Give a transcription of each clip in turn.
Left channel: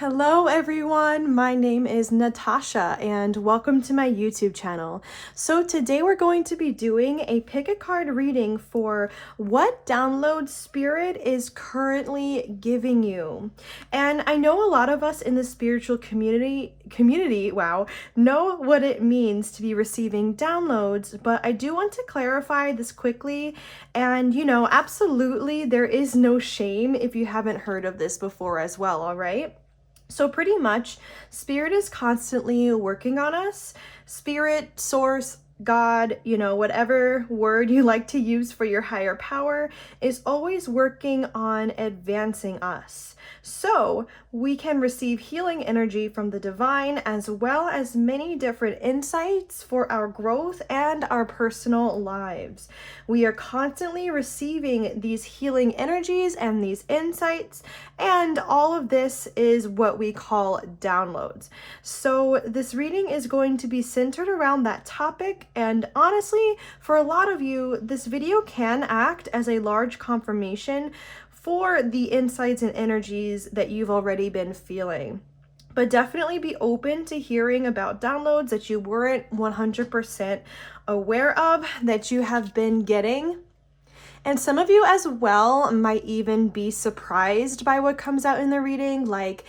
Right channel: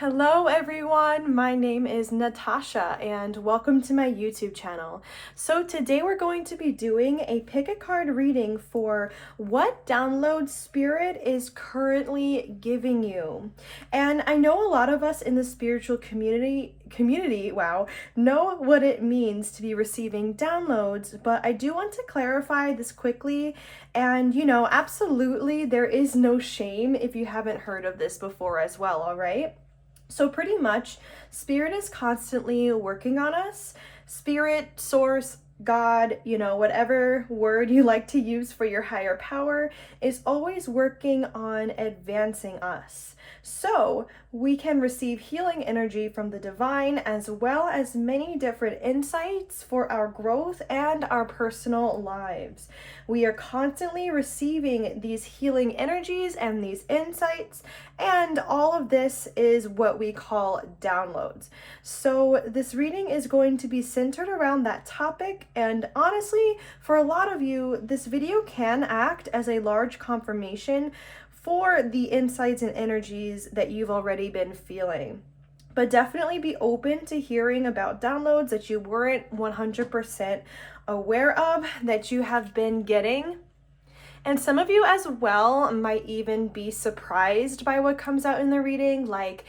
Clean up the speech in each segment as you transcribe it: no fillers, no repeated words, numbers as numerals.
Hello everyone, my name is Natasha and welcome to my YouTube channel. So today we're going to be doing a pick a card reading for what download Spirit is currently giving you. And I know a lot of us in the spiritual community, know what it means to be receiving downloads, but I do want to clarify this quickly. And absolutely there is no shame if you haven't heard of this before as well, all right? So pretty much, Spirit is constantly working on us. Spirit, source, God, whatever word you like to use for your higher power, is always working on advancing us. So we can receive healing energy from the divine as well as many different insights for our growth and our personal lives. We are constantly receiving these healing energies and these insights, and all of this is what we call downloads. So this reading is going to be centered around that topic, and honestly, for a lot of you, this video can act as a large confirmation for the insights and energies that you've already been feeling. But definitely be open to hearing about downloads that you weren't 100% aware of that you have been getting. And some of you as well might even be surprised by what comes out in the reading, like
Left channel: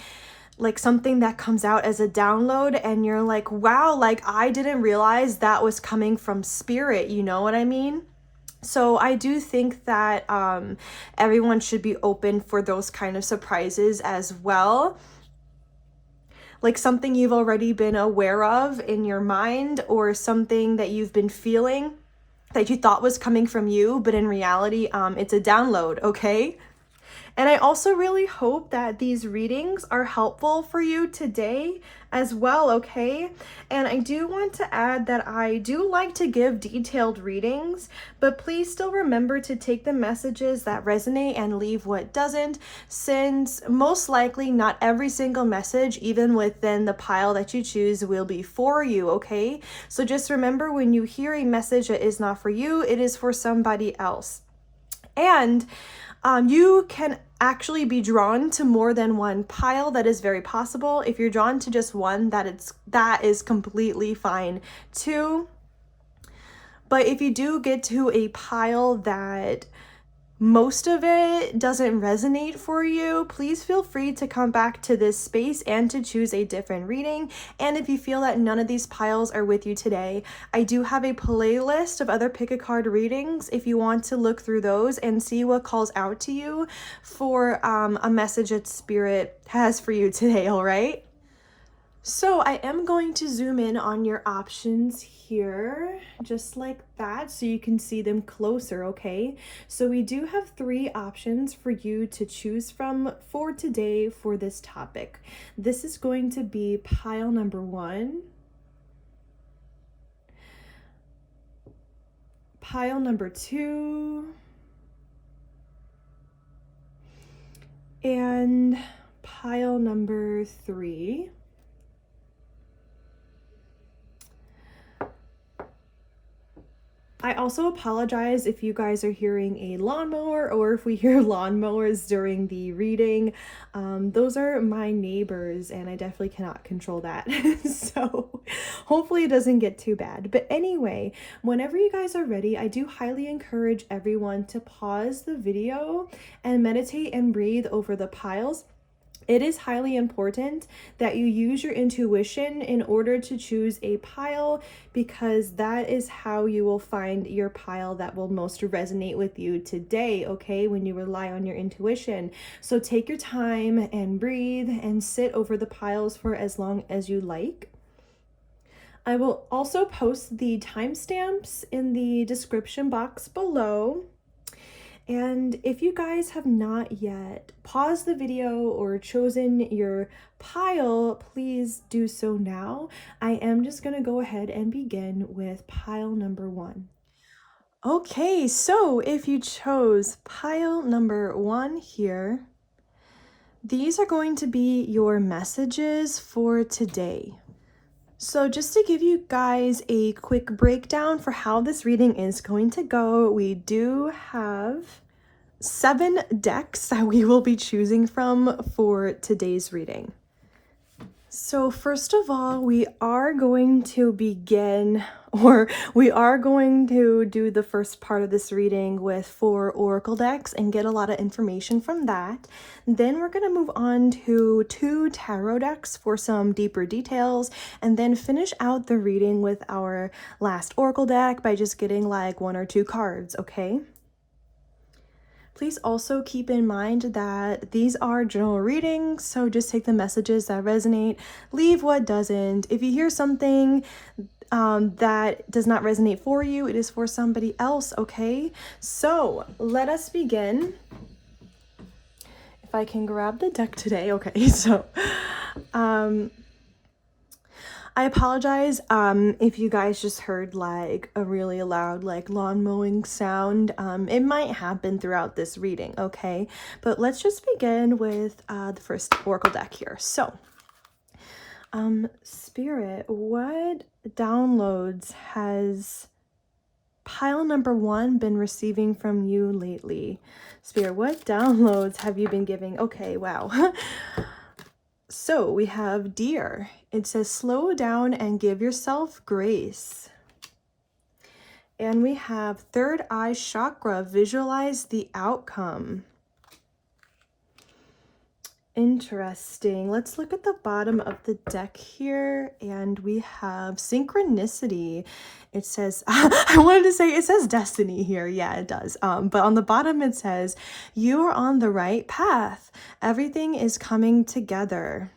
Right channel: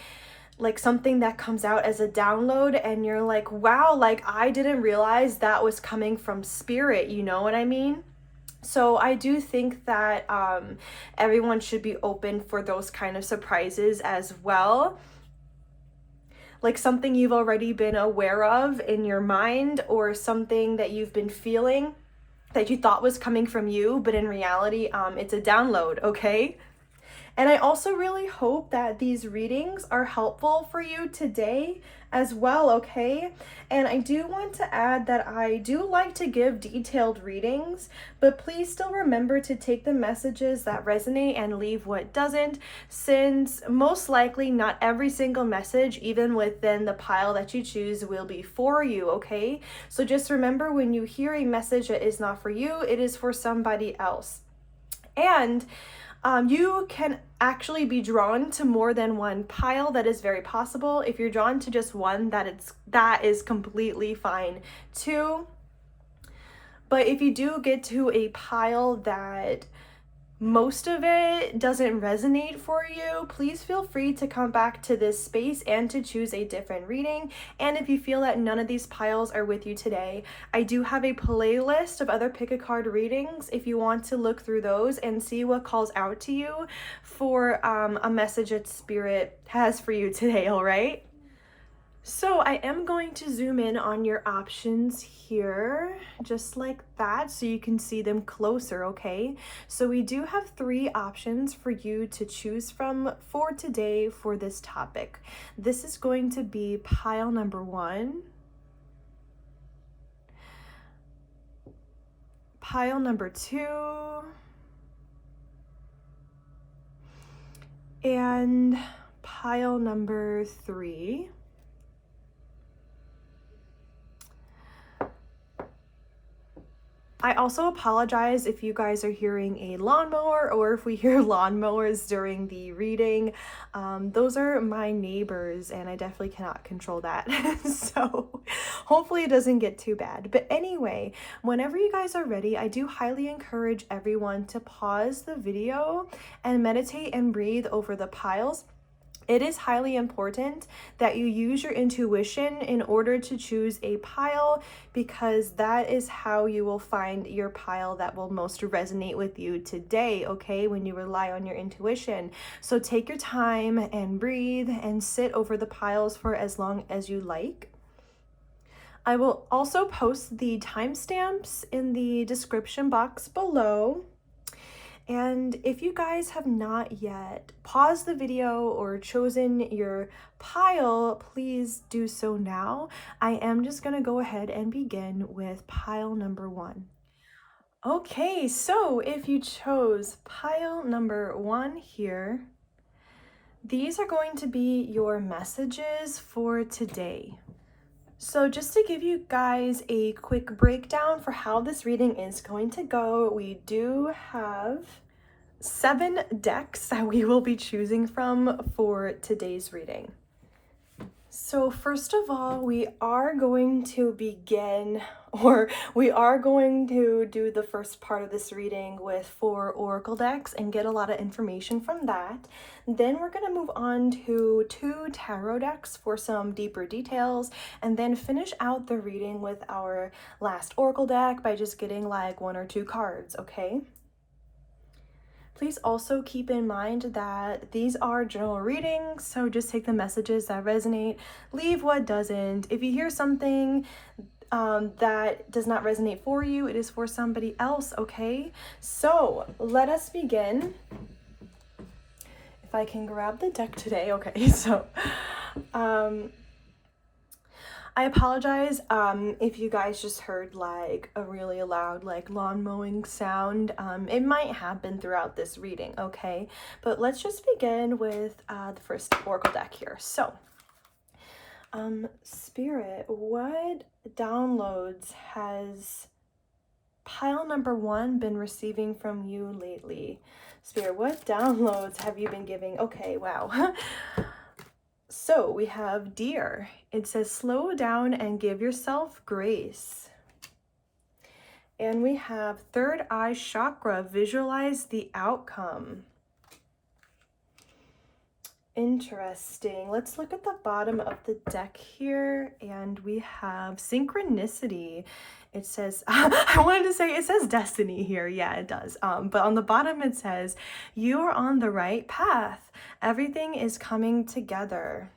something that comes out as a download and you're like, wow, like I didn't realize that was coming from Spirit, you know what I mean? So I do think that everyone should be open for those kind of surprises as well. Like something you've already been aware of in your mind, or something that you've been feeling that you thought was coming from you, but in reality, it's a download, okay? And I also really hope that these readings are helpful for you today as well, okay? And I do want to add that I do like to give detailed readings, but please still remember to take the messages that resonate and leave what doesn't, since most likely not every single message, even within the pile that you choose, will be for you, okay? So just remember, when you hear a message that is not for you, it is for somebody else. And you can actually be drawn to more than one pile. That is very possible. If you're drawn to just one, that is completely fine too. But if you do get to a pile that most of it doesn't resonate for you, please feel free to come back to this space and to choose a different reading. And if you feel that none of these piles are with you today, I do have a playlist of other pick a card readings if you want to look through those and see what calls out to you for a message that Spirit has for you today, all right? So I am going to zoom in on your options here, just like that, so you can see them closer, okay? So we do have 3 options for you to choose from for today for this topic. This is going to be pile number 1, pile number 2, and pile number 3. I also apologize if you guys are hearing a lawnmower or if we hear lawnmowers during the reading. Those are my neighbors and I definitely cannot control that. So hopefully it doesn't get too bad. But anyway, whenever you guys are ready, I do highly encourage everyone to pause the video and meditate and breathe over the piles. It is highly important that you use your intuition in order to choose a pile, because that is how you will find your pile that will most resonate with you today, okay, when you rely on your intuition. So take your time and breathe and sit over the piles for as long as you like. I will also post the timestamps in the description box below. And if you guys have not yet paused the video or chosen your pile, please do so now. I am just going to go ahead and begin with pile number 1. Okay, so if you chose pile number 1 here, these are going to be your messages for today. So just to give you guys a quick breakdown for how this reading is going to go, we do have 7 decks that we will be choosing from for today's reading. So first of all, we are going to begin, or we are going to do the first part of this reading with 4 oracle decks and get a lot of information from that. Then we're going to move on to 2 tarot decks for some deeper details, and then finish out the reading with our last oracle deck by just getting like 1 or 2 cards, okay? Please also keep in mind that these are general readings, so just take the messages that resonate, leave what doesn't. If you hear something that does not resonate for you, it is for somebody else, okay? So let us begin. If I can grab the deck today, okay, so I apologize if you guys just heard like a really loud like lawn mowing sound. It might happen throughout this reading, okay? But let's just begin with the first oracle deck here. So, Spirit, what downloads has pile number 1 been receiving from you lately? Spirit, what downloads have you been giving? Okay, wow. So we have Deer. It says slow down and give yourself grace. And we have third eye chakra, visualize the outcome. Interesting. Let's look at the bottom of the deck here, and we have synchronicity. It says, I wanted to say it says destiny here. Yeah, it does. But on the bottom it says, you are on the right path. Everything is coming together.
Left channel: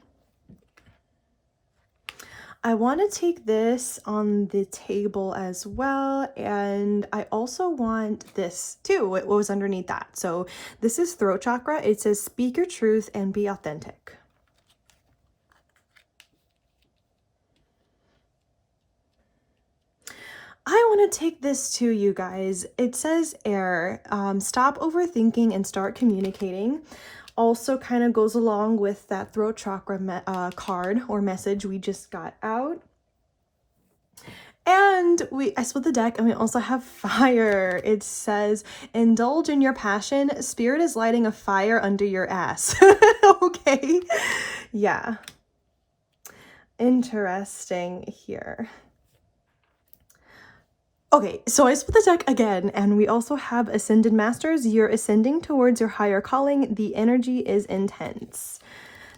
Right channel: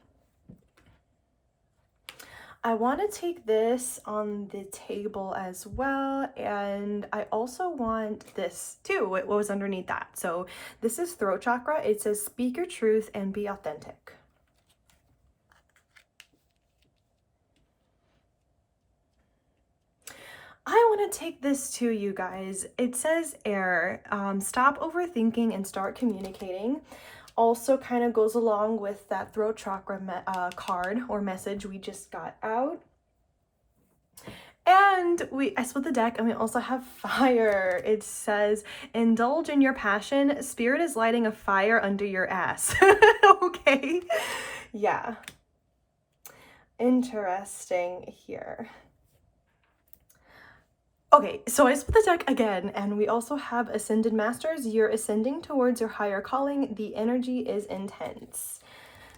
I want to take this on the table as well, and I also want this too, what was underneath that. So this is throat chakra. It says speak your truth and be authentic. I want to take this to you guys. It says air. Stop overthinking and start communicating. Also kind of goes along with that throat chakra card or message we just got out. And I split the deck, and we also have fire. It says, indulge in your passion. Spirit is lighting a fire under your ass. Okay. Yeah. Interesting here. Okay, so I split the deck again, and we also have Ascended Masters. You're ascending towards your higher calling. The energy is intense.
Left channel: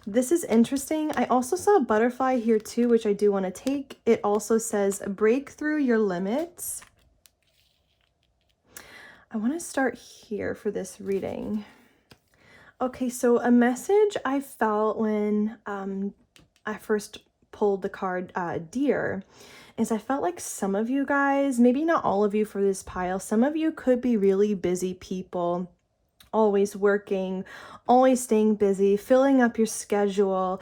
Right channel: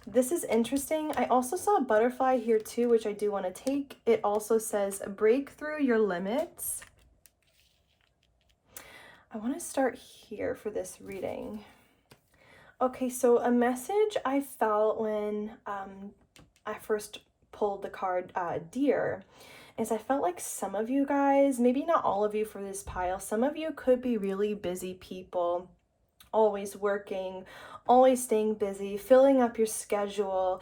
This is interesting. I also saw a butterfly here too, which I do want to take. It also says break through your limits. I want to start here for this reading. Okay, so a message I felt when I first pulled the card Deer is I felt like some of you guys, maybe not all of you for this pile, some of you could be really busy people, always working, always staying busy, filling up your schedule,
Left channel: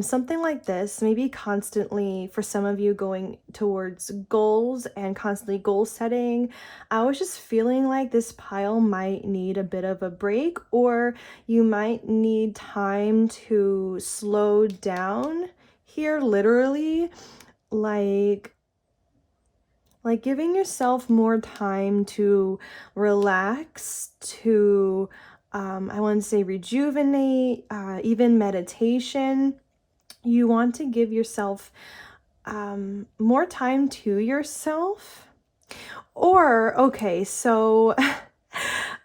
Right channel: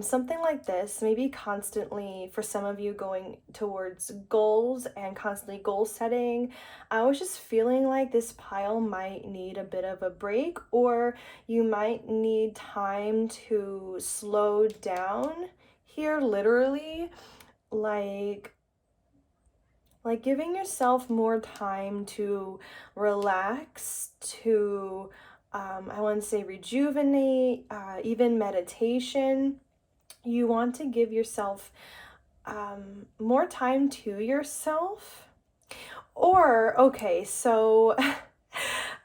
something like this, maybe constantly for some of you going towards goals and constantly goal setting. I was just feeling like this pile might need a bit of a break, or you might need time to slow down here, literally, like giving yourself more time to relax, to I want to say rejuvenate, even meditation. You want to give yourself more time to yourself. Or, okay, so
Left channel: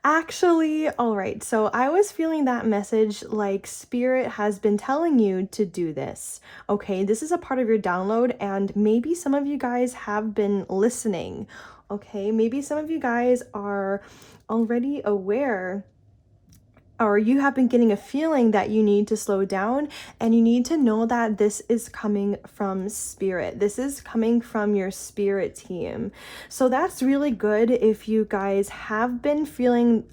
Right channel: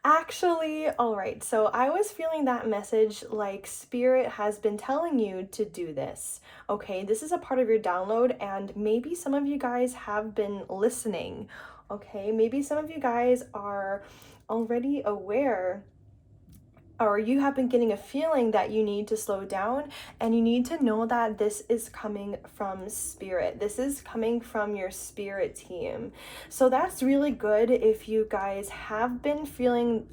actually, all right, so I was feeling that message like Spirit has been telling you to do this. Okay, this is a part of your download, and maybe some of you guys have been listening. Okay, maybe some of you guys are already aware, or you have been getting a feeling that you need to slow down, and you need to know that this is coming from Spirit. This is coming from your spirit team. So that's really good if you guys have been feeling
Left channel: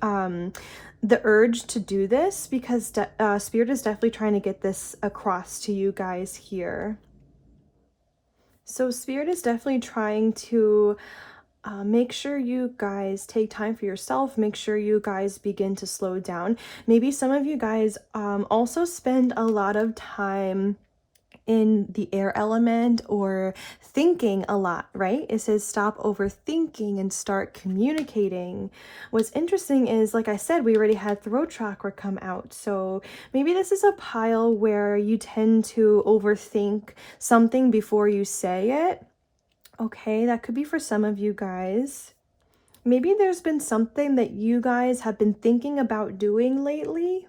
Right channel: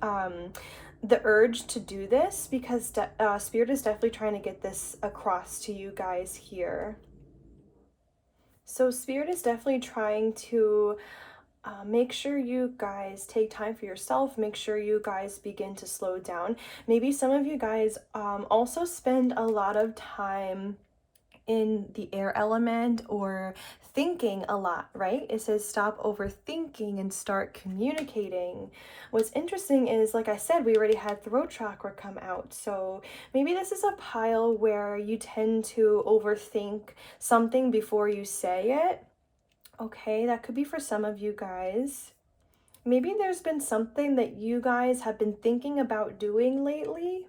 the urge to do this, because Spirit is definitely trying to get this across to you guys here. So Spirit is definitely trying to make sure you guys take time for yourself. Make sure you guys begin to slow down. Maybe some of you guys also spend a lot of time in the air element or thinking a lot, right? It says stop overthinking and start communicating. What's interesting is, like I said, we already had throat chakra come out. So maybe this is a pile where you tend to overthink something before you say it. Okay, that could be for some of you guys. Maybe there's been something that you guys have been thinking about doing lately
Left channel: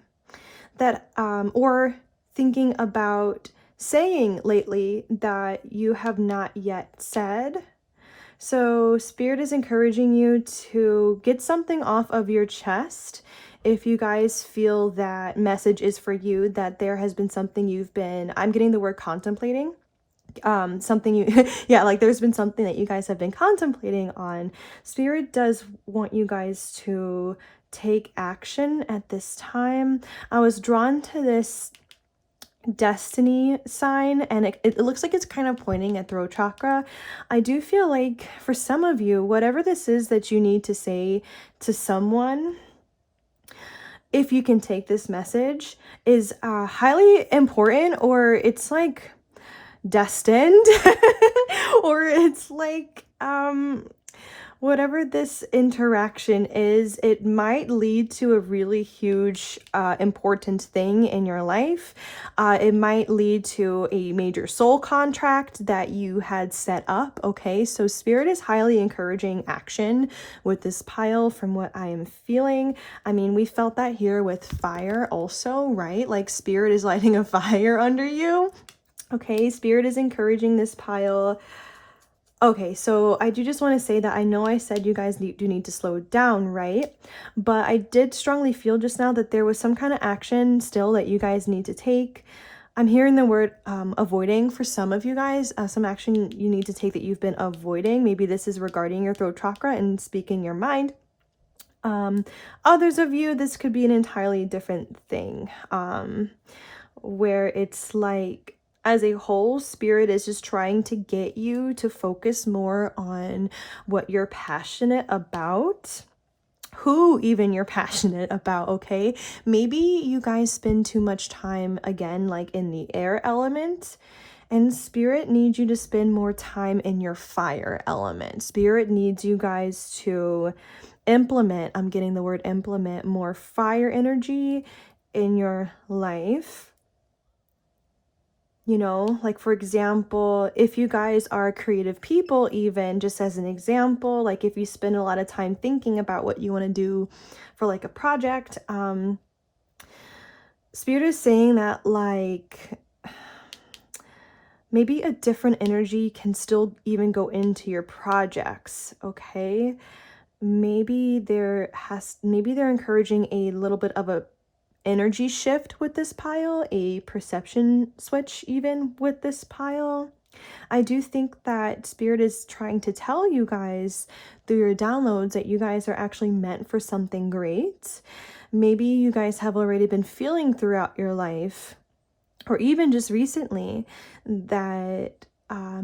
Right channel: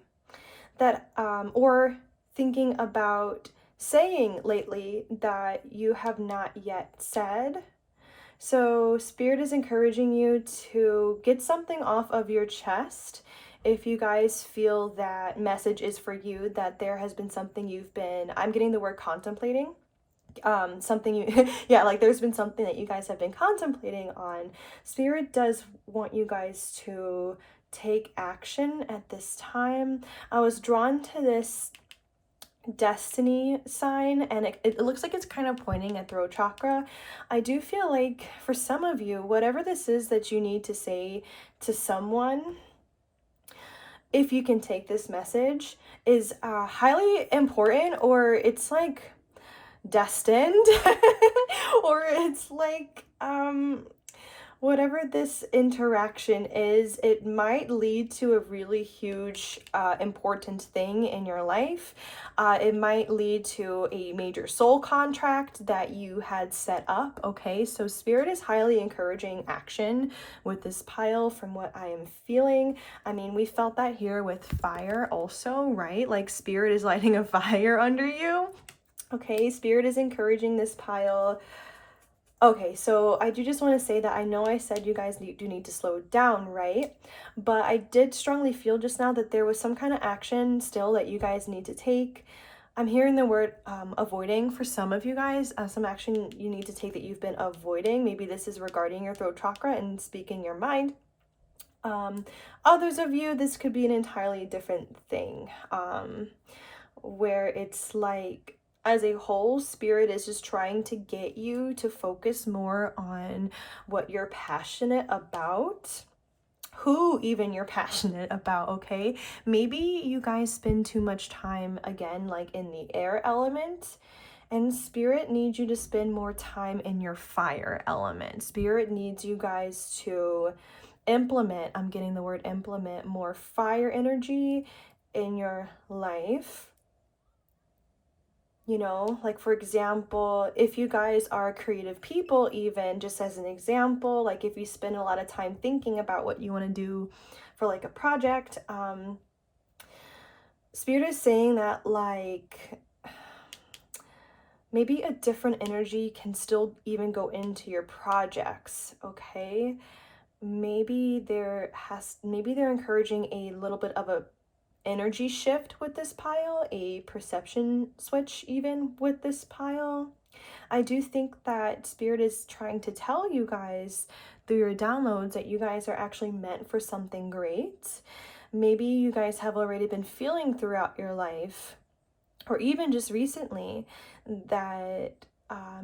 that, or thinking about saying lately that you have not yet said. So Spirit is encouraging you to get something off of your chest. If you guys feel that message is for you, that there has been something you've been, I'm getting the word contemplating, something you yeah, like there's been something that you guys have been contemplating on. Spirit does want you guys to take action at this time. I was drawn to this destiny sign, and it looks like it's kind of pointing at throat chakra. I do feel like for some of you, whatever this is that you need to say to someone, if you can take this message, is highly important, or it's like destined or it's like whatever this interaction is, it might lead to a really huge important thing in your life. It might lead to a major soul contract that you had set up. Okay, so Spirit is highly encouraging action with this pile from what I am feeling. I mean, we felt that here with fire also, right? Like Spirit is lighting a fire under you. Okay, Spirit is encouraging this pile. Okay, so I do just want to say that I know I said you guys do need to slow down, right? But I did strongly feel just now that there was some kind of action still that you guys need to take. I'm hearing the word avoiding for some of you guys, some action you need to take that you've been avoiding. Maybe this is regarding your throat chakra and speaking your mind. Others of you, this could be an entirely different thing, where it's like, as a whole, Spirit is just trying to get you to focus more on what you're passionate about, who even you're passionate about. Okay, maybe you guys spend too much time again like in the air element, and Spirit needs you to spend more time in your fire element. Spirit needs you guys to implement, I'm getting the word implement, more fire energy in your life. You know, like for example, if you guys are creative people, even just as an example, like if you spend a lot of time thinking about what you want to do for like a project, Spirit is saying that like maybe a different energy can still even go into your projects. Okay, maybe they're encouraging a little bit of a energy shift with this pile, a perception switch even with this pile. I do think that Spirit is trying to tell you guys through your downloads that you guys are actually meant for something great. Maybe you guys have already been feeling throughout your life, or even just recently, that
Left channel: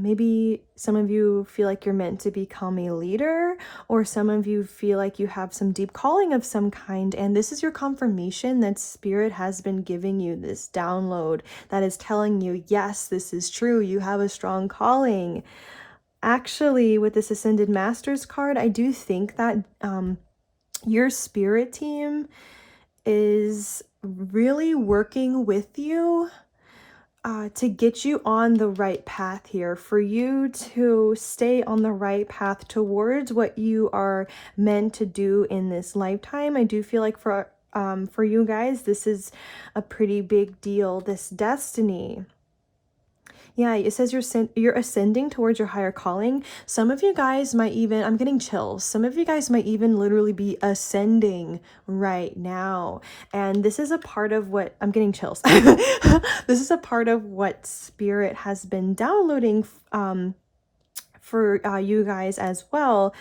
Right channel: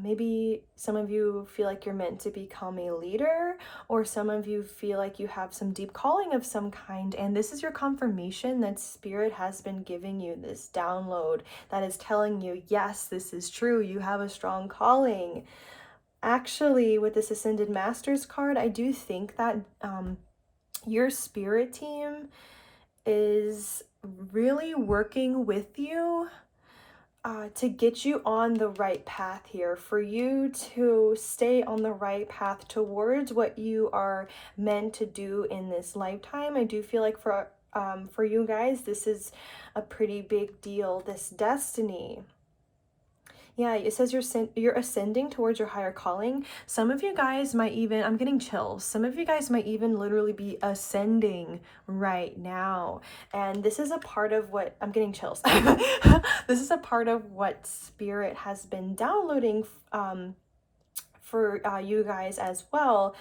maybe some of you feel like you're meant to become a leader, or some of you feel like you have some deep calling of some kind, and this is your confirmation that Spirit has been giving you this download that is telling you, yes, this is true, you have a strong calling. Actually, with this Ascended Masters card, I do think that your spirit team is really working with you to get you on the right path here, for you to stay on the right path towards what you are meant to do in this lifetime. I do feel like for you guys, this is a pretty big deal, this destiny. Yeah, it says you're ascending towards your higher calling. Some of you guys might even, I'm getting chills. Some of you guys might even literally be ascending right now. And this is a part of what, I'm getting chills. This is a part of what Spirit has been downloading for you guys as well.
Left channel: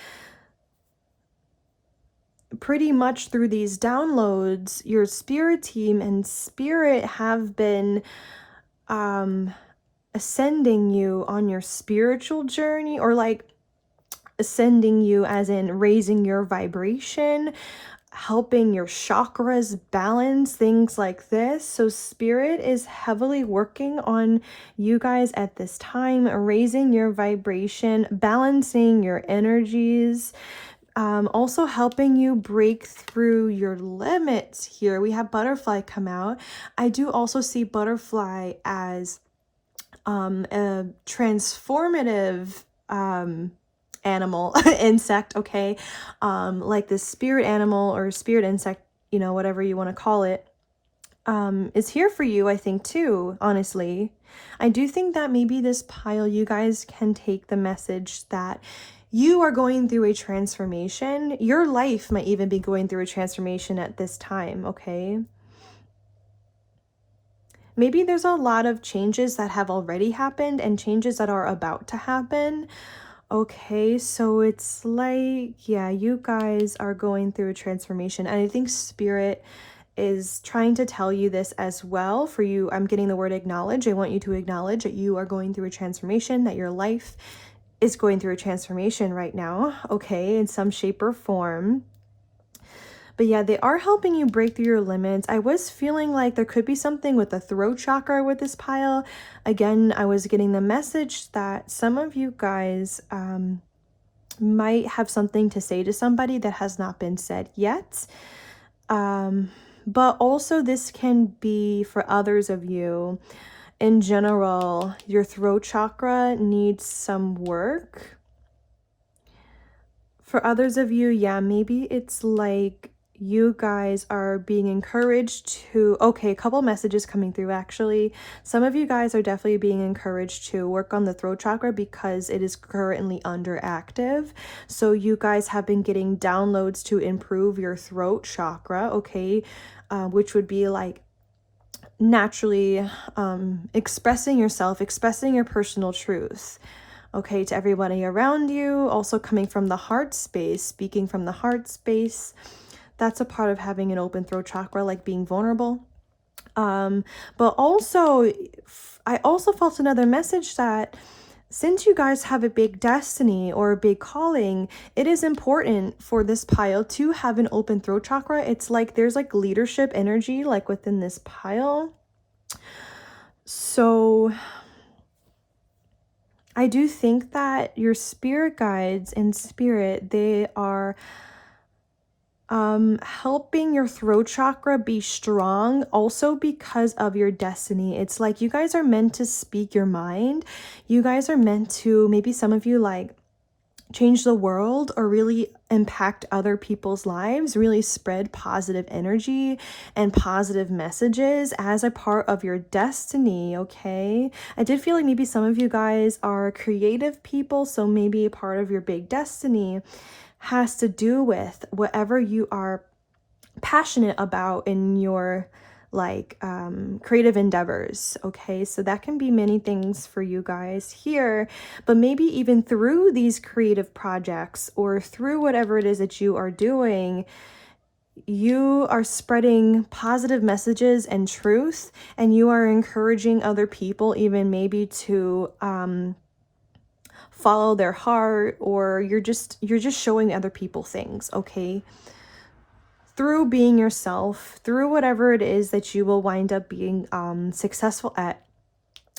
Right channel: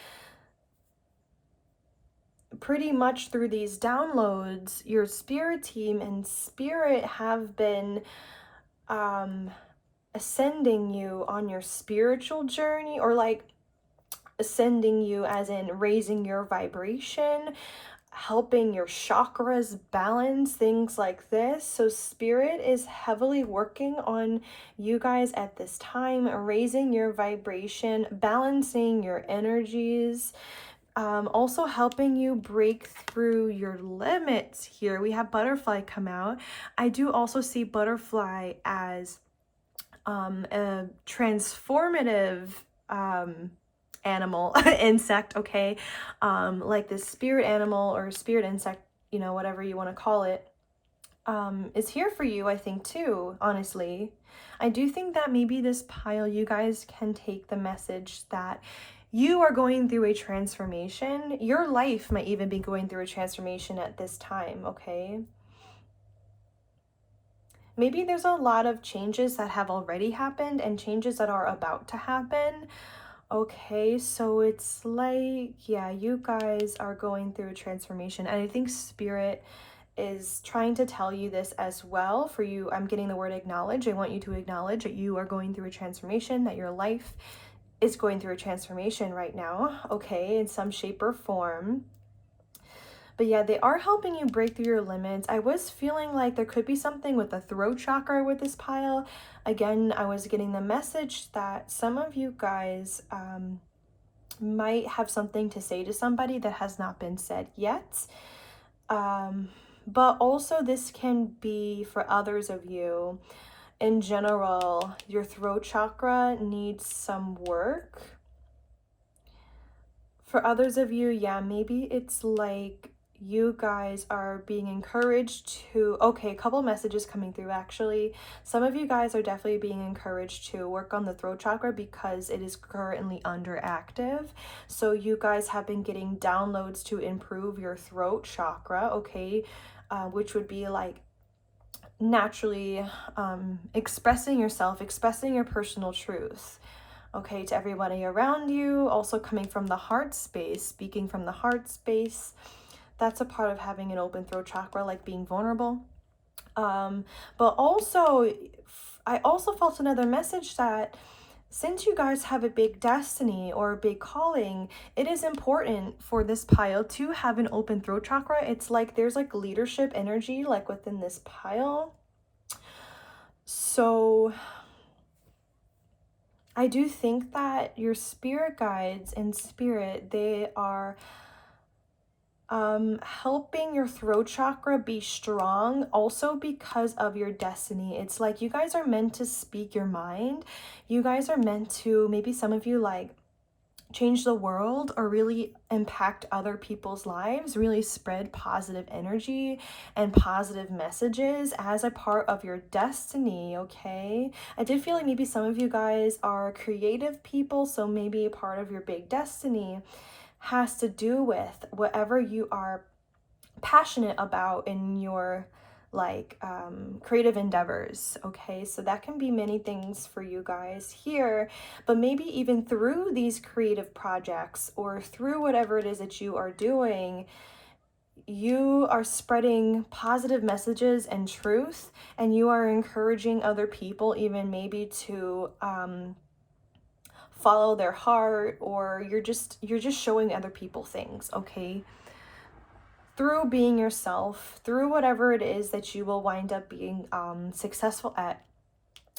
Pretty much through these downloads, your spirit team and Spirit have been ascending you on your spiritual journey, or like ascending you as in raising your vibration, helping your chakras balance, things like this. So spirit is heavily working on you guys at this time, raising your vibration, balancing your energies, also helping you break through your limits here. We have butterfly come out. I do also see butterfly as a transformative animal, insect, okay? Like this spirit animal or spirit insect, you know, whatever you want to call it, is here for you, I think, too, honestly. I do think that maybe this pile, you guys can take the message that you are going through a transformation. Your life might even be going through a transformation at this time, okay? Maybe there's a lot of changes that have already happened and changes that are about to happen. Okay, so it's like, yeah, you guys are going through a transformation. And I think spirit is trying to tell you this as well. For you, I'm getting the word acknowledge. I want you to acknowledge that you are going through a transformation, that your life is going through a transformation right now, okay, in some shape or form. But yeah, they are helping you break through your limits. I was feeling like there could be something with the throat chakra with this pile. Again, I was getting the message that some of you guys might have something to say to somebody that has not been said yet. But also this can be for others of you. In general, your throat chakra needs some work. For others of you, yeah, maybe it's like you guys are being encouraged to, okay, a couple messages coming through actually. Some of you guys are definitely being encouraged to work on the throat chakra because it is currently underactive. So you guys have been getting downloads to improve your throat chakra, okay, which would be like naturally expressing yourself, expressing your personal truth, okay, to everybody around you. Also coming from the heart space, speaking from the heart space. That's a part of having an open throat chakra, like being vulnerable. But also, I also felt another message that since you guys have a big destiny or a big calling, it is important for this pile to have an open throat chakra. It's like there's like leadership energy like within this pile. So I do think that your spirit guides and spirit, they are helping your throat chakra be strong also because of your destiny. It's like you guys are meant to speak your mind. You guys are meant to, maybe some of you like change the world or really impact other people's lives, really spread positive energy and positive messages as a part of your destiny, okay? I did feel like maybe some of you guys are creative people, so maybe a part of your big destiny has to do with whatever you are passionate about in your like creative endeavors, okay? So that can be many things for you guys here, but maybe even through these creative projects or through whatever it is that you are doing, you are spreading positive messages and truth, and you are encouraging other people even maybe to follow their heart, or you're just showing other people things, okay? Through being yourself, through whatever it is that you will wind up being successful at,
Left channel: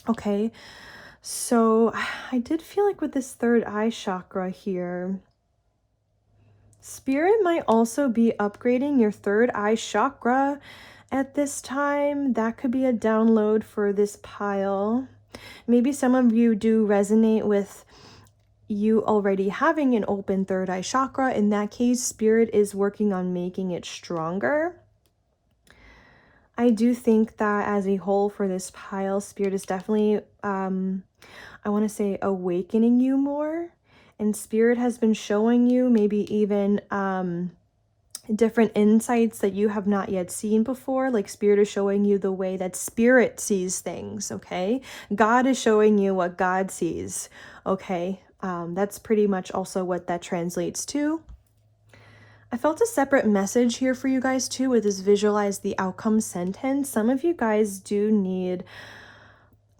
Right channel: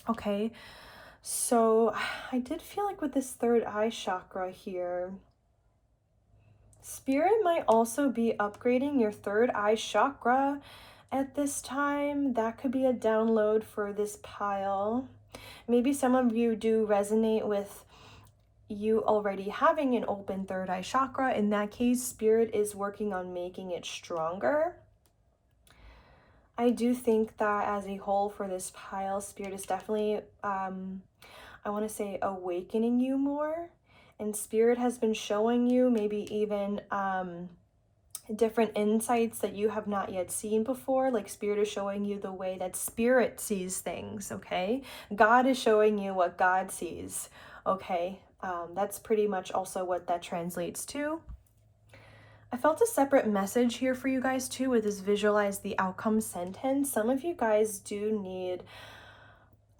okay? So I did feel like with this third eye chakra here, spirit might also be upgrading your third eye chakra at this time. That could be a download for this pile. Maybe some of you do resonate with you already having an open third eye chakra. In that case, spirit is working on making it stronger. I do think that as a whole for this pile, spirit is definitely, I want to say, awakening you more. And spirit has been showing you maybe even different insights that you have not yet seen before. Like spirit is showing you the way that spirit sees things, okay? God is showing you what God sees, okay? That's pretty much also what that translates to. I felt a separate message here for you guys too with this visualize the outcome sentence. Some of you guys do need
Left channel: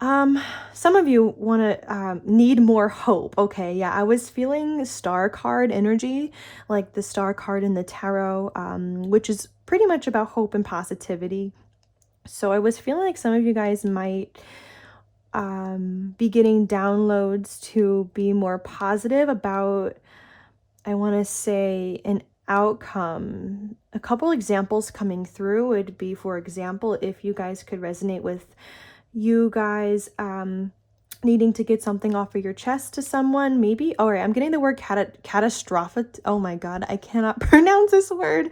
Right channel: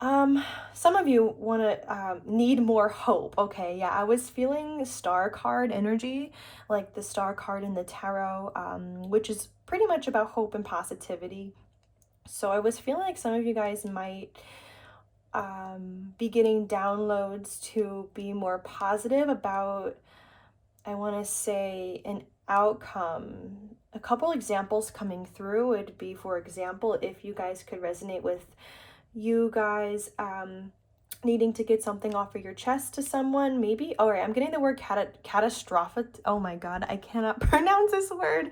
Some of you want to need more hope. Okay, yeah, I was feeling star card energy, like the star card in the tarot, which is pretty much about hope and positivity. So I was feeling like some of you guys might be getting downloads to be more positive about, I want to say, an outcome. A couple examples coming through would be, for example, if you guys could resonate with you guys needing to get something off of your chest to someone, maybe. All right, I'm getting the word catastrophic. Oh my god, I cannot pronounce this word.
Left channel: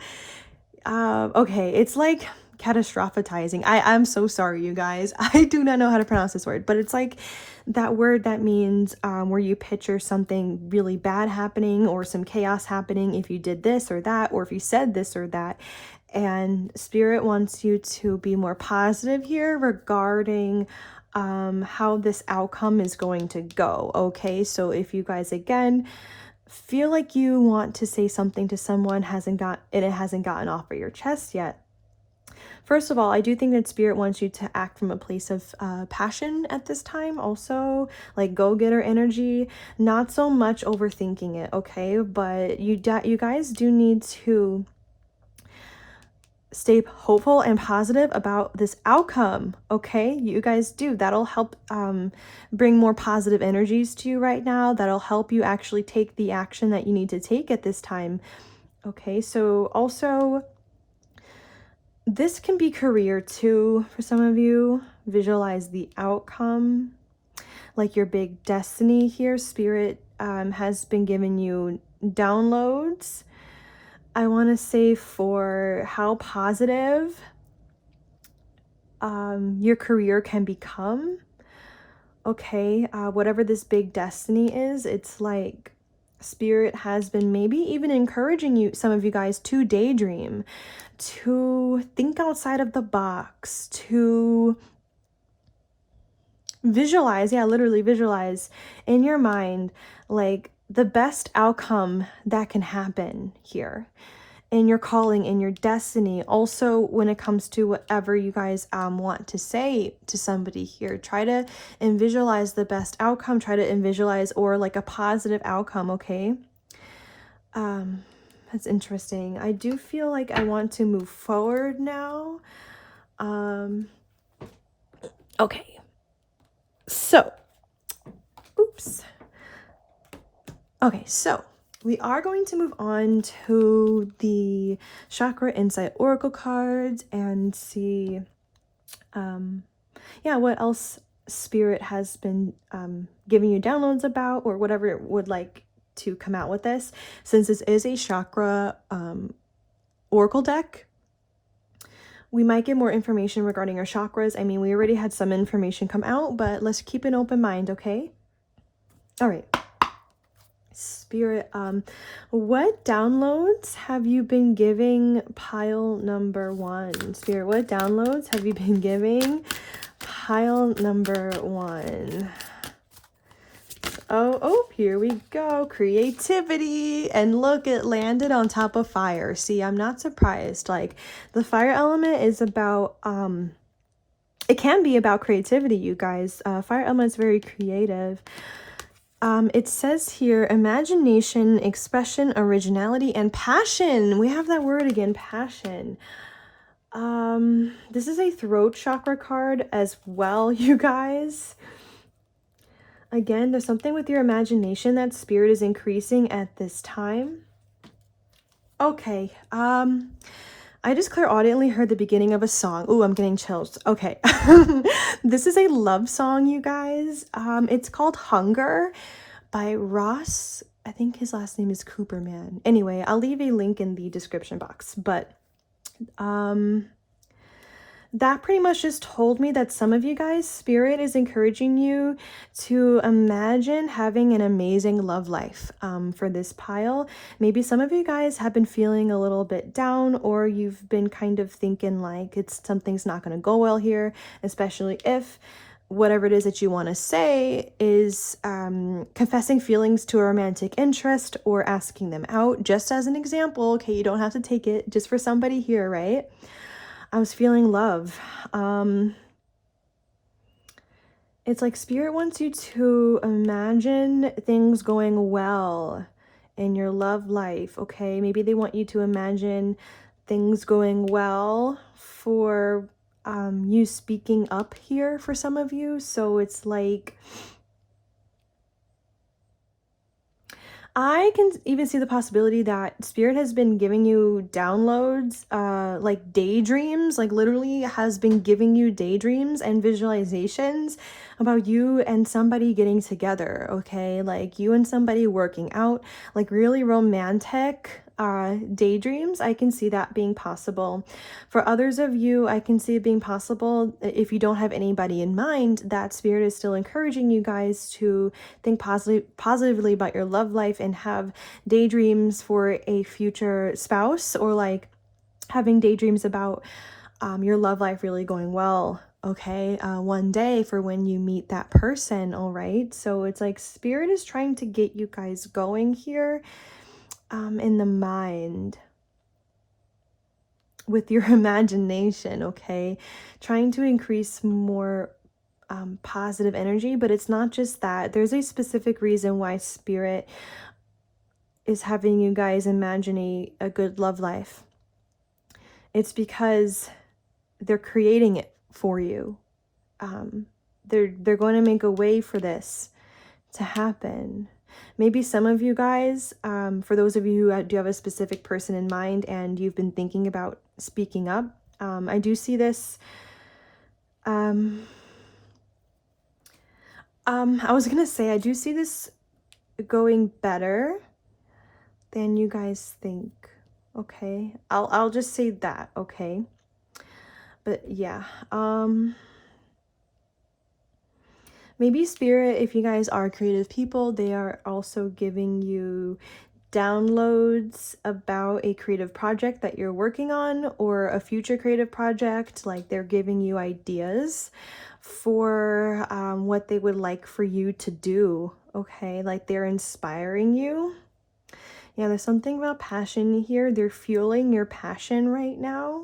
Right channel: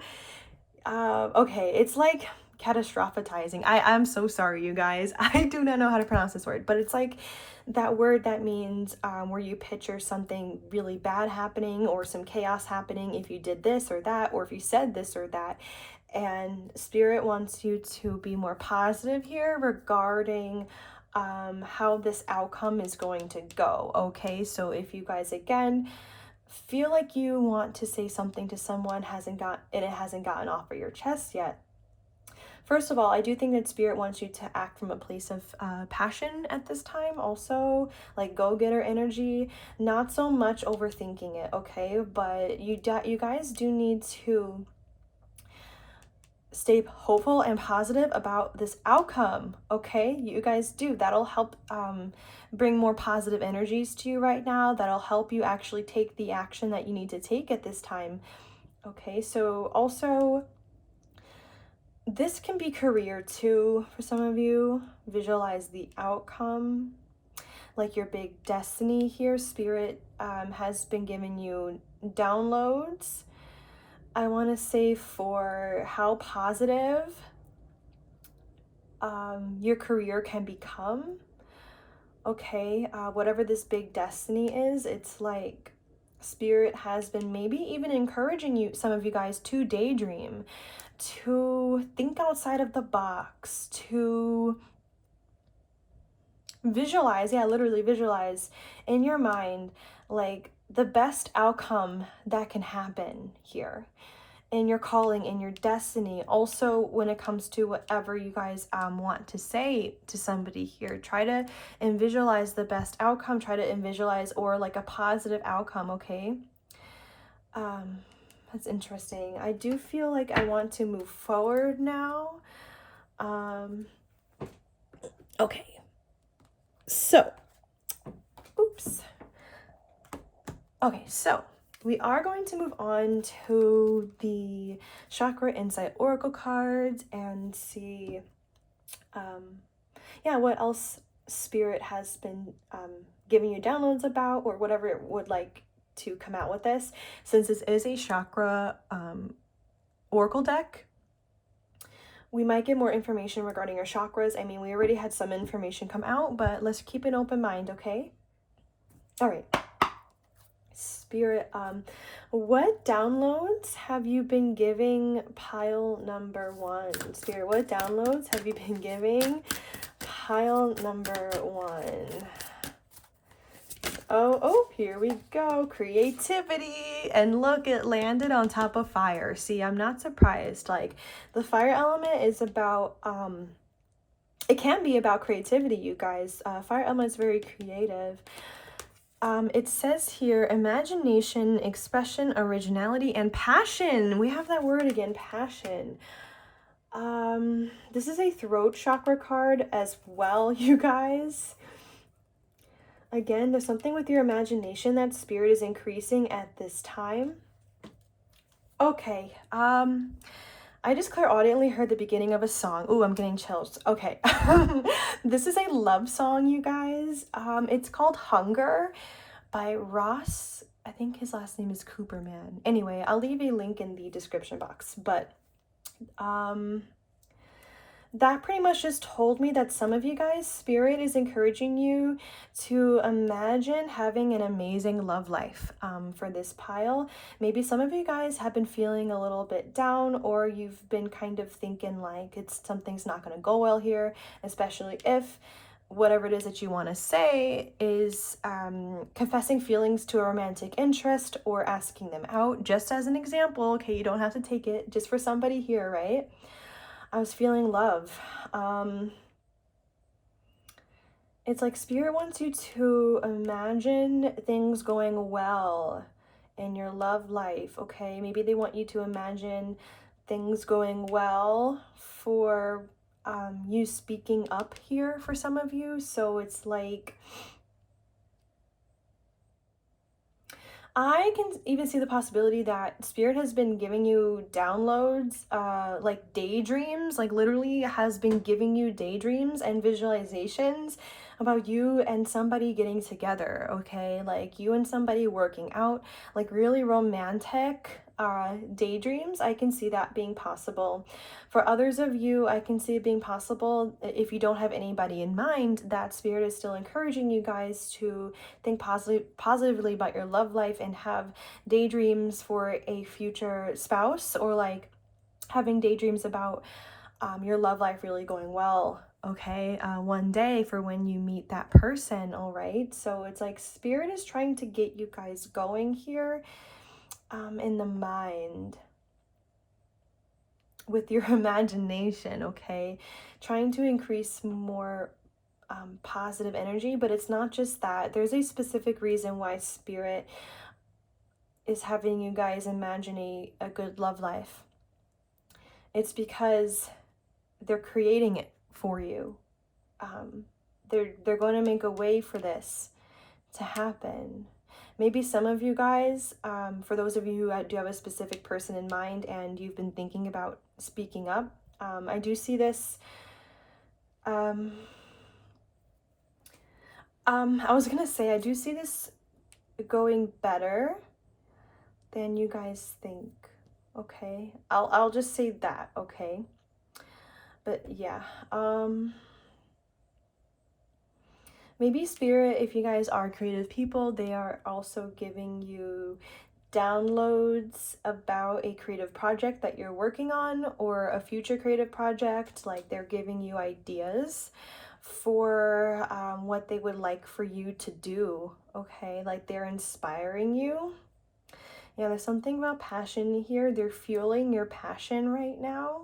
Okay, it's like catastrophizing. I'm so sorry, you guys. I do not know how to pronounce this word, but it's like that word that means where you picture something really bad happening or some chaos happening if you did this or that, or if you said this or that. And Spirit wants you to be more positive here regarding how this outcome is going to go. Okay, so if you guys again feel like you want to say something to someone, it hasn't gotten off of your chest yet. First of all, I do think that Spirit wants you to act from a place of passion at this time. Also, like go-getter energy, not so much overthinking it. Okay, but you guys do need to stay hopeful and positive about this outcome. Okay, you guys do. That'll help bring more positive energies to you right now. That'll help you actually take the action that you need to take at this time. Okay, so also this can be career too for some of you. Visualize the outcome, like your big destiny here. Spirit has been giving you downloads, I want to say, for how positive your career can become. Okay, whatever this big destiny is, it's like Spirit has been maybe even encouraging you, some of you guys, to daydream, to think outside of the box, to visualize, yeah, literally visualize in your mind like the best outcome that can happen here in your calling, in your destiny. Also, when it comes to whatever you guys want to say to somebody here, try to visualize the best outcome, try to visualize or like a positive outcome. Okay, that's interesting. I do feel like I want to move forward now. Okay, so oops. Okay, so we are going to move on to the Chakra Insight Oracle cards and see, yeah, what else Spirit has been giving you downloads about, or whatever it would like to come out with this. Since this is a chakra oracle deck, we might get more information regarding our chakras. I mean, we already had some information come out, but let's keep an open mind, okay? All right. Spirit, what downloads have you been giving pile number 1? Spirit, what downloads have you been giving pile number 1? Oh, here we go. Creativity. And look, it landed on top of fire. See, I'm not surprised. Like, the fire element is about, it can be about creativity, you guys. Fire element is very creative. It says here, imagination, expression, originality, and passion. We have that word again, passion. This is a throat chakra card as well, you guys. Again, there's something with your imagination that Spirit is increasing at this time. Okay, I just clairaudiently heard the beginning of a song. Ooh, I'm getting chills. Okay. This is a love song, you guys. It's called Hunger by Ross. I think his last name is Cooperman. Anyway, I'll leave a link in the description box. But that pretty much just told me that some of you guys, Spirit is encouraging you to imagine having an amazing love life for this pile. Maybe some of you guys have been feeling a little bit down, or you've been kind of thinking like something's not going to go well here, especially if whatever it is that you want to say is confessing feelings to a romantic interest or asking them out. Just as an example, okay, you don't have to take it, just for somebody here, right? I was feeling love. It's like Spirit wants you to imagine things going well in your love life, okay? Maybe they want you to imagine things going well for you speaking up here for some of you. So it's like, I can even see the possibility that Spirit has been giving you downloads, like daydreams, like literally has been giving you daydreams and visualizations about you and somebody getting together, okay? Like you and somebody working out, like really romantic daydreams. I can see that being possible. For others of you, I can see it being possible if you don't have anybody in mind, that Spirit is still encouraging you guys to think positively about your love life and have daydreams for a future spouse, or like having daydreams about your love life really going well, okay, one day for when you meet that person. All right, so it's like Spirit is trying to get you guys going here in the mind with your imagination, okay, trying to increase more positive energy. But it's not just that. There's a specific reason why Spirit is having you guys imagine a good love life. It's because they're creating it for you. They're going to make a way for this to happen. Maybe some of you guys, for those of you who do have a specific person in mind and you've been thinking about speaking up, I do see this. I was gonna say, I do see this going better than you guys think. Okay, I'll just say that. Okay, but yeah, maybe Spirit, if you guys are creative people, they are also giving you downloads about a creative project that you're working on, or a future creative project. Like they're giving you ideas for what they would like for you to do, okay? Like they're inspiring you. Yeah, there's something about passion here. They're fueling your passion right now.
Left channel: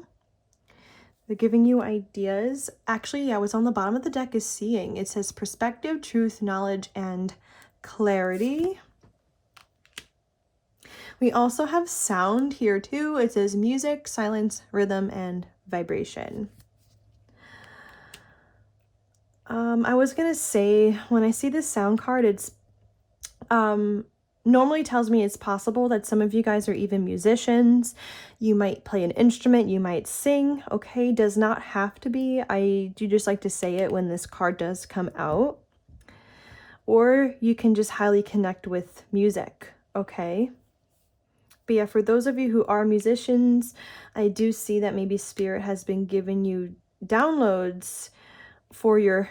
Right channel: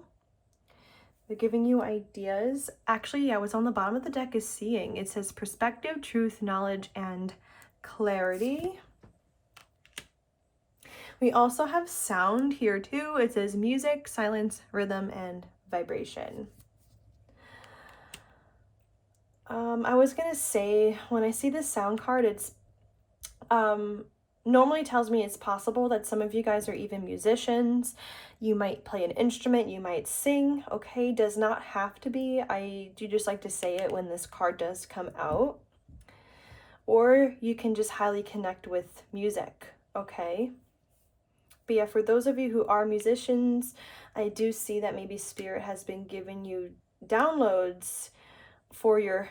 They're giving you ideas. Actually, yeah, what's on the bottom of the deck is seeing. It says perspective, truth, knowledge, and clarity. We also have sound here too. It says music, silence, rhythm, and vibration. I was gonna say, when I see this sound card, it's normally tells me it's possible that some of you guys are even musicians. You might play an instrument, you might sing, okay? Does not have to be. I do just like to say it when this card does come out. Or you can just highly connect with music, okay? But yeah, for those of you who are musicians, I do see that maybe Spirit has been giving you downloads for your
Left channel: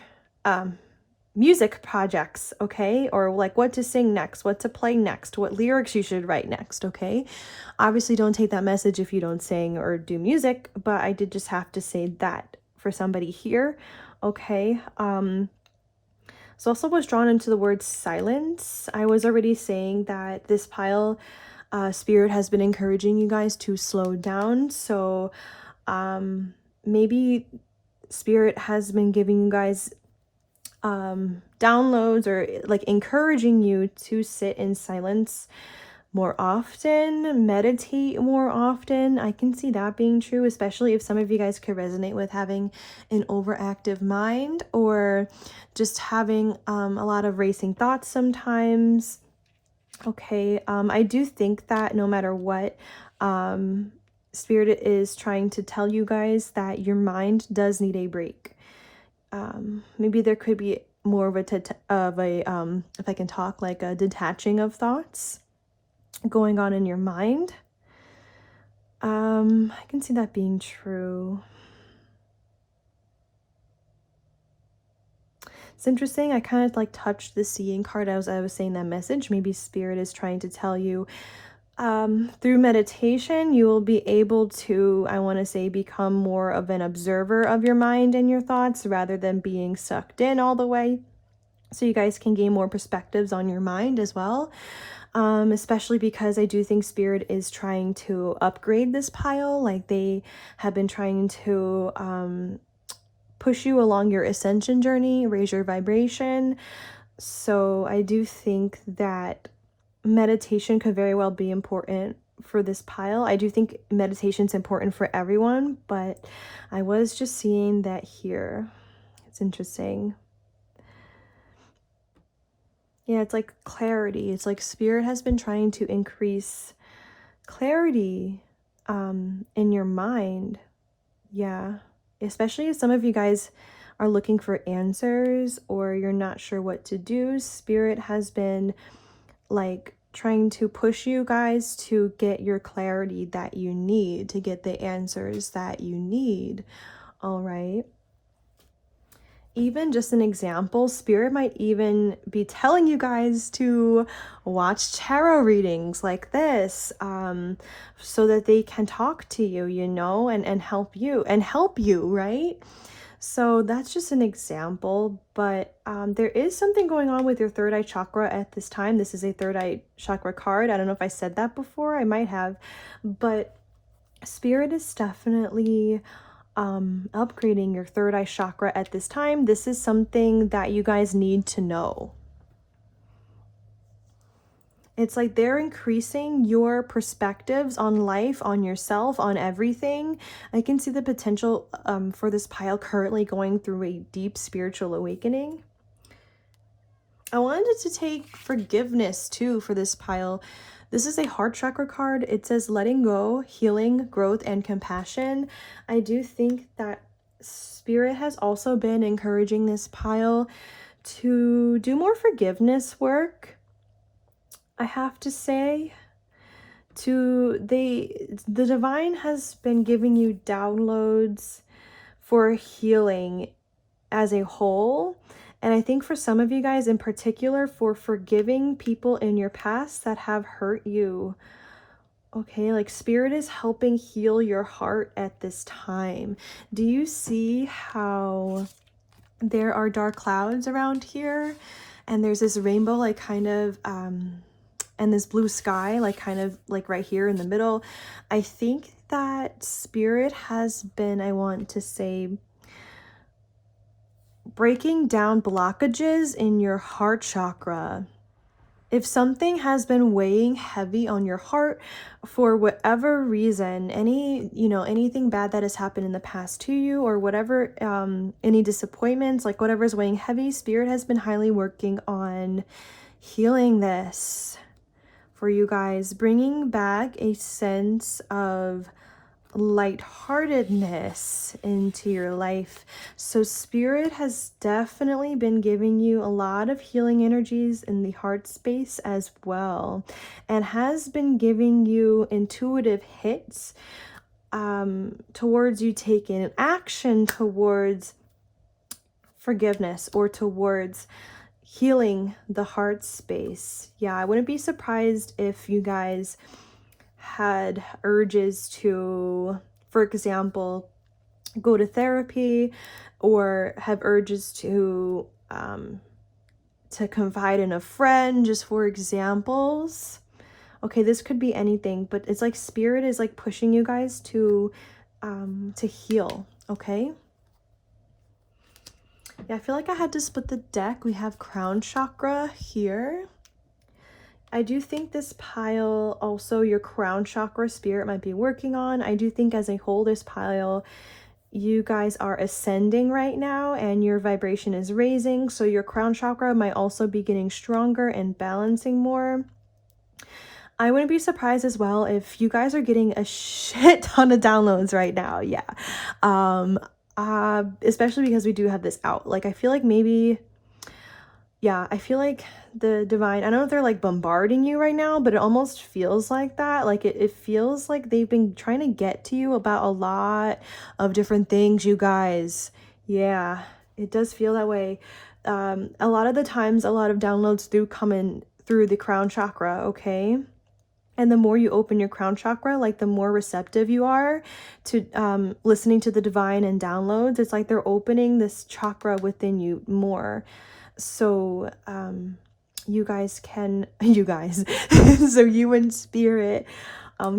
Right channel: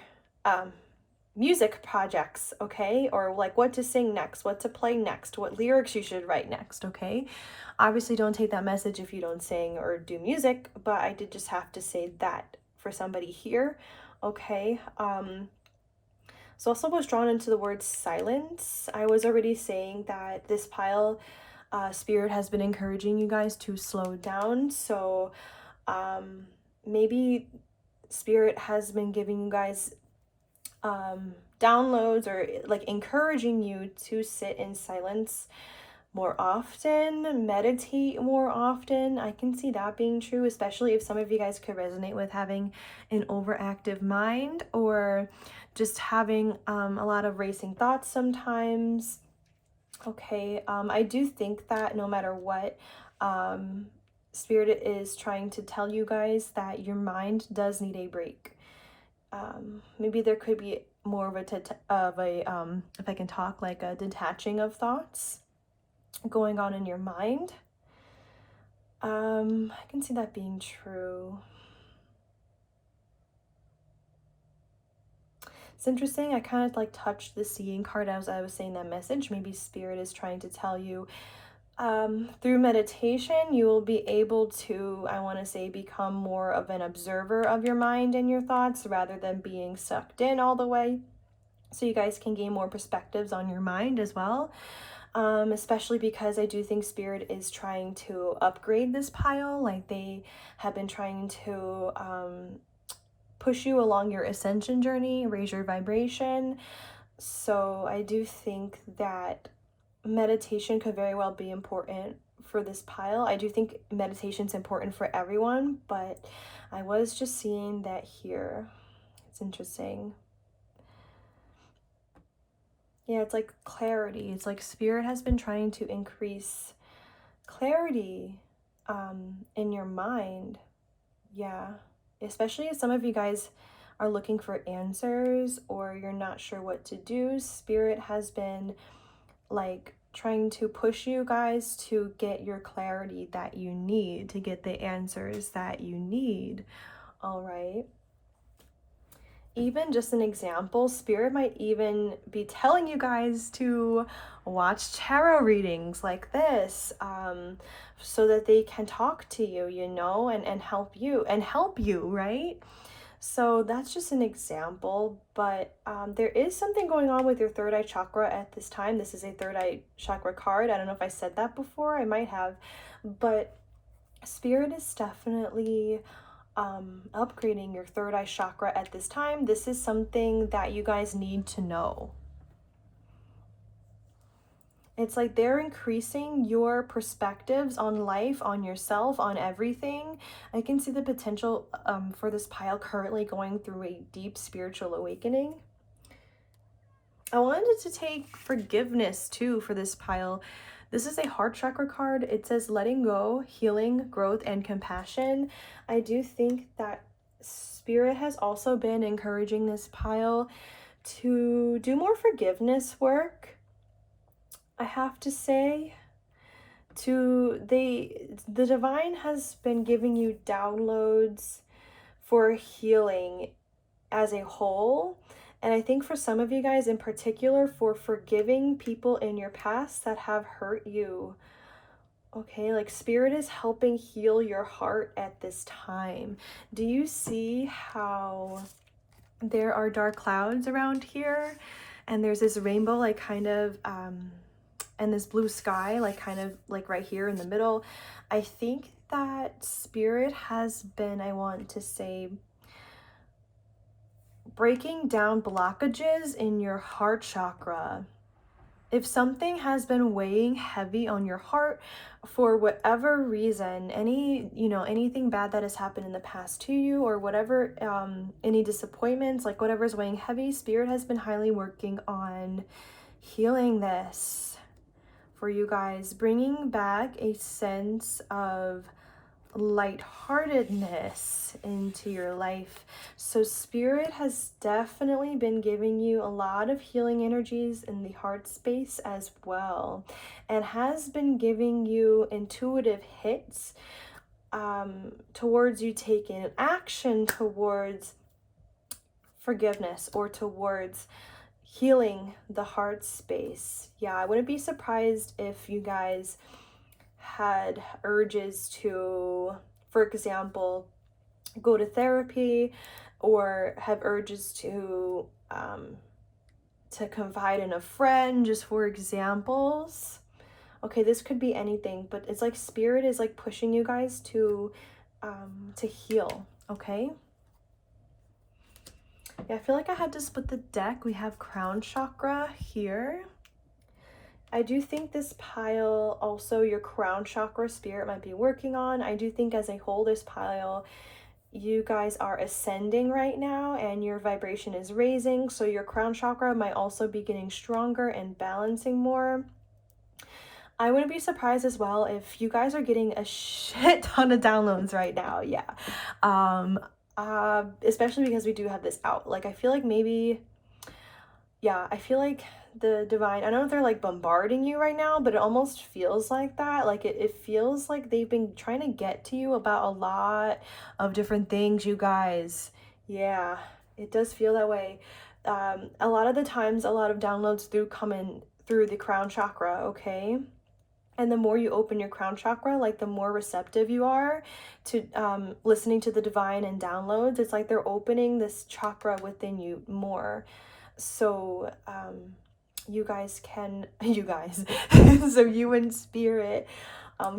music projects, okay? Or like what to sing next, what to play next, what lyrics you should write next, okay? Obviously, don't take that message if you don't sing or do music, but I did just have to say that for somebody here, okay? So also was drawn into the word silence. I was already saying that this pile, Spirit has been encouraging you guys to slow down. So maybe Spirit has been giving you guys downloads, or like encouraging you to sit in silence more often, meditate more often. I can see that being true, especially if some of you guys could resonate with having an overactive mind, or just having a lot of racing thoughts sometimes. Okay, I do think that no matter what, Spirit is trying to tell you guys that your mind does need a break. Maybe there could be more of a if I can talk, like a detaching of thoughts going on in your mind. I can see that being true. It's interesting. I kind of like touched the seeing card as I was saying that message. Maybe Spirit is trying to tell you through meditation, you will be able to, I want to say, become more of an observer of your mind and your thoughts rather than being sucked in all the way. So you guys can gain more perspectives on your mind as well. Especially because I do think Spirit is trying to upgrade this pile. Like they have been trying to push you along your ascension journey, raise your vibration. So I do think that meditation could very well be important for this pile. I do think meditation is important for everyone, but I was just seeing that here. It's interesting. Yeah, it's like clarity. It's like spirit has been trying to increase clarity in your mind. Yeah, especially if some of you guys are looking for answers or you're not sure what to do. Spirit has been like trying to push you guys to get your clarity that you need, to get the answers that you need. All right. Even just an example, spirit might even be telling you guys to watch tarot readings like this, so that they can talk to you, you know, and help you, right? So that's just an example, but there is something going on with your third eye chakra at this time. This is a third eye chakra card. I don't know if I said that before. I might have, but spirit is definitely upgrading your third eye chakra at this time. This is something that you guys need to know. It's like they're increasing your perspectives on life, on yourself, on everything. I can see the potential for this pile currently going through a deep spiritual awakening. I wanted to take forgiveness too for this pile. This is a heart chakra card. It says letting go, healing, growth, and compassion. I do think that spirit has also been encouraging this pile to do more forgiveness work. I have to say, the divine has been giving you downloads for healing as a whole. And I think for some of you guys in particular, for forgiving people in your past that have hurt you. Okay, like spirit is helping heal your heart at this time. Do you see how there are dark clouds around here? And there's this rainbow, like kind of, and this blue sky, like kind of like right here in the middle. I think that spirit has been, I want to say, breaking down blockages in your heart chakra. If something has been weighing heavy on your heart for whatever reason, anything bad that has happened in the past to you, or whatever, any disappointments, like whatever is weighing heavy, spirit has been highly working on healing this for you guys, bringing back a sense of lightheartedness into your life. So spirit has definitely been giving you a lot of healing energies in the heart space as well, and has been giving you intuitive hits towards you taking action towards forgiveness or towards healing the heart space. Yeah, I wouldn't be surprised if you guys had urges to, for example, go to therapy, or have urges to confide in a friend, just for examples. Okay, this could be anything, but it's like spirit is like pushing you guys to heal. Okay. Yeah, I feel like I had to split the deck. We have crown chakra here. I do think this pile, also your crown chakra spirit might be working on. I do think as a whole, this pile, you guys are ascending right now and your vibration is raising. So your crown chakra might also be getting stronger and balancing more. I wouldn't be surprised as well if you guys are getting a shit ton of downloads right now. Yeah. Especially because we do have this out. Like, I feel like maybe, yeah, I feel like the divine, I don't know if they're like bombarding you right now, but it almost feels like that. Like it feels like they've been trying to get to you about a lot of different things, you guys. Yeah, it does feel that way. A lot of the times, a lot of downloads do come in through the crown chakra, okay? And the more you open your crown chakra, like the more receptive you are to listening to the divine and downloads. It's like they're opening this chakra within you more. So you guys can, so you and spirit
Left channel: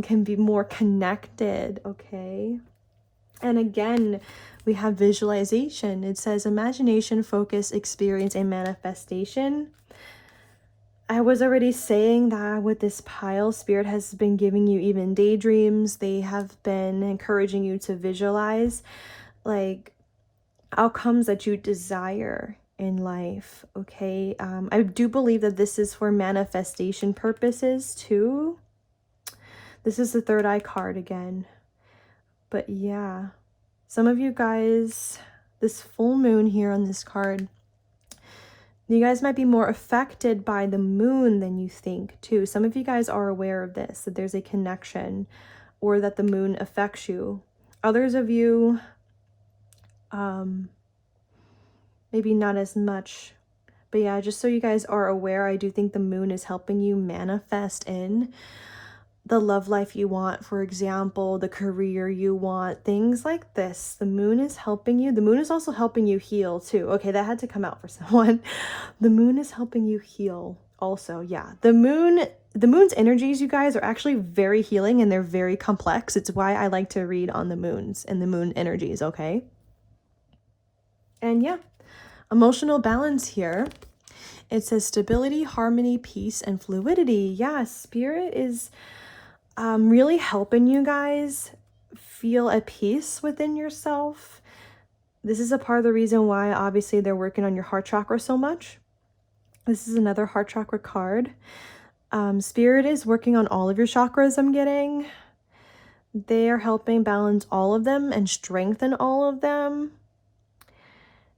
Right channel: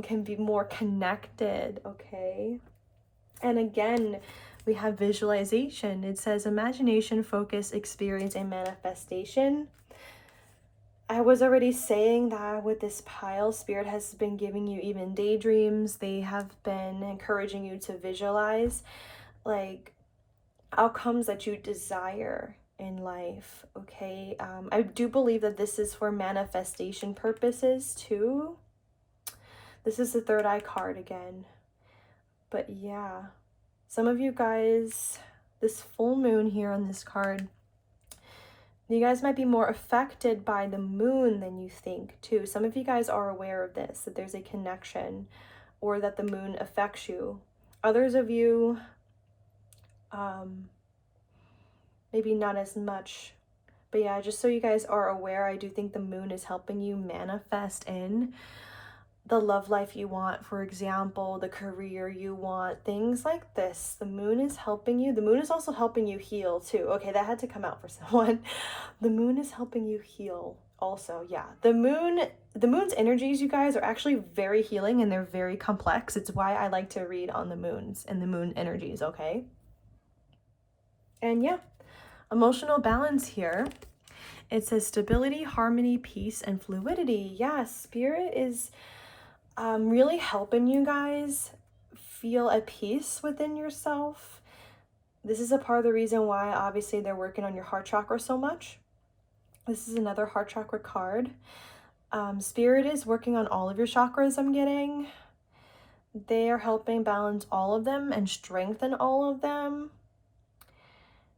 can be more connected, okay? And again, We have visualization. It says imagination, focus, experience, and manifestation. I was already saying that with this pile, Spirit has been giving you even daydreams. They have been encouraging you to visualize like outcomes that you desire in life. Okay, I do believe that this is for manifestation purposes too. This is the third eye card again. But yeah, some of you guys, this full moon here on this card, you guys might be more affected by the moon than you think too. Some of you guys are aware of this, that there's a connection or that the moon affects you. Others of you, maybe not as much. But yeah, just so you guys are aware, I do think the moon is helping you manifest in the love life you want, for example, the career you want, things like this. The moon is helping you. The moon is also helping you heal too. Okay, that had to come out for someone. The moon is helping you heal also. Yeah, the moon's energies, you guys, are actually very healing and they're very complex. It's why I like to read on the moons and the moon energies, okay? And yeah, emotional balance here. It says stability, harmony, peace, and fluidity. Yeah, Spirit is really helping you guys feel at peace within yourself. This is a part of the reason why obviously they're working on your heart chakra so much. This is another heart chakra card. Spirit is working on all of your chakras, I'm getting. They are helping balance all of them and strengthen all of them.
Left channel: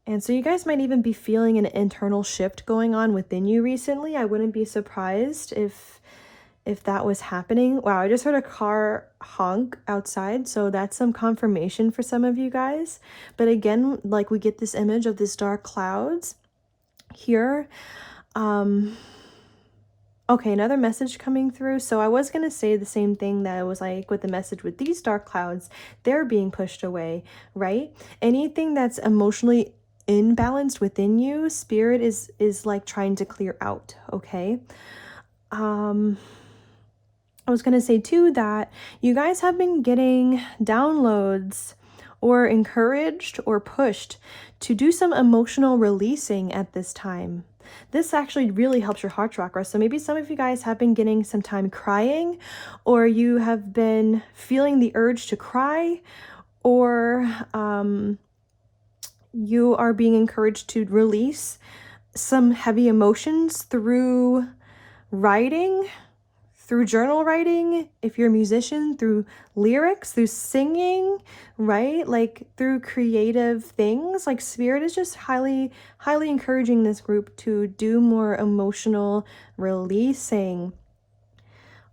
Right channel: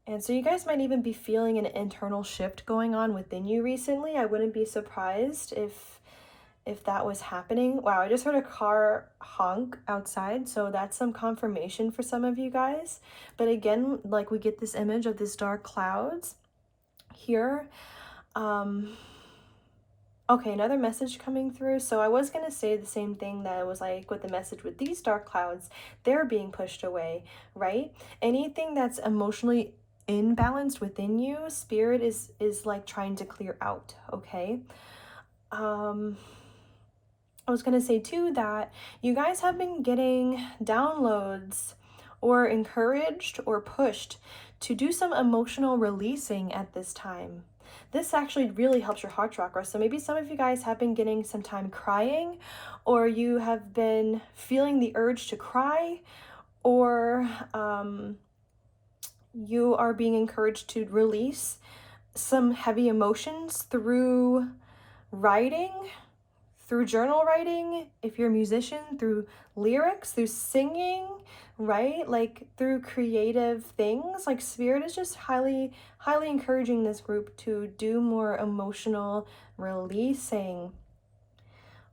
And so you guys might even be feeling an internal shift going on within you recently. I wouldn't be surprised if that was happening. Wow, I just heard a car honk outside, so that's some confirmation for some of you guys. But again, like, we get this image of this dark clouds here. Okay, another message coming through. So I was going to say the same thing that it was like with the message with these dark clouds, they're being pushed away, right? Anything that's emotionally imbalanced within you, Spirit is like trying to clear out, okay? I was going to say too that you guys have been getting downloads or encouraged or pushed to do some emotional releasing at this time. This actually really helps your heart chakra. So maybe some of you guys have been getting some time crying, or you have been feeling the urge to cry, or you are being encouraged to release some heavy emotions through writing, through journal writing, if you're a musician, through lyrics, through singing, right? Like through creative things. Like Spirit is just highly encouraging this group to do more emotional releasing.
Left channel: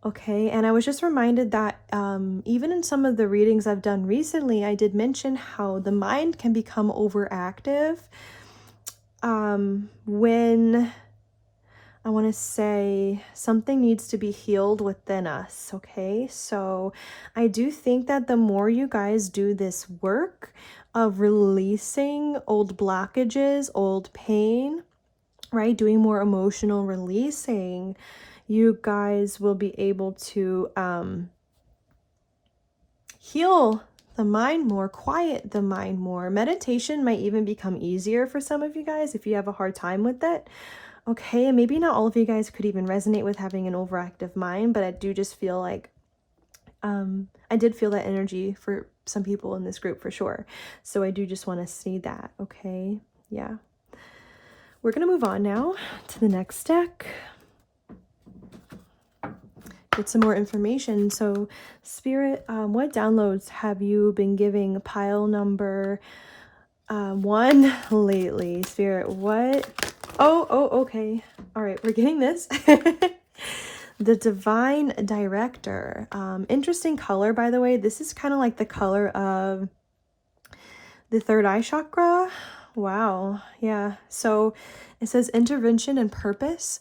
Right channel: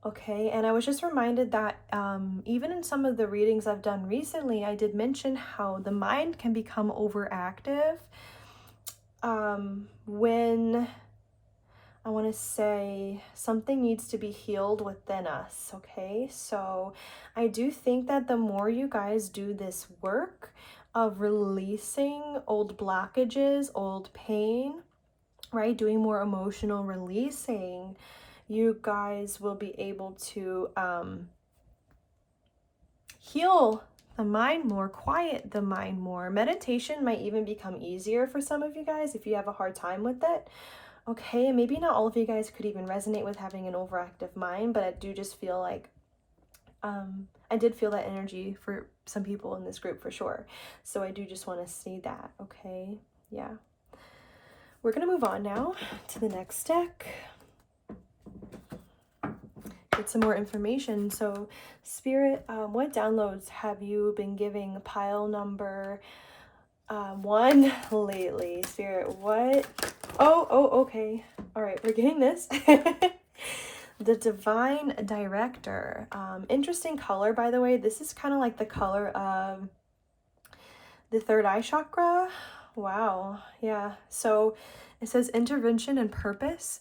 Okay, and I was just reminded that even in some of the readings I've done recently, I did mention how the mind can become overactive when I want to say something needs to be healed within us, okay? So I do think that the more you guys do this work of releasing old blockages, old pain, right? Doing more emotional releasing, you guys will be able to heal the mind more, quiet the mind more. Meditation might even become easier for some of you guys if you have a hard time with it. Okay, and maybe not all of you guys could even resonate with having an overactive mind, but I do just feel like I did feel that energy for some people in this group for sure. So I do just want to see that, okay? Yeah. We're going to move on now to the next deck. Get some more information. So Spirit, what downloads have you been giving pile number 1 lately? Spirit, what? Oh, okay. All right, we're getting this. The Divine Director. Interesting color, by the way. This is kind of like the color of the third eye chakra. Wow. Yeah. So it says intervention and purpose.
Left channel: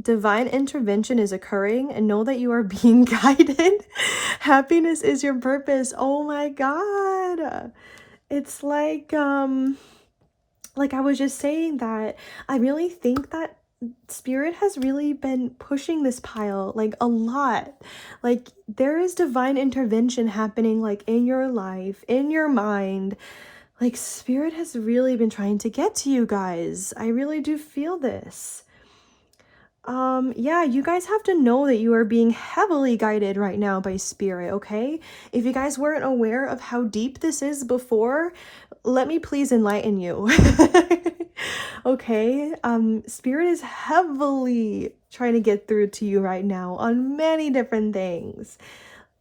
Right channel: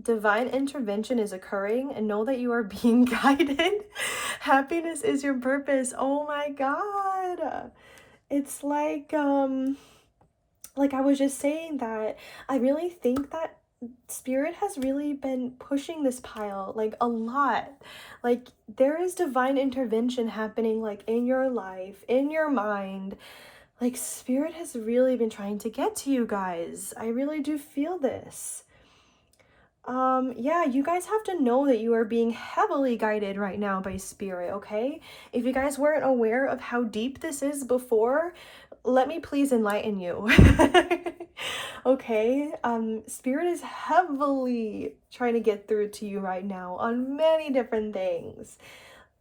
Divine intervention is occurring, and know that you are being guided. Happiness is your purpose. Oh my God. It's like I was just saying that I really think that Spirit has really been pushing this pile like a lot. Like there is divine intervention happening like in your life, in your mind, Like, Spirit has really been trying to get to you guys. I really do feel this. Yeah, you guys have to know that you are being heavily guided right now by Spirit, okay? If you guys weren't aware of how deep this is before, let me please enlighten you. Okay? Spirit is heavily trying to get through to you right now on many different things.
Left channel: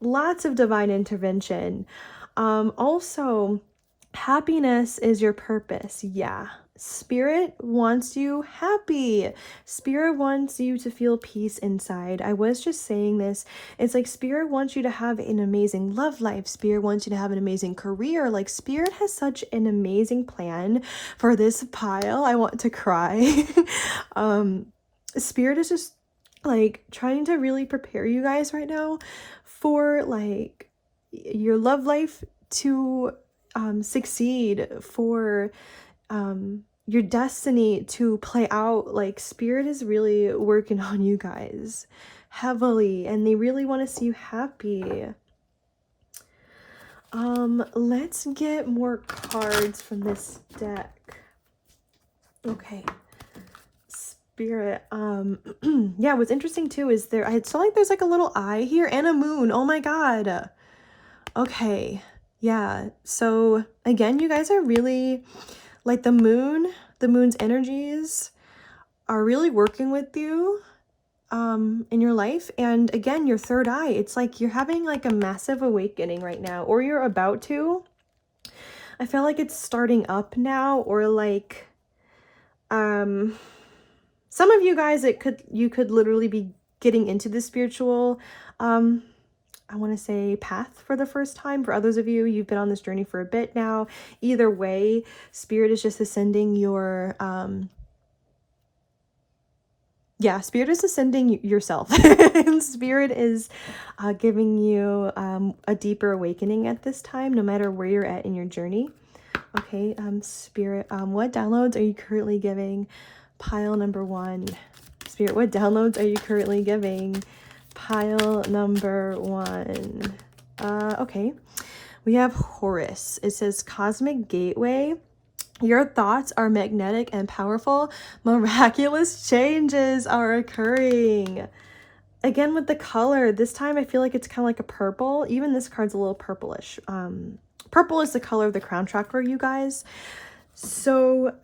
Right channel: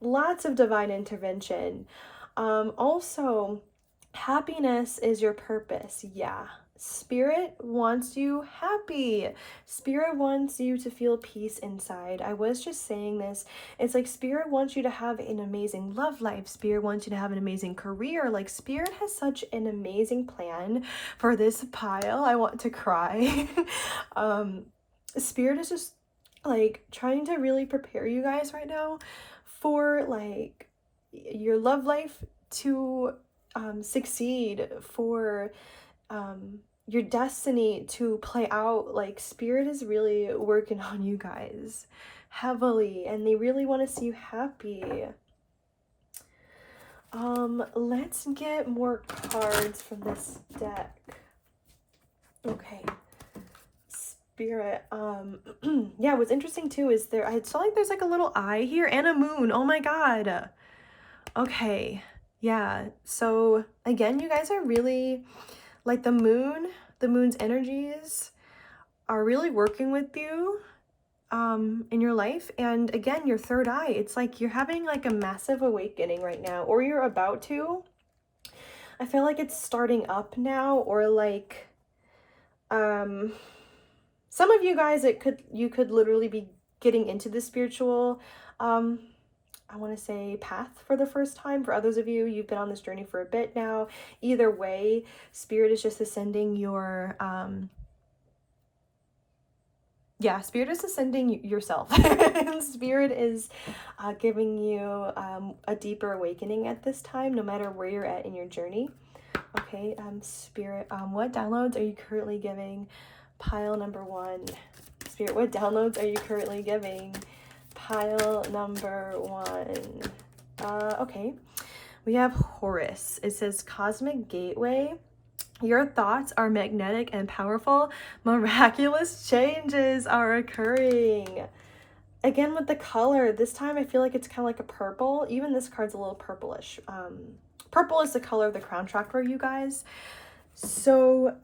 Lots of divine intervention. Also, happiness is your purpose. Yeah. Spirit wants you happy. Spirit wants you to feel peace inside. I was just saying this. It's like Spirit wants you to have an amazing love life. Spirit wants you to have an amazing career. Like, Spirit has such an amazing plan for this pile. I want to cry. Spirit is just like trying to really prepare you guys right now for like your love life to succeed, for your destiny to play out. Like, Spirit is really working on you guys heavily, and they really want to see you happy. Let's get more cards from this deck. Okay. Spirit, yeah, what's interesting too is I saw like there's like a little eye here and a moon. Oh my god. Okay. Yeah. So again, you guys are really like the moon's energies are really working with you in your life. And again, your third eye, it's like you're having like a massive awakening right now, or you're about to. I feel like it's starting up now, or like some of you guys, you could literally be getting into the spiritual I want to say path for the first time. For others of you, you've been on this journey for a bit now. Either way, Spirit is just ascending your Spirit is ascending yourself. And Spirit is giving you a deeper awakening at this time, no matter where you're at in your journey. Okay, Spirit, what downloads are you currently giving pile number 1? Spirit, what downloads are you currently giving pile number 1? Okay, we have Horus. It says Cosmic Gateway. Your thoughts are magnetic and powerful. Miraculous changes are occurring. Again, with the color, this time I feel like it's kind of like a purple. Even this card's a little purplish. Purple is the color of the crown chakra, you guys. So,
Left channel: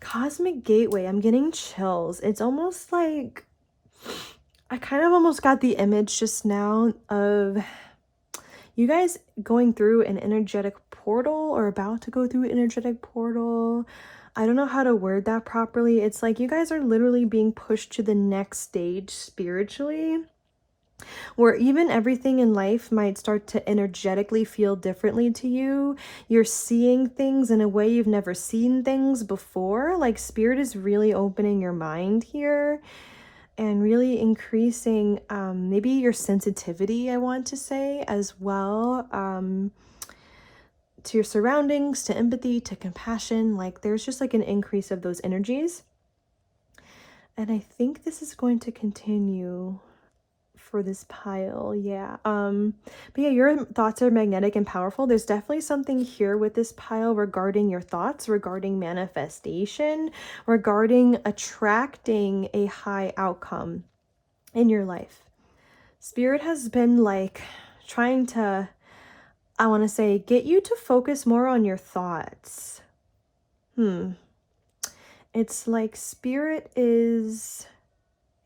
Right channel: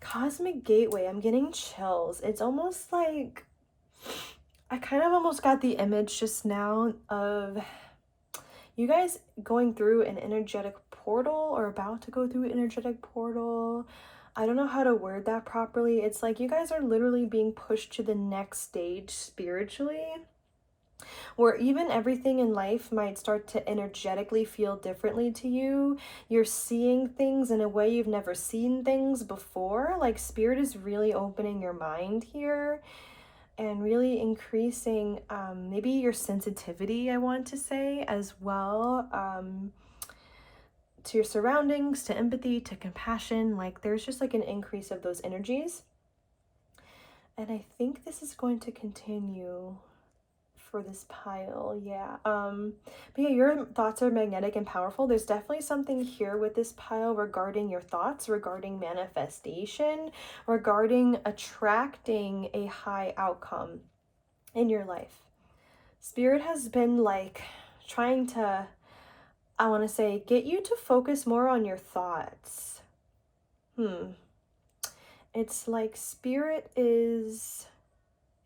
Cosmic Gateway, I'm getting chills. It's almost like, I kind of almost got the image just now of you guys going through an energetic portal, or about to go through an energetic portal. I don't know how to word that properly. It's like you guys are literally being pushed to the next stage spiritually, where even everything in life might start to energetically feel differently to you. You're seeing things in a way you've never seen things before. Like, Spirit is really opening your mind here and really increasing maybe your sensitivity, I want to say, as well, to your surroundings, to empathy, to compassion. Like, there's just like an increase of those energies. And I think this is going to continue for this pile. Yeah. But yeah, your thoughts are magnetic and powerful. There's definitely something here with this pile regarding your thoughts, regarding manifestation, regarding attracting a high outcome in your life. Spirit has been like trying to, I want to say, get you to focus more on your thoughts. It's like Spirit is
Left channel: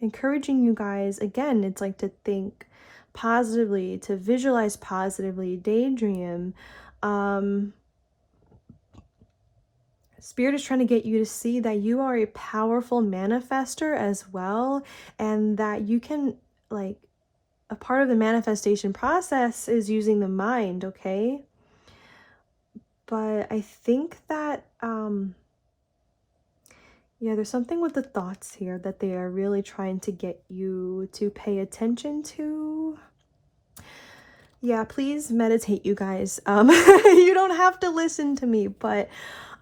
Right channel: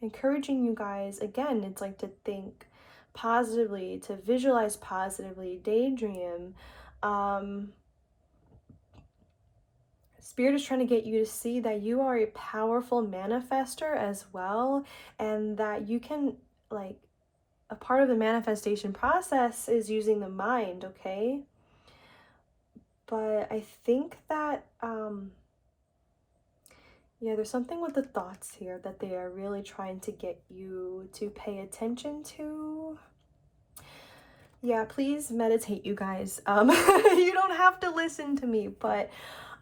encouraging you guys, again, it's like to think positively, to visualize positively, daydream. Spirit is trying to get you to see that you are a powerful manifester as well, and that you can, like, a part of the manifestation process is using the mind, okay? But I think that yeah, there's something with the thoughts here that they are really trying to get you to pay attention to. Yeah, please meditate, you guys. You don't have to listen to me, but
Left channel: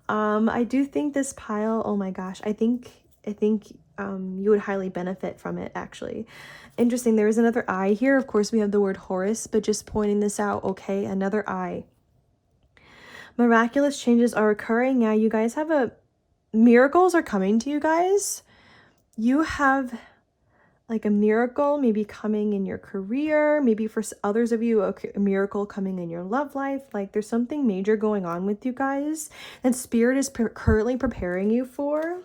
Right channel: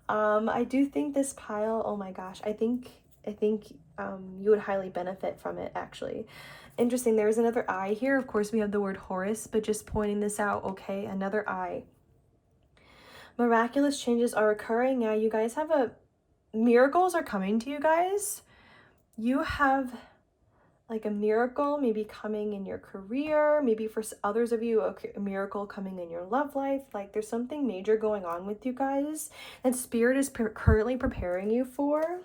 I do think this pile, oh my gosh, I think you would highly benefit from it, actually. Interesting. There is another eye here. Of course, we have the word Horus, but just pointing this out. Okay, another eye. Miraculous changes are occurring. Yeah, you guys have miracles are coming to you guys. You have like a miracle maybe coming in your career, maybe for others of you a miracle coming in your love life. Like there's something major going on with you guys and spirit is currently preparing you for.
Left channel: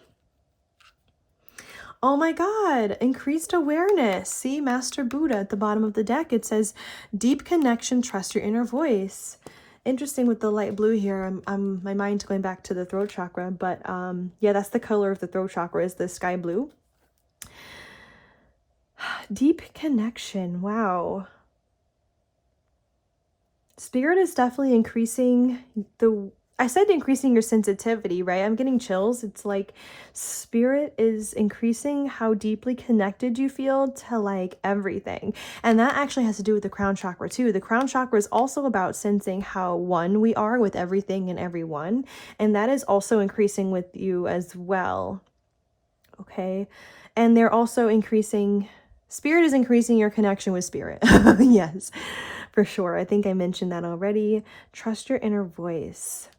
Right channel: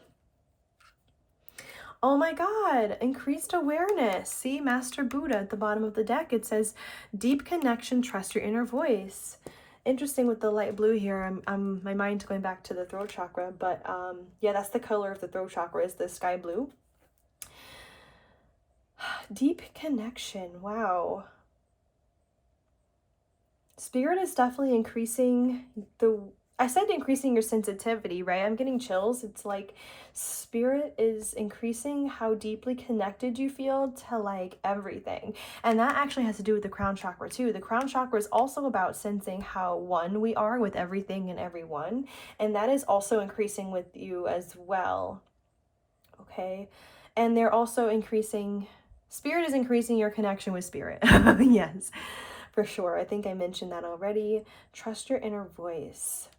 Oh my god, increased awareness. See, Master Buddha at the bottom of the deck, it says deep connection, trust your inner voice. Interesting with the light blue here. My mind's going back to the throat chakra, but yeah, that's the color of the throat chakra, is the sky blue. Deep connection. Wow. Spirit is definitely increasing I said increasing your sensitivity, right? I'm getting chills. It's like spirit is increasing how deeply connected you feel to like everything. And that actually has to do with the crown chakra too. The crown chakra is also about sensing how one we are with everything and everyone. And that is also increasing with you as well. Okay. And they're also increasing, spirit is increasing your connection with spirit. Yes, for sure. I think I mentioned that already. Trust your inner voice.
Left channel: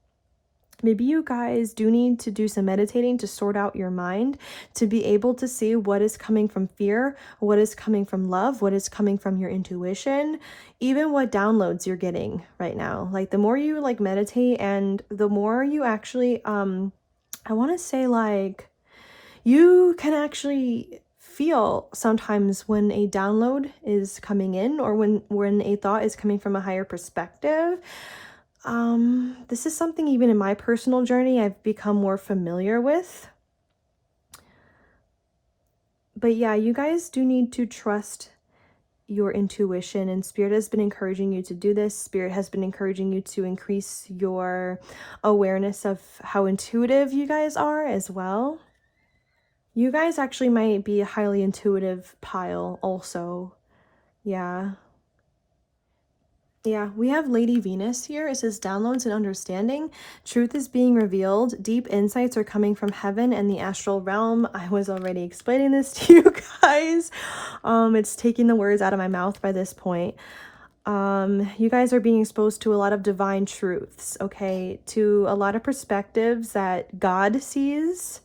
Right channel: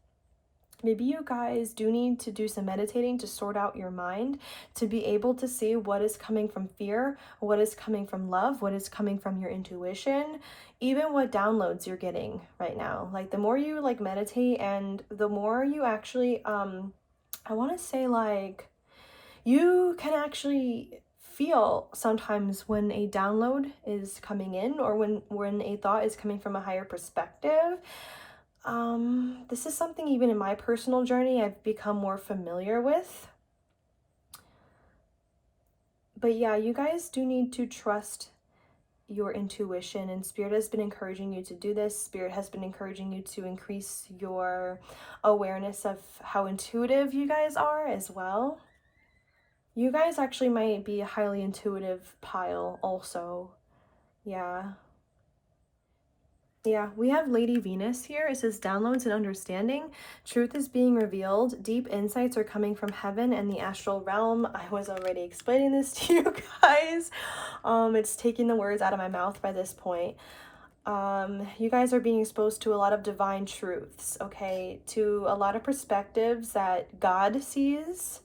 Maybe you guys do need to do some meditating to sort out your mind, to be able to see what is coming from fear, what is coming from love, what is coming from your intuition, even what downloads you're getting right now. Like the more you like meditate and the more you actually, I want to say like, you can actually feel sometimes when a download is coming in or when a thought is coming from a higher perspective. This is something even in my personal journey I've become more familiar with. But yeah, you guys do need to trust your intuition, and spirit has been encouraging you to do this. Spirit has been encouraging you to increase your awareness of how intuitive you guys are as well. You guys actually might be a highly intuitive pile also. Yeah. Yeah, we have Lady Venus here. It says downloads and understanding. Truth is being revealed. Deep insights are coming from heaven and the astral realm. I was already explaining this to you guys. It's taking the words out of my mouth by this point. You guys are being exposed to a lot of divine truths, okay? To a lot of perspectives that God sees.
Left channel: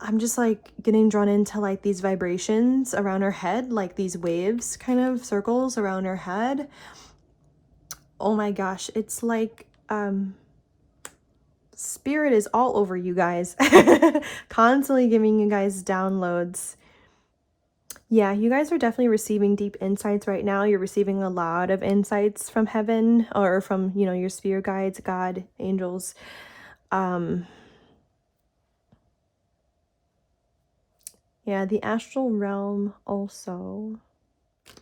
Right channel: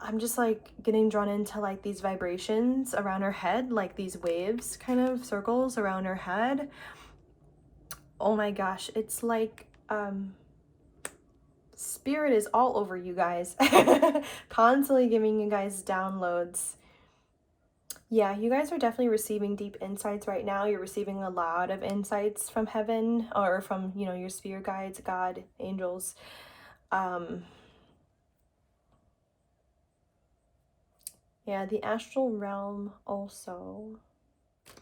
I'm just like getting drawn into like these vibrations around her head, like these waves kind of circles around her head. Oh my gosh, it's like spirit is all over you guys. Constantly giving you guys downloads. Yeah, you guys are definitely receiving deep insights right now. You're receiving a lot of insights from heaven or from, you know, your spirit guides, God, angels. Yeah, the astral realm also.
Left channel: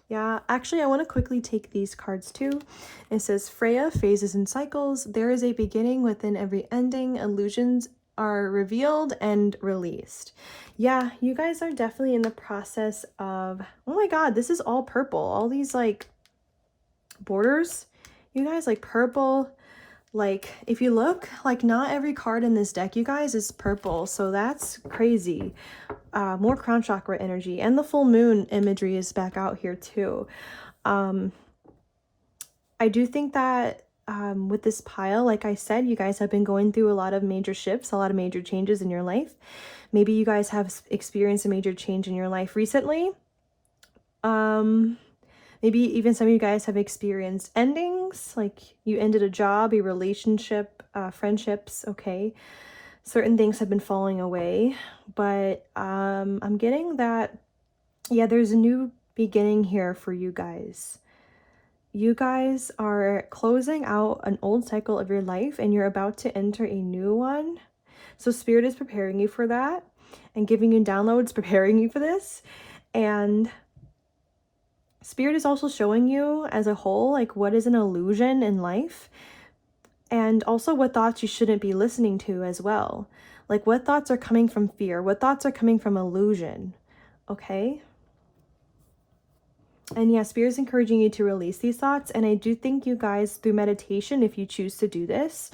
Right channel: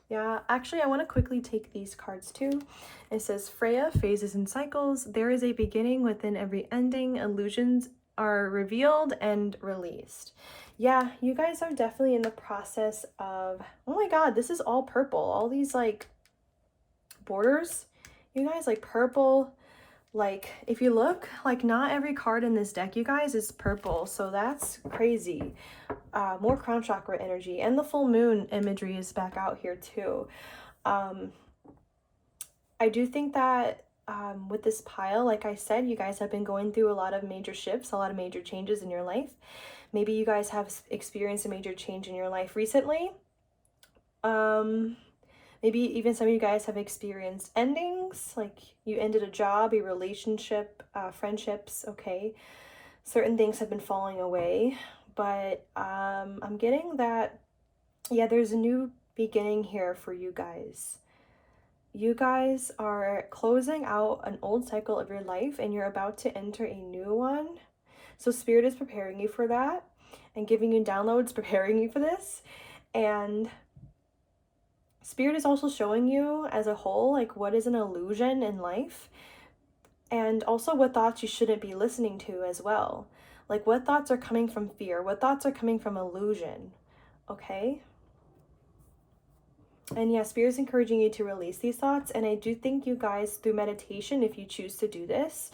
Yeah, actually, I want to quickly take these cards too. It says Freya, phases and cycles. There is a beginning within every ending. Illusions are revealed and released. Yeah, you guys are definitely in the process of, oh my god, this is all purple. All these like borders. You guys like purple. Like if you look, like not every card in this deck, you guys, is purple. So that's crazy. More crown chakra energy, and the full moon imagery is back out here too. I do think that with this pile, like I said, you guys have been going through a lot of major shifts, a lot of major changes in your life. Maybe you guys have experienced a major change in your life recently. Maybe even some of you guys have experienced endings, like you ended a job, a relationship, friendships, okay? Certain things have been falling away, but I'm getting that, yeah, there's a new beginning here for you guys. You guys are closing out an old cycle of your life and you're about to enter a new one. So spirit is preparing you for that and giving you downloads, preparing you for this. And spirit is also showing you as a whole, like what is an illusion in life, and also what thoughts you shouldn't be listening to as well. Like what thoughts are coming from fear, what thoughts are coming from illusion, okay? And yeah, spirit is encouraging you to release these thoughts. And I do think you guys, through meditation, if you choose to do this,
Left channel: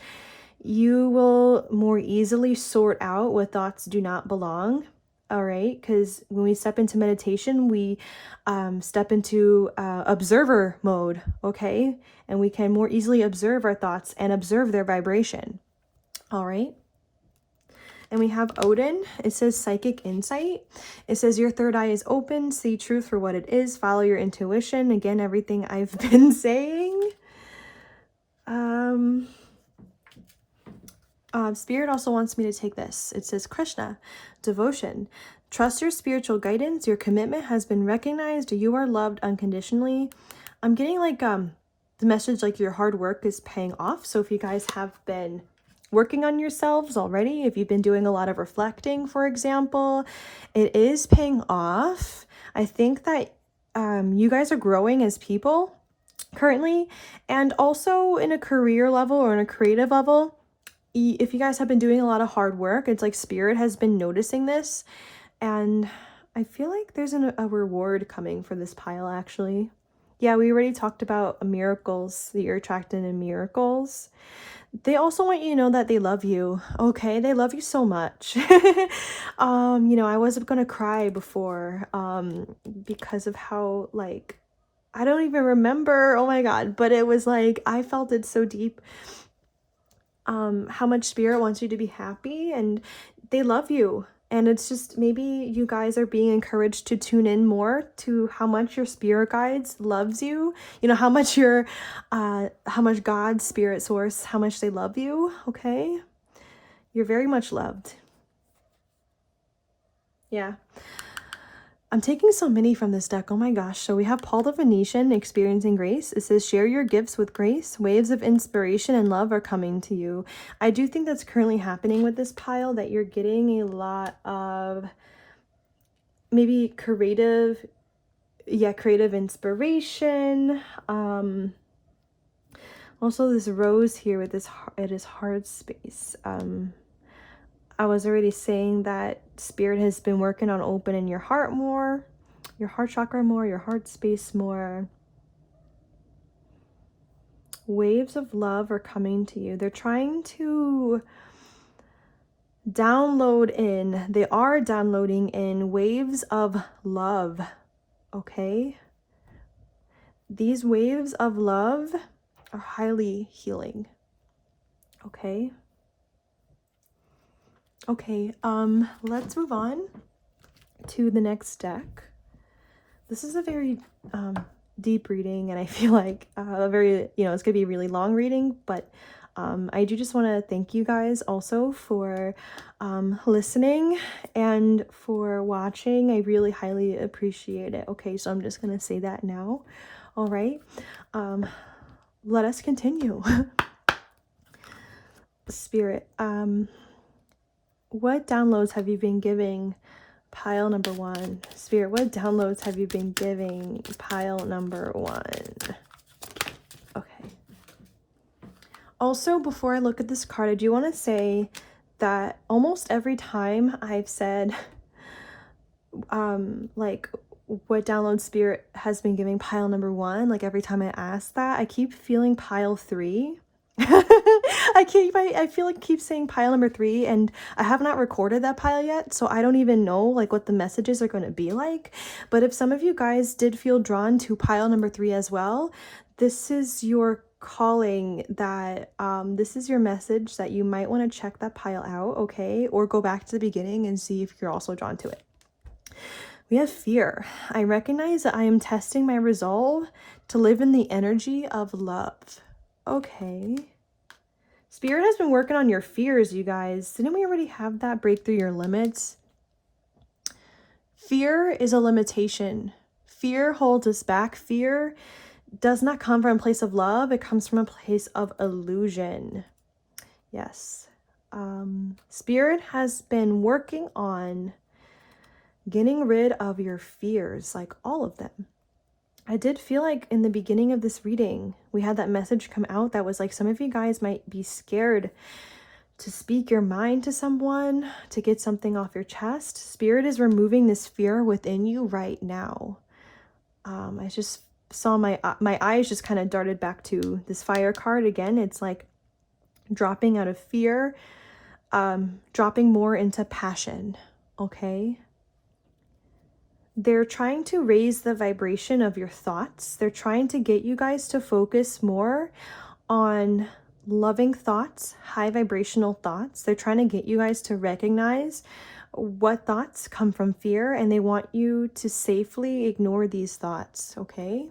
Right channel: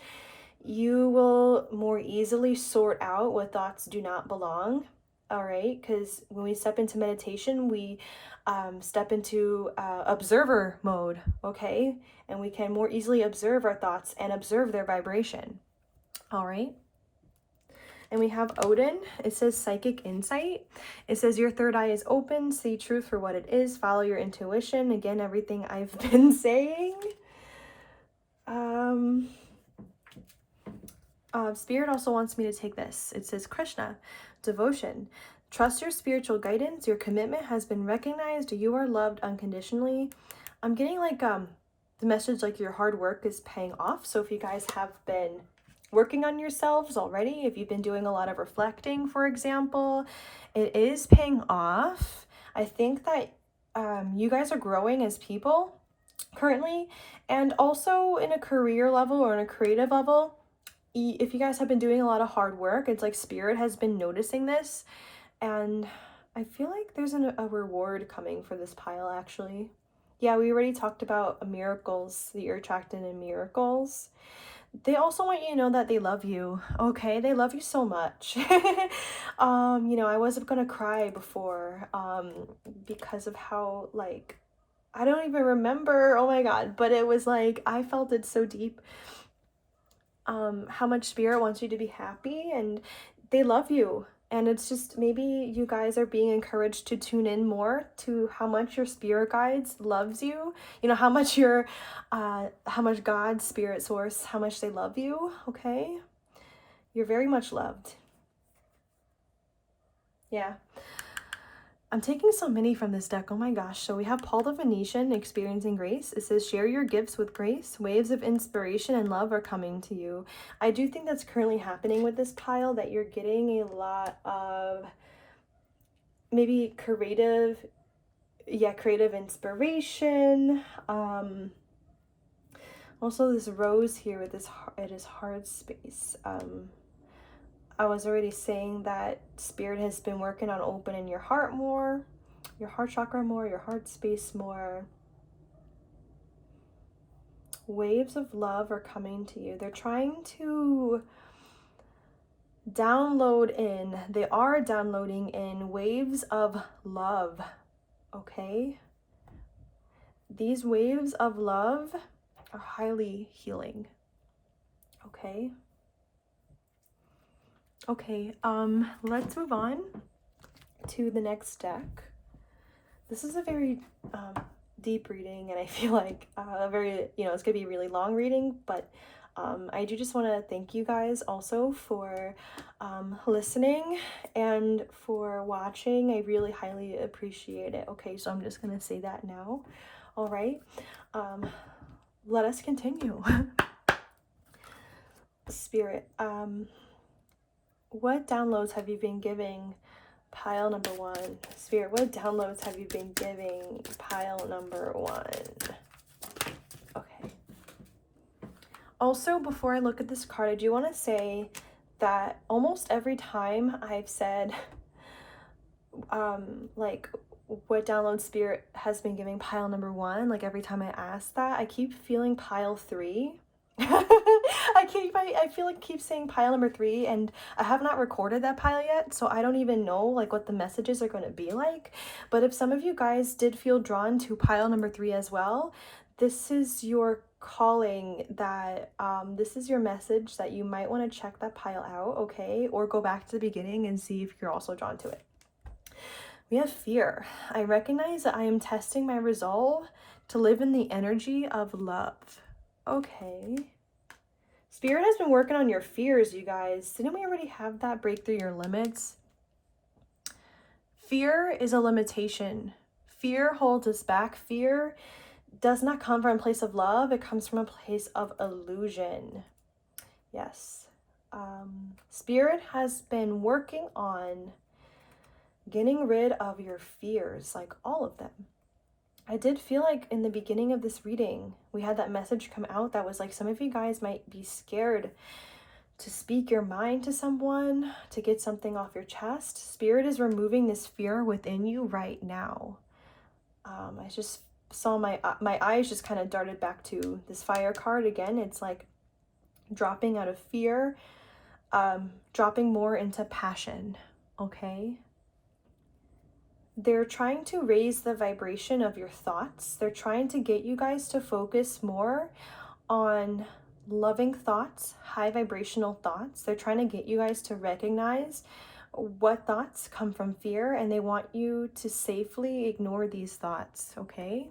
you will more easily sort out what thoughts do not belong. all right? Because when we step into meditation, we step into observer mode, okay? And we can more easily observe our thoughts and observe their vibration, all right? And we have Odin. It says psychic insight. It says your third eye is open. See truth for what it is. Follow your intuition. Again, everything I've been saying. Spirit also wants me to take this. It says Krishna, devotion. Trust your spiritual guidance. Your commitment has been recognized. You are loved unconditionally. I'm getting like the message like your hard work is paying off. So if you guys have been working on yourselves already, if you've been doing a lot of reflecting, for example, it is paying off. I think that you guys are growing as people currently, and also in a career level or in a creative level. If you guys have been doing a lot of hard work, it's like Spirit has been noticing this, and I feel like there's a reward coming for this pile, actually. Yeah, we already talked about miracles, that you're attracted in miracles. They also want you to know that they love you, okay? They love you so much. You know, I wasn't gonna cry before, because of how, like, I don't even remember, oh my god, but it was like, I felt it so deep, how much Spirit wants you to be happy, and they love you. And it's just, maybe you guys are being encouraged to tune in more to how much your spirit guides loves you. You know, how much how much God, spirit source, how much they love you, okay? You're very much loved. Yeah. I'm taking so many from this deck. Oh my gosh. So we have Paul the Venetian, experiencing grace. It says, share your gifts with grace. Waves of inspiration and love are coming to you. I do think that's currently happening with this pile, that you're getting a lot of maybe creative inspiration. Also this rose here with this, it is hard space. I was already saying that Spirit has been working on opening your heart more, your heart chakra more, your heart space more. Waves of love are coming to you. They're trying to download in, they are downloading in waves of love, okay? These waves of love are highly healing, okay? Okay, let's move on to the next deck. This is a very deep reading, and I feel like a very, you know, it's gonna be a really long reading, but I do just want to thank you guys also for listening and for watching. I really highly appreciate it. Okay, so I'm just gonna say that now. All right, let us continue. Spirit, what downloads have you been giving pile number 1? Spirit, what downloads have you been giving pile number 1? Okay. Also, before I look at this card, I do want to say that almost every time I've said, like, what download Spirit has been giving pile number 1, like every time I ask that, I keep feeling pile 3. I feel like keep saying pile number 3, and I have not recorded that pile yet, so I don't even know like what the messages are going to be like. But if some of you guys did feel drawn to pile number 3 as well, this is your calling, that this is your message, that you might want to check that pile out, okay? Or go back to the beginning and see if you're also drawn to it. We have fear. I recognize that I am testing my resolve to live in the energy of love. Okay. Spirit has been working on your fears, you guys. Didn't we already have that? Break through your limits. Fear is a limitation. Fear holds us back. Fear does not come from a place of love. It comes from a place of illusion. Yes. Spirit has been working on getting rid of your fears, like all of them. I did feel like in the beginning of this reading, we had that message come out that was like, some of you guys might be scared to speak your mind to someone, to get something off your chest. Spirit is removing this fear within you right now. I just saw my eyes just kind of darted back to this fire card again. It's like dropping out of fear, dropping more into passion, okay? they're trying to raise the vibration of your thoughts. They're trying to get you guys to focus more on loving thoughts, high vibrational thoughts. They're trying to get you guys to recognize what thoughts come from fear, and they want you to safely ignore these thoughts, okay?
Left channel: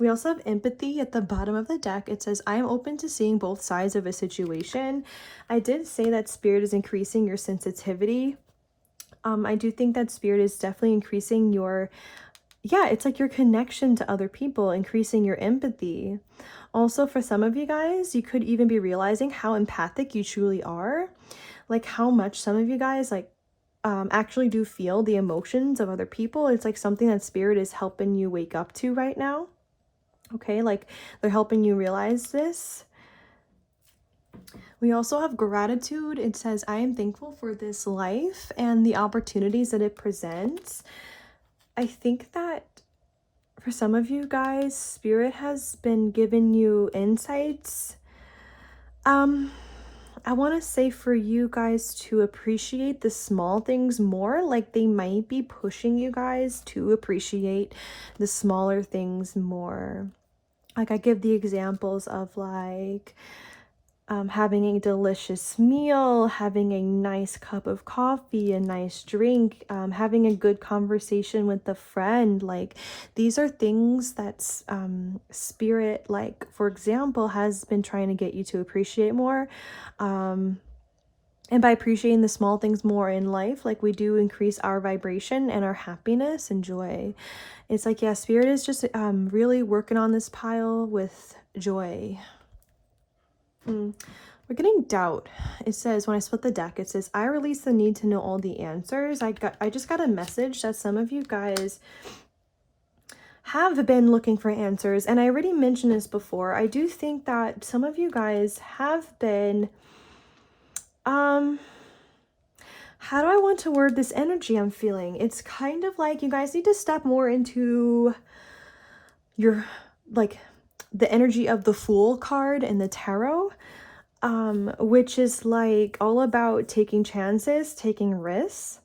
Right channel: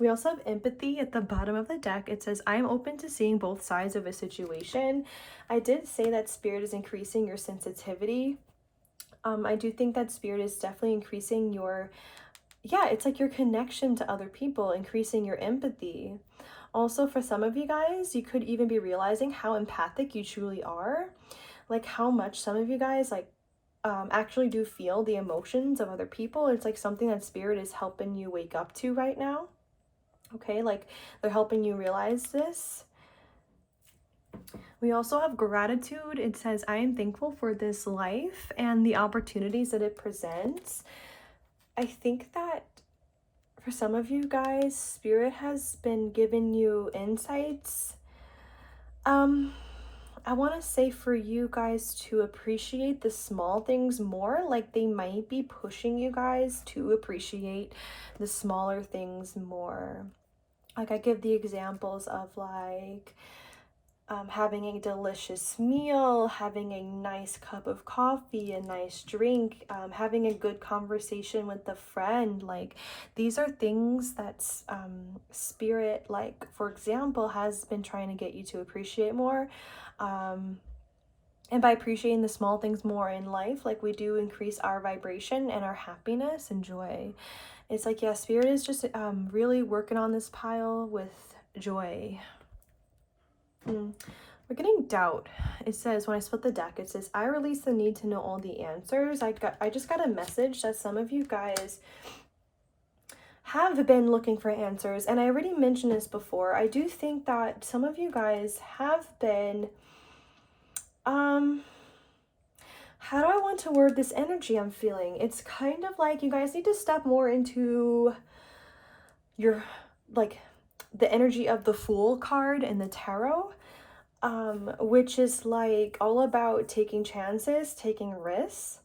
We also have empathy at the bottom of the deck. It says, I am open to seeing both sides of a situation. I did say that Spirit is increasing your sensitivity. I do think that Spirit is definitely increasing your, yeah, it's like your connection to other people, increasing your empathy. Also, for some of you guys, you could even be realizing how empathic you truly are. Like how much some of you guys actually do feel the emotions of other people. It's like something that Spirit is helping you wake up to right now. Okay, like they're helping you realize this. We also have gratitude. It says, I am thankful for this life and the opportunities that it presents. I think that for some of you guys, Spirit has been giving you insights. I want to say for you guys to appreciate the small things more. Like they might be pushing you guys to appreciate the smaller things more. Like I give the examples of like having a delicious meal, having a nice cup of coffee, a nice drink, having a good conversation with a friend. Like these are things that Spirit, like for example, has been trying to get you to appreciate more. And by appreciating the small things more in life, like we do increase our vibration and our happiness and joy. It's like, yeah, Spirit is just really working on this pile with joy. We're getting doubt. It says, when I split the deck, it says, I release the need to know all the answers. I just got a message that some of you guys have been looking for answers. And I already mentioned this before. I do think that some of you guys have been, how do I want to word this energy I'm feeling? It's kind of like you guys need to step more into your, like, the energy of the Fool card in the tarot. Which is like all about taking chances, taking risks.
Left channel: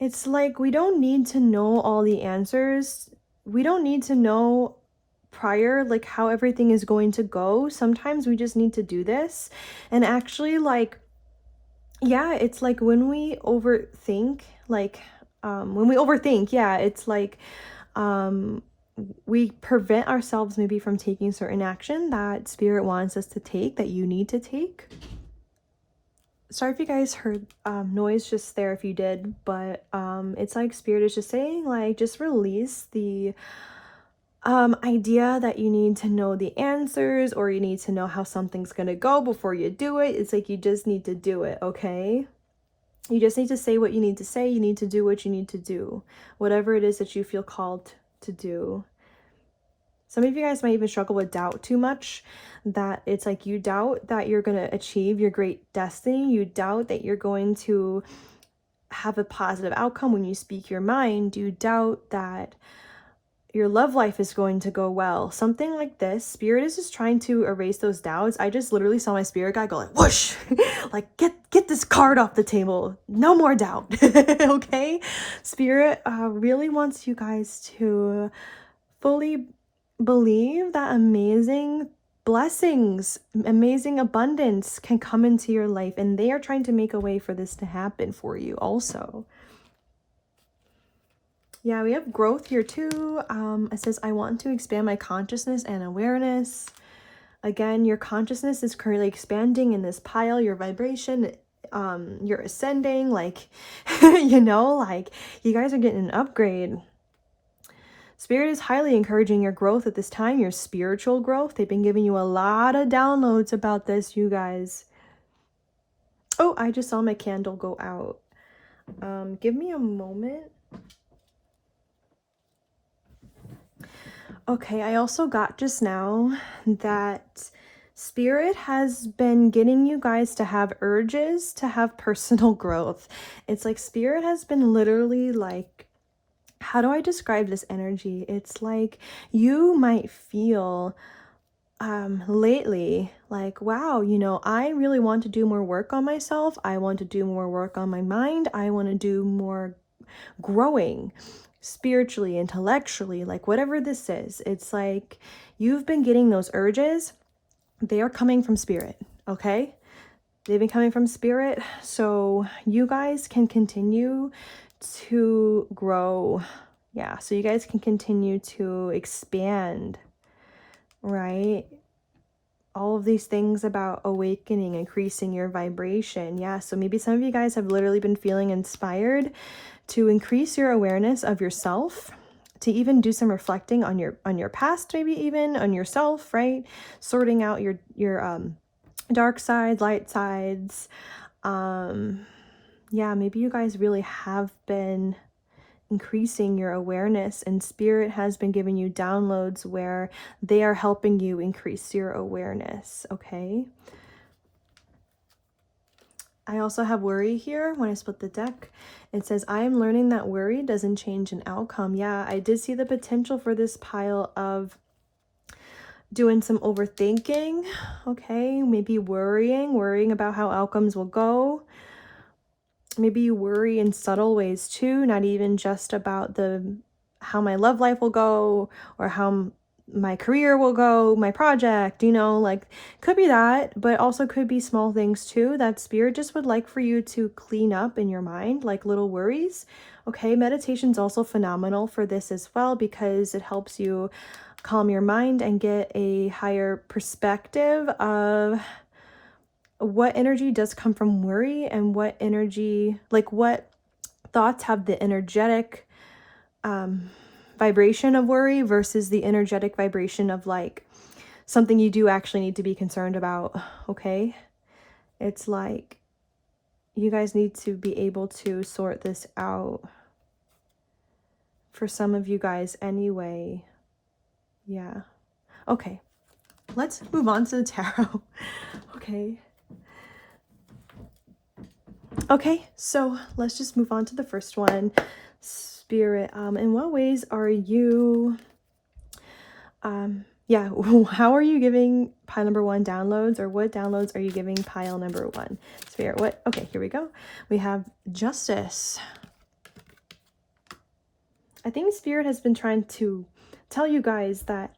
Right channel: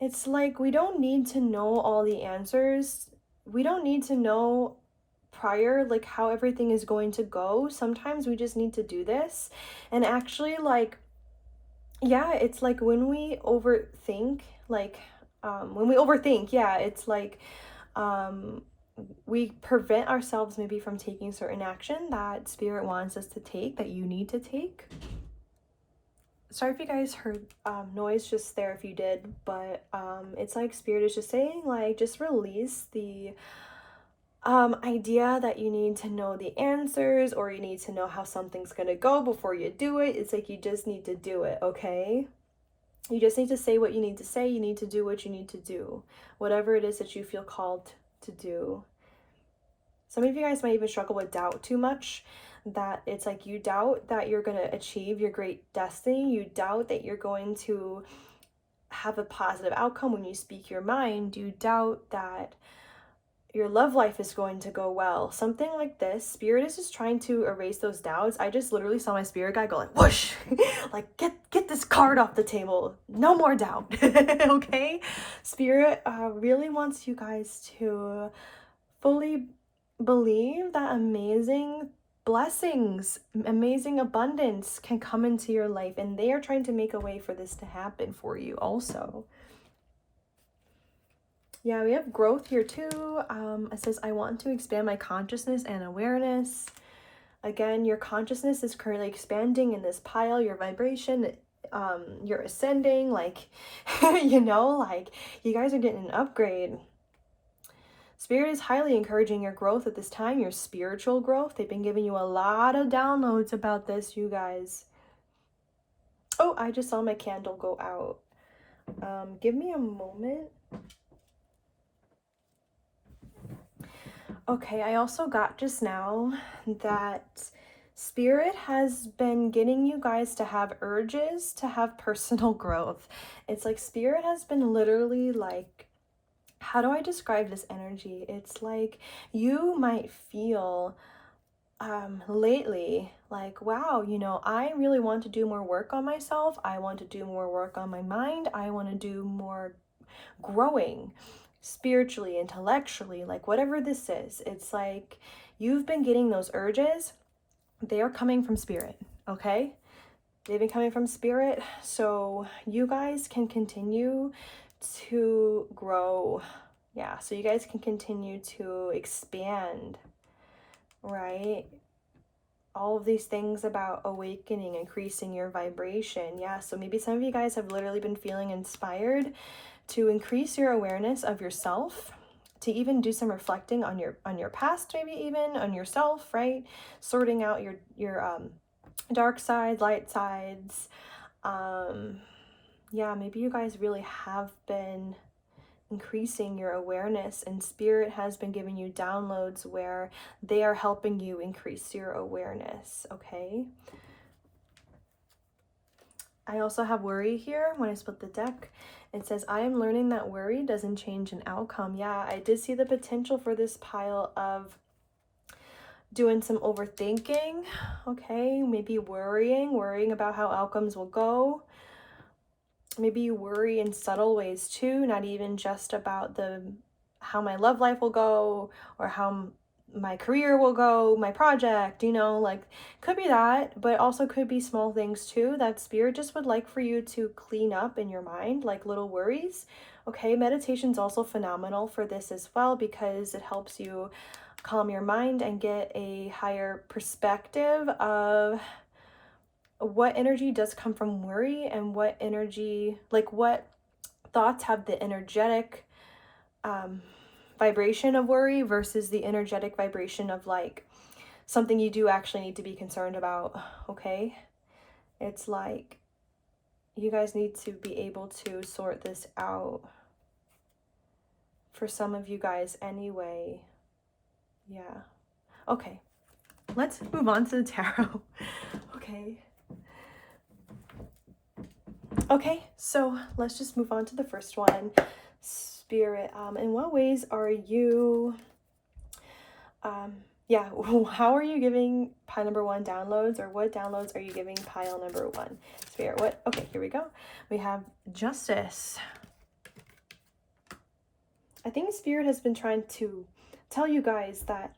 It's like we don't need to know all the answers. We don't need to know prior like how everything is going to go. Sometimes we just need to do this. And actually, like, yeah, it's like when we overthink, yeah, it's like we prevent ourselves maybe from taking certain action that Spirit wants us to take, that you need to take. Sorry if you guys heard noise just there if you did, but it's like Spirit is just saying, like, just release the idea that you need to know the answers or you need to know how something's gonna go before you do it. It's like you just need to do it, okay? You just need to say what you need to say. You need to do what you need to do. Whatever it is that you feel called to do. Some of you guys might even struggle with doubt too much, that it's like you doubt that you're going to achieve your great destiny. You doubt that you're going to have a positive outcome when you speak your mind. You doubt that your love life is going to go well. Something like this. Spirit is just trying to erase those doubts. I just literally saw my spirit guide go like, whoosh, like get this card off the table. No more doubt. Okay? Spirit really wants you guys to fully believe that amazing blessings, amazing abundance can come into your life, and they are trying to make a way for this to happen for you also. Yeah, we have growth here too. It says, I want to expand my consciousness and awareness. Again, your consciousness is currently expanding in this pile, your vibration, you're ascending, like, you know, like you guys are getting an upgrade. Spirit is highly encouraging your growth at this time, your spiritual growth. They've been giving you a lot of downloads about this, you guys. Oh, I just saw my candle go out. Give me a moment. Okay, I also got just now that Spirit has been getting you guys to have urges to have personal growth. It's like Spirit has been literally like, how do I describe this energy? It's like you might feel lately like, wow, you know, I really want to do more work on myself. I want to do more work on my mind. I want to do more growing spiritually, intellectually, like whatever this is. It's like you've been getting those urges. They are coming from spirit, okay? They've been coming from spirit, so you guys can continue to grow. Yeah, so you guys can continue to expand, right? All of these things about awakening, increasing your vibration. Yeah, so maybe some of you guys have literally been feeling inspired to increase your awareness of yourself, to even do some reflecting on your past, maybe even on yourself, right? Sorting out your dark sides, light sides. Yeah, maybe you guys really have been increasing your awareness, and spirit has been giving you downloads where they are helping you increase your awareness, okay? I also have worry here. When I split the deck, it says, I am learning that worry doesn't change an outcome. Yeah, I did see the potential for this pile of doing some overthinking, okay? Maybe worrying about how outcomes will go. Maybe you worry in subtle ways too, not even just about how my love life will go or how my career will go, my project, you know, like could be that, but also could be small things too that spirit just would like for you to clean up in your mind, like little worries. Okay, meditation's also phenomenal for this as well because it helps you calm your mind and get a higher perspective of what energy does come from worry and what energy, like what thoughts have the energetic vibration of worry versus the energetic vibration of like something you do actually need to be concerned about, okay? It's like you guys need to be able to sort this out for some of you guys anyway. Yeah. Okay. Let's move on to the tarot. Okay. Okay, so let's just move on to the first one. Spirit, in what ways are you, yeah, how are you giving pile number one downloads, or what downloads are you giving pile number one? Spirit, what? Okay, here we go. We have justice. I think Spirit has been trying to tell you guys that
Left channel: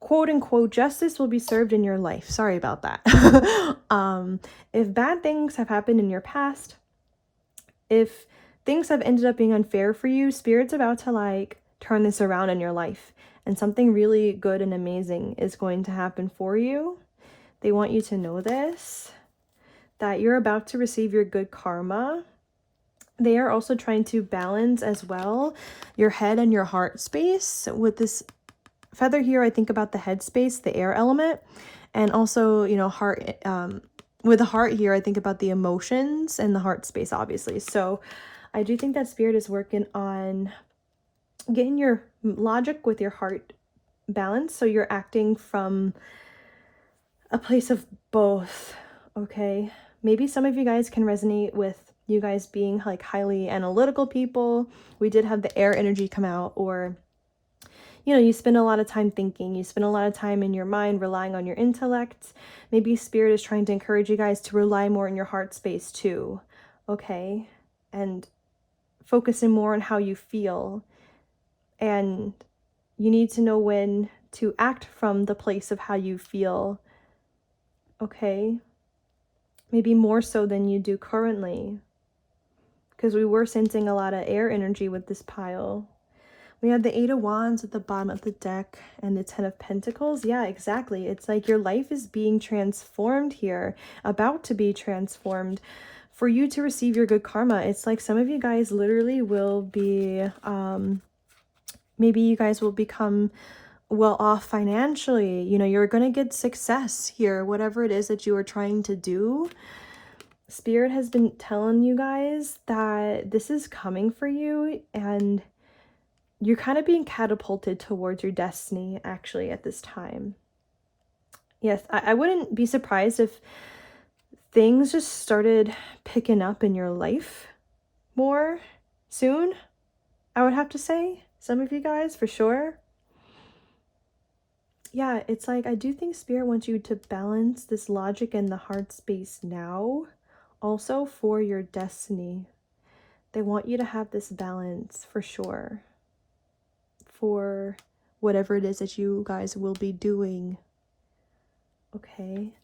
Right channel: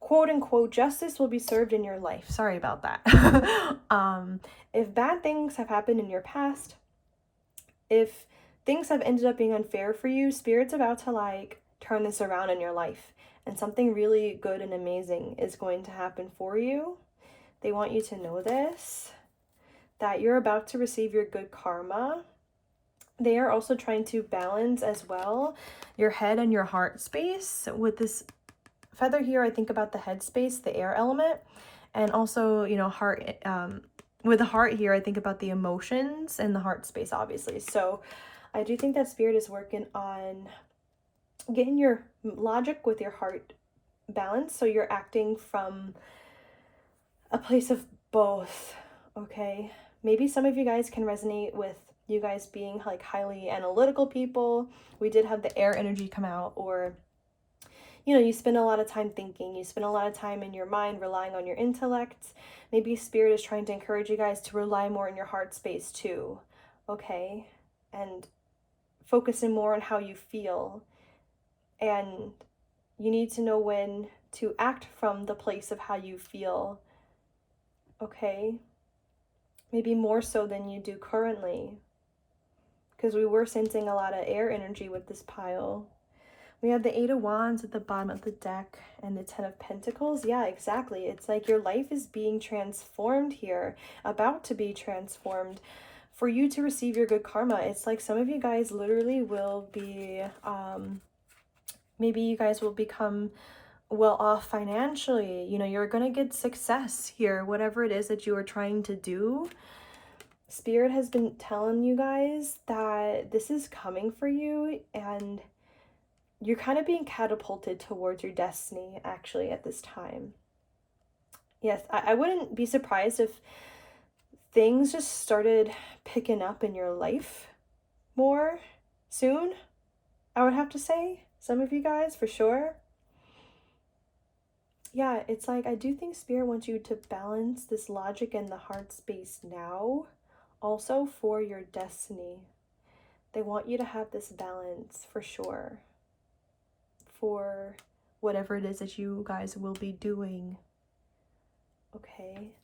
quote unquote justice will be served in your life. Sorry about that. If bad things have happened in your past, if things have ended up being unfair for you, Spirit's about to like turn this around in your life, and something really good and amazing is going to happen for you. They want you to know this, that you're about to receive your good karma. They are also trying to balance as well your head and your heart space. With this feather here, I think about the head space, the air element, and also, you know, heart, with the heart here, I think about the emotions and the heart space, obviously. So I do think that Spirit is working on getting your logic with your heart balanced, so you're acting from a place of both, okay? Maybe some of you guys can resonate with you guys being like highly analytical people. We did have the air energy come out, or you know, you spend a lot of time thinking, you spend a lot of time in your mind relying on your intellect. Maybe Spirit is trying to encourage you guys to rely more on your heart space too, okay? And focusing more on how you feel. And you need to know when to act from the place of how you feel, okay? Maybe more so than you do currently, because we were sensing a lot of air energy with this pile. We have the Eight of Wands at the bottom of the deck and the Ten of Pentacles. Yeah, exactly. It's like your life is being transformed here, about to be transformed for you to receive your good karma. It's like some of you guys literally will be, maybe you guys will become well off financially. You know, you're going to get success here, whatever it is that you are trying to do. Spirit has been telling you guys that this is coming for you, and you're kind of being catapulted towards your destiny, actually, at this time. Yes, I wouldn't be surprised if things just started picking up in your life more soon, I would have to say. Some of you guys, for sure. Yeah, it's like, I do think Spirit wants you to balance this logic and the heart space now, also for your destiny. They want you to have this balance for sure, for whatever it is that you guys will be doing. Okay.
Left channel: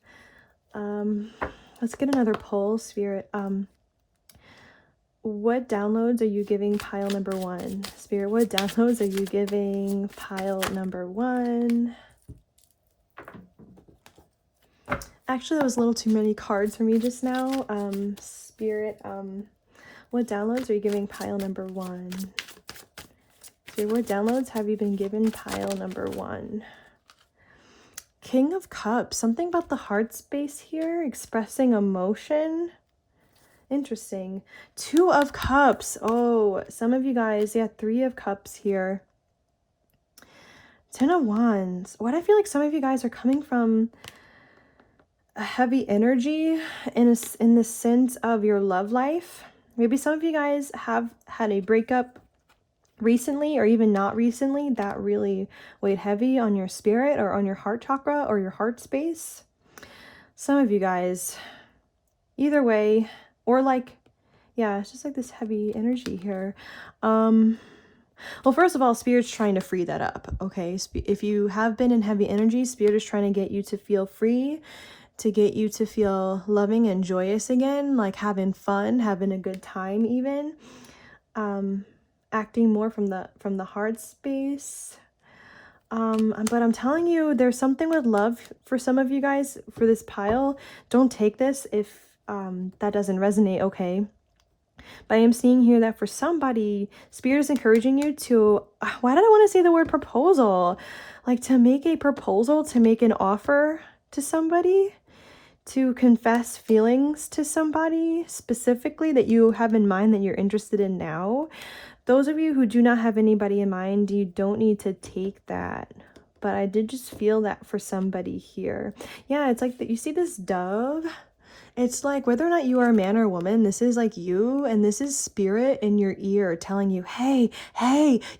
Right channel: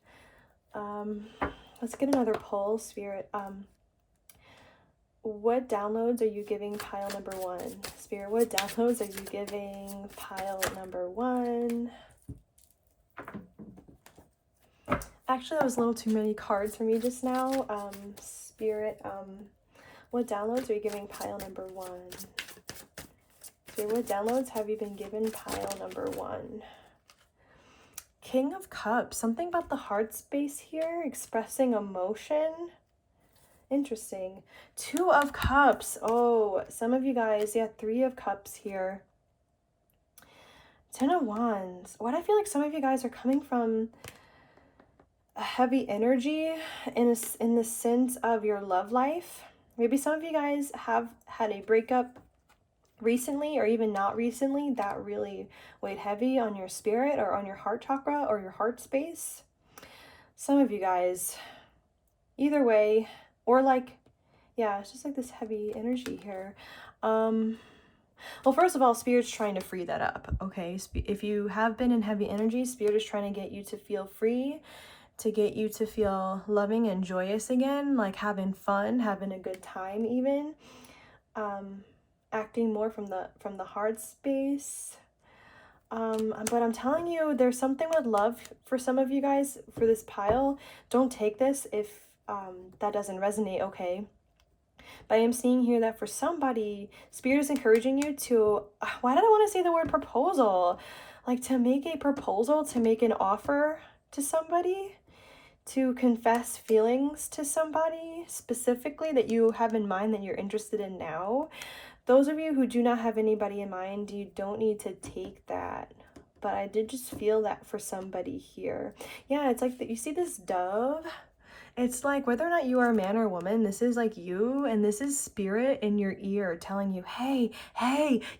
Let's get another pull, Spirit. What downloads are you giving pile number 1? Spirit, what downloads are you giving pile number 1? Actually, that was a little too many cards for me just now. Spirit, what downloads are you giving pile number 1? Spirit, what downloads have you been given pile number 1? King of Cups. Something about the heart space here. Expressing emotion. Interesting. 2 of Cups. Oh, some of you guys. Yeah, 3 of Cups here. 10 of Wands. What I feel like some of you guys are coming from a heavy energy in the sense of your love life. Maybe some of you guys have had a breakup recently, or even not recently, that really weighed heavy on your spirit or on your heart chakra or your heart space. Some of you guys, either way, or like, yeah, it's just like this heavy energy here. Well, first of all, Spirit's trying to free that up, okay? If you have been in heavy energy, Spirit is trying to get you to feel free, to get you to feel loving and joyous again, like having fun, having a good time even. Acting more from the heart space. But I'm telling you, there's something with love for some of you guys for this pile. Don't take this if that doesn't resonate, okay? But I am seeing here that for somebody, Spirit is encouraging you to, why did I want to say the word proposal? Like to make a proposal, to make an offer to somebody, to confess feelings to somebody specifically that you have in mind that you're interested in now. Those of you who do not have anybody in mind, you don't need to take that. But I did just feel that for somebody here. Yeah, it's like that. You see this dove? It's like whether or not you are a man or a woman, this is like you, and this is Spirit in your ear telling you, hey,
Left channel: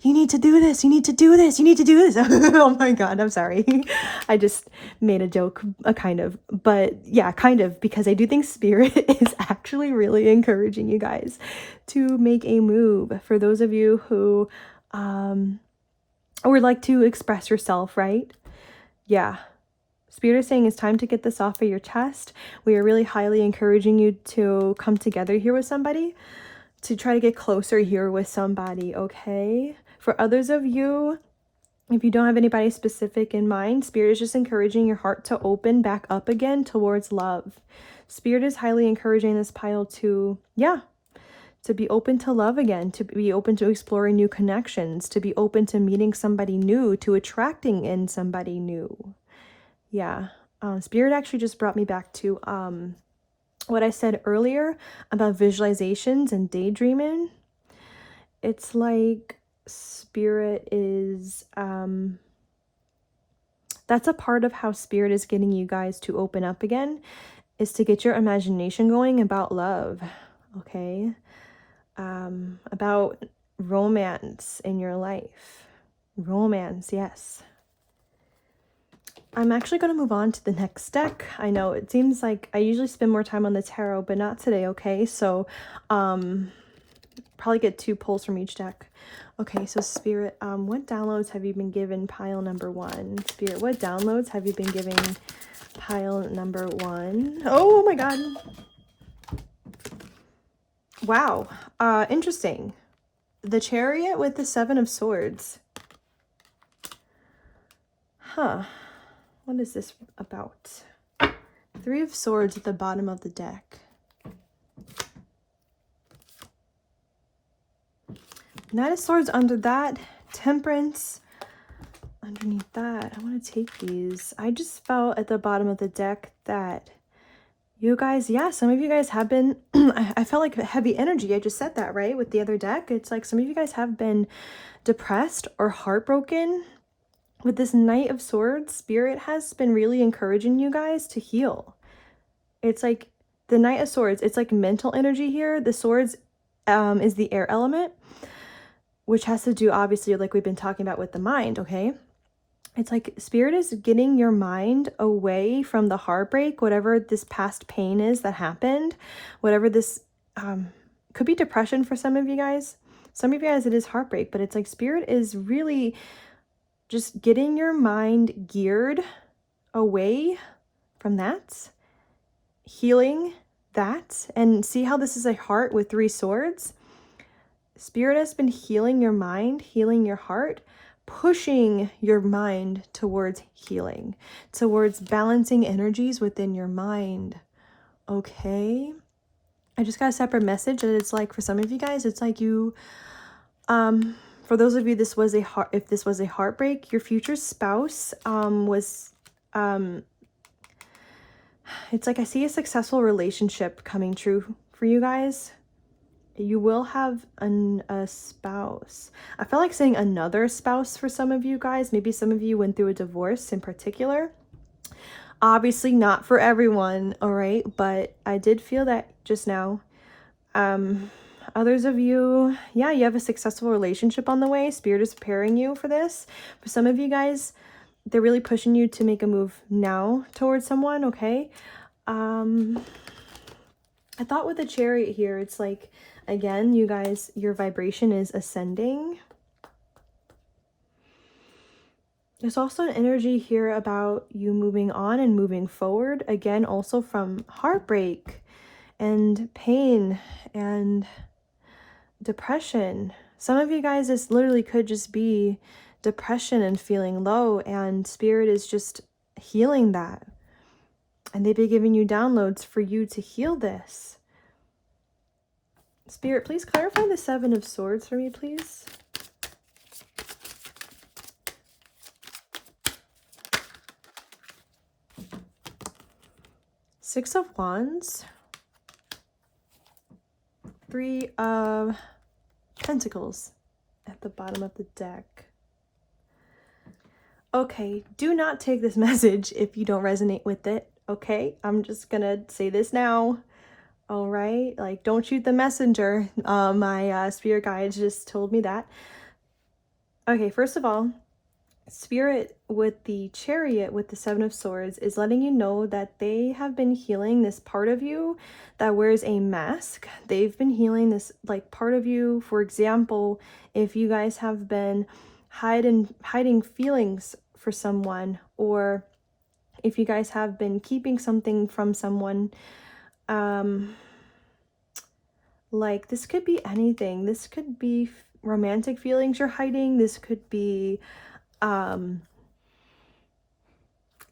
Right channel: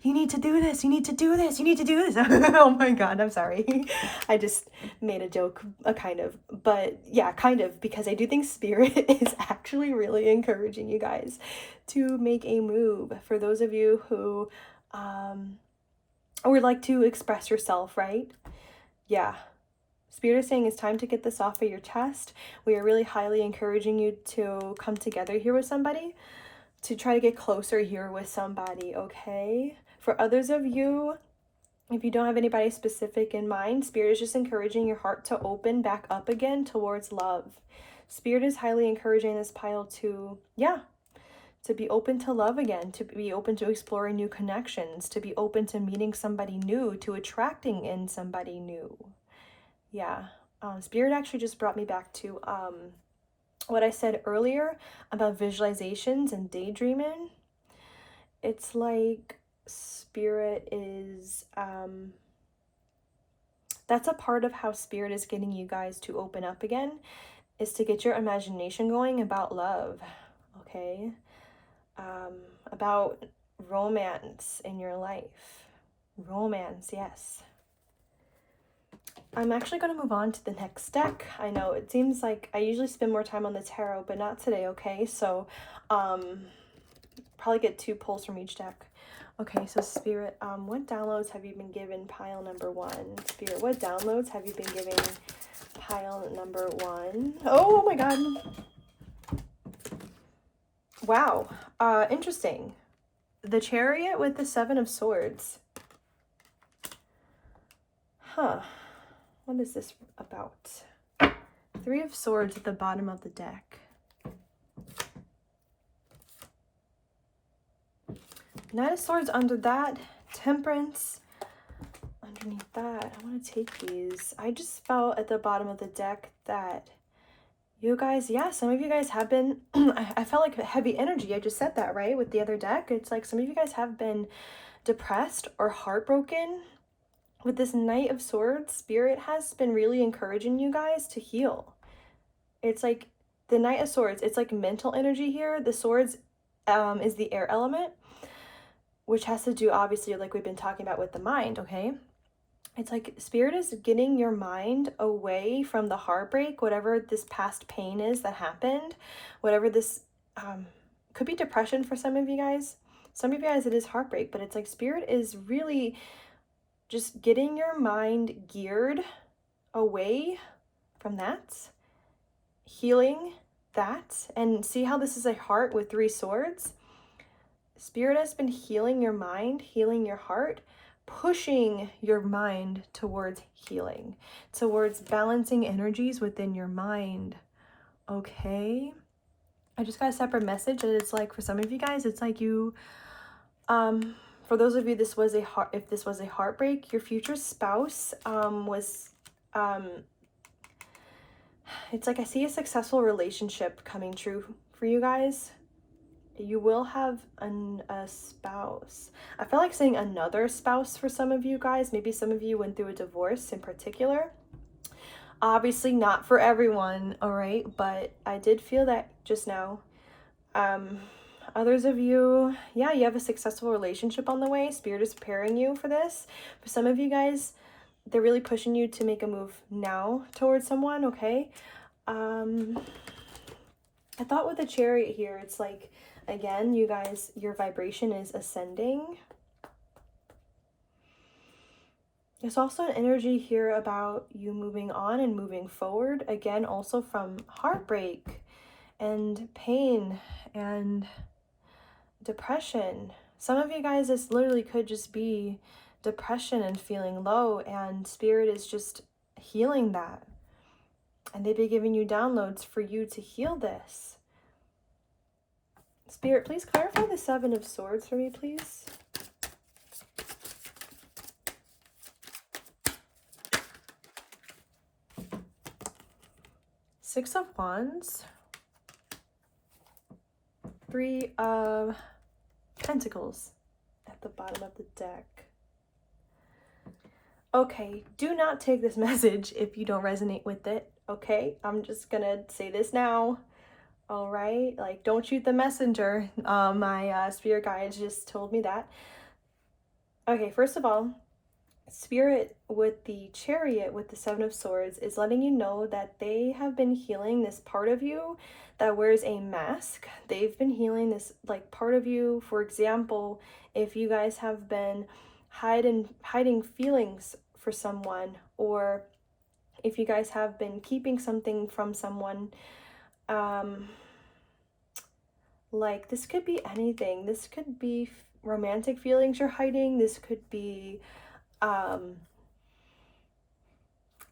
you need to do this, you need to do this, you need to do this. Oh my God, I'm sorry. I just made a joke, kind of, but yeah, kind of, because I do think Spirit is actually really encouraging you guys to make a move. For those of you who would like to express yourself, right? Yeah. Spirit is saying it's time to get this off of your chest. We are really highly encouraging you to come together here with somebody, to try to get closer here with somebody, okay? For others of you, if you don't have anybody specific in mind, Spirit is just encouraging your heart to open back up again towards love. Spirit is highly encouraging this pile to, yeah, to be open to love again, to be open to exploring new connections, to be open to meeting somebody new, to attracting in somebody new. Yeah, Spirit actually just brought me back to what I said earlier about visualizations and daydreaming. It's like Spirit is, that's a part of how Spirit is getting you guys to open up again, is to get your imagination going about love, okay? About romance in your life. Romance, yes. I'm actually going to move on to the next deck. I know it seems like I usually spend more time on the tarot, but not today, okay? So, probably get 2 pulls from each deck. Okay, so Spirit, what downloads have you been given pile number 1? Spirit, what downloads have you been giving pile number 1? Oh my God. Wow. Interesting. The Chariot with the 7 of Swords. Huh. What is this about? 3 of Swords at the bottom of the deck. Knight of Swords under that. Temperance underneath that. I want to take these. I just felt at the bottom of the deck that you guys, yeah, some of you guys have been, I felt like heavy energy. I just said that, right? With the other deck. It's like some of you guys have been depressed or heartbroken. With this Knight of Swords, Spirit has been really encouraging you guys to heal. It's like the Knight of Swords, it's like mental energy here. The Swords is the air element, which has to do, obviously, like we've been talking about with the mind, okay? It's like Spirit is getting your mind away from the heartbreak, whatever this past pain is that happened, whatever this could be depression for some of you guys. Some of you guys, it is heartbreak, but it's like Spirit is really just getting your mind geared away from that, healing that. And see how this is a heart with 3 swords? Spirit has been healing your mind, healing your heart, pushing your mind towards healing, towards balancing energies within your mind. Okay? I just got a separate message that it's like for some of you guys, it's like you, for those of you, if this was a heartbreak, your future spouse, it's like I see a successful relationship coming true for you guys. You will have a spouse. I feel like saying another spouse for some of you guys. Maybe some of you went through a divorce in particular. Obviously not for everyone, all right? But I did feel that just now. Others of you, yeah, you have a successful relationship on the way. Spirit is preparing you for this. For some of you guys, they're really pushing you to make a move now towards someone, okay? I thought with the Chariot here, it's like, again, you guys, your vibration is ascending. There's also an energy here about you moving on and moving forward. Again, also from heartbreak and pain and depression. Some of you guys, this literally could just be depression and feeling low, and Spirit is just healing that. And they've been giving you downloads for you to heal this. Spirit, please clarify the 7 of Swords for me, please. Six of Wands. 3 of Pentacles at the bottom of the deck. Okay, do not take this message if you don't resonate with it, okay? I'm just gonna say this now. All right, like, don't shoot the messenger. My spirit guide just told me that. Okay, first of all, Spirit with the Chariot with the 7 of Swords is letting you know that they have been healing this part of you that wears a mask. They've been healing this like part of you. For example, if you guys have been hiding feelings for someone, or if you guys have been keeping something from someone, like this could be anything. This could be romantic feelings you're hiding. This could be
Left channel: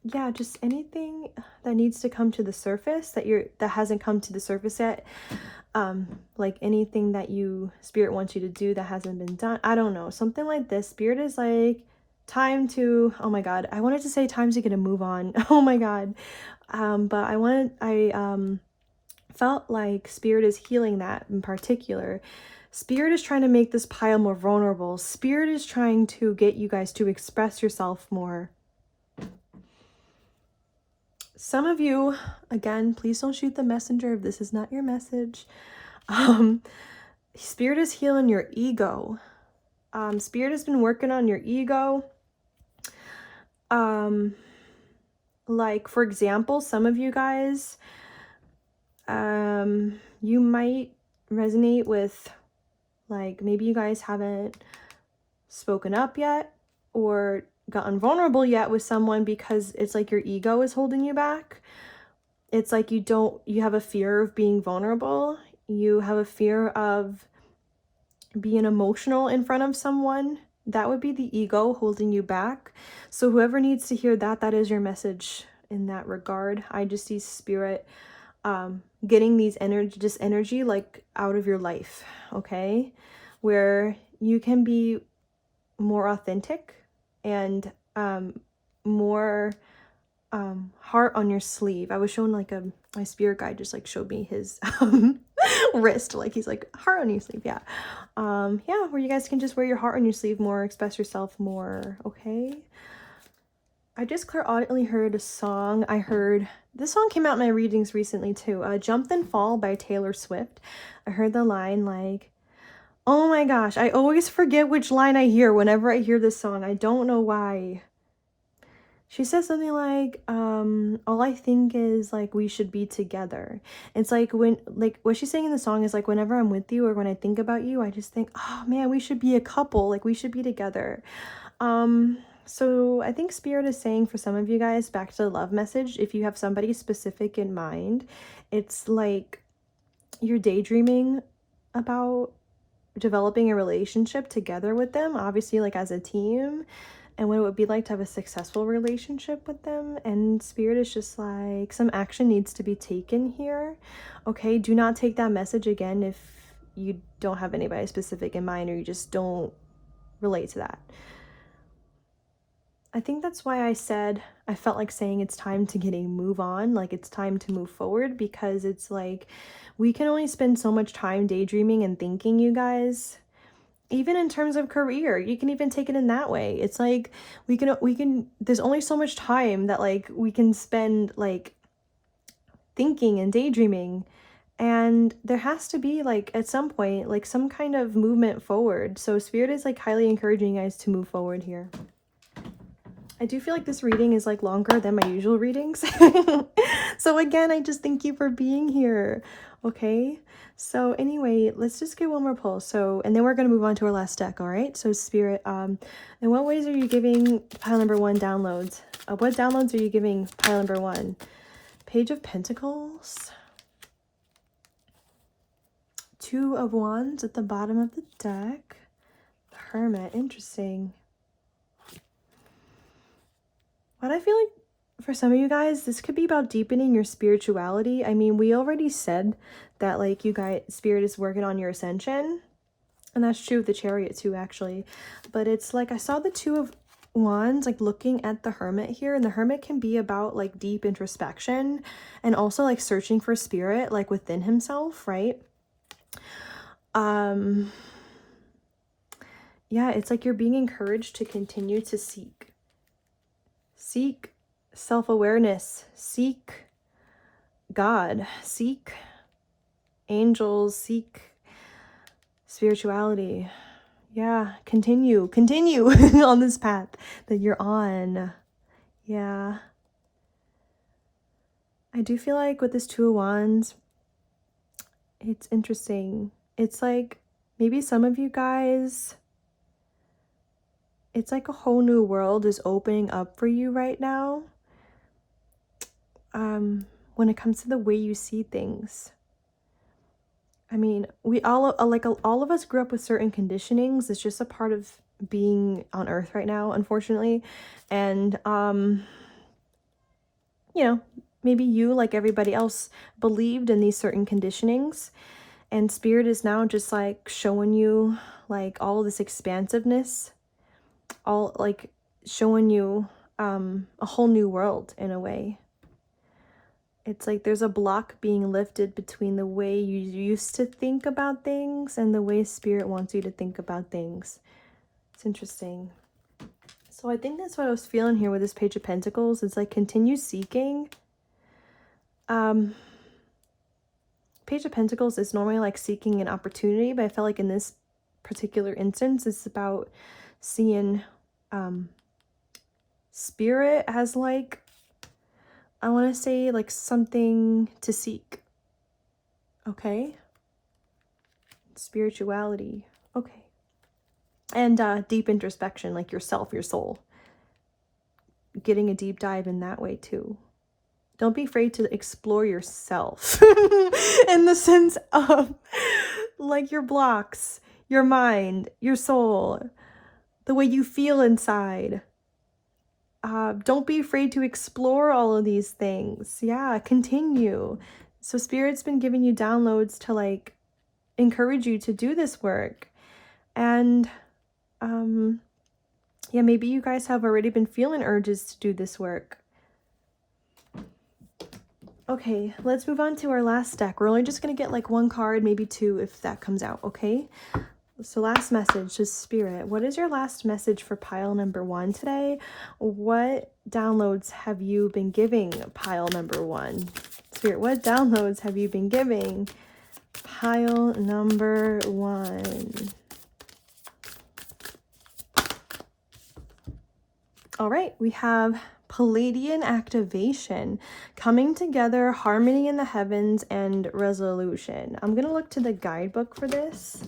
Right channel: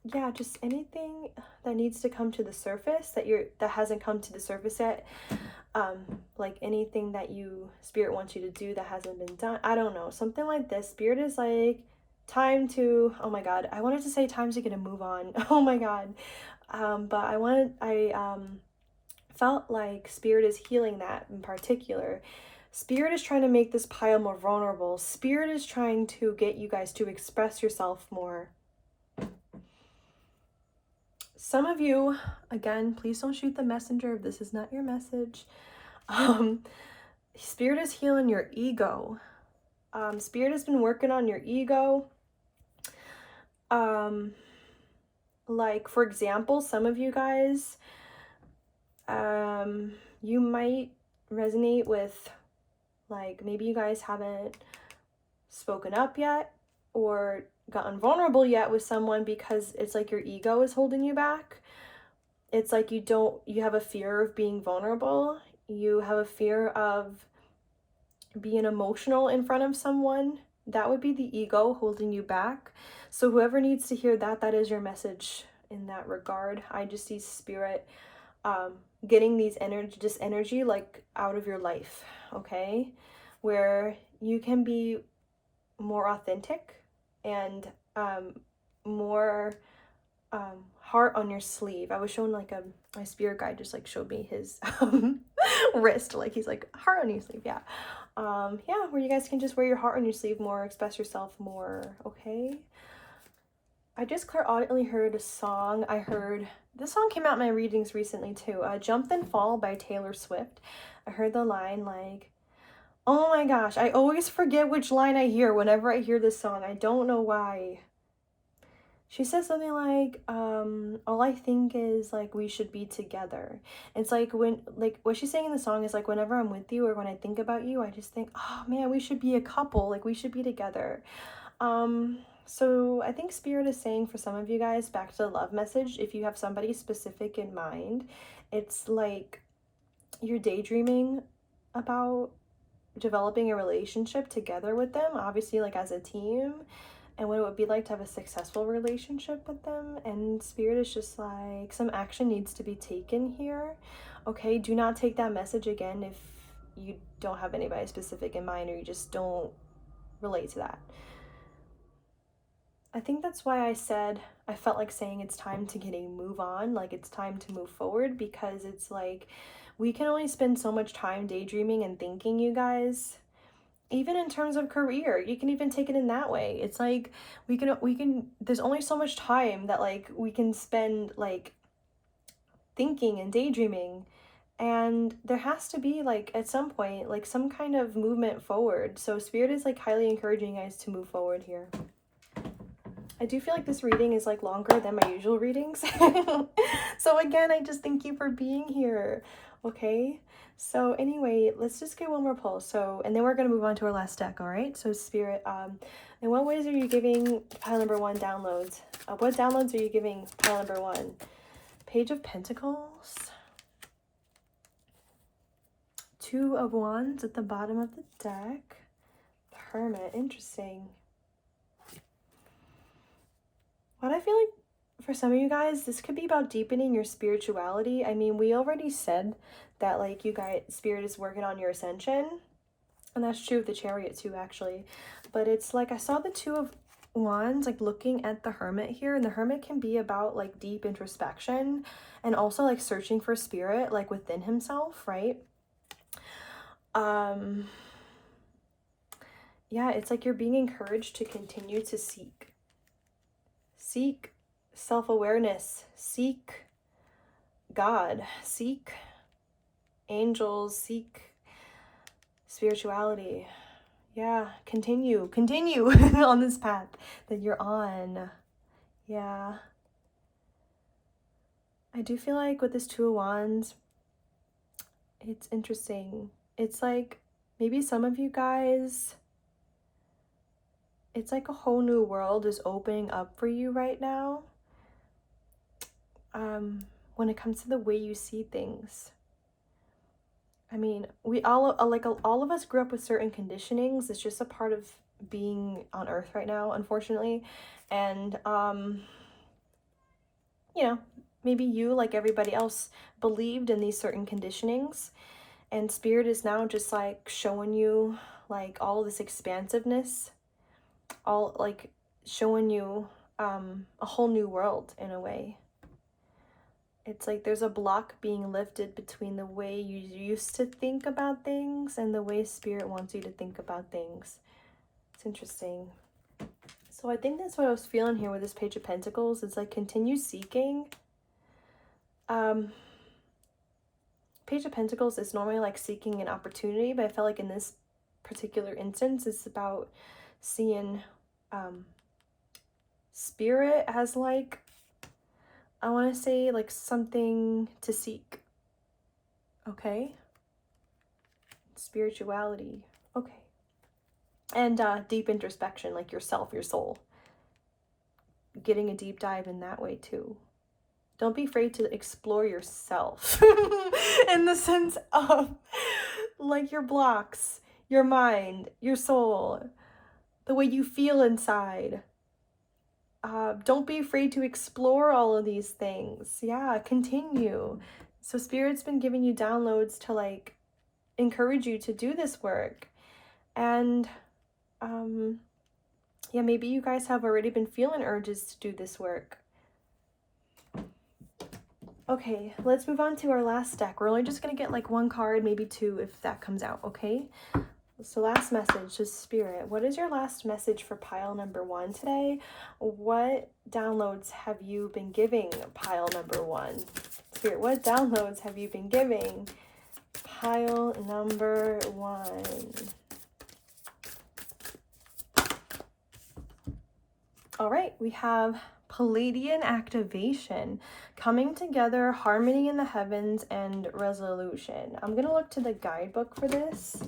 yeah, just anything that needs to come to the surface that hasn't come to the surface yet. Like anything that Spirit wants you to do that hasn't been done. I don't know, something like this. Spirit is like, time to, oh my god, I wanted to say time to get a move on. Oh my god. But I felt like Spirit is healing that in particular. Spirit is trying to make this pile more vulnerable. Spirit is trying to get you guys to express yourself more. Some of you, again, please don't shoot the messenger if this is not your message. Spirit is healing your ego. Spirit has been working on your ego. Like, for example, some of you guys, you might resonate with, like, maybe you guys haven't spoken up yet or gotten vulnerable yet with someone because it's like your ego is holding you back. It's like you have a fear of being vulnerable. You have a fear of being emotional in front of someone. That would be the ego holding you back. So whoever needs to hear that, that is your message in that regard. I just see Spirit getting this energy like out of your life, okay? Where you can be more authentic and more heart on your sleeve. I was shown like my spirit guide just like showed me his wrist, like he's like, heart on your sleeve. Yeah, yeah, where you guys can just wear your heart on your sleeve more, express yourself more, okay? I just clairaudiently heard a song. This song came out in my readings recently too. Jump Then Fall by Taylor Swift. I heard the line like, oh my gosh, I always forget which line I hear whenever I hear this song. I don't know why. She says something like, all I think is like we should be together. It's like when, like what she's saying in the song is like, whenever I'm with you or when I think about you, I just think, oh man, we should be a couple, like we should be together. So I think Spirit is saying for some of you guys, back to the love message, if you have somebody specific in mind, it's like you're daydreaming about developing a relationship together with them, obviously like as a team, and what it would be like to have a successful relationship with them. And Spirit is just like, some action needs to be taken here. Okay, do not take that message again if you don't have anybody specific in mind or you just don't relate to that. I think that's why I said, I felt like saying it's time to get a move on, like it's time to move forward, because it's like we can only spend so much time daydreaming and thinking, you guys. Even in terms of career, you can even take it in that way. It's like we can there's only so much time that like we can spend like thinking and daydreaming, and there has to be like at some point like some kind of movement forward. So Spirit is like highly encouraging you guys to move forward here. I do feel like this reading is like longer than my usual readings. So again, I just thank you for being here. Okay, so anyway, let's just get one more pull. So, and then we're going to move on to our last deck. All right, so Spirit, in what ways are you giving pile number one downloads? What downloads are you giving pile number one? Page of Pentacles, Two of Wands at the bottom of the deck, the Hermit. Interesting. What I feel like for some of you guys, this could be about deepening your spirituality. I mean, we already said that like you guys, Spirit is working on your ascension, and that's true with the Chariot too, actually. But it's like I saw the Two of Wands like looking at the Hermit here, and the Hermit can be about like deep introspection and also like searching for Spirit like within himself, right? Yeah, it's like you're being encouraged to continue to seek self-awareness, seek God, seek angels, seek spirituality. Yeah, continue on this path that you're on. Yeah, I do feel like with this Two of Wands, it's interesting. It's like maybe some of you guys, it's like a whole new world is opening up for you right now. When it comes to the way you see things. I mean, we all all of us grew up with certain conditionings. It's just a part of being on earth right now, unfortunately. And you know, maybe you, like everybody else, believed in these certain conditionings, and Spirit is now just like showing you like all this expansiveness, all like showing you a whole new world in a way. It's like there's a block being lifted between the way you used to think about things and the way Spirit wants you to think about things. It's interesting. So I think that's what I was feeling here with this Page of Pentacles. It's like continue seeking. Page of Pentacles is normally like seeking an opportunity, but I felt like in this particular instance, it's about seeing Spirit as like, I want to say like something to seek. Okay. Spirituality. Okay. And deep introspection, like yourself, your soul. Getting a deep dive in that way too. Don't be afraid to explore yourself in the sense of like your blocks, your mind, your soul, the way you feel inside. Don't be afraid to explore all of these things. Yeah, continue. So Spirit's been giving you downloads to like encourage you to do this work. And yeah, maybe you guys have already been feeling urges to do this work. Okay, let's move on to our last deck. We're only just gonna get like one card, maybe two if that comes out, okay? So last message to Spirit. What is your last message for pile number one today? What downloads have you been giving pile number one? Spirit, what downloads have you been giving pile number one? All right, we have Palladian activation, coming together, harmony in the heavens, and resolution. I'm going to look to the guidebook for this.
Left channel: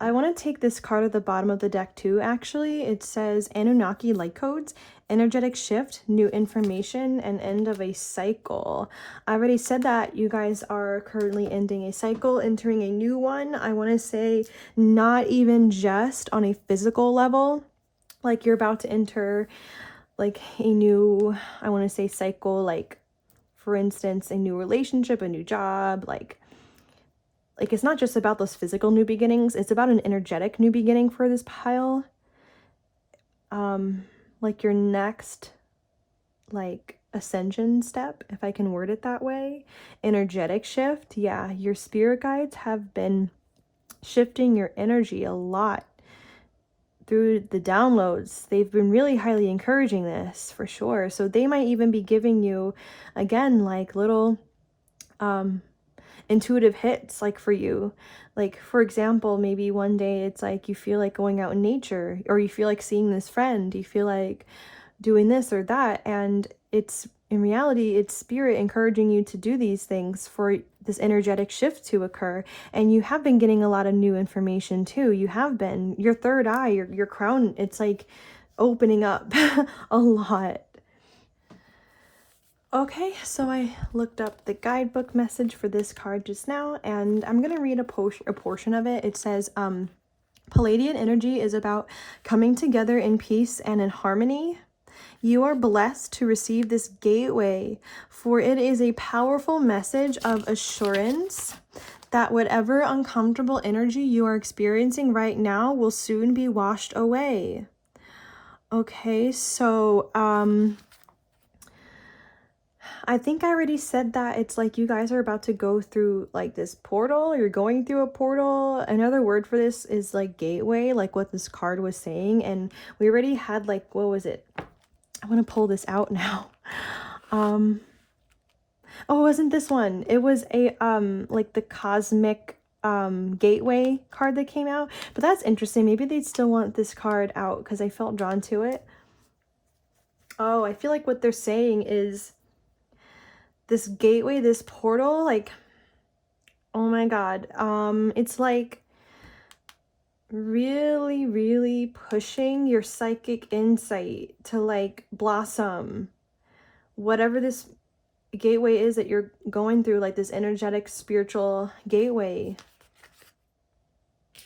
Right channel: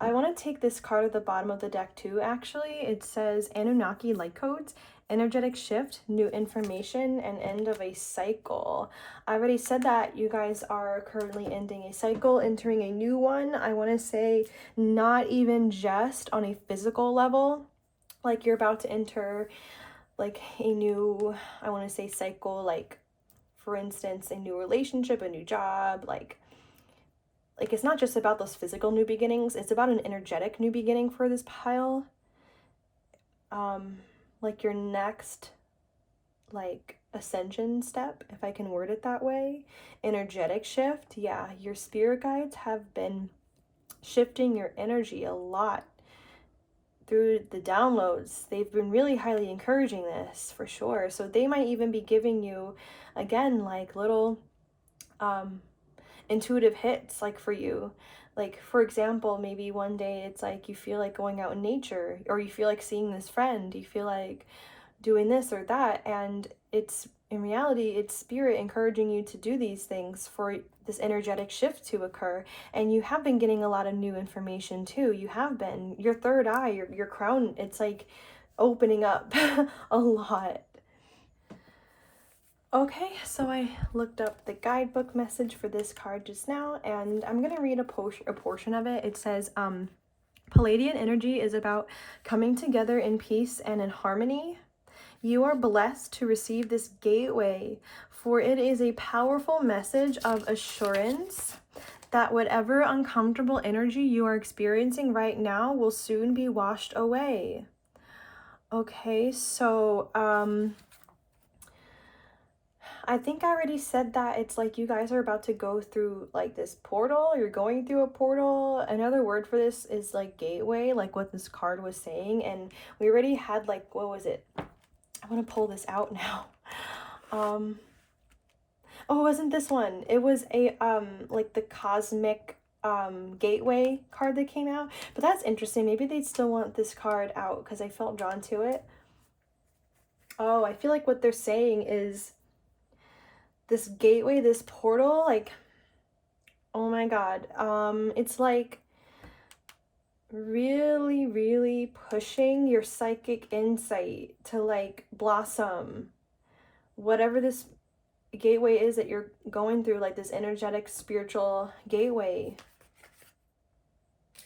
I want to take this card at the bottom of the deck too, actually. It says Anunnaki light codes, energetic shift, new information, and end of a cycle. I already said that you guys are currently ending a cycle, entering a new one. I want to say not even just on a physical level, like you're about to enter like a new, I want to say cycle, like for instance, a new relationship, a new job, like it's not just about those physical new beginnings, it's about an energetic new beginning for this pile. Like your next like ascension step, if I can word it that way. Energetic shift. Yeah, your spirit guides have been shifting your energy a lot through the downloads. They've been really highly encouraging this for sure. So they might even be giving you, again, like little intuitive hits, like for you. Like for example, maybe one day it's like you feel like going out in nature, or you feel like seeing this friend, you feel like doing this or that, and it's in reality it's spirit encouraging you to do these things for this energetic shift to occur. And you have been getting a lot of new information too. You have been, your third eye, your crown, it's like opening up a lot. Okay, so I looked up the guidebook message for this card just now, and I'm going to read a portion of it. It says, Palladian energy is about coming together in peace and in harmony. You are blessed to receive this gateway, for it is a powerful message of assurance that whatever uncomfortable energy you are experiencing right now will soon be washed away. Okay, so, I think I already said that it's like you guys are about to go through like this portal. You're going through a portal. Another word for this is like gateway, like what this card was saying. And we already had like, what was it? I want to pull this out now. Oh, it wasn't this one. It was a like the cosmic gateway card that came out. But that's interesting. Maybe they'd still want this card out because I felt drawn to it. Oh, I feel like what they're saying is this gateway, this portal, like, oh my god, it's like really pushing your psychic insight to like blossom, whatever this gateway is that you're going through, like this energetic spiritual gateway.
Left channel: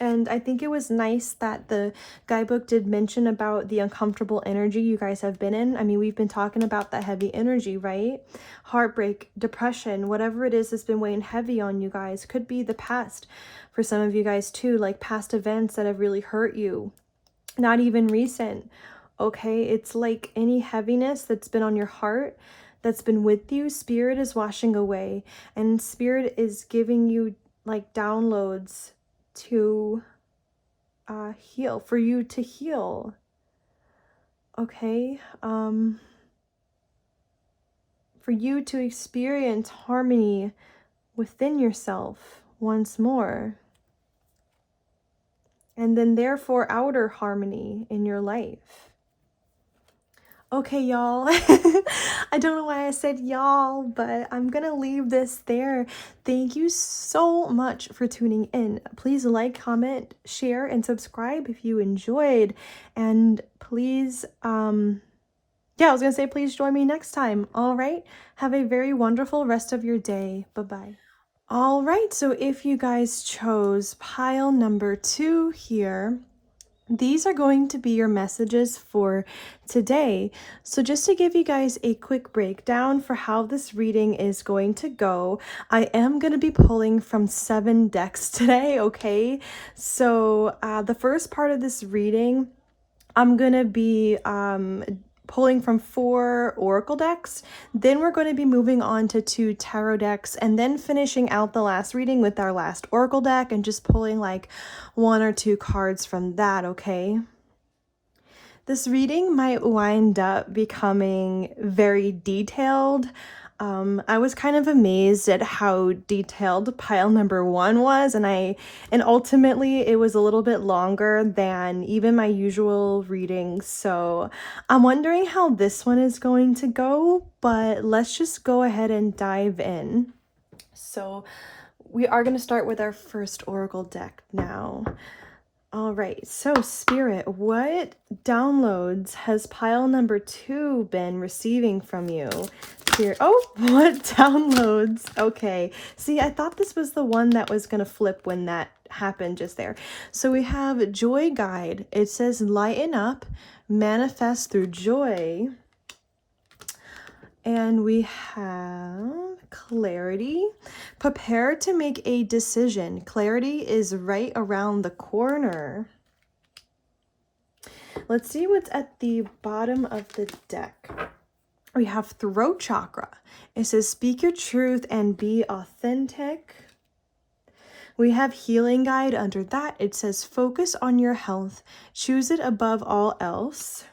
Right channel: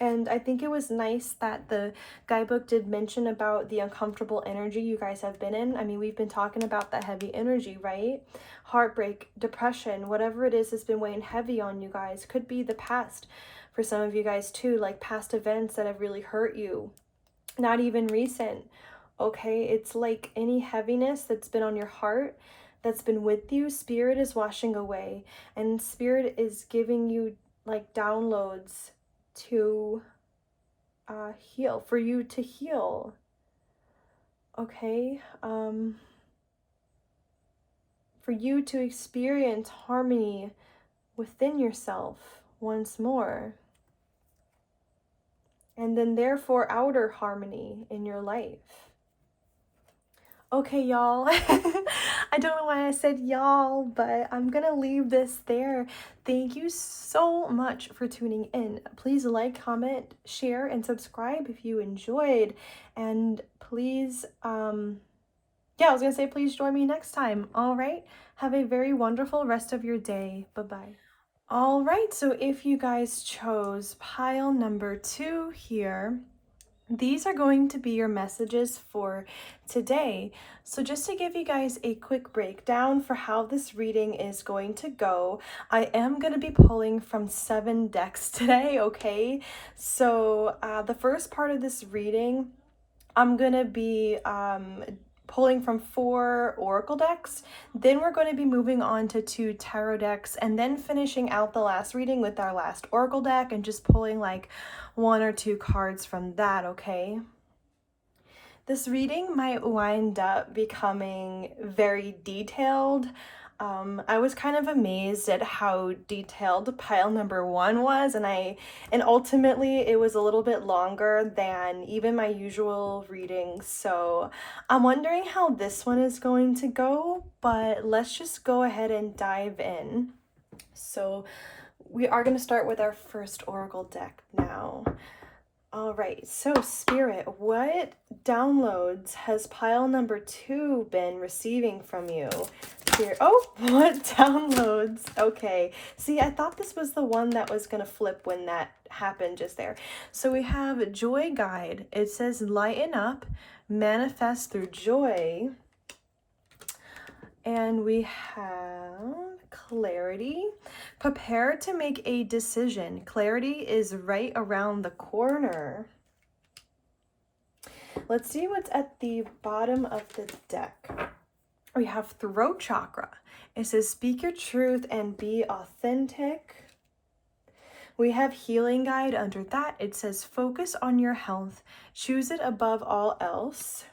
And I think it was nice that the guidebook did mention about the uncomfortable energy you guys have been in. I mean, we've been talking about that heavy energy, right? Heartbreak, depression, whatever it is that's been weighing heavy on you guys. Could be the past for some of you guys too, like past events that have really hurt you. Not even recent, okay? It's like any heaviness that's been on your heart, that's been with you, spirit is washing away. And spirit is giving you like downloads to heal, for you to heal. Okay, for you to experience harmony within yourself once more, and then therefore outer harmony in your life. Okay, y'all. I don't know why I said y'all, but I'm gonna leave this there. Thank you so much for tuning in. Please like, comment, share, and subscribe if you enjoyed. And please, yeah, I was gonna say please join me next time. All right, have a very wonderful rest of your day. Bye-bye. All right, so if you guys chose pile number 2 here, these are going to be your messages for today. So just to give you guys a quick breakdown for how this reading is going to go, I am going to be pulling from 7 decks today, okay? So the first part of this reading, I'm going to be pulling from 4 oracle decks. Then we're going to be moving on to 2 tarot decks, and then finishing out the last reading with our last oracle deck and just pulling like 1 or 2 cards from that, okay? This reading might wind up becoming very detailed. I was kind of amazed at how detailed pile number 1 was, and ultimately it was a little bit longer than even my usual readings. So I'm wondering how this one is going to go, but let's just go ahead and dive in. So we are going to start with our first oracle deck now. All right, so Spirit, what downloads has pile number 2 been receiving from you? Spirit, oh, what downloads? Okay, see, I thought this was the one that was going to flip when that happened just there. So we have Joy Guide. It says lighten up, manifest through joy. And we have Clarity. Prepare to make a decision. Clarity is right around the corner. Let's see what's at the bottom of the deck. We have Throat Chakra. It says speak your truth and be authentic. We have Healing Guide under that. It says focus on your health. Choose it above all else.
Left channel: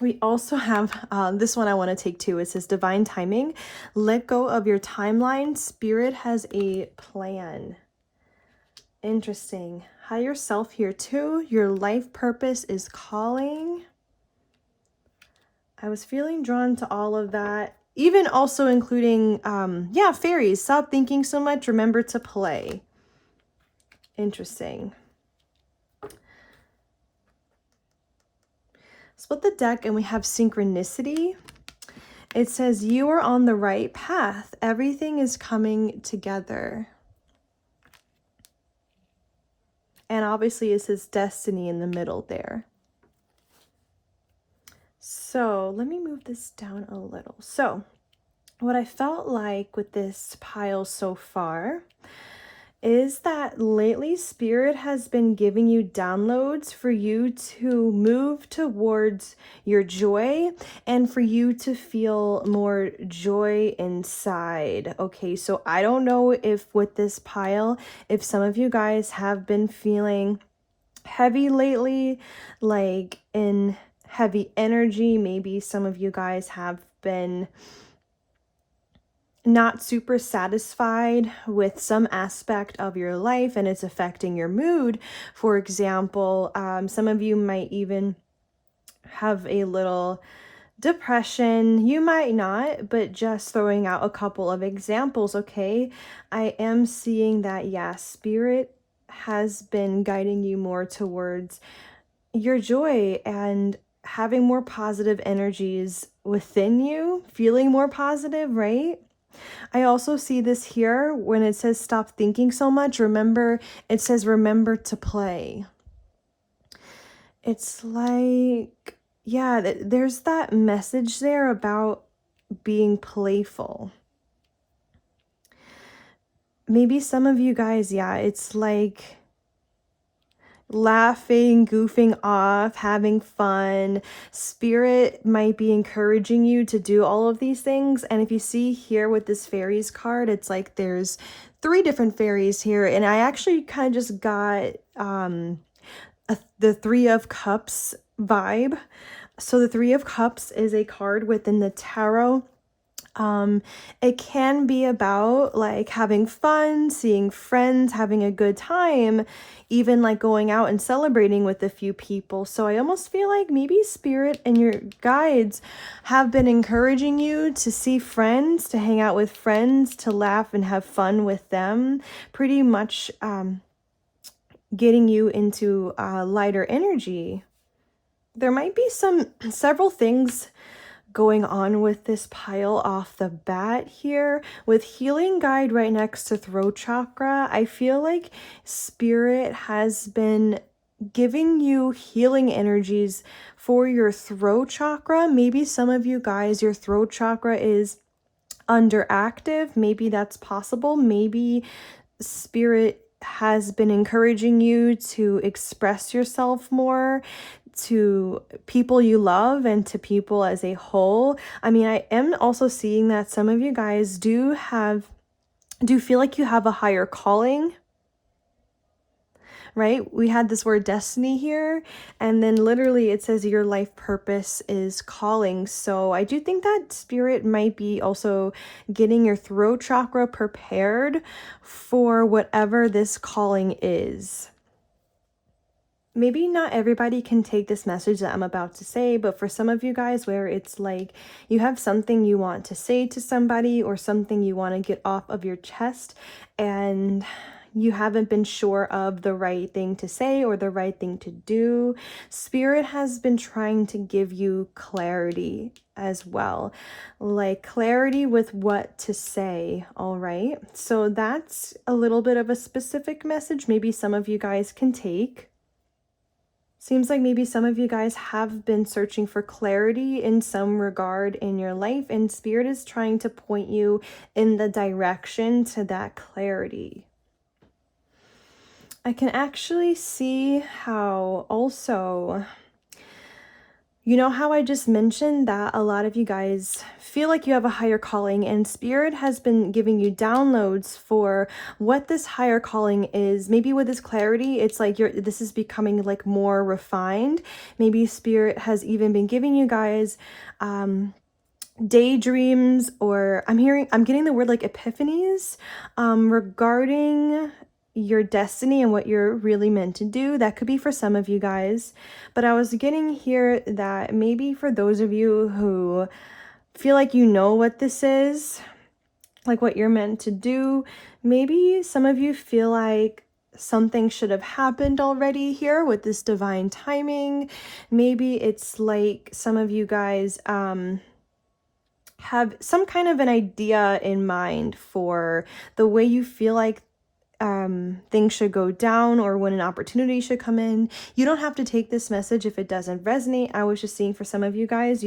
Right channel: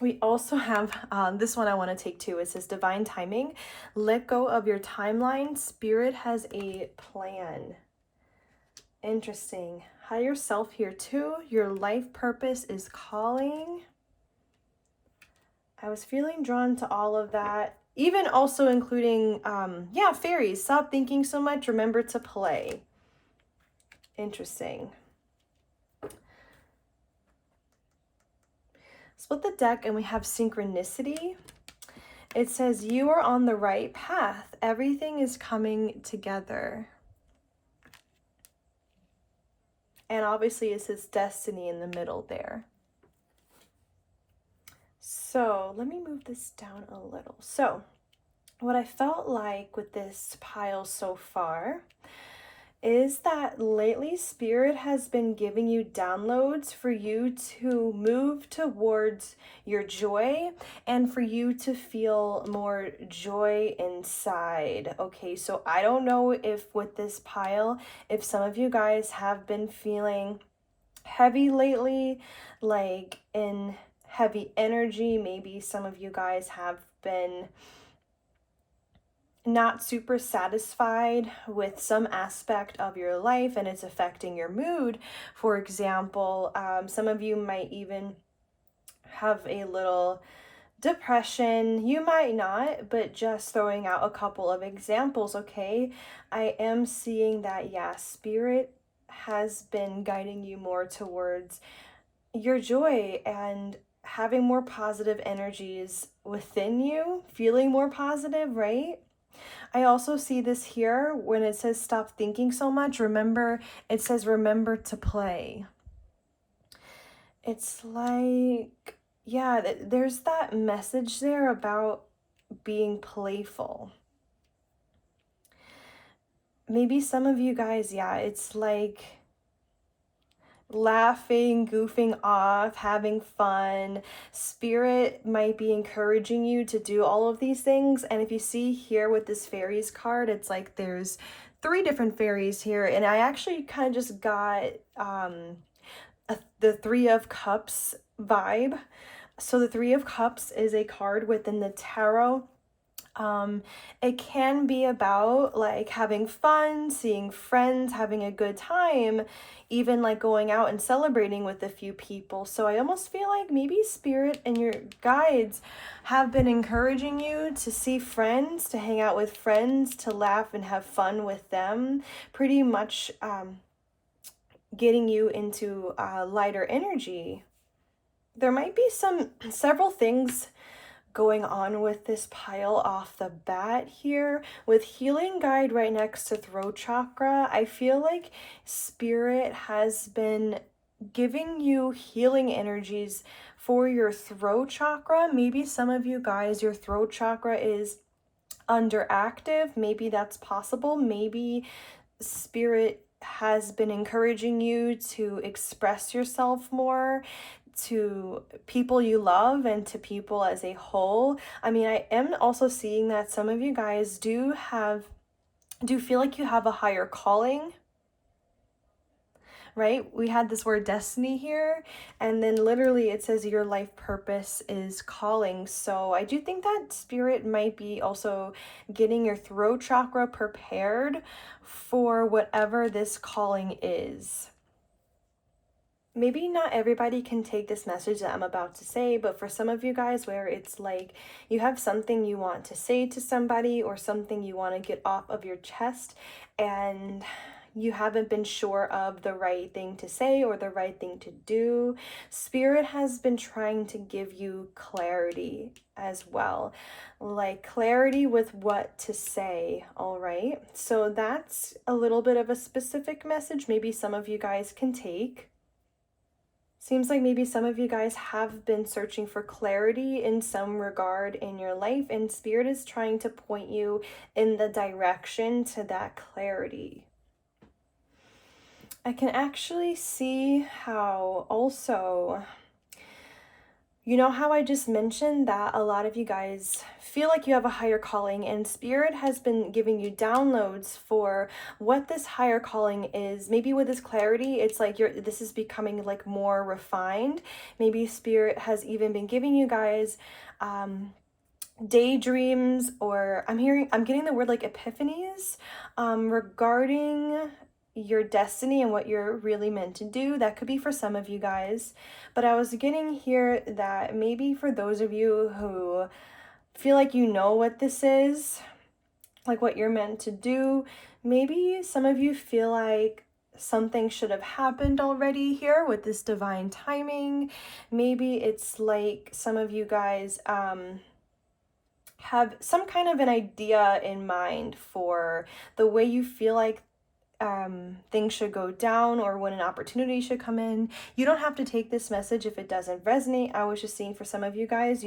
We also have this one I want to take too. It says divine timing. Let go of your timeline. Spirit has a plan. Interesting. Higher self here too. Your life purpose is calling. I was feeling drawn to all of that. Even also including, fairies. Stop thinking so much. Remember to play. Interesting. Split the deck and we have synchronicity. It says you are on the right path. Everything is coming together. And obviously it says destiny in the middle there. So let me move this down a little. So what I felt like with this pile so far is that lately Spirit has been giving you downloads for you to move towards your joy and for you to feel more joy inside. Okay, so I don't know if with this pile, if some of you guys have been feeling heavy lately, like in heavy energy. Maybe some of you guys have been not super satisfied with some aspect of your life and it's affecting your mood. For example, some of you might even have a little depression. You might not, but just throwing out a couple of examples, okay? I am seeing that, yeah, Spirit has been guiding you more towards your joy and having more positive energies within you, feeling more positive, right? I also see this here when it says stop thinking so much. Remember, it says remember to play. It's like, yeah, there's that message there about being playful. Maybe some of you guys, yeah, it's like laughing, goofing off, having fun. Spirit might be encouraging you to do all of these things. And if you see here with this fairies card, it's like there's 3 different fairies here. And I actually kind of just got the 3 of Cups vibe. So the 3 of Cups is a card within the tarot. It can be about like having fun, seeing friends, having a good time, even like going out and celebrating with a few people. So I almost feel like maybe Spirit and your guides have been encouraging you to see friends, to hang out with friends, to laugh and have fun with them, pretty much getting you into lighter energy. There might be several things going on with this pile off the bat here. With Healing Guide right next to Throat Chakra, I feel like Spirit has been giving you healing energies for your throat chakra. Maybe some of you guys, your throat chakra is underactive. Maybe that's possible. Maybe Spirit has been encouraging you to express yourself more to people you love and to people as a whole. I mean, I am also seeing that some of you guys do feel like you have a higher calling, right? We had this word destiny here, and then literally it says your life purpose is calling. So I do think that spirit might be also getting your throat chakra prepared for whatever this calling is. Maybe not everybody can take this message that I'm about to say, but for some of you guys, where it's like you have something you want to say to somebody or something you want to get off of your chest, and you haven't been sure of the right thing to say or the right thing to do, Spirit has been trying to give you clarity as well, like clarity with what to say. All right, so that's a little bit of a specific message maybe some of you guys can take. Seems like maybe some of you guys have been searching for clarity in some regard in your life, and Spirit is trying to point you in the direction to that clarity. I can actually see how also, you know how I just mentioned that a lot of you guys feel like you have a higher calling, and Spirit has been giving you downloads for what this higher calling is. Maybe with this clarity, it's like this is becoming like more refined. Maybe Spirit has even been giving you guys daydreams, or I'm getting the word like epiphanies regarding your destiny and what you're really meant to do. That could be for some of you guys, but I was getting here that maybe for those of you who feel like you know what this is, like what you're meant to do, maybe some of you feel like something should have happened already here with this divine timing. Maybe it's like some of you guys have some kind of an idea in mind for the way you feel like things should go down, or when an opportunity should come in. You don't have to take this message if it doesn't resonate. I was just seeing for some of you guys,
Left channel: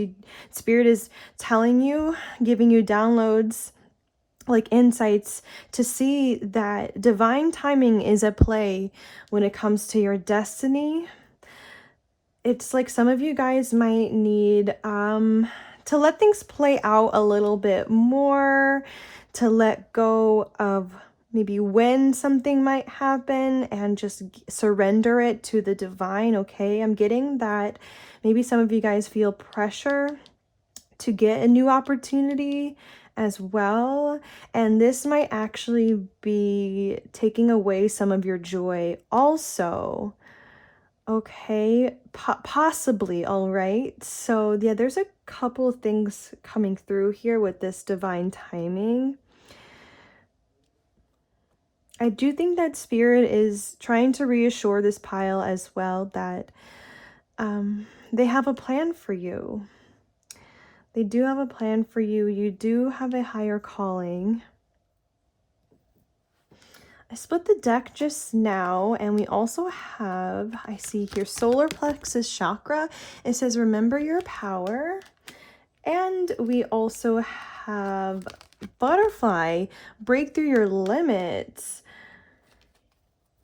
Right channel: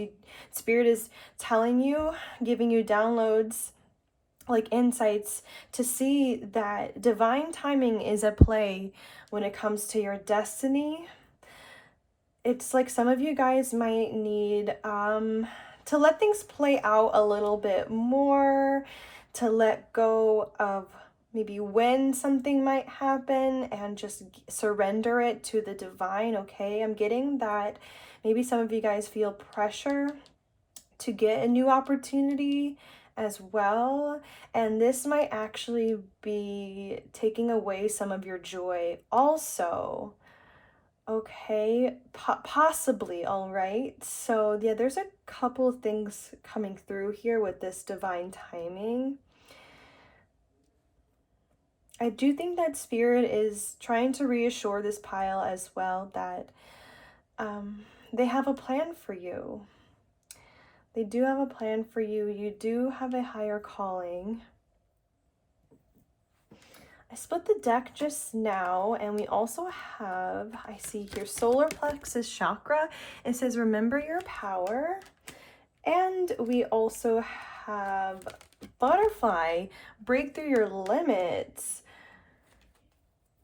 Spirit is telling you, giving you downloads, like insights, to see that divine timing is at play when it comes to your destiny. It's like some of you guys might need to let things play out a little bit more, to let go of maybe when something might happen and just surrender it to the divine. Okay, I'm getting that maybe some of you guys feel pressure to get a new opportunity as well, and this might actually be taking away some of your joy also. Okay, possibly. All right, so yeah, there's a couple things coming through here with this divine timing. I do think that Spirit is trying to reassure this pile as well that they have a plan for you. They do have a plan for you. You do have a higher calling. I split the deck just now, and we also have, I see here, solar plexus chakra. It says, remember your power. And we also have butterfly, break through your limits.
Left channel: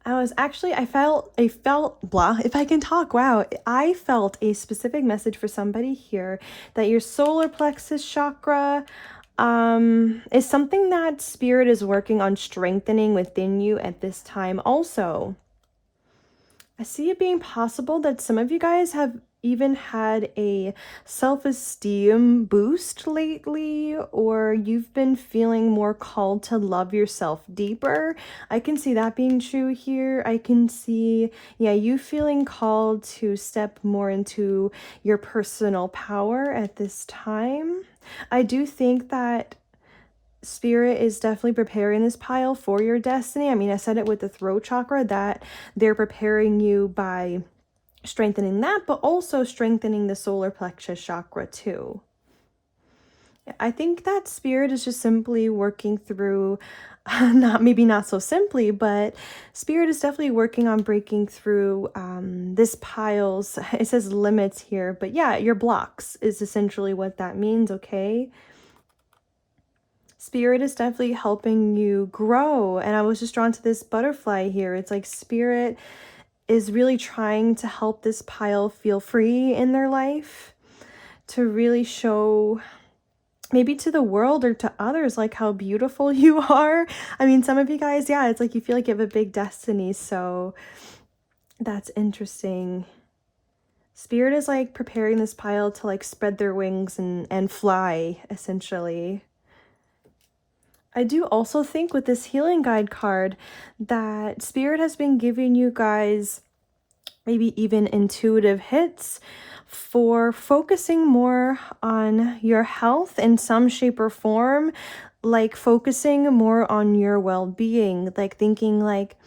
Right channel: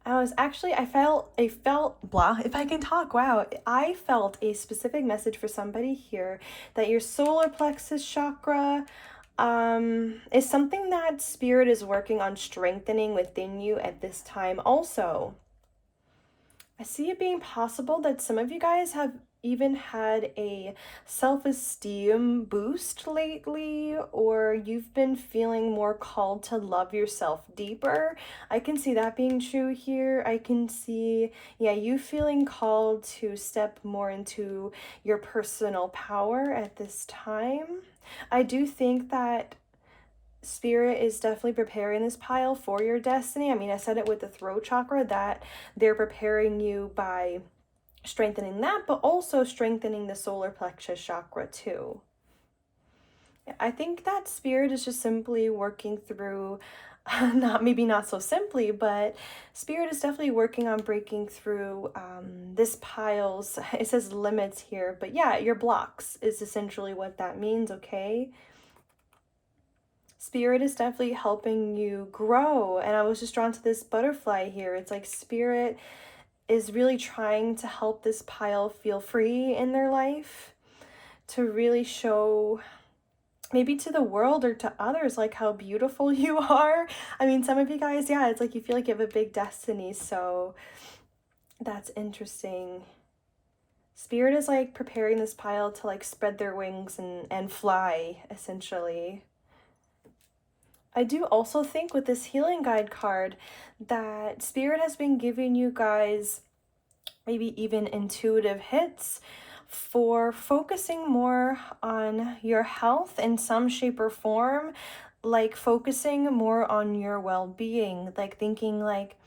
I felt blah, if I can talk, wow. I felt a specific message for somebody here that your solar plexus chakra is something that Spirit is working on strengthening within you at this time also. I see it being possible that some of you guys have even had a self-esteem boost lately, or you've been feeling more called to love yourself deeper. I can see that being true here. I can see, yeah, you feeling called to step more into your personal power at this time. I do think that Spirit is definitely preparing this pile for your destiny. I mean, I said it with the throat chakra, that they're preparing you by strengthening that, but also strengthening the solar plexus chakra too. I think that Spirit is just simply working through, not so simply, but Spirit is definitely working on breaking through this pile's, it says limits here, but yeah, your blocks is essentially what that means, okay? Spirit is definitely helping you grow. And I was just drawn to this butterfly here. It's like Spirit is really trying to help this pile feel free in their life, to really show maybe to the world or to others like how beautiful you are. I mean, some of you guys, yeah, it's like you feel like you have a big destiny. So That's interesting. Spirit is like preparing this pile to like spread their wings and fly, essentially. I do also think with this healing guide card that Spirit has been giving you guys maybe even intuitive hits for focusing more on your health in some shape or form, like focusing more on your well-being, like thinking like,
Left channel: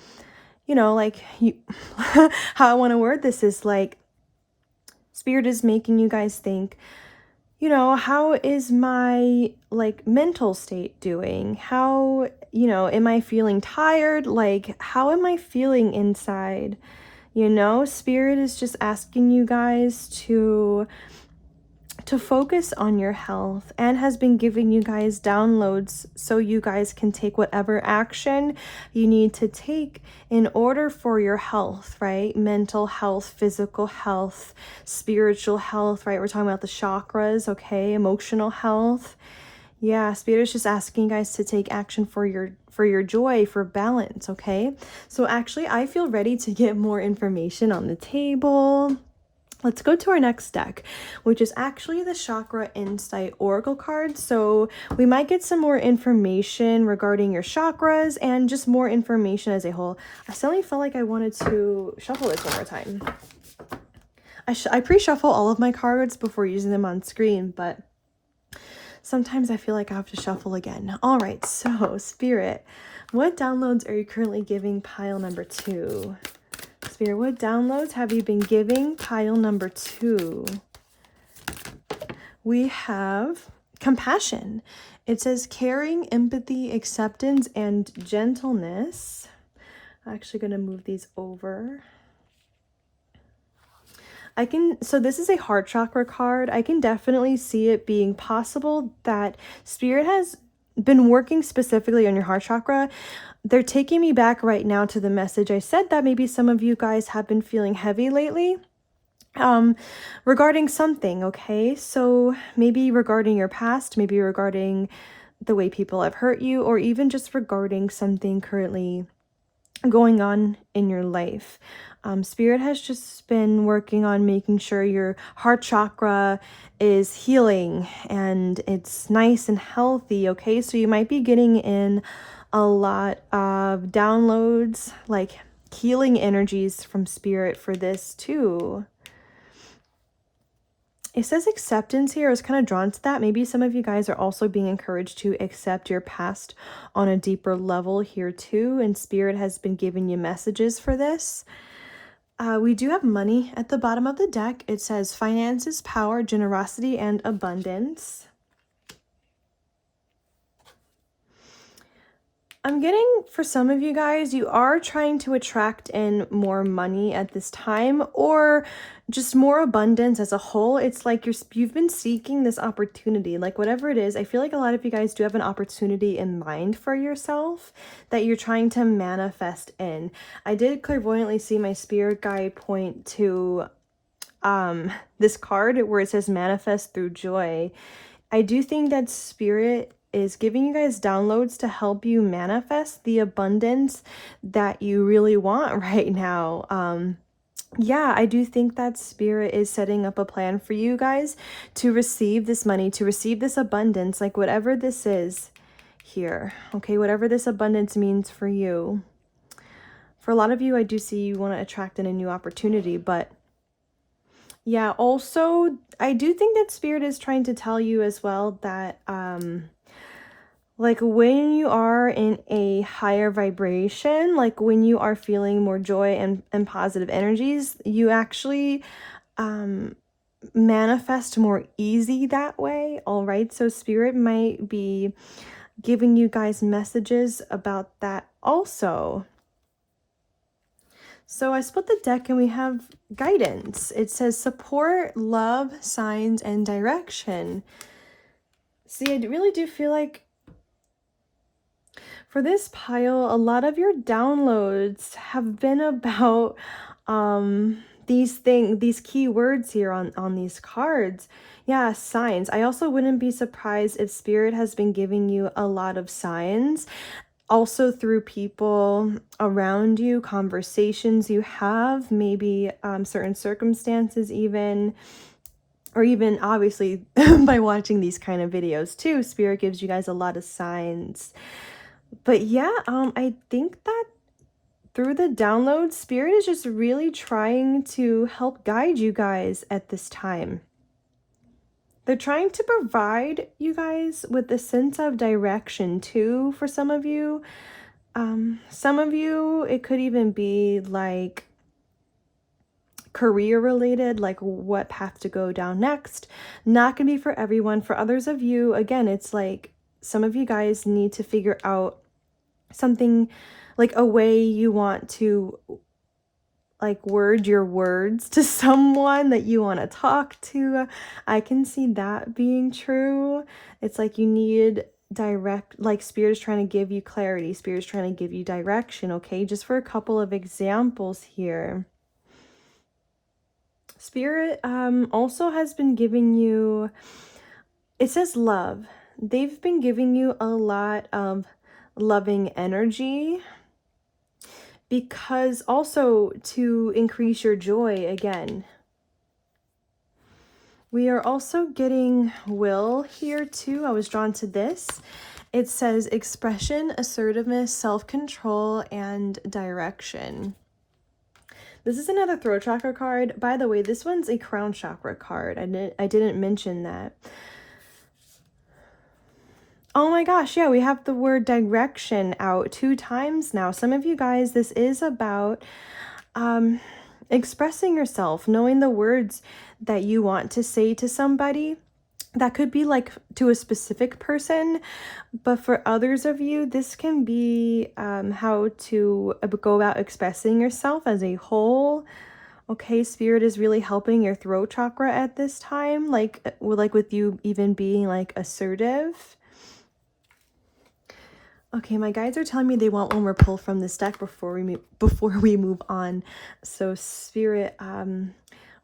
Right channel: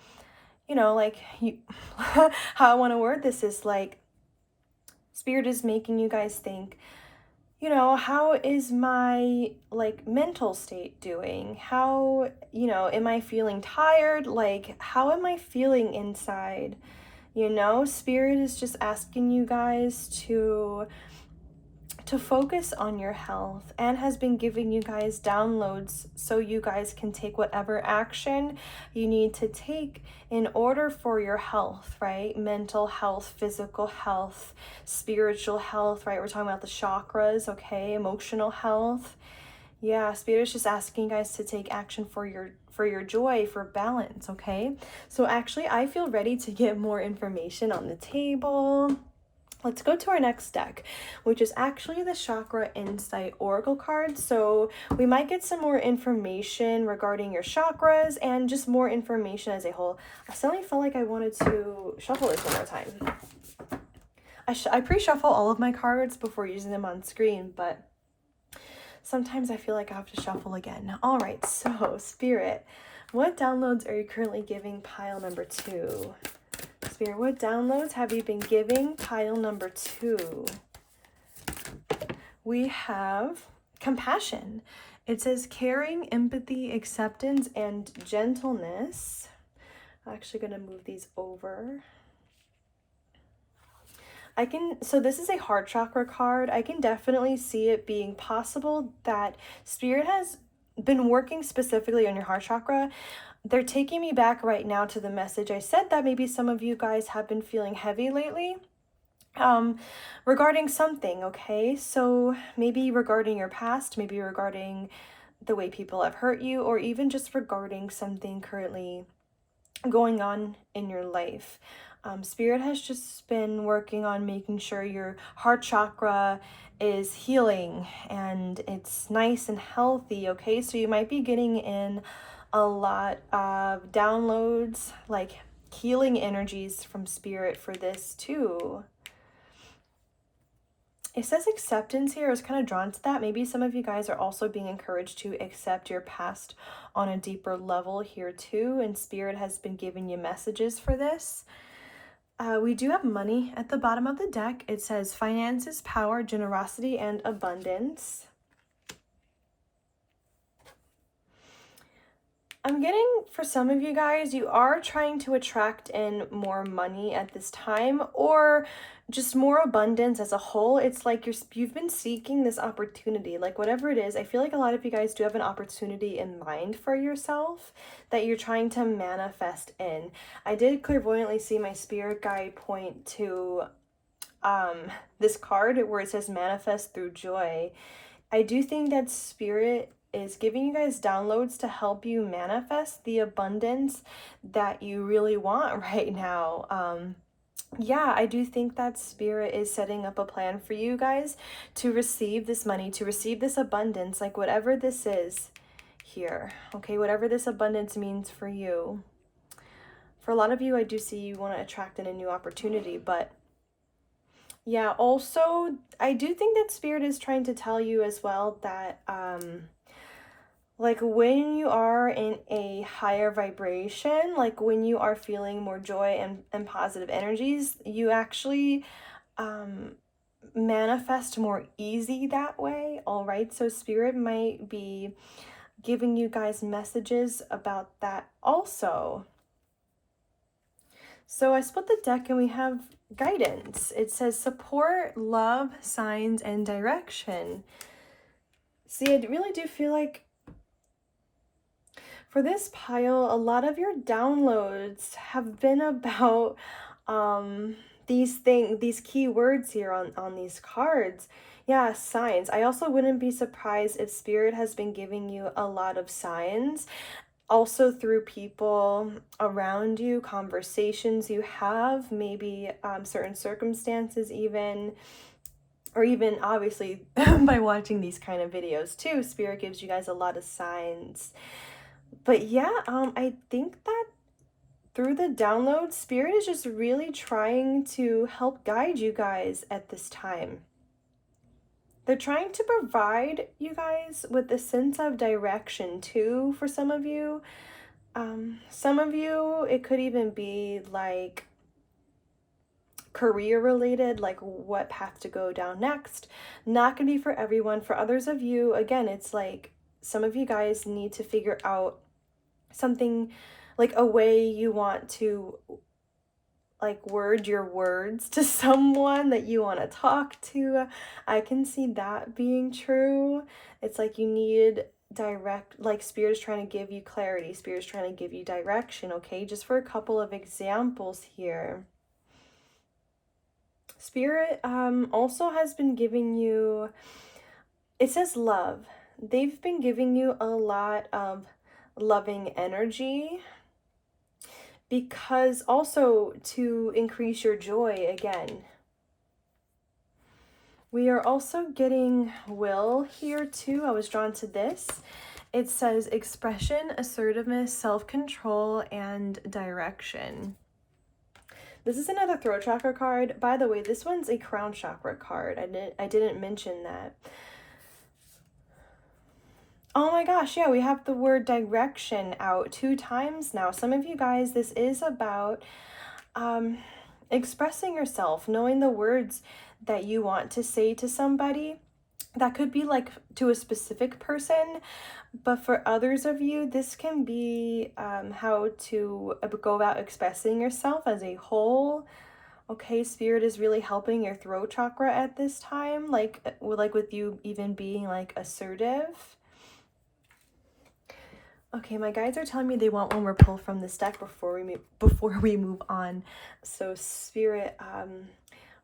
you know, like you how I want to word this is like Spirit is making you guys think, you know, how is my like mental state doing? How, you know, am I feeling tired? Like, how am I feeling inside? You know, Spirit is just asking you guys to focus on your health and has been giving you guys downloads so you guys can take whatever action you need to take in order for your health, right? Mental health, physical health, spiritual health, right? We're talking about the chakras, okay? Emotional health. Yeah, Spirit is just asking you guys to take action for your joy, for balance, okay? So actually, I feel ready to get more information on the table. Let's go to our next deck, which is actually the Chakra Insight Oracle card. So we might get some more information regarding your chakras and just more information as a whole. I suddenly felt like I wanted to shuffle this one more time. I pre-shuffle all of my cards before using them on screen, but sometimes I feel like I have to shuffle again. All right, so Spirit, what downloads are you currently giving pile number 2? Spirit, what downloads have you been giving pile number 2? We have compassion. It says caring, empathy, acceptance, and gentleness. I'm actually going to move these over. So this is a heart chakra card. I can definitely see it being possible that Spirit has been working specifically on your heart chakra. They're taking me back right now to the message I said that maybe some of you guys have been feeling heavy lately regarding something, okay? So maybe regarding your past, maybe regarding the way people have hurt you, or even just regarding something currently going on in your life. Spirit has just been working on making sure your heart chakra is healing and it's nice and healthy, okay? So you might be getting in a lot of downloads, like healing energies from Spirit for this too. It says acceptance here. I was kind of drawn to that. Maybe some of you guys are also being encouraged to accept your past on a deeper level here too. And Spirit has been giving you messages for this. We do have money at the bottom of the deck. It says finances, power, generosity, and abundance. I'm getting, for some of you guys, you are trying to attract in more money at this time, or just more abundance as a whole. It's like you've been seeking this opportunity, like whatever it is. I feel like a lot of you guys do have an opportunity in mind for yourself that you're trying to manifest in. I did clairvoyantly see my spirit guide point to this card where it says manifest through joy. I do think that Spirit is giving you guys downloads to help you manifest the abundance that you really want right now. Yeah, I do think that Spirit is setting up a plan for you guys to receive this money, to receive this abundance, like whatever this is here, okay? Whatever this abundance means for you. For a lot of you, I do see you want to attract in a new opportunity, but yeah, also, I do think that Spirit is trying to tell you as well that, like when you are in a higher vibration, like when you are feeling more joy and positive energies, you actually manifest more easy that way. All right, so Spirit might be giving you guys messages about that also. So I split the deck and we have guidance. It says support, love, signs, and direction. See, I really do feel like for this pile, a lot of your downloads have been about these key words here on these cards. Yeah, signs. I also wouldn't be surprised if Spirit has been giving you a lot of signs. also through people around you, conversations you have, maybe certain circumstances even, or even obviously by watching these kind of videos too. Spirit gives you guys a lot of signs. But yeah, I think that through the download, Spirit is just really trying to help guide you guys at this time. They're trying to provide you guys with a sense of direction too for some of you. Some of you, it could even be like career related, like what path to go down next. Not gonna be for everyone. For others of you, again, it's like some of you guys need to figure out something, like a way you want to like word your words to someone that you want to talk to. I can see that being true. It's like you need direct, like Spirit is trying to give you clarity, Spirit is trying to give you direction. Okay, just for a couple of examples here, Spirit also has been giving you, it says love. They've been giving you a lot of loving energy, because also to increase your joy again. We are also getting will here too. I was drawn to this. It says expression, assertiveness, self-control, and direction. This is another throat chakra card. By the way, this one's a crown chakra card. I didn't mention that. Oh my gosh, yeah, we have the word direction out 2 times now. Some of you guys, this is about expressing yourself, knowing the words that you want to say to somebody. That could be like to a specific person, but for others of you, this can be how to go about expressing yourself as a whole. Okay, Spirit is really helping your throat chakra at this time, like with you even being like assertive. Okay, my guides are telling me they want one more pull from this deck before we move on. So Spirit,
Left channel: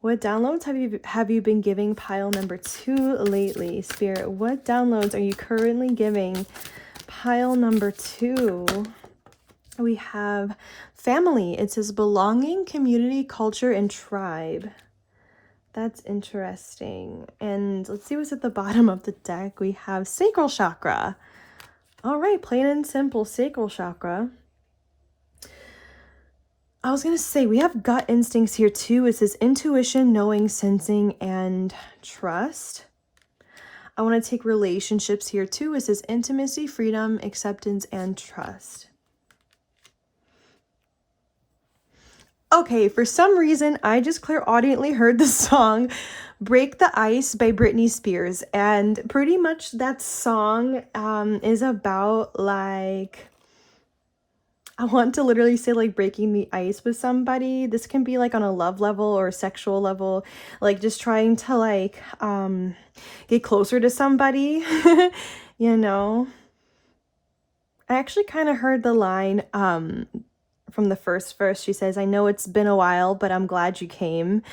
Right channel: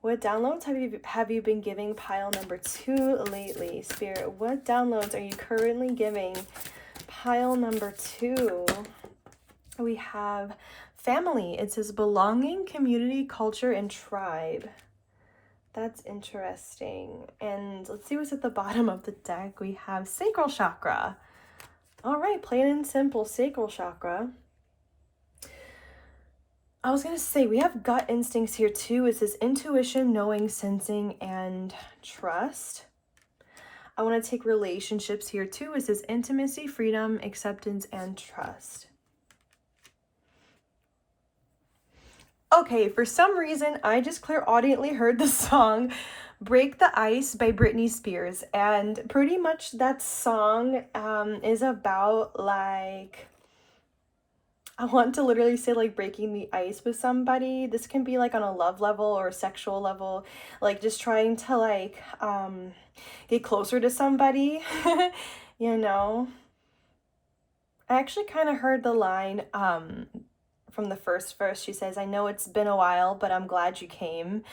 what downloads have you been giving pile number 2 lately? Spirit, what downloads are you currently giving pile number 2? We have family. It says belonging, community, culture, and tribe. That's interesting. And let's see what's at the bottom of the deck. We have sacral chakra. All right, plain and simple, sacral chakra. I was going to say, we have gut instincts here too. It says intuition, knowing, sensing, and trust. I want to take relationships here too. It says intimacy, freedom, acceptance, and trust. Okay, for some reason, I just clairaudiently heard the song Break the Ice by Britney Spears. And pretty much that song is about like, I want to literally say like breaking the ice with somebody. This can be like on a love level or a sexual level, like just trying to like get closer to somebody, you know. I actually kind of heard the line from the first verse. She says, "I know it's been a while, but I'm glad you came."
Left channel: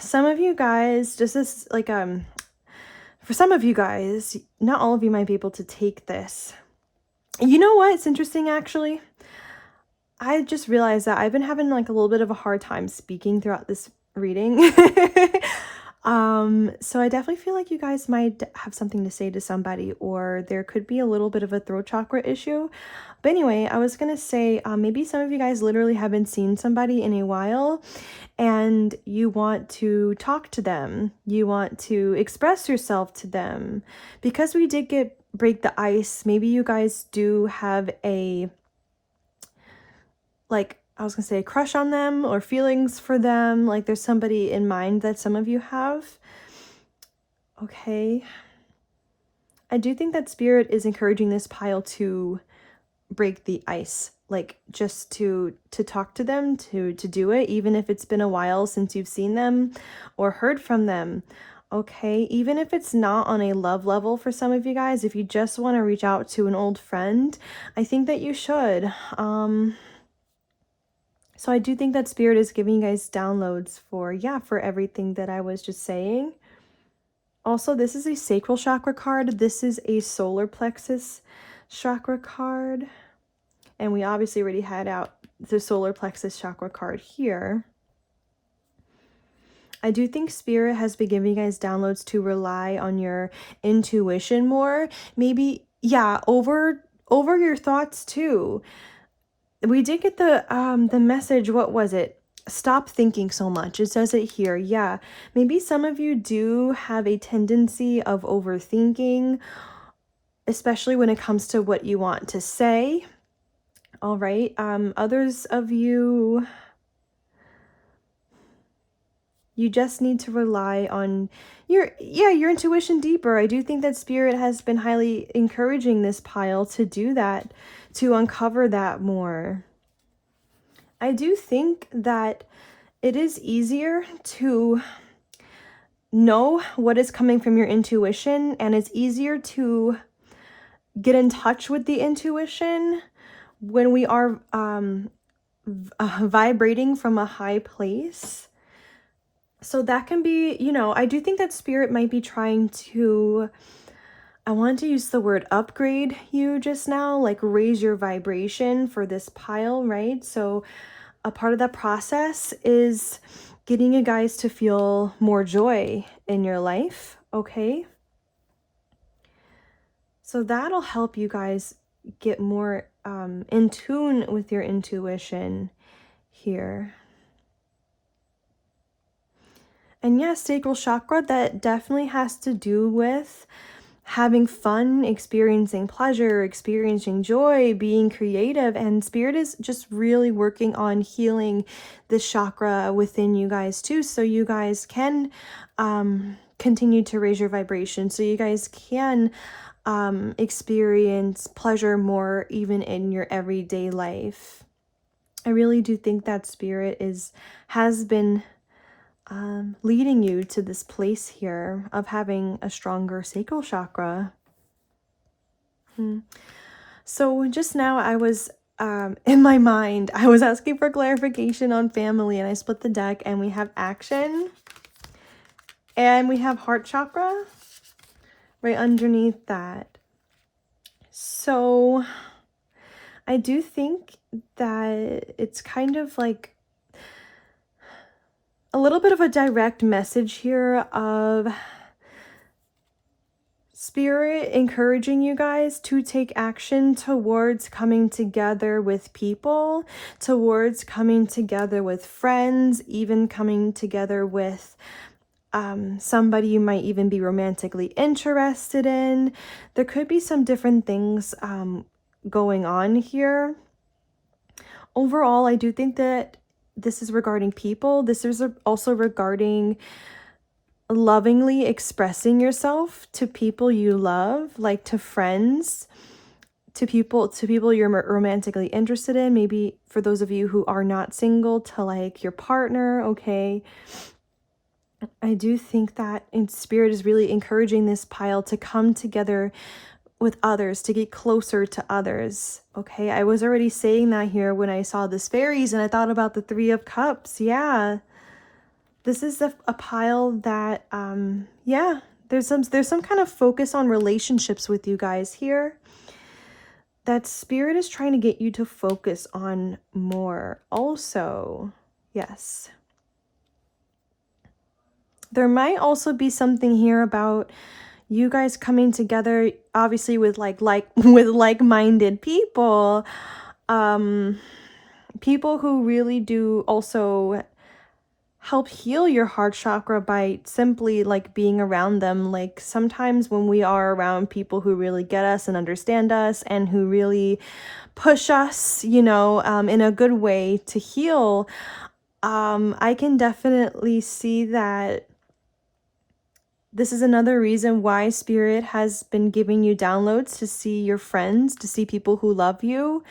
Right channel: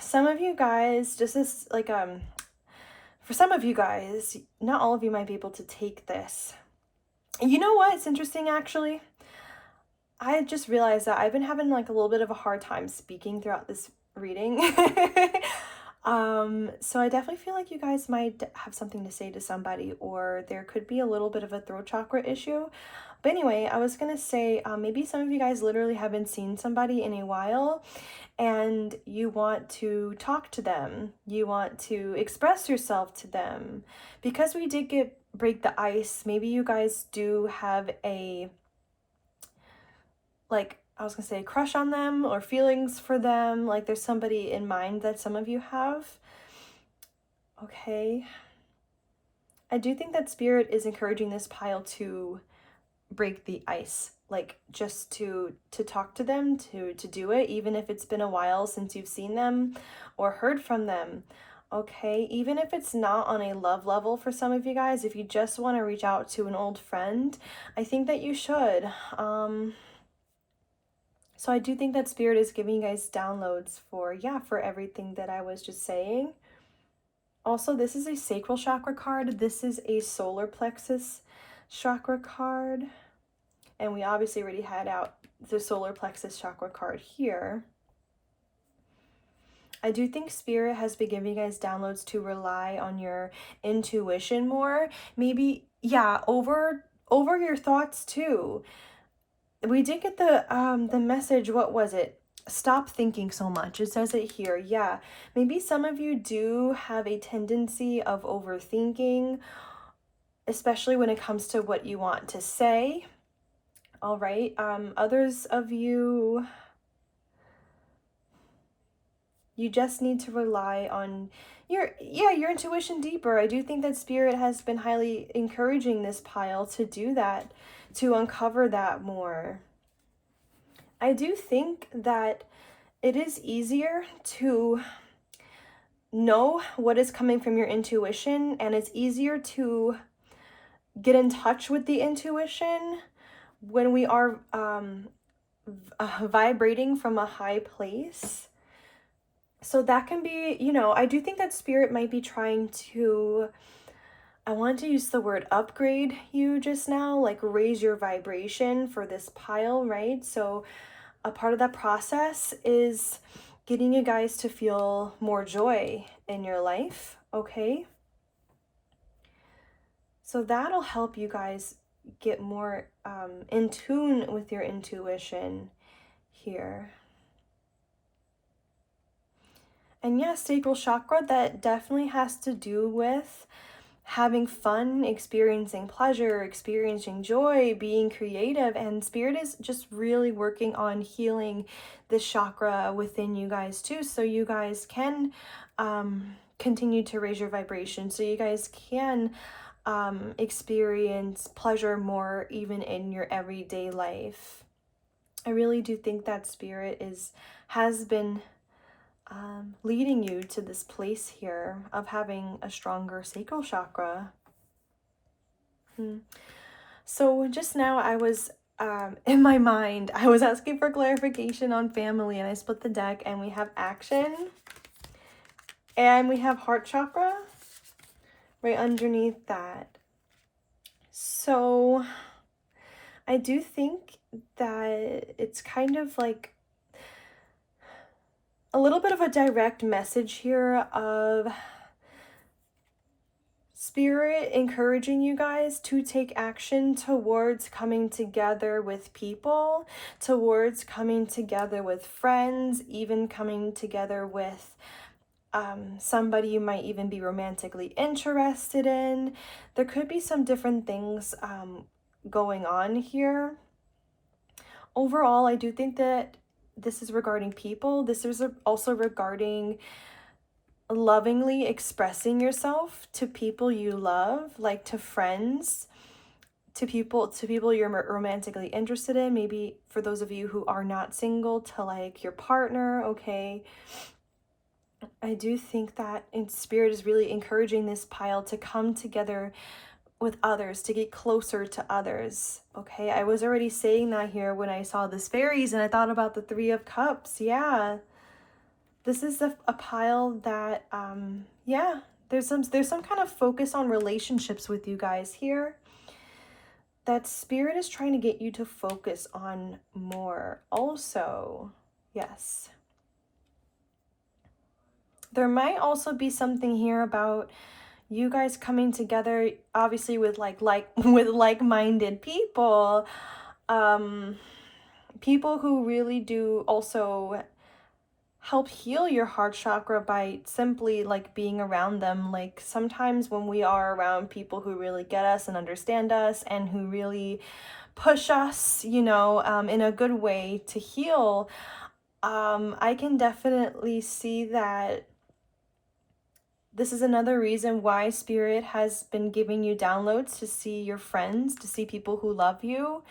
Some of you guys, just as like for some of you guys, not all of you might be able to take this. You know what? It's interesting actually. I just realized that I've been having like a little bit of a hard time speaking throughout this reading. So I definitely feel like you guys might have something to say to somebody, or there could be a little bit of a throat chakra issue. But anyway, I was gonna say maybe some of you guys literally haven't seen somebody in a while and you want to talk to them. You want to express yourself to them. Because we did break the ice, maybe you guys do have a, like, I was gonna say crush on them or feelings for them. Like there's somebody in mind that some of you have. Okay. I do think that Spirit is encouraging this pile to break the ice, like just to talk to them, to do it, even if it's been a while since you've seen them or heard from them. Okay, even if it's not on a love level for some of you guys, if you just want to reach out to an old friend, I think that you should. So I do think that Spirit is giving you guys downloads for, yeah, for everything that I was just saying. Also, this is a sacral chakra card. This is a solar plexus chakra card. And we obviously already had out the solar plexus chakra card here. I do think Spirit has been giving you guys downloads to rely on your intuition more. Maybe, yeah, over your thoughts too. We did get the message, what was it? Stop thinking so much. It says it here. Yeah, maybe some of you do have a tendency of overthinking, especially when it comes to what you want to say. All right. Others of you, you just need to rely on your intuition deeper. I do think that Spirit has been highly encouraging this pile to do that, to uncover that more. I do think that it is easier to know what is coming from your intuition, and it's easier to get in touch with the intuition when we are vibrating from a high place. So that can be, you know, I do think that Spirit might be trying to, I want to use the word upgrade you just now, like raise your vibration for this pile, right? So a part of that process is getting you guys to feel more joy in your life, okay? So that'll help you guys get more in tune with your intuition here. And yes, sacral chakra, that definitely has to do with having fun, experiencing pleasure, experiencing joy, being creative. And Spirit is just really working on healing this chakra within you guys too, so you guys can continue to raise your vibration, so you guys can experience pleasure more even in your everyday life. I really do think that Spirit has been leading you to this place here of having a stronger sacral chakra. So just now I was in my mind, I was asking for clarification on family, and I split the deck, and we have action and we have heart chakra right underneath that. So I do think that it's kind of like a little bit of a direct message here of Spirit encouraging you guys to take action towards coming together with people, towards coming together with friends, even coming together with somebody you might even be romantically interested in. There could be some different things going on here. Overall, I do think that this is regarding people. This is also regarding lovingly expressing yourself to people you love, like to friends, to people you're romantically interested in. Maybe for those of you who are not single, to like your partner, okay? I do think that Spirit is really encouraging this pile to come together with others, to get closer to others, okay? I was already saying that here when I saw this fairies, and I thought about the Three of Cups. Yeah, this is a pile that yeah, there's some kind of focus on relationships with you guys here that Spirit is trying to get you to focus on more also. Yes, there might also be something here about you guys coming together, obviously with with like-minded people, people who really do also help heal your heart chakra by simply like being around them. Like sometimes when we are around people who really get us and understand us and who really push us, you know, in a good way to heal, I can definitely see that this is another reason why Spirit has been giving you downloads to see your friends, to see people who love you,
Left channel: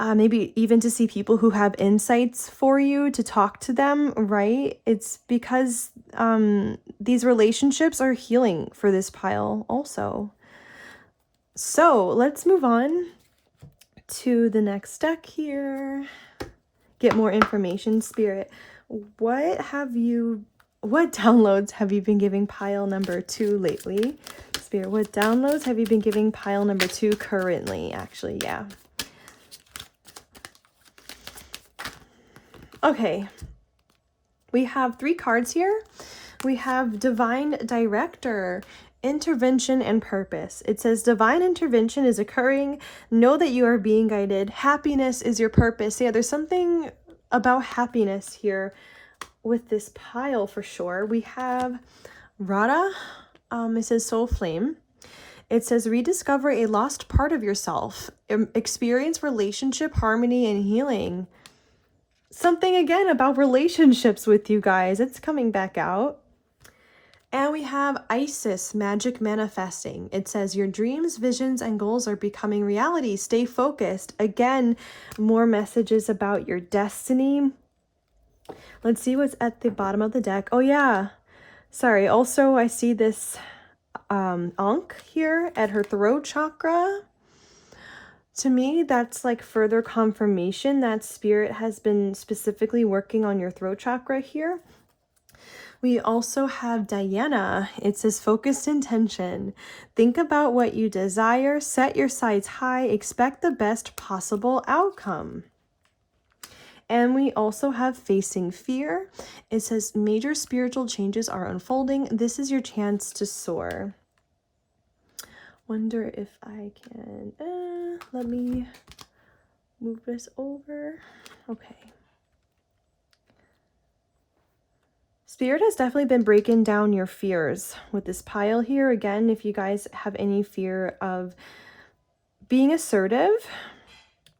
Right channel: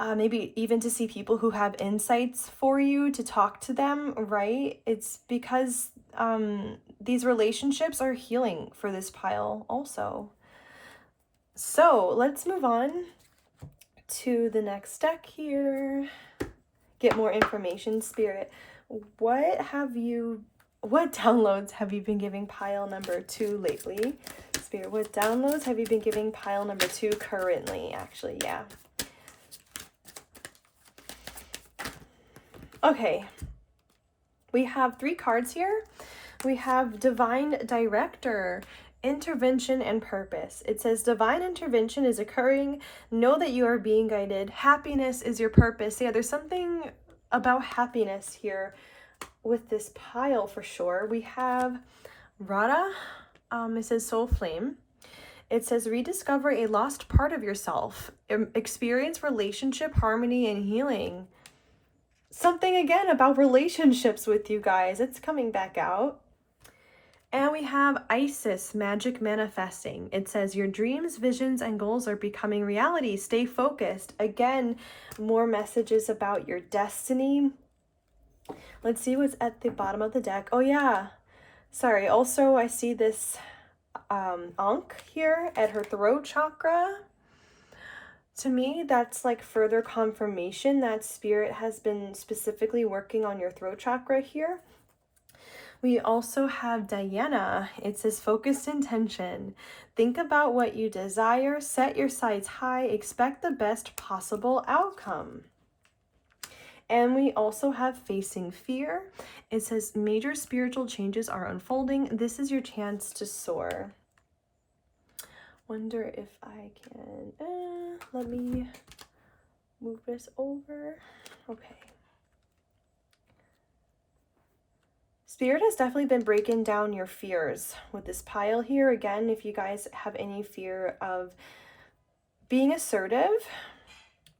maybe even to see people who have insights for you, to talk to them, right? It's because these relationships are healing for this pile also. So let's move on to the next deck here. Get more information, Spirit. What downloads have you been giving pile number 2 lately? Spirit, what downloads have you been giving pile number 2 currently? Actually, yeah. Okay. We have 3 cards here. We have Divine Director, Intervention and Purpose. It says divine intervention is occurring. Know that you are being guided. Happiness is your purpose. Yeah, there's something about happiness here with this pile for sure. We have Radha. It says Soul Flame. It says rediscover a lost part of yourself. Experience relationship harmony and healing. Something again about relationships with you guys. It's coming back out. And we have Isis, Magic Manifesting. It says your dreams, visions, and goals are becoming reality. Stay focused. Again, more messages about your destiny. Let's see what's at the bottom of the deck. Oh yeah. Sorry. Also, I see this Ankh here at her throat chakra. To me, that's like further confirmation that Spirit has been specifically working on your throat chakra here. We also have Diana. It says focused intention. Think about what you desire, set your sights high, expect the best possible outcome. And we also have facing fear. It says major spiritual changes are unfolding. This is your chance to soar. Wonder if I can, let me move this over. Okay. Spirit has definitely been breaking down your fears with this pile here. Again, if you guys have any fear of being assertive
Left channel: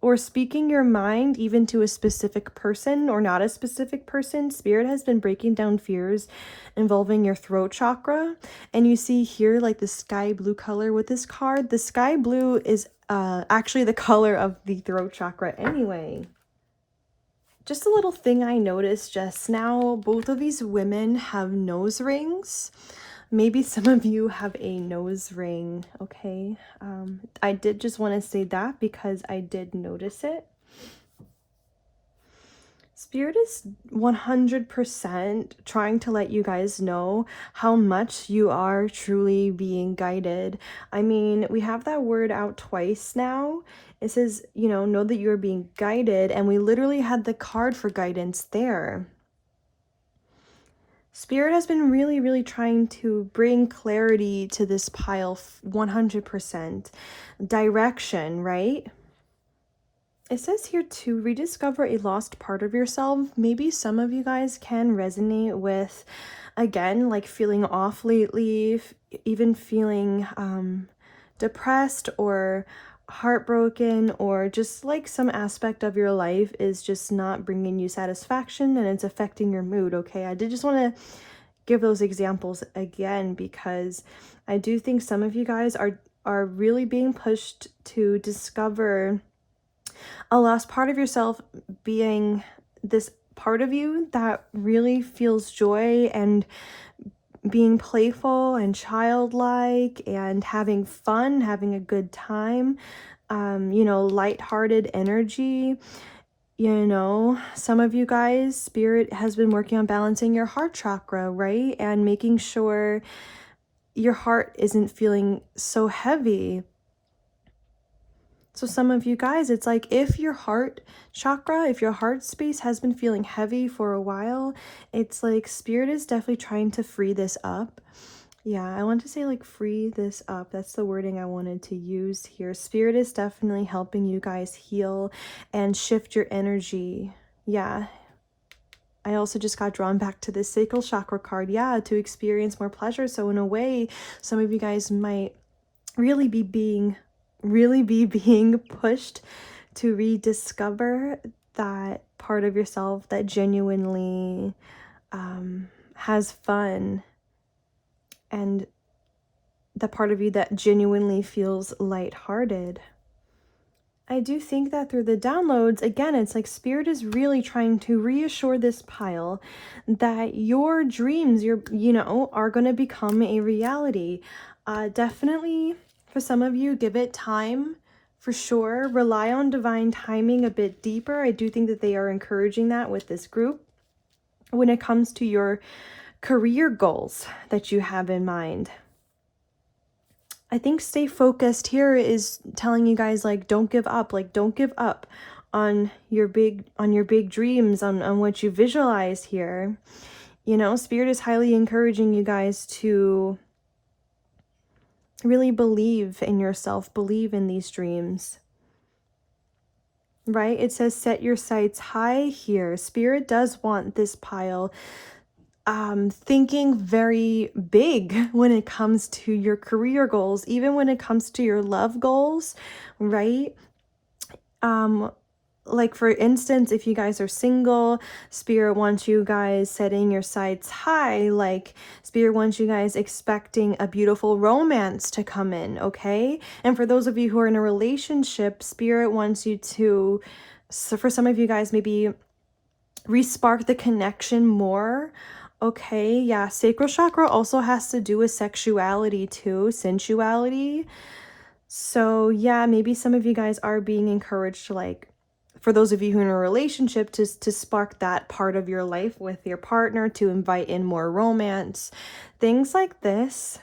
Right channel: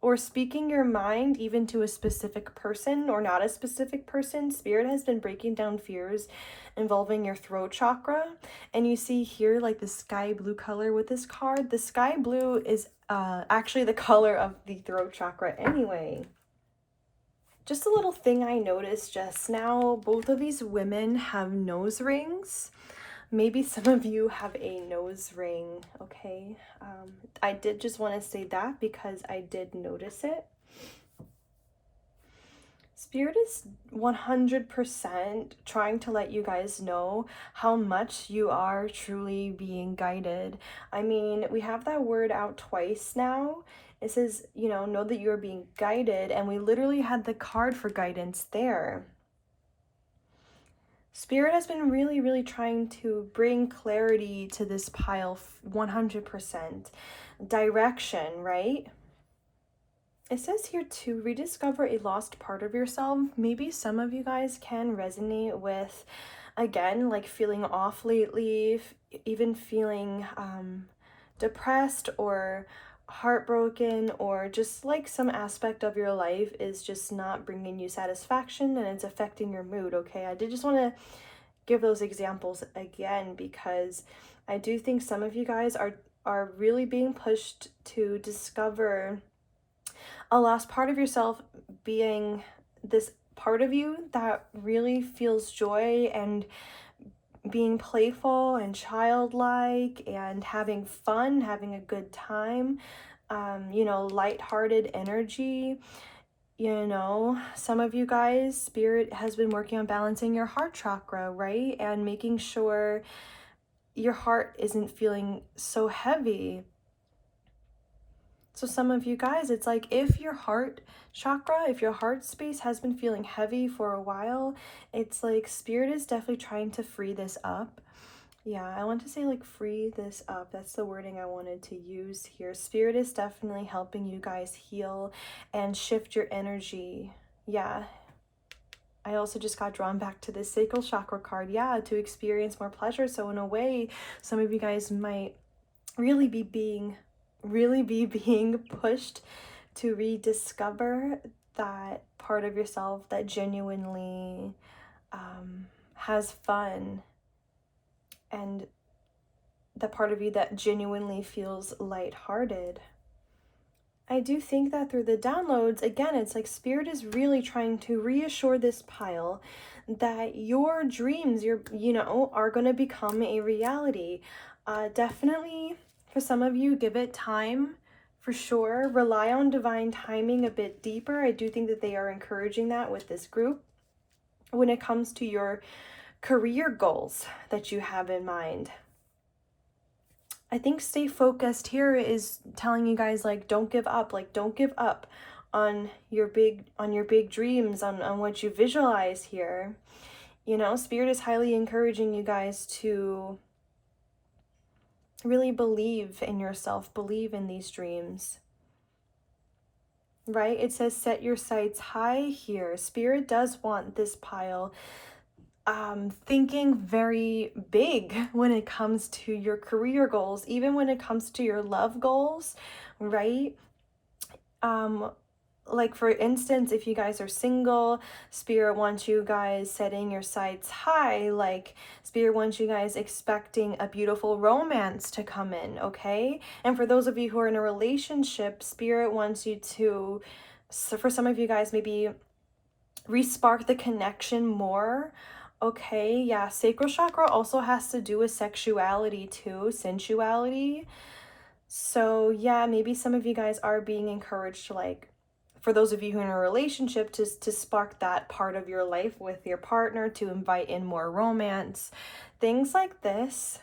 or speaking your mind even to a specific person or not a specific person, Spirit has been breaking down fears involving your throat chakra. And you see here like the sky blue color with this card. The sky blue is actually the color of the throat chakra anyway. Just a little thing I noticed just now, both of these women have nose rings. Maybe some of you have a nose ring, okay? I did just want to say that because I did notice it. Spirit is 100% trying to let you guys know how much you are truly being guided. I mean, we have that word out twice now. It says, you know that you are being guided, and we literally had the card for guidance there. Spirit has been really, really trying to bring clarity to this pile 100%. Direction, right? It says here to rediscover a lost part of yourself. Maybe some of you guys can resonate with, again, like feeling off lately, even feeling depressed or heartbroken, or just like some aspect of your life is just not bringing you satisfaction and it's affecting your mood. Okay, I did just want to give those examples again because I do think some of you guys are really being pushed to discover a lost part of yourself, being this part of you that really feels joy and being playful and childlike and having fun, having a good time, lighthearted energy. Some of you guys, Spirit has been working on balancing your heart chakra, right? And making sure your heart isn't feeling so heavy. So some of you guys, it's like if your heart chakra, if your heart space has been feeling heavy for a while, it's like Spirit is definitely trying to free this up. Yeah, I want to say like free this up. That's the wording I wanted to use here. Spirit is definitely helping you guys heal and shift your energy. Yeah. I also just got drawn back to this sacral chakra card. Yeah, to experience more pleasure. So in a way, some of you guys might really be being pushed to rediscover that part of yourself that genuinely has fun, and the part of you that genuinely feels lighthearted. I do think that through the downloads, again, it's like Spirit is really trying to reassure this pile that your dreams, are going to become a reality. Definitely, for some of you, give it time, for sure. Rely on divine timing a bit deeper. I do think that they are encouraging that with this group when it comes to your career goals that you have in mind. I think stay focused here is telling you guys, like, don't give up. Like, don't give up on your big dreams, on what you visualize here. You know, Spirit is highly encouraging you guys to really believe in yourself, believe in these dreams. Right? It says set your sights high here. Spirit does want this pile thinking very big when it comes to your career goals, even when it comes to your love goals, right? Like for instance, if you guys are single, Spirit wants you guys setting your sights high. Like Spirit wants you guys expecting a beautiful romance to come in, okay? And for those of you who are in a relationship, Spirit wants you to, so for some of you guys, maybe re-spark the connection more. Okay, yeah, sacral chakra also has to do with sexuality too, sensuality. So yeah, maybe some of you guys are being encouraged to, like, for those of you who are in a relationship, to spark that part of your life with your partner, to invite in more romance, things like this.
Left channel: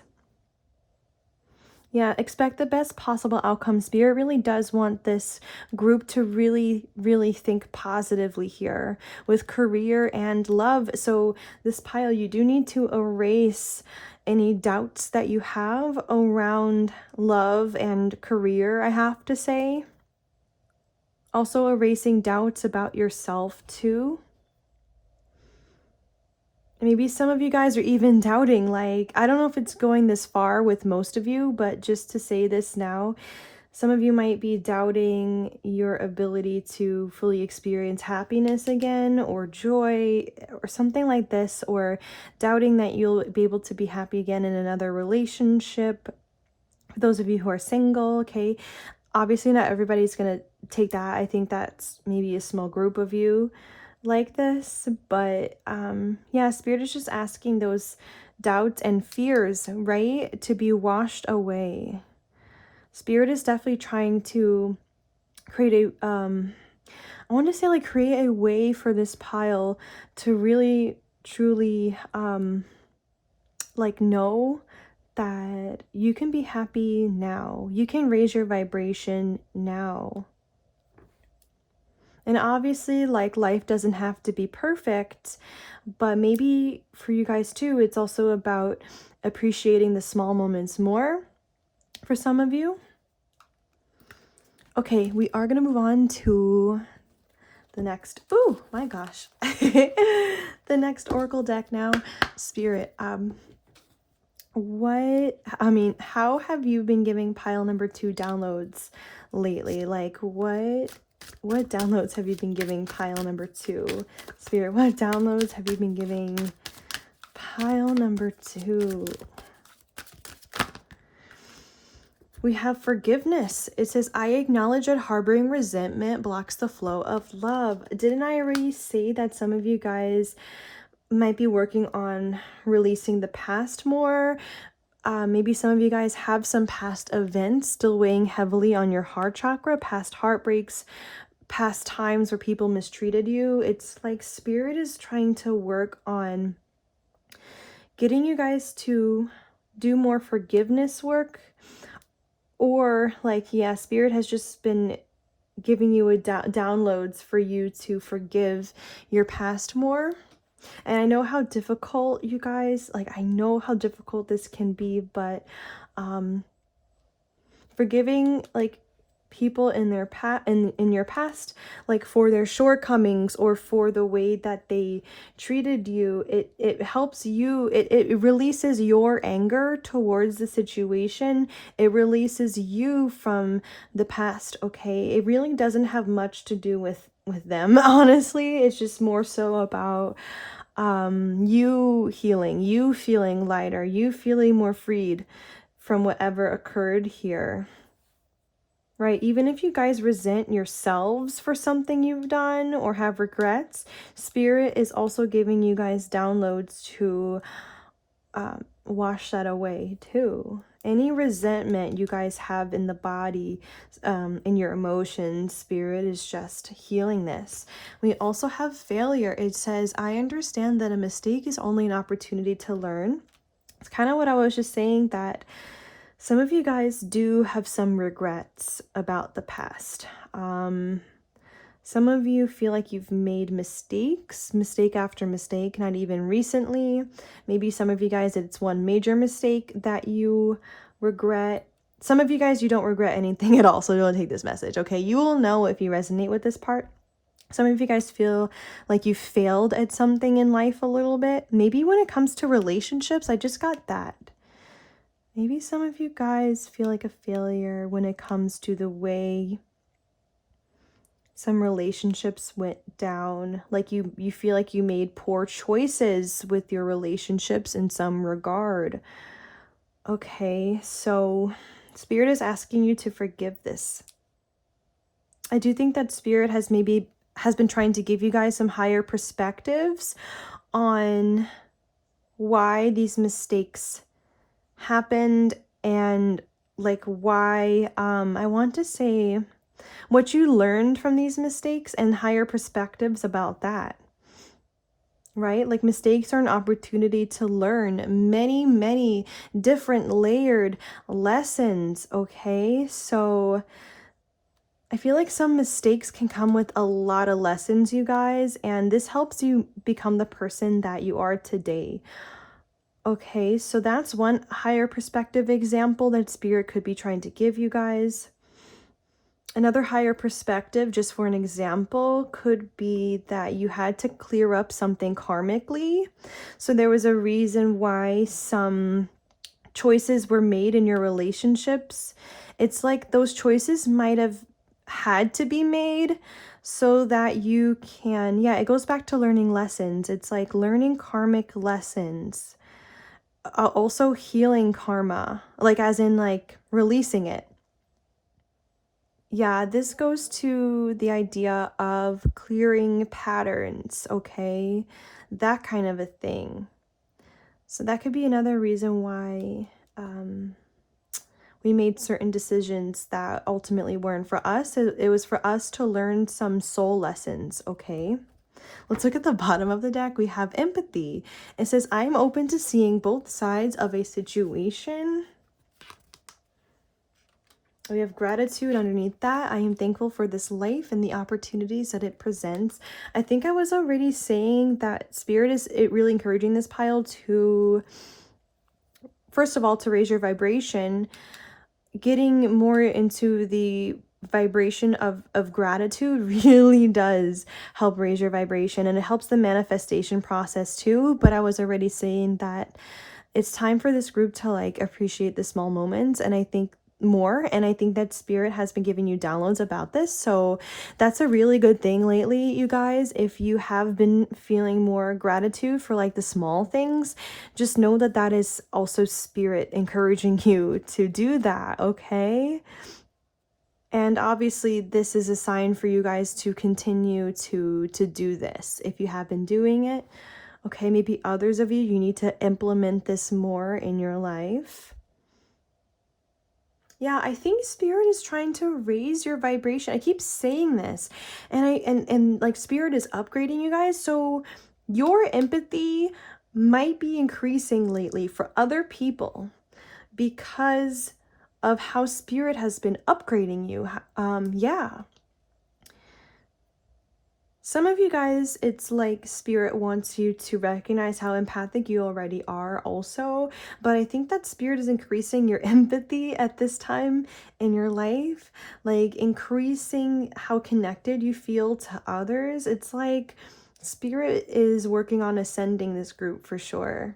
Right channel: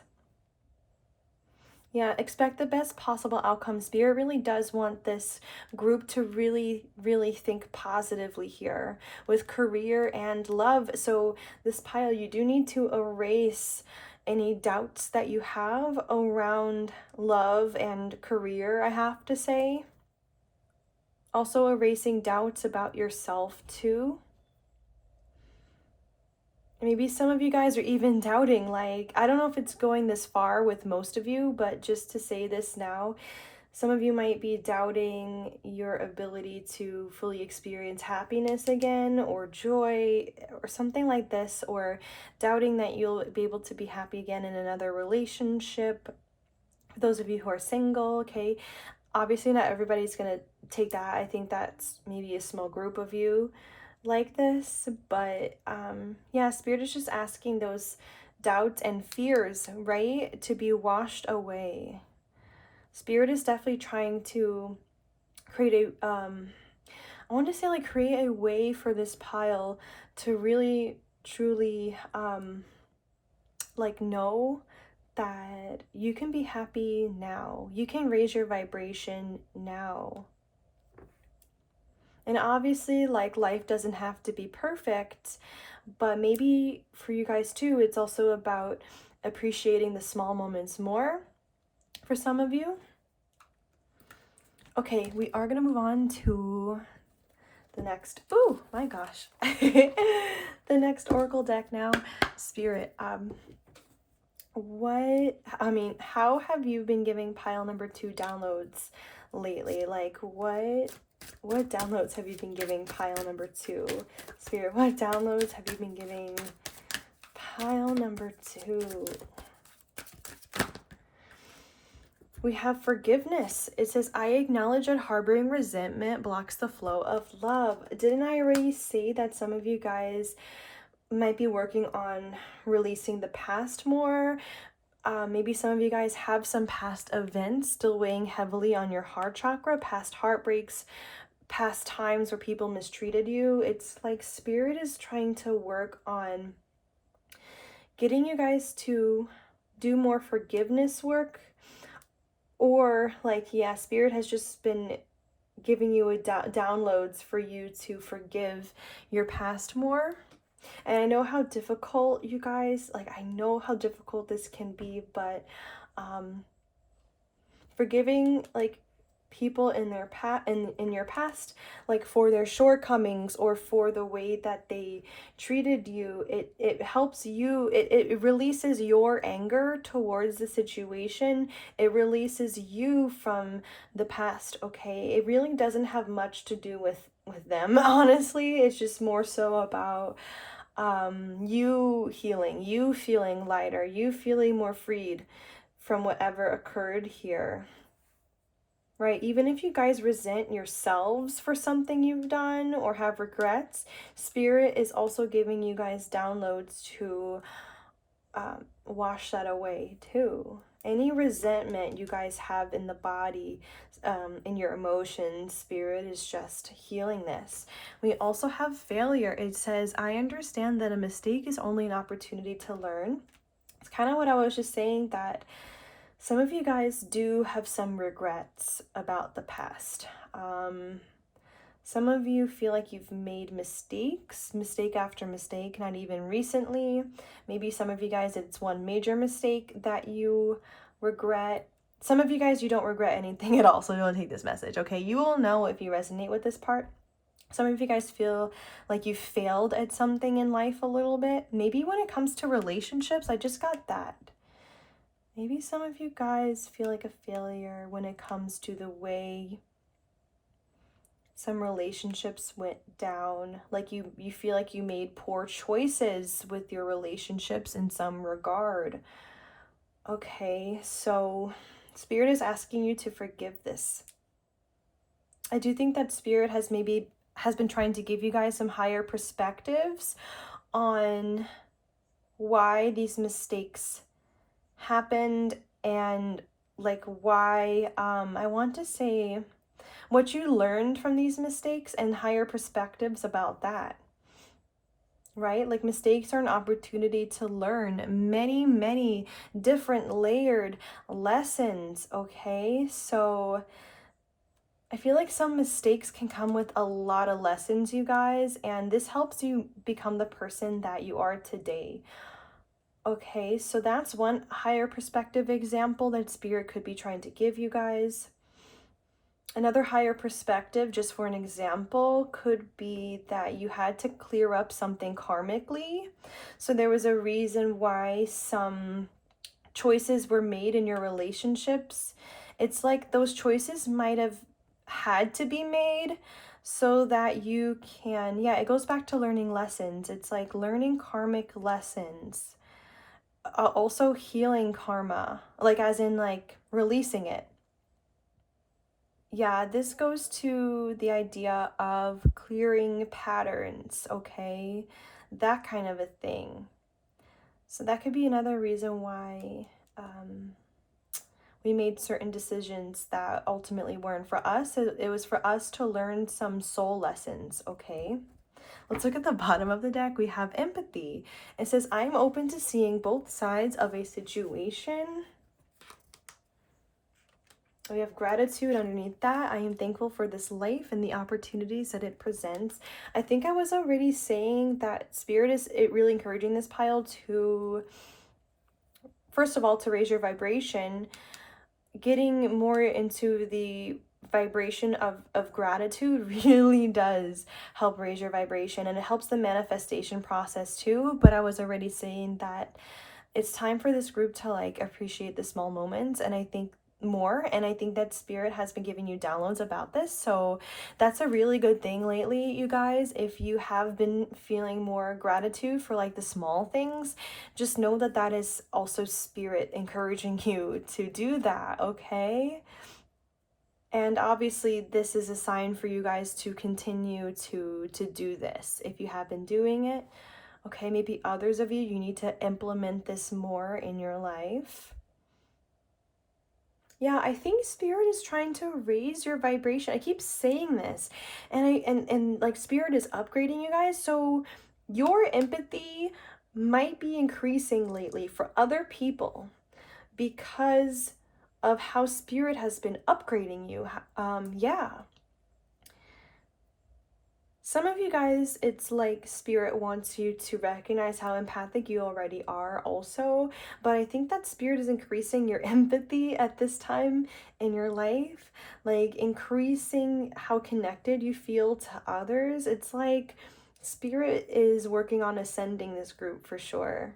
Yeah, expect the best possible outcome. Spirit really does want this group to really, really think positively here with career and love. So this pile, you do need to erase any doubts that you have around love and career, I have to say. Also erasing doubts about yourself too. Maybe some of you guys are even doubting, like, I don't know if it's going this far with most of you, but just to say this now, some of you might be doubting your ability to fully experience happiness again, or joy, or something like this, or doubting that you'll be able to be happy again in another relationship. For those of you who are single, okay, obviously not everybody's gonna take that. I think that's maybe a small group of you like this, but yeah, Spirit is just asking those doubts and fears, right, to be washed away. Spirit is definitely trying to create a I want to say, like, create a way for this pile to really truly like know that you can be happy now. You can raise your vibration now. And obviously, like, life doesn't have to be perfect, but maybe for you guys too, it's also about appreciating the small moments more for some of you. Okay, we are gonna move on to the next, oh my gosh, the next oracle deck now. Spirit, how have you been giving pile number 2 downloads lately? Like, what downloads have you been giving pile number 2? Spirit, what downloads have you been giving pile number 2? We have forgiveness. It says, I acknowledge that harboring resentment blocks the flow of love. Didn't I already say that some of you guys might be working on releasing the past more? Maybe some of you guys have some past events still weighing heavily on your heart chakra, past heartbreaks, past times where people mistreated you. It's like Spirit is trying to work on getting you guys to do more forgiveness work. Or, like, yeah, Spirit has just been giving you downloads for you to forgive your past more. And I know how difficult, you guys, like, I know how difficult this can be, but forgiving, like, people in their in your past, like, for their shortcomings or for the way that they treated you, it helps you, it releases your anger towards the situation. It releases you from the past, okay? It really doesn't have much to do with them, honestly. It's just more so about you healing, you feeling lighter, you feeling more freed from whatever occurred here. Right, even if you guys resent yourselves for something you've done or have regrets, Spirit is also giving you guys downloads to wash that away too. Any resentment you guys have in the body, in your emotions, Spirit is just healing this. We also have failure. It says, I understand that a mistake is only an opportunity to learn. It's kind of what I was just saying, that Some of you guys do have some regrets about the past. Some of you feel like you've made mistake after mistake, not even recently. Maybe some of you guys, it's one major mistake that you regret. Some of you guys, you don't regret anything at all, so don't take this message, okay? You will know if you resonate with this part. Some of you guys feel like you failed at something in life a little bit. Maybe when it comes to relationships, I just got that. Maybe some of you guys feel like a failure when it comes to the way some relationships went down. Like you feel like you made poor choices with your relationships in some regard. Okay, so Spirit is asking you to forgive this. I do think that Spirit has been trying to give you guys some higher perspectives on why these mistakes happened, and like why I want to say what you learned from these mistakes and higher perspectives about that. Right? Like mistakes are an opportunity to learn many different layered lessons, okay? So I feel like some mistakes can come with a lot of lessons, you guys, and this helps you become the person that you are today. Okay, so that's one higher perspective example that Spirit could be trying to give you guys. Another higher perspective, just for an example, could be that you had to clear up something karmically. So there was a reason why some choices were made in your relationships. It's like those choices might have had to be made so that you can, yeah, it goes back to learning lessons. It's like learning karmic lessons. Also healing karma, like as in like releasing it. Yeah, this goes to the idea of clearing patterns, okay? That kind of a thing. So that could be another reason why we made certain decisions that ultimately weren't for us. It was for us to learn some soul lessons, okay? Let's look at the bottom of the deck. We have empathy. It says, I'm open to seeing both sides of a situation. We have gratitude underneath that. I am thankful for this life and the opportunities that it presents. I think I was already saying that Spirit is really encouraging this pile to, first of all, to raise your vibration. Getting more into the vibration of gratitude really does help raise your vibration, and it helps the manifestation process too. But I was already saying that it's time for this group to like appreciate the small moments, and I think that Spirit has been giving you downloads about this, so that's a really good thing lately, you guys. If you have been feeling more gratitude for like the small things, just know that that is also Spirit encouraging you to do that, okay? And obviously this is a sign for you guys to continue to do this if you have been doing it. Okay, maybe others of you need to implement this more in your life. Yeah, I think Spirit is trying to raise your vibration. I keep saying this, and like Spirit is upgrading you guys, so your empathy might be increasing lately for other people because of how Spirit has been upgrading you. Yeah. Some of you guys, it's like Spirit wants you to recognize how empathic you already are also, but I think that Spirit is increasing your empathy at this time in your life, like increasing how connected you feel to others. It's like Spirit is working on ascending this group for sure.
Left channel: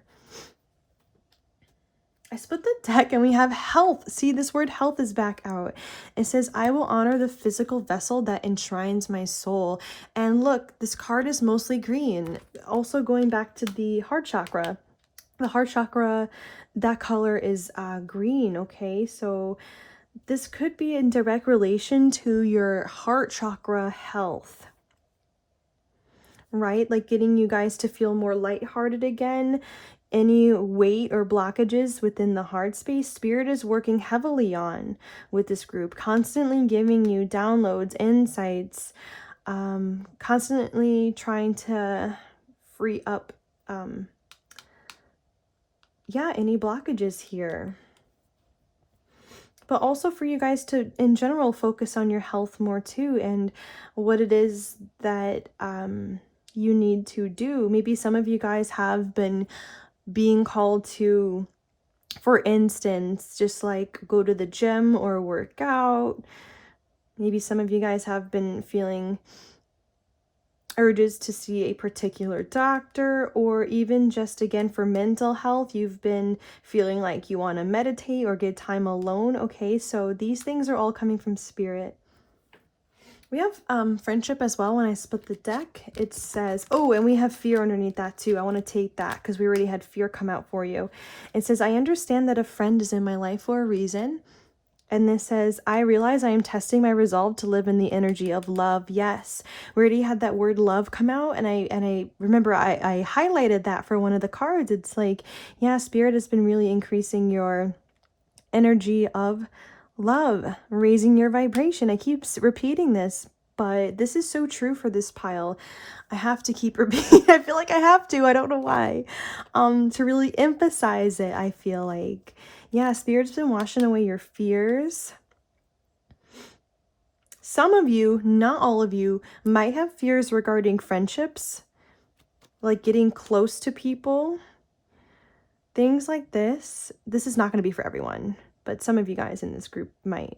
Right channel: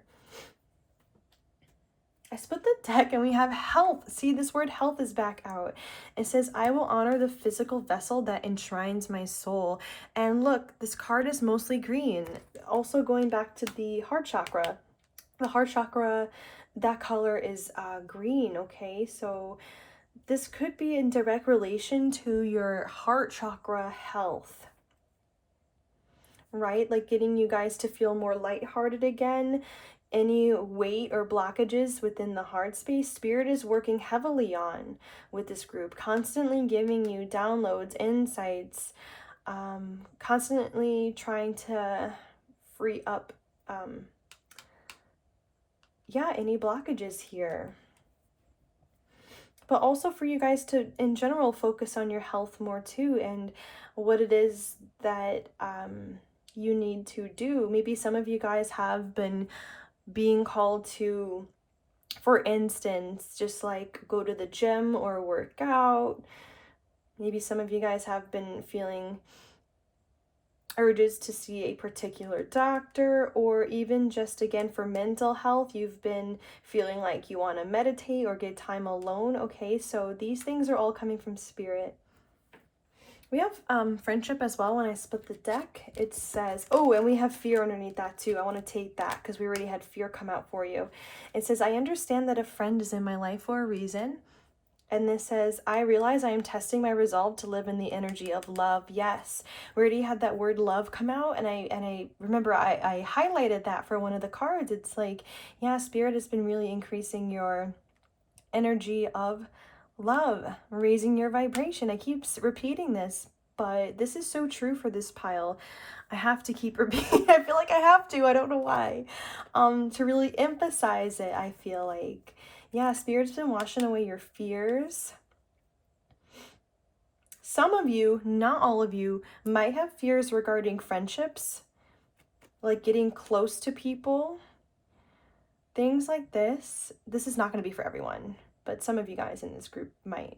I split the deck and we have health. See, this word health is back out. It says, I will honor the physical vessel that enshrines my soul. And look, this card is mostly green. Also going back to the heart chakra. The heart chakra, that color is green, okay? So this could be in direct relation to your heart chakra health. Right? Like getting you guys to feel more lighthearted again. Any weight or blockages within the heart space, Spirit is working heavily on with this group, constantly giving you downloads, insights, constantly trying to free up, yeah, any blockages here. but also for you guys to, in general, focus on your health more too, and what it is that you need to do. Maybe some of you guys have been being called to, for instance, just like go to the gym or work out. Maybe some of you guys have been feeling urges to see a particular doctor, or even just again for mental health, you've been feeling like you want to meditate or get time alone. Okay, so these things are all coming from spirit. We have friendship as well. When I split the deck, it says, oh, and we have fear underneath that too. I want to take that because we already had fear come out for you. It says, I understand that a friend is in my life for a reason. And this says, I realize I am testing my resolve to live in the energy of love. Yes, we already had that word love come out. And I remember I highlighted that for one of the cards. It's like, yeah, spirit has been really increasing your energy of love, raising your vibration. I keep repeating this, but this is so true for this pile. I have to keep repeating. I feel like I have to. I don't know why. To really emphasize it, I feel like. Yeah, spirit's been washing away your fears. Some of you, not all of you, might have fears regarding friendships, like getting close to people. Things like this. This is not going to be for everyone, but some of you guys in this group might.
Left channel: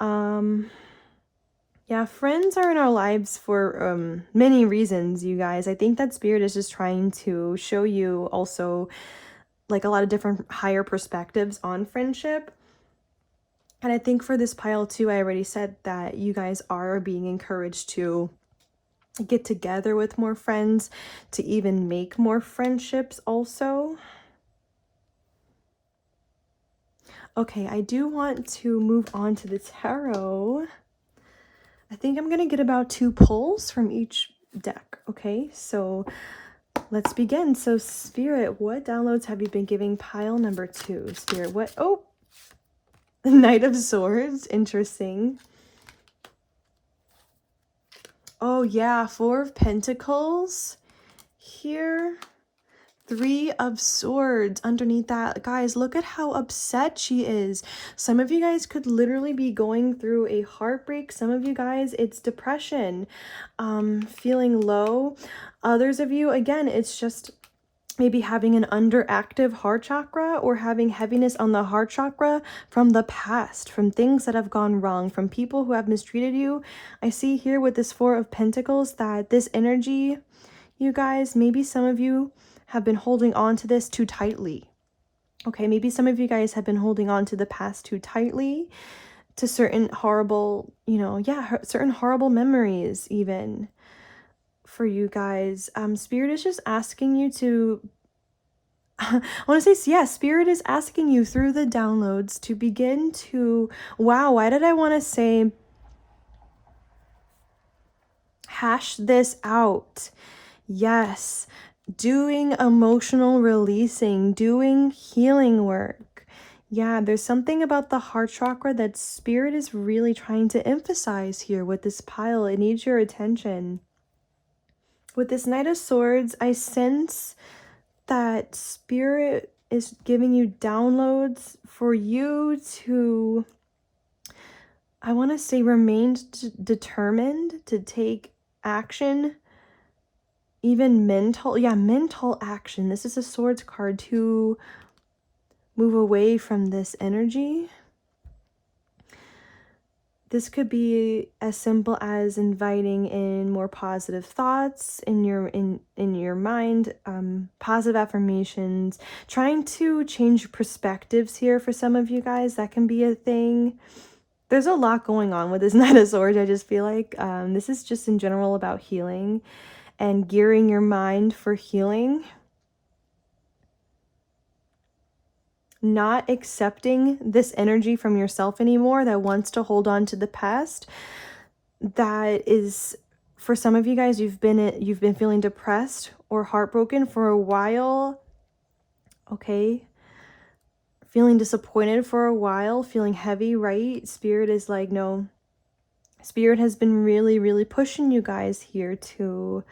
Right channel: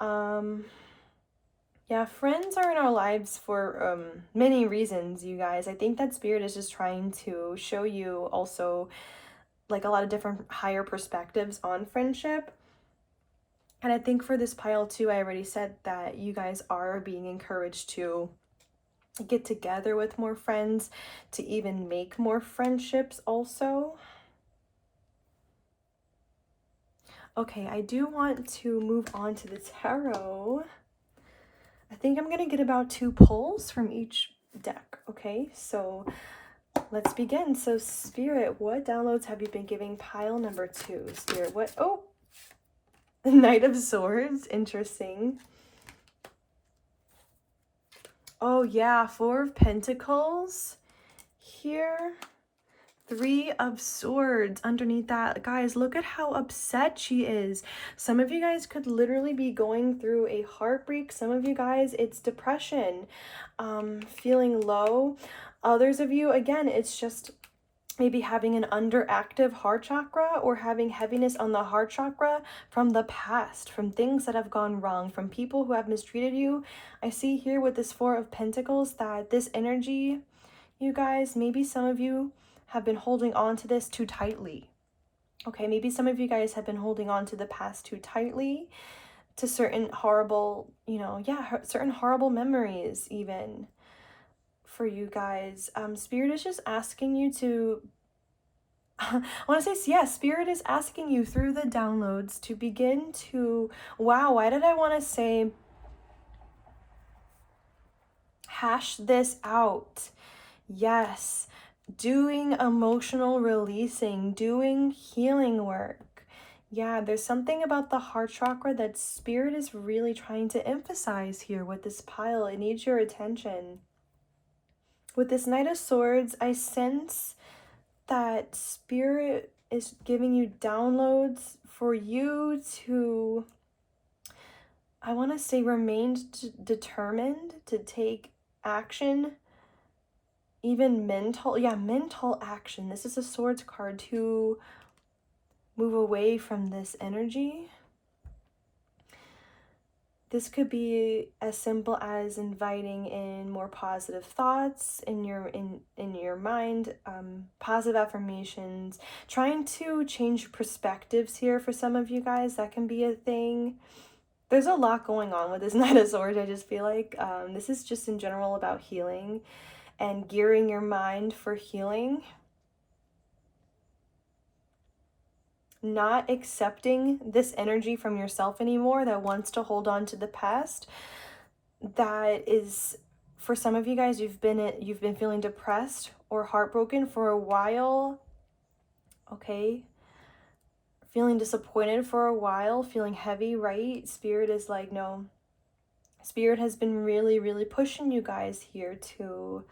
Yeah, friends are in our lives for many reasons, you guys. I think that spirit is just trying to show you also like a lot of different higher perspectives on friendship. And I think for this pile too, I already said that you guys are being encouraged to get together with more friends, to even make more friendships also. Okay, I do want to move on to the tarot. I think I'm going to get about 2 pulls from each deck. Okay, so let's begin. So Spirit, what downloads have you been giving pile number 2? Spirit, what? Oh, the Knight of Swords. Interesting. Oh yeah, 4 of Pentacles here. 3 of Swords underneath that. Guys, look at how upset she is. Some of you guys could literally be going through a heartbreak. Some of you guys, it's depression, feeling low. Others of you, again, it's just maybe having an underactive heart chakra, or having heaviness on the heart chakra from the past, from things that have gone wrong, from people who have mistreated you. I see here with this 4 of Pentacles that this energy, you guys, maybe some of you have been holding on to this too tightly. Okay, maybe some of you guys have been holding on to the past too tightly, to certain horrible, certain horrible memories even for you guys. Spirit is just asking you to, I want to say, yeah, Spirit is asking you through the downloads to begin to, wow, why did I want to say hash this out? Yes, doing emotional releasing, doing healing work. Yeah, there's something about the heart chakra that Spirit is really trying to emphasize here with this pile. It needs your attention. With this Knight of Swords, I sense that Spirit is giving you downloads for you to, I want to say, remain determined to take action. Even mental action. This is a Swords card, to move away from this energy. This could be as simple as inviting in more positive thoughts in your mind, positive affirmations, trying to change perspectives here for some of you guys. That can be a thing. There's a lot going on with this Knight of Swords. I just feel like this is just in general about healing and gearing your mind for healing. Not accepting this energy from yourself anymore that wants to hold on to the past. That is, for some of you guys, you've been feeling depressed or heartbroken for a while. Okay, feeling disappointed for a while, feeling heavy, right? Spirit is like, no. Spirit has been really, really pushing you guys here to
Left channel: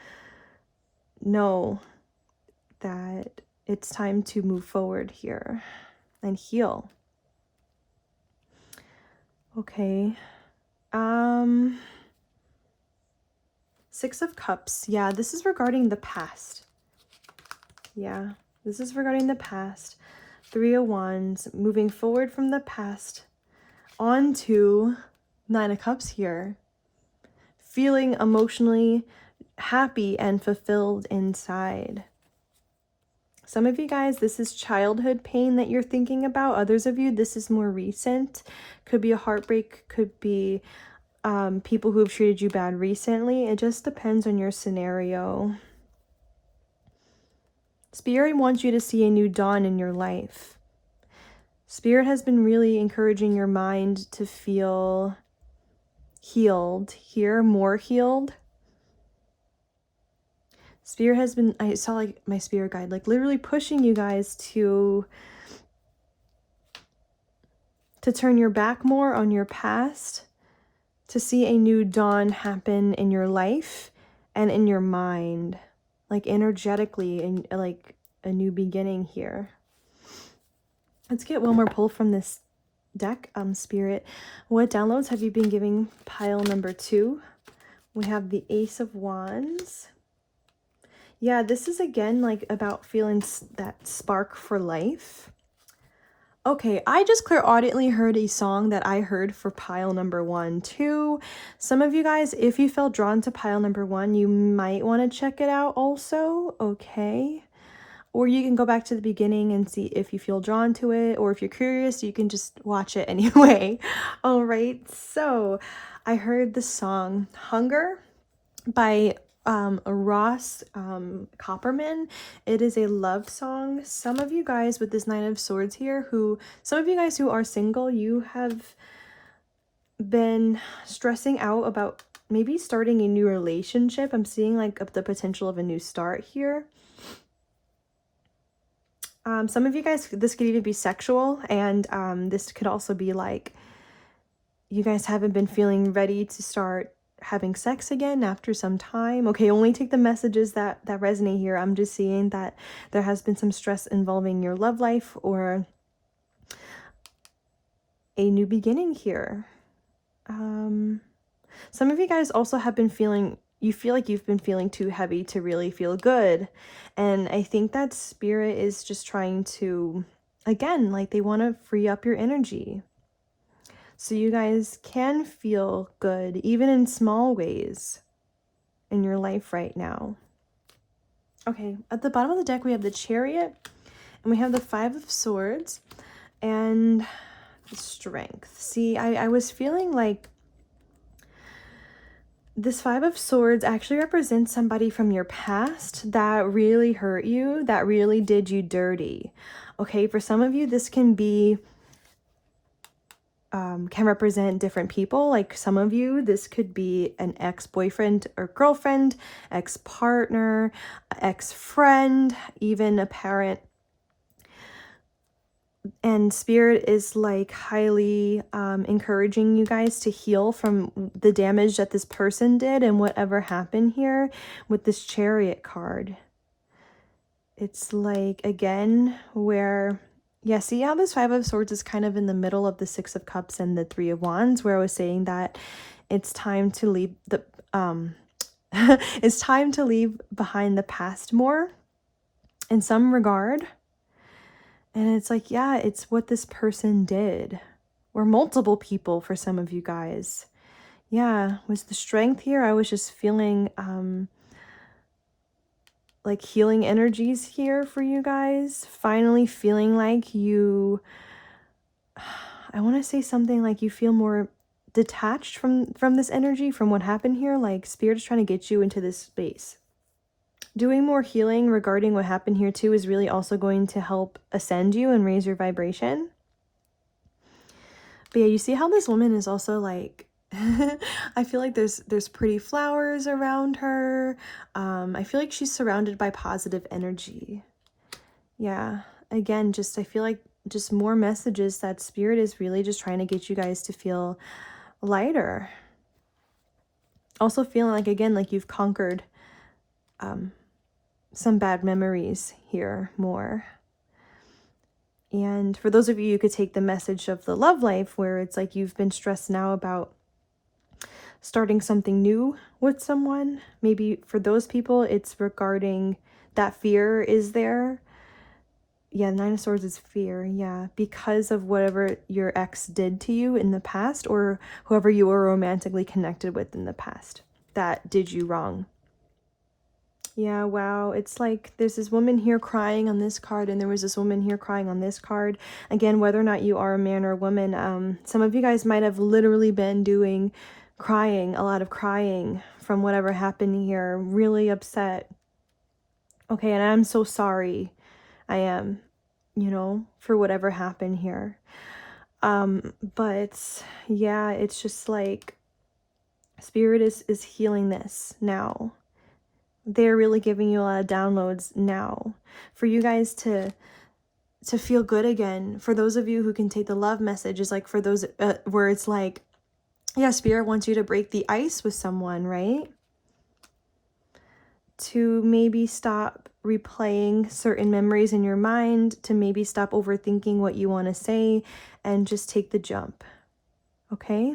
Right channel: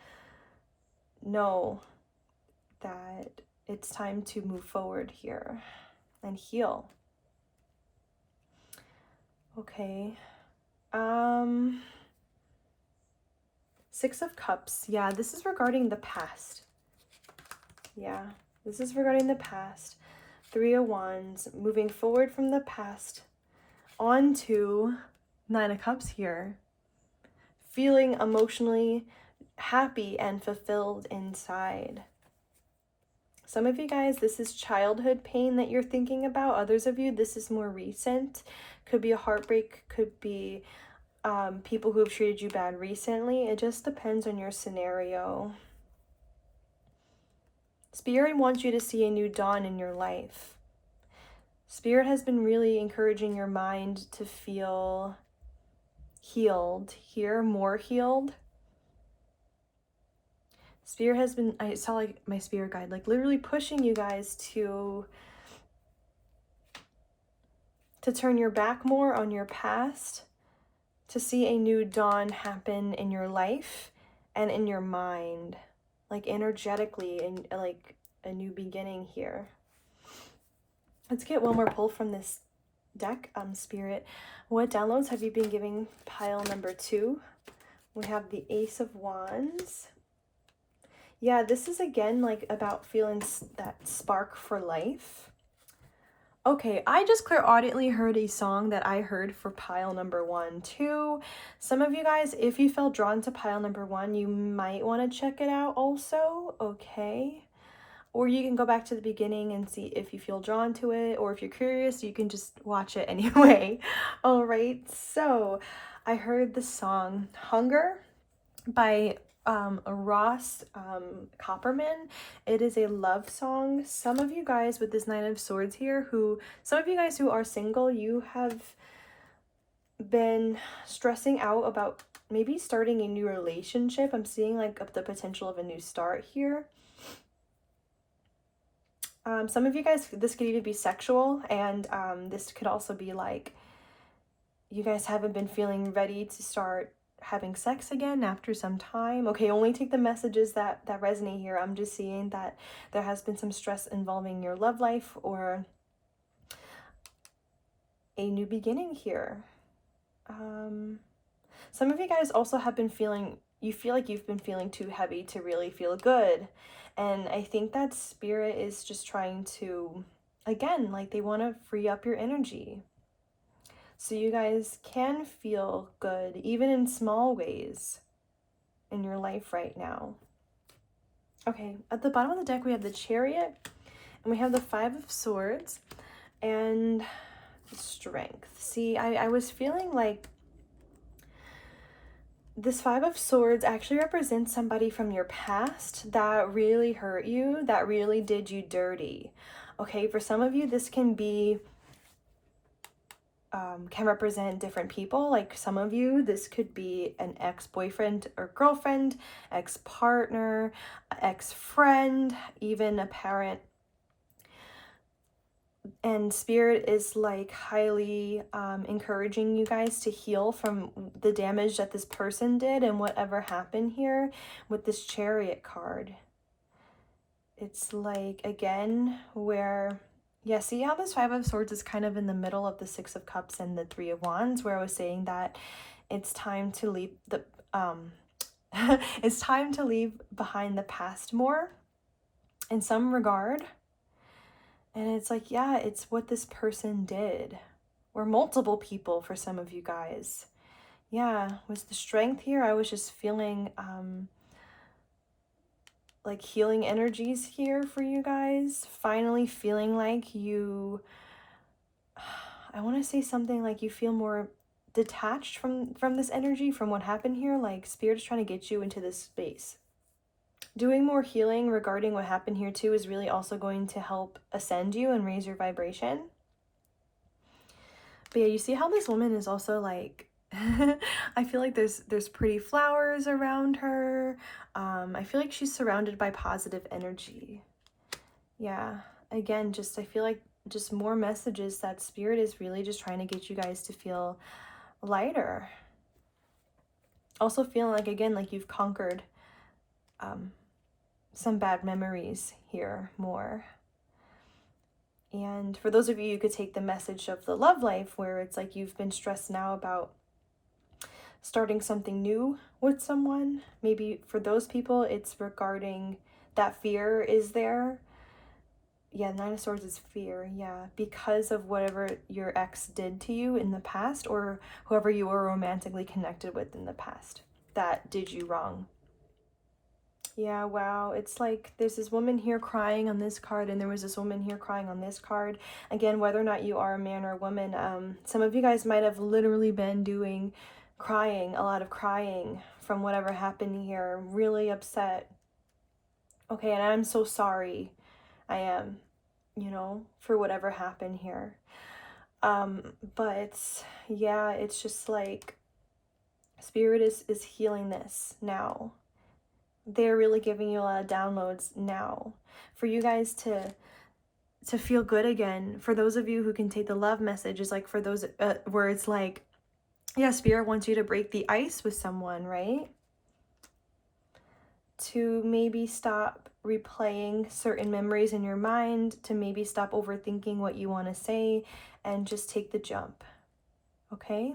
know that it's time to move forward here and heal. Okay. Six of Cups. Yeah, this is regarding the past. Yeah, this is regarding the past. Three of Wands, moving forward from the past on to Nine of Cups here. Feeling emotionally happy and fulfilled inside. Some of you guys, this is childhood pain that you're thinking about. Others of you, this is more recent. Could be a heartbreak, could be people who have treated you bad recently. It just depends on your scenario. Spirit wants you to see a new dawn in your life. Spirit has been really encouraging your mind to feel healed here, more healed. Spirit has been, I saw like my spirit guide, like literally pushing you guys to turn your back more on your past, to see a new dawn happen in your life and in your mind, like energetically, and like a new beginning here. Let's get one more pull from this deck, Spirit. What downloads have you been giving pile number 2? We have the Ace of Wands. Yeah, this is again like about feeling that spark for life. Okay, I just clairaudiently heard a song that I heard for pile number 1 too. Some of you guys, if you felt drawn to pile number 1, you might want to check it out also, okay? Or you can go back to the beginning and see if you feel drawn to it, or if you're curious, you can just watch it anyway. All right, so I heard the song Hunger by Ross Copperman. It is a love song. Some of you guys with this Nine of Swords here, some of you guys who are single, you have been stressing out about maybe starting a new relationship. I'm seeing like the potential of a new start here. Some of you guys, this could even be sexual, and this could also be like you guys haven't been feeling ready to start having sex again after some time. Okay, only take the messages that resonate here. I'm just seeing that there has been some stress involving your love life or a new beginning here. Some of you guys also have been feeling, you feel like you've been feeling too heavy to really feel good. And I think that Spirit is just trying to, again, like they want to free up your energy, so you guys can feel good, even in small ways in your life right now. Okay, at the bottom of the deck, we have the Chariot, and we have the Five of Swords, and the Strength. See, I was feeling like this Five of Swords actually represents somebody from your past that really hurt you, that really did you dirty. Okay, for some of you, this can be can represent different people. Like some of you, this could be an ex-boyfriend or girlfriend, ex-partner, ex-friend, even a parent. And Spirit is like highly encouraging you guys to heal from the damage that this person did and whatever happened here with this Chariot card. It's like, again, where, yeah, see how this Five of Swords is kind of in the middle of the Six of Cups and the Three of Wands, where I was saying that it's time to leave the, it's time to leave behind the past more in some regard. And it's like, yeah, it's what this person did, or multiple people for some of you guys. Yeah, was the Strength here. I was just feeling like healing energies here for you guys. Finally feeling like you, I want to say something like you feel more detached from this energy, from what happened here. Like Spirit's trying to get you into this space. Doing more healing regarding what happened here too is really also going to help ascend you and raise your vibration. But yeah, you see how this woman is also like, I feel like there's pretty flowers around her. I feel like she's surrounded by positive energy. Yeah, again, just I feel like just more messages that Spirit is really just trying to get you guys to feel lighter. Also feeling like, again, like you've conquered some bad memories here more. And for those of you, you could take the message of the love life, where it's like you've been stressed now about starting something new with someone. Maybe for those people, it's regarding that fear is there. Yeah, Nine of Swords is fear. Yeah, because of whatever your ex did to you in the past, or whoever you were romantically connected with in the past that did you wrong. Yeah, wow. It's like there's this woman here crying on this card, and there was this woman here crying on this card. Again, whether or not you are a man or a woman, some of you guys might have literally been doing crying, a lot of crying from whatever happened here. Really upset. Okay, and I'm so sorry. I am, for whatever happened here. But yeah, it's just like Spirit is healing this now. They're really giving you a lot of downloads now for you guys to feel good again. For those of you who can take the love message, is like for those where it's like, yeah, Spirit wants you to break the ice with someone, right? To maybe stop replaying certain memories in your mind, to maybe stop overthinking what you want to say, and just take the jump. Okay,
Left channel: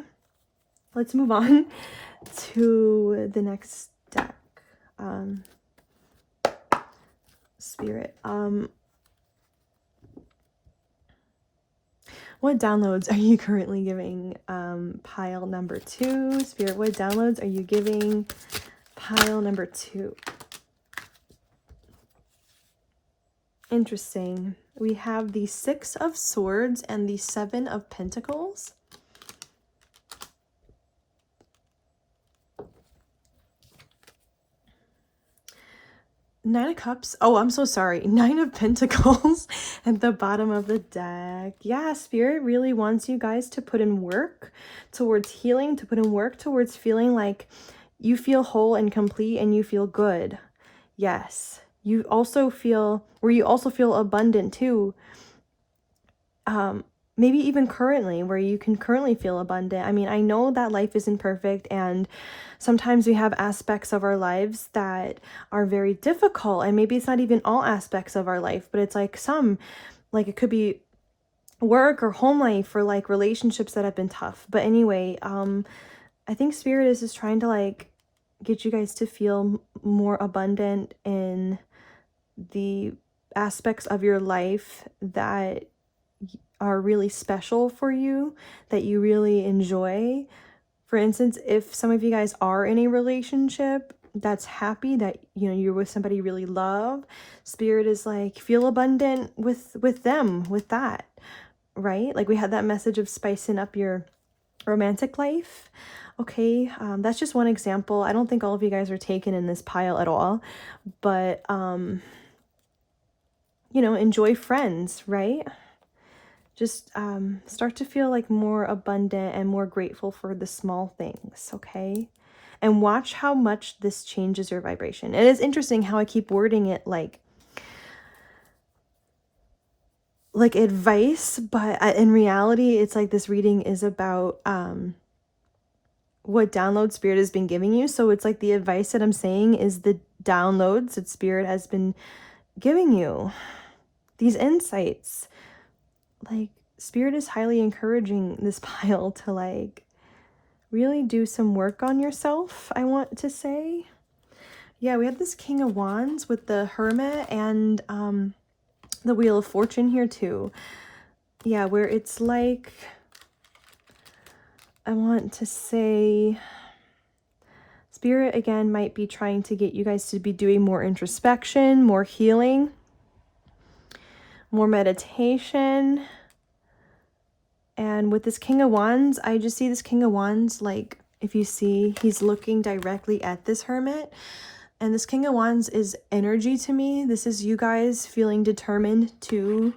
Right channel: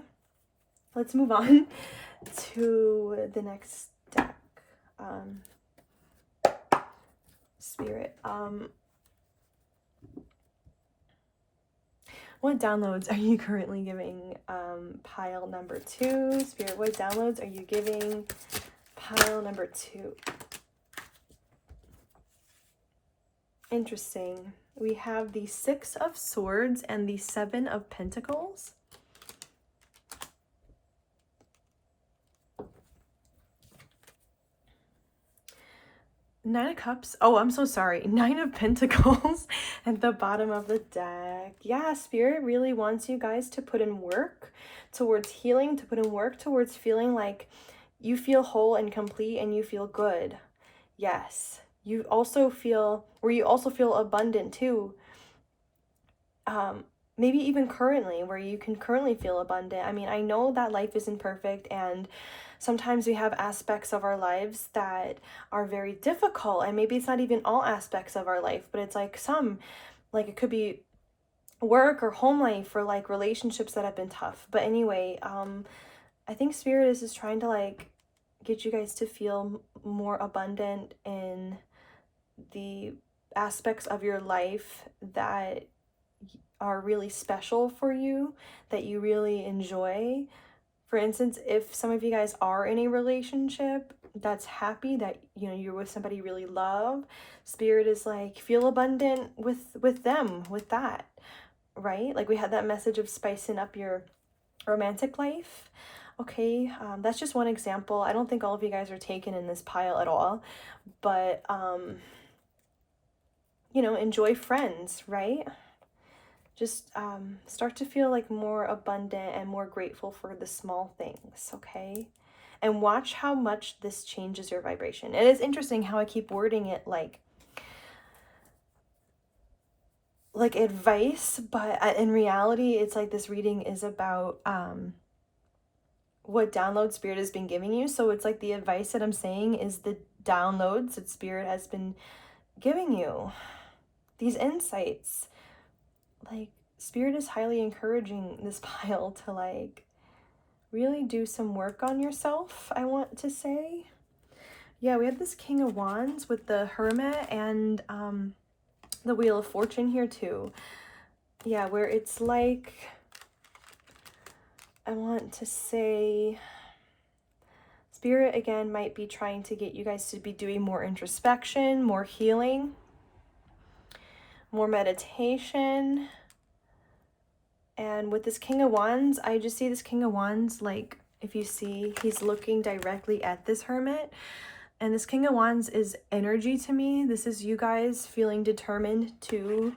let's move on to the next deck. Spirit, what downloads are you currently giving pile number 2? Spirit, what downloads are you giving pile number 2? Interesting. We have the 6 of Swords and the 7 of Pentacles. Nine of Cups. Oh, I'm so sorry. 9 of Pentacles at the bottom of the deck. Yeah, Spirit really wants you guys to put in work towards healing, to put in work towards feeling like you feel whole and complete and you feel good. Yes. You also feel abundant too. Maybe even currently, where you can currently feel abundant. I mean, I know that life isn't perfect, and sometimes we have aspects of our lives that are very difficult, and maybe it's not even all aspects of our life, but it's like some, like it could be work or home life or like relationships that have been tough. But anyway, I think Spirit is just trying to like get you guys to feel more abundant in the aspects of your life that are really special for you, that you really enjoy. For instance, if some of you guys are in a relationship that's happy, that you're with somebody you really love, Spirit is like, feel abundant with them, with that, right? Like we had that message of spicing up your romantic life. Okay, that's just one example. I don't think all of you guys are taken in this pile at all, but enjoy friends, right? Just start to feel like more abundant and more grateful for the small things, okay? And watch how much this changes your vibration. It is interesting how I keep wording it like advice, but in reality, it's like this reading is about what download Spirit has been giving you. So it's like the advice that I'm saying is the downloads that Spirit has been giving you, these insights. Like Spirit is highly encouraging this pile to like really do some work on yourself, I want to say. Yeah, we have this King of Wands with the Hermit and the Wheel of Fortune here too. Yeah, where it's like, I want to say, Spirit again might be trying to get you guys to be doing more introspection, more healing, more meditation. And with this King of Wands, I just see this King of Wands, like, if you see, he's looking directly at this Hermit. And this King of Wands is energy to me. This is you guys feeling determined to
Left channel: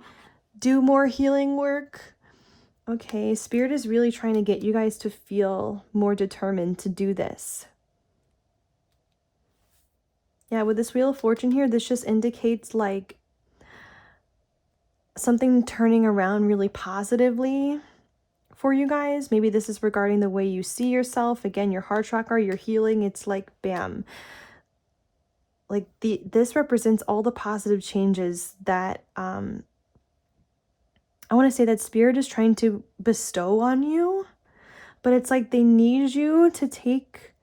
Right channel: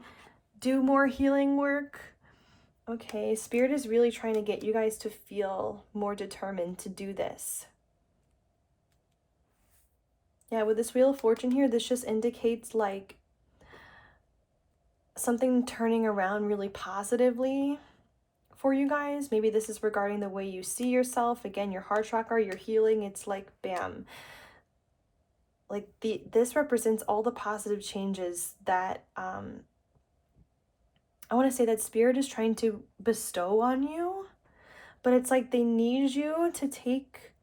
do more healing work. Okay, Spirit is really trying to get you guys to feel more determined to do this. Yeah, with this Wheel of Fortune here, this just indicates like something turning around really positively for you guys. Maybe this is regarding the way you see yourself. Again, your heart chakra, your healing. It's like, bam. Like this represents all the positive changes that I want to say that Spirit is trying to bestow on you, but it's like they need you to take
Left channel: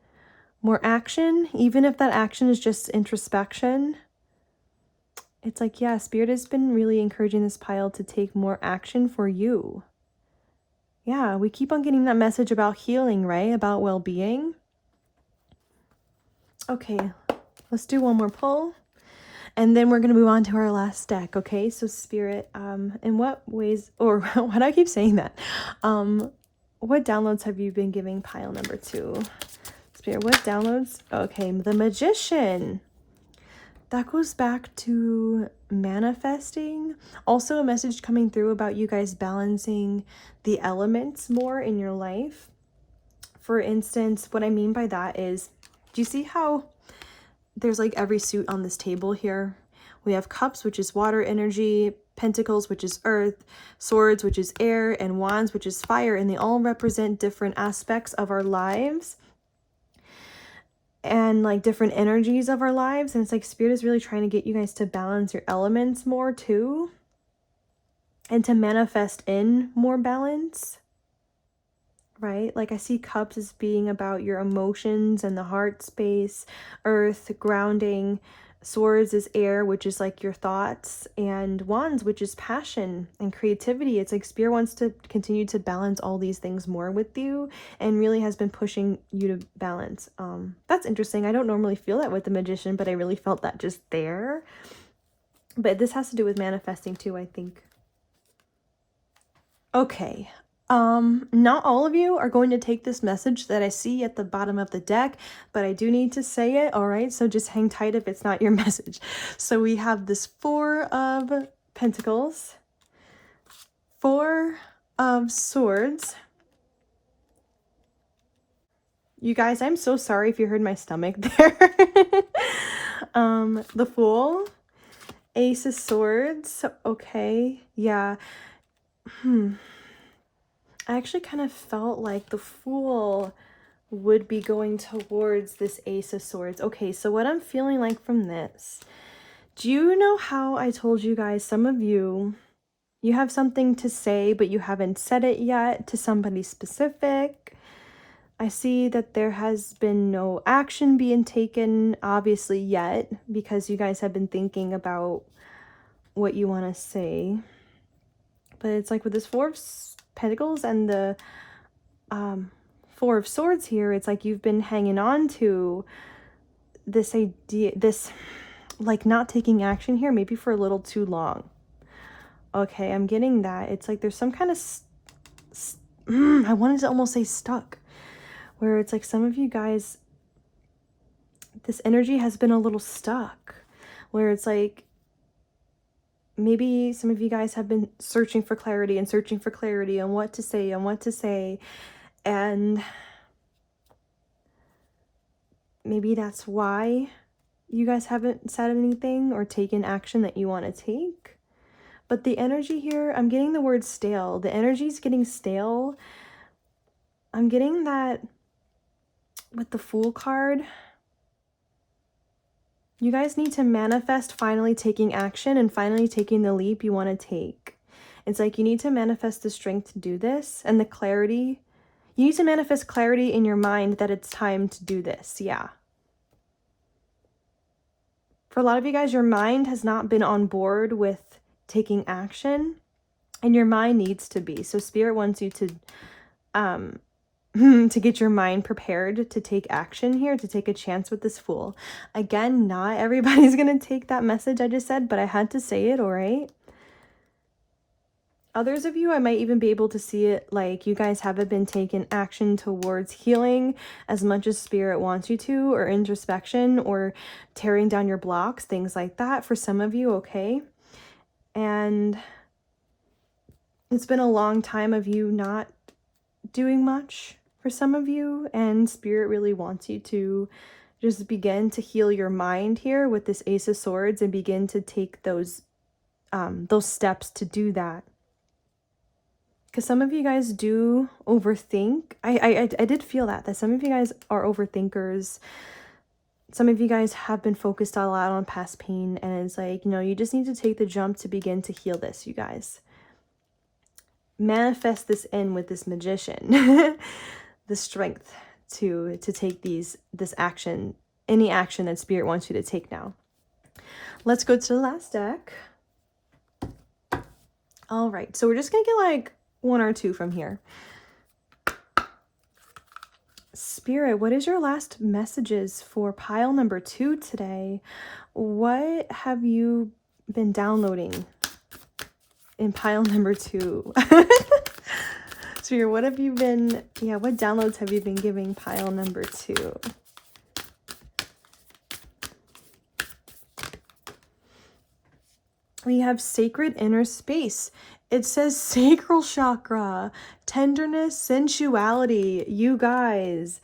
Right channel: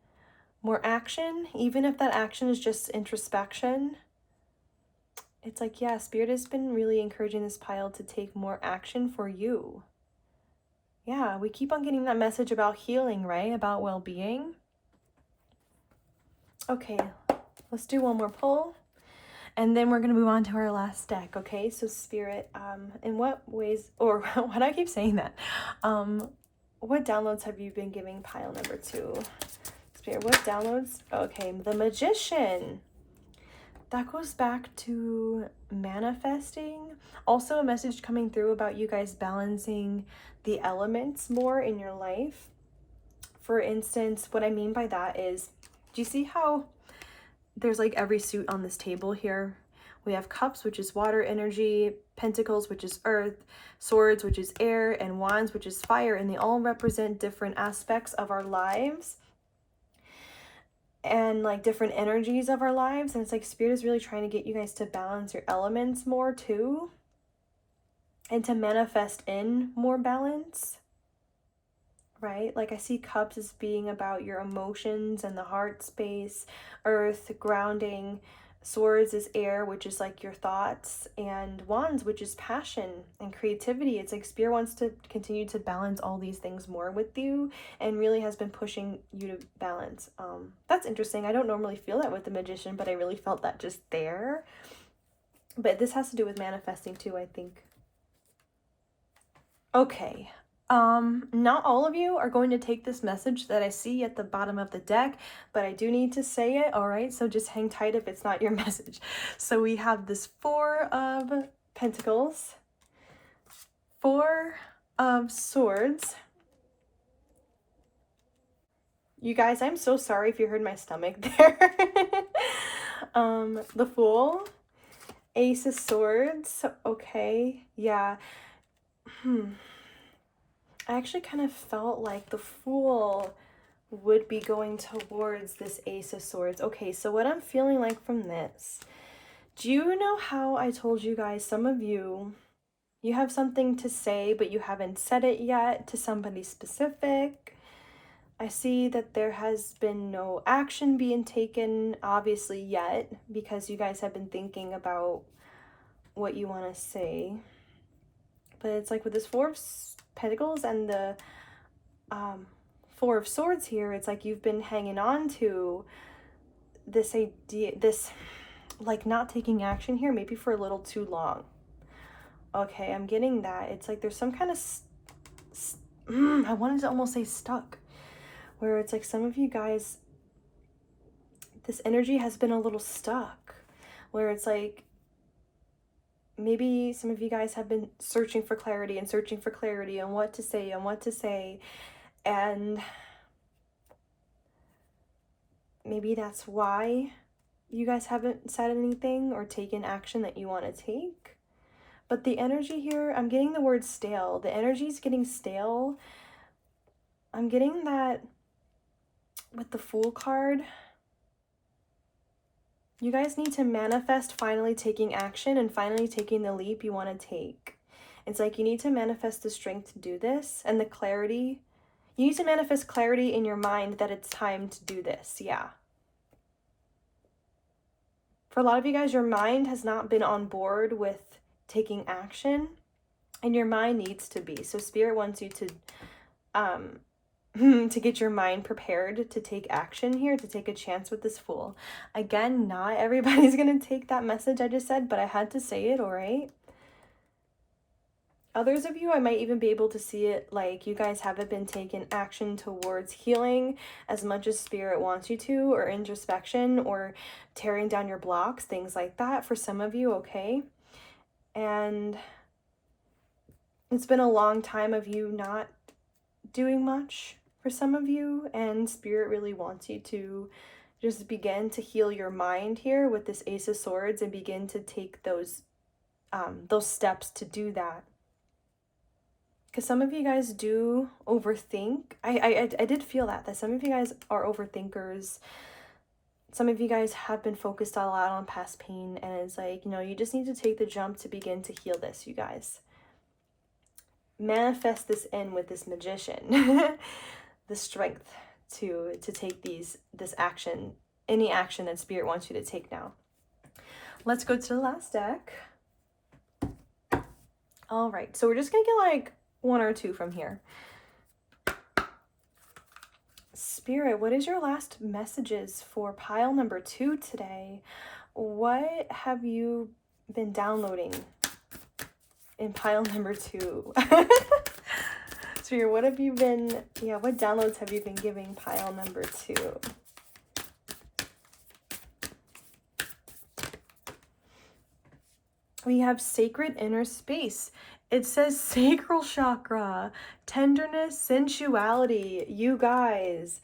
more action, even if that action is just introspection. It's like, yeah, Spirit has been really encouraging this pile to take more action for you. Yeah, we keep on getting that message about healing, right? About well-being. Okay, let's do one more pull. And then we're going to move on to our last deck, okay? So Spirit, in what ways, or why do I keep saying that? What downloads have you been giving pile number 2? Spirit, what downloads? Okay, the Magician. That goes back to manifesting. Also a message coming through about you guys balancing the elements more in your life. For instance, what I mean by that is, do you see how there's like every suit on this table here? We have cups, which is water energy, pentacles, which is earth, swords, which is air, and wands, which is fire, and they all represent different aspects of our lives and like different energies of our lives. And it's like Spirit is really trying to get you guys to balance your elements more too, and to manifest in more balance, right? Like I see cups as being about your emotions and the heart space, earth, grounding, swords is air, which is like your thoughts, and wands, which is passion and creativity. It's like Spirit wants to continue to balance all these things more with you, and really has been pushing you to balance. That's interesting. I don't normally feel that with the Magician, but I really felt that just there. But this has to do with manifesting too, I think. Okay. Not all of you are going to take this message that I see at the bottom of the deck, but I do need to say it, all right? So just hang tight if it's not your message. So we have this 4 of Pentacles, 4 of Swords. You guys, I'm so sorry if you heard my stomach there. The Fool, Ace of Swords, okay, yeah. I actually kind of felt like the Fool would be going towards this Ace of Swords. Okay, so what I'm feeling like from this, do you know how I told you guys, some of you have something to say, but you haven't said it yet to somebody specific? I see that there has been no action being taken, obviously, yet, because you guys have been thinking about what you want to say. But it's like with this 4 of Pentacles and the 4 of Swords here, it's like you've been hanging on to this idea, this like not taking action here, maybe for a little too long. Okay, I'm getting that. It's like there's some kind of I wanted to almost say stuck, where it's like some of you guys, this energy has been a little stuck, where it's like maybe some of you guys have been searching for clarity and searching for clarity on what to say, and maybe that's why you guys haven't said anything or taken action that you want to take. But the energy here, I'm getting the word stale. The energy's getting stale. I'm getting that with the Fool card. You guys need to manifest finally taking action and finally taking the leap you want to take. It's like you need to manifest the strength to do this and the clarity. You need to manifest clarity in your mind that it's time to do this. Yeah. For a lot of you guys, your mind has not been on board with taking action, and your mind needs to be. So Spirit wants you to to get your mind prepared to take action here, to take a chance with this Fool. Again, not everybody's gonna take that message I just said, but I had to say it, all right? Others of you, I might even be able to see it like you guys haven't been taking action towards healing as much as Spirit wants you to, or introspection, or tearing down your blocks, things like that for some of you, okay? And it's been a long time of you not doing much for some of you, and Spirit really wants you to just begin to heal your mind here with this Ace of Swords and begin to take those steps to do that. Because some of you guys do overthink. I did feel that some of you guys are overthinkers. Some of you guys have been focused a lot on past pain, and it's like, you know, you just need to take the jump to begin to heal this, you guys. manifest this in with this magician. The strength to take this action, any action that spirit wants you to take now. Let's go to the last deck. All right, so we're just gonna get like one or two from here. Spirit, what is your last messages for pile number 2 today? What have you been downloading in pile number 2? Spirit, what have you been, what downloads have you been giving pile number 2? We have sacred inner space. It says sacral chakra, tenderness, sensuality. You guys,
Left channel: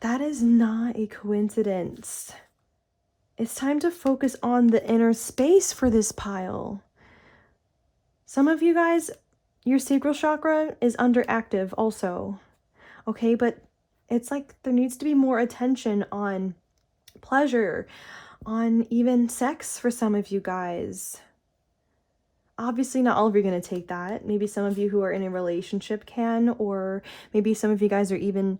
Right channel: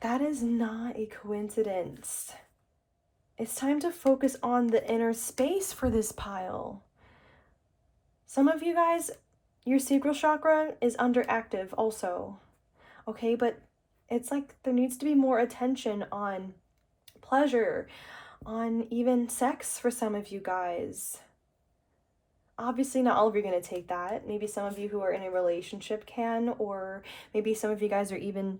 that is not a coincidence. It's time to focus on the inner space for this pile. Some of you guys, your sacral chakra is underactive also. Okay, but it's like there needs to be more attention on pleasure, on even sex for some of you guys. Obviously, not all of you are going to take that. Maybe some of you who are in a relationship can, or maybe some of you guys are even,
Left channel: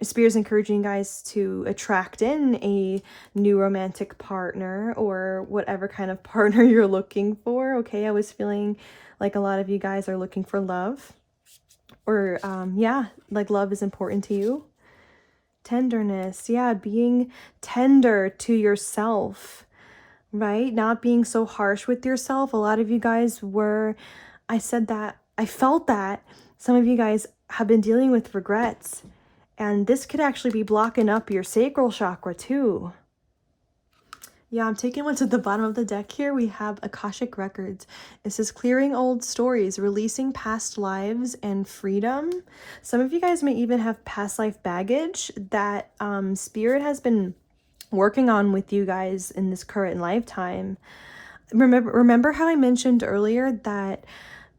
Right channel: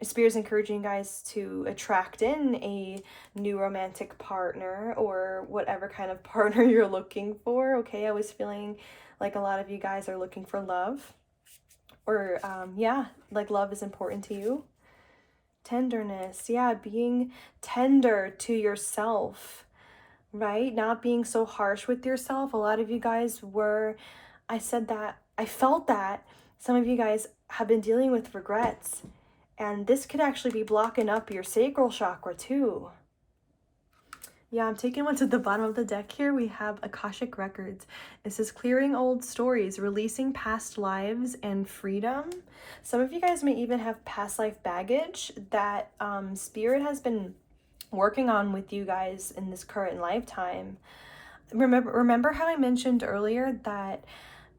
Spirit's encouraging you guys to attract in a new romantic partner or whatever kind of partner you're looking for. Okay, I was feeling like a lot of you guys are looking for love. Or, yeah, like love is important to you. Tenderness, yeah, being tender to yourself. Right? Not being so harsh with yourself. A lot of you guys were, I felt that some of you guys have been dealing with regrets, and this could actually be blocking up your sacral chakra too. Yeah, I'm taking what's at the bottom of the deck here. We have Akashic Records. It says clearing old stories, releasing past lives, and freedom. Some of you guys may even have past life baggage that Spirit has been working on with you guys in this current lifetime. Remember how I mentioned earlier that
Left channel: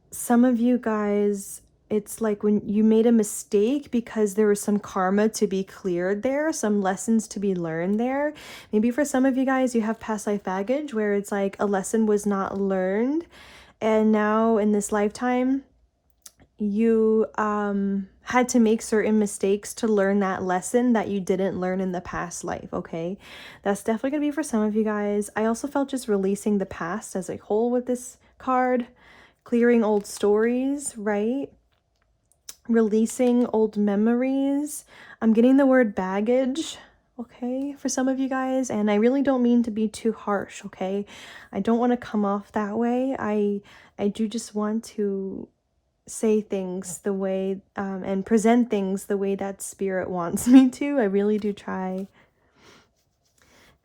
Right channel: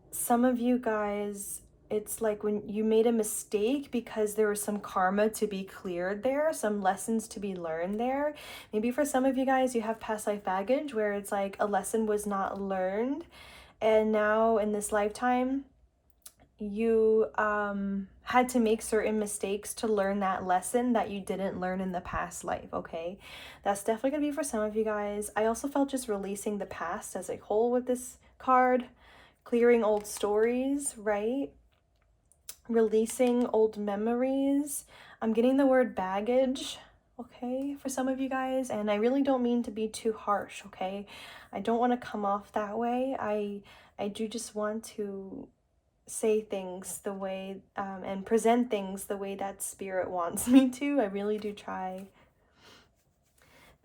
some of you guys, it's like when you made a mistake because there was some karma to be cleared there, some lessons to be learned there. Maybe for some of you guys, you have past life baggage where it's like a lesson was not learned, and now in this lifetime you had to make certain mistakes to learn that lesson that you didn't learn in the past life. Okay, that's definitely gonna be for some of you guys. I also felt just releasing the past as a whole with this card, clearing old stories, right? Releasing old memories. I'm getting the word baggage, okay, for some of you guys, and I really don't mean to be too harsh, okay? I don't want to come off that way. I do just want to say things the way and present things the way that Spirit wants me to. I really do try.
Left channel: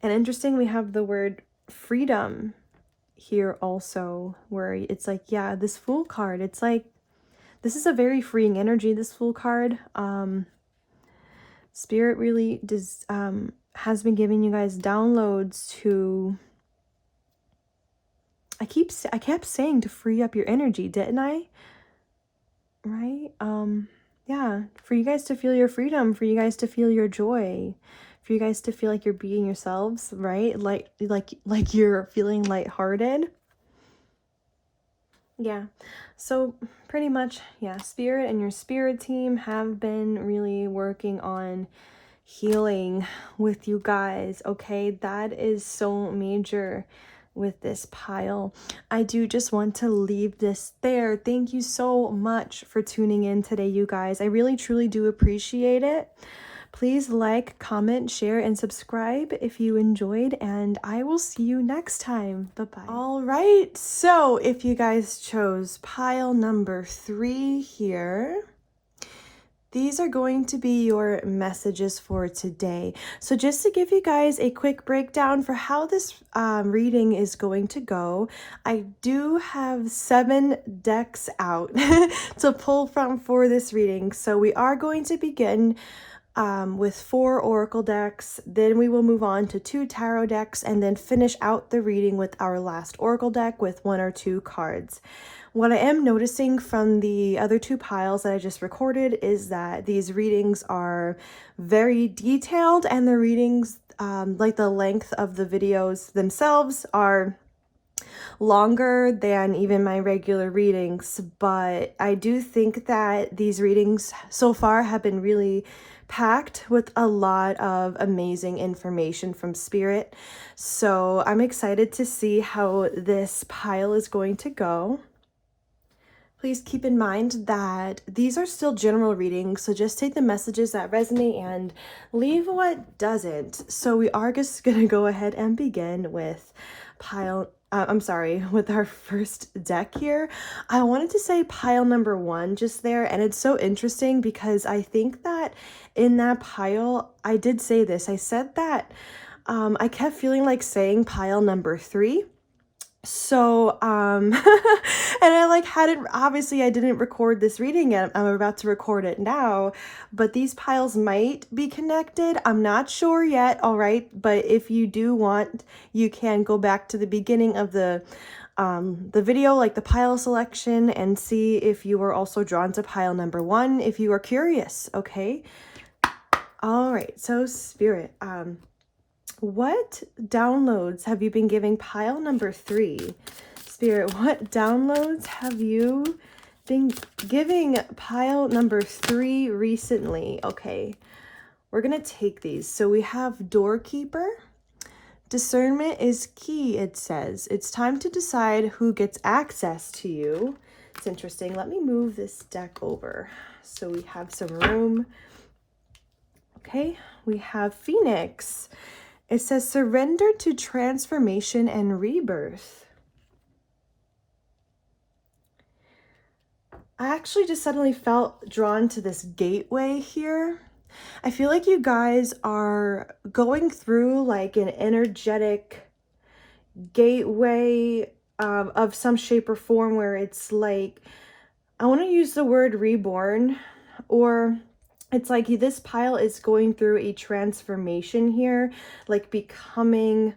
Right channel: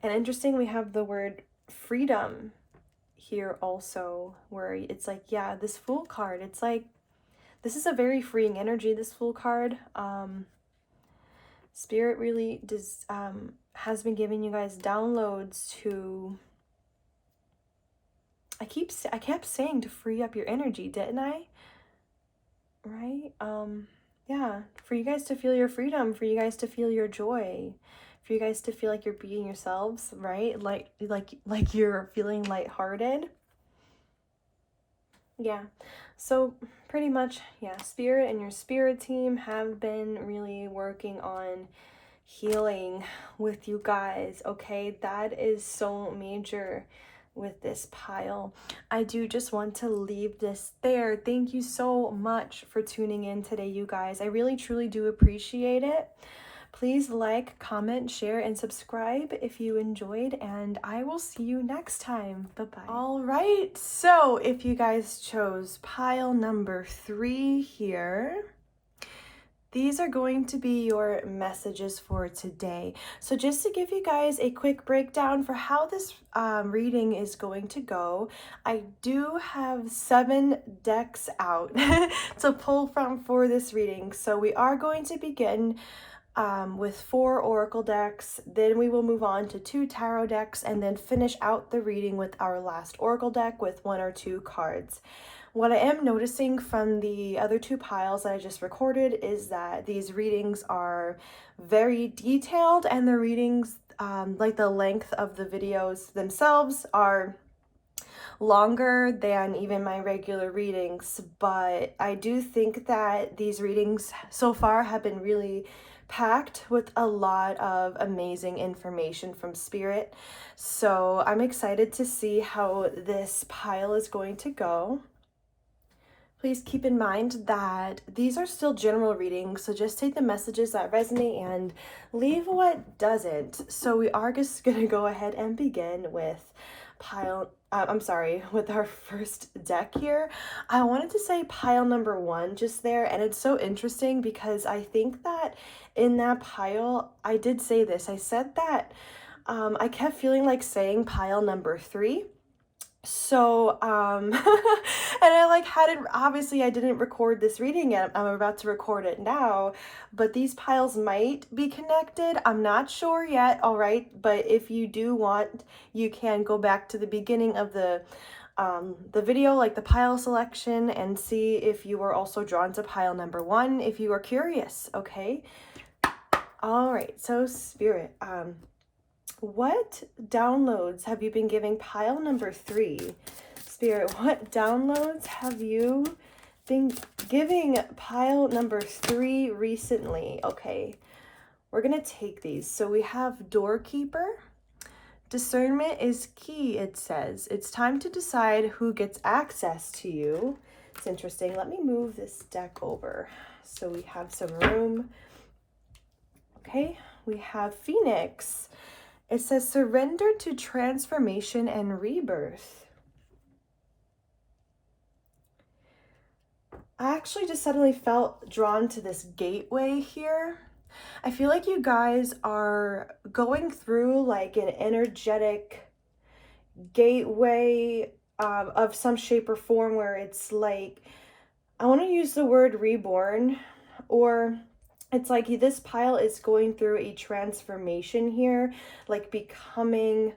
And interesting, we have the word freedom here also, where it's like, yeah, this Fool card, it's like this is a very freeing energy, this Fool card. Spirit really does has been giving you guys downloads to, I kept saying to free up your energy, didn't I? Right? Yeah, for you guys to feel your freedom, for you guys to feel your joy, for you guys to feel like you're being yourselves, right? Like you're feeling lighthearted. Yeah. So pretty much, yeah, Spirit and your Spirit team have been really working on healing with you guys, okay? That is so major with this pile. I do just want to leave this there. Thank you so much for tuning in today, you guys. I really truly do appreciate it. Please like, comment, share, and subscribe if you enjoyed, and I will see you next time. Bye-bye. All right, so if you guys chose pile number 3 here, these are going to be your messages for today. So just to give you guys a quick breakdown for how this reading is going to go, I do have 7 decks out to pull from for this reading. So we are going to begin with 4 oracle decks, then we will move on to 2 tarot decks, and then finish out the reading with our last oracle deck with 1 or 2 cards. What I am noticing from the other 2 piles that I just recorded is that these readings are very detailed, and the readings, like the length of the videos themselves, are longer than even my regular readings, but I do think that these readings so far have been really packed with a lot of amazing information from Spirit. So I'm excited to see how this pile is going to go. Please keep in mind that these are still general readings, so just take the messages that resonate and leave what doesn't. So we are just gonna go ahead and begin with with our first deck here. I wanted to say pile number 1 just there, and it's so interesting because I think that in that pile, I did say this, I said that I kept feeling like saying pile number 3. So, and I like had it, obviously I didn't record this reading yet. I'm about to record it now, but these piles might be connected. I'm not sure yet. All right. But if you do want, you can go back to the beginning of the video, like the pile selection, and see if you were also drawn to pile number 1, if you are curious. Okay. All right. So Spirit, what downloads have you been giving pile number 3? Spirit, what downloads have you been giving pile number 3 recently? Okay, we're going to take these. So we have Doorkeeper. Discernment is key, it says. It's time to decide who gets access to you. It's interesting. Let me move this deck over so we have some room. Okay, we have Phoenix. It says, surrender to transformation and rebirth. I actually just suddenly felt drawn to this gateway here. I feel like you guys are going through like an energetic gateway of some shape or form where it's like, I want to use the word reborn, or it's like this pile is going through a transformation here, like becoming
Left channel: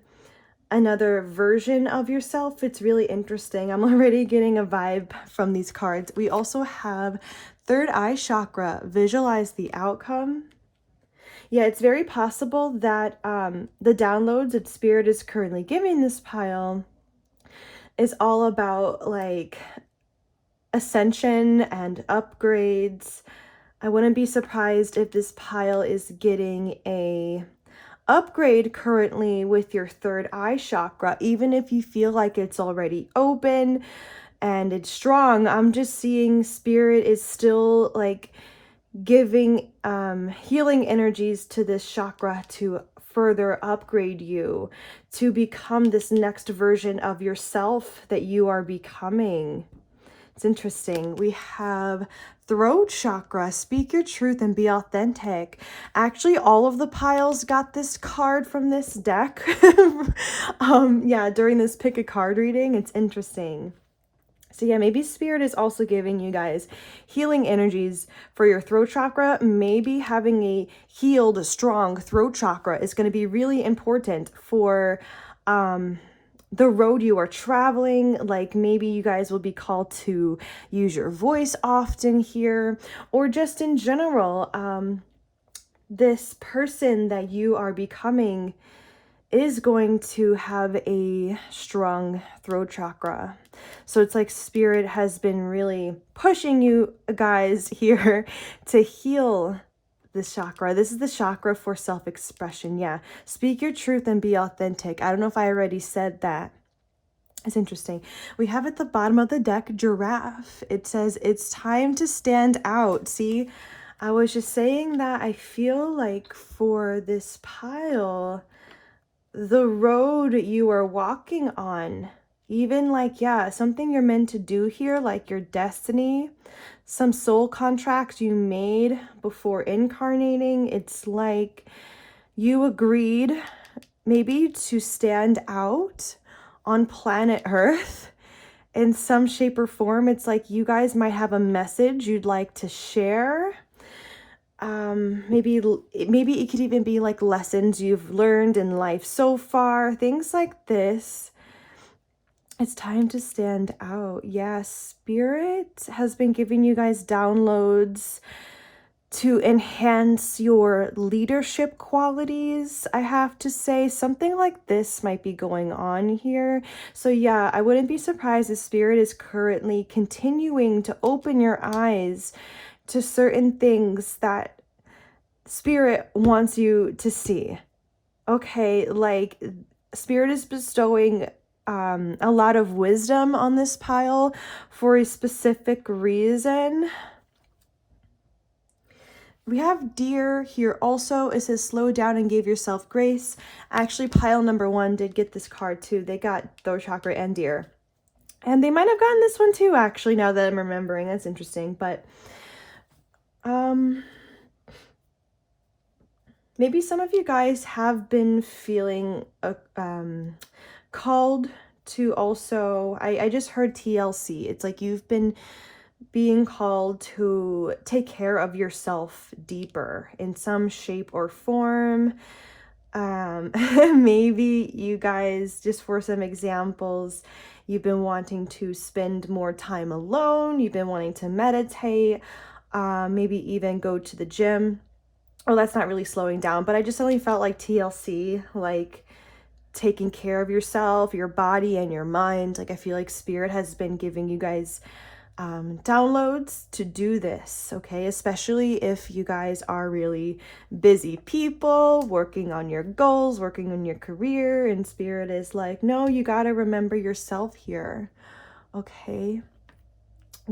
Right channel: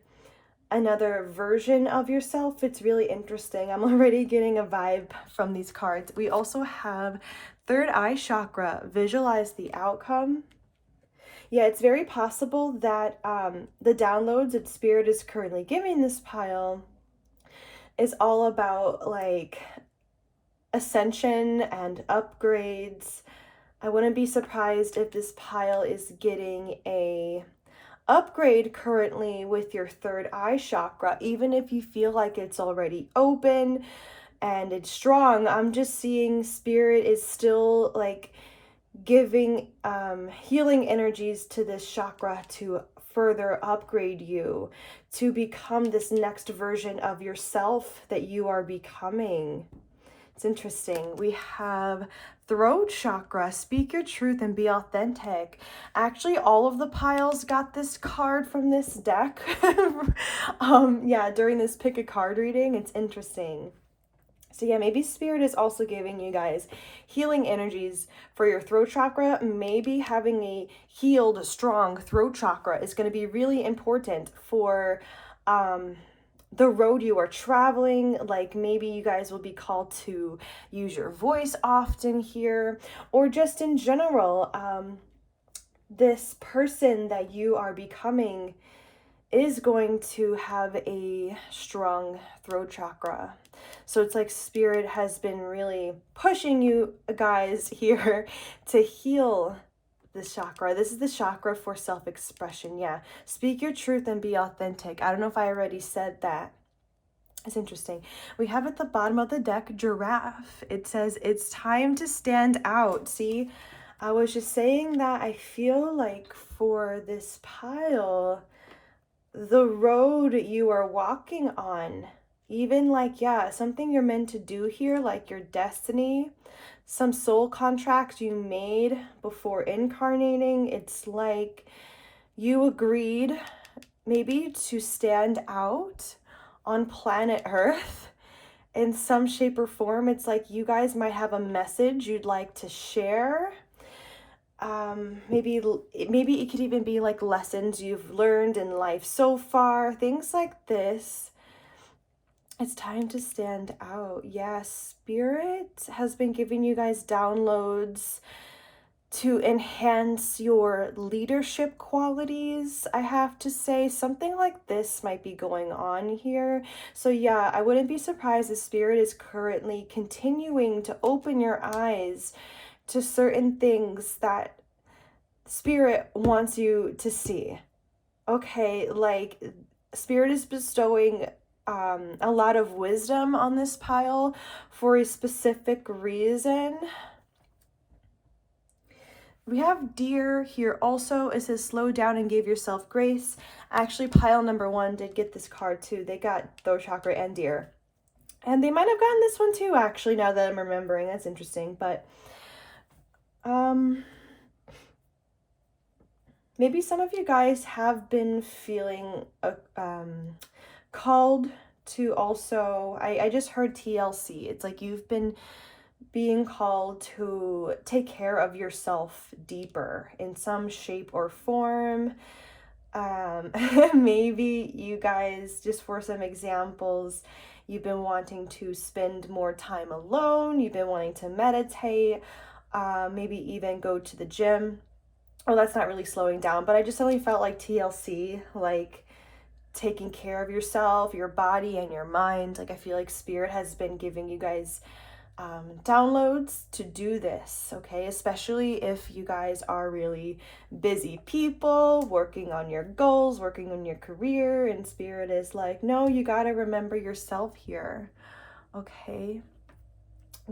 another version of yourself. It's really interesting. I'm already getting a vibe from these cards. We also have third eye chakra, visualize the outcome. Yeah, it's very possible that the downloads that Spirit is currently giving this pile is all about like ascension and upgrades. I wouldn't be surprised if this pile is getting a upgrade currently with your third eye chakra, even if you feel like it's already open and it's strong. I'm just seeing Spirit is still like giving healing energies to this chakra to further upgrade you, to become this next version of yourself that you are becoming. It's interesting. We have throat chakra, speak your truth and be authentic. Actually, all of the piles got this card from this deck. Yeah, during this pick a card reading. It's interesting. So yeah, maybe Spirit is also giving you guys healing energies for your throat chakra. Maybe having a healed, strong throat chakra is going to be really important for the road you are traveling. Like maybe you guys will be called to use your voice often here, or just in general, this person that you are becoming is going to have a strong throat chakra. So it's like Spirit has been really pushing you guys here to heal this chakra. This is the chakra for self-expression. Yeah. Speak your truth and be authentic. I don't know if I already said that. It's interesting. We have at the bottom of the deck, giraffe. It says, it's time to stand out. See, I was just saying that I feel like for this pile, the road you are walking on, even like, yeah, something you're meant to do here, like your destiny, some soul contract you made before incarnating. It's like you agreed maybe to stand out on planet Earth in some shape or form. It's like you guys might have a message you'd like to share. Maybe it could even be like lessons you've learned in life so far, things like this. It's time to stand out. Yes, Spirit has been giving you guys downloads to enhance your leadership qualities, I have to say. Something like this might be going on here. So yeah, I wouldn't be surprised if Spirit is currently continuing to open your eyes to certain things that Spirit wants you to see. Okay, like Spirit is bestowing a lot of wisdom on this pile for a specific reason. We have Deer here also. It says slow down and give yourself grace. Actually, pile number 1 did get this card too. They got Throat Chakra and Deer. And they might have gotten this one too, actually, now that I'm remembering. That's interesting. But maybe some of you guys have been feeling called to also, I just heard TLC. It's like you've been being called to take care of yourself deeper in some shape or form. Maybe you guys, just for some examples, you've been wanting to spend more time alone, you've been wanting to meditate, maybe even go to the gym. Oh, that's not really slowing down, but I just only felt like TLC, like taking care of yourself, your body, and your mind. Like I feel like Spirit has been giving you guys downloads to do this, okay? Especially if you guys are really busy people, working on your goals, working on your career, and Spirit is like, no, you gotta remember yourself here, okay?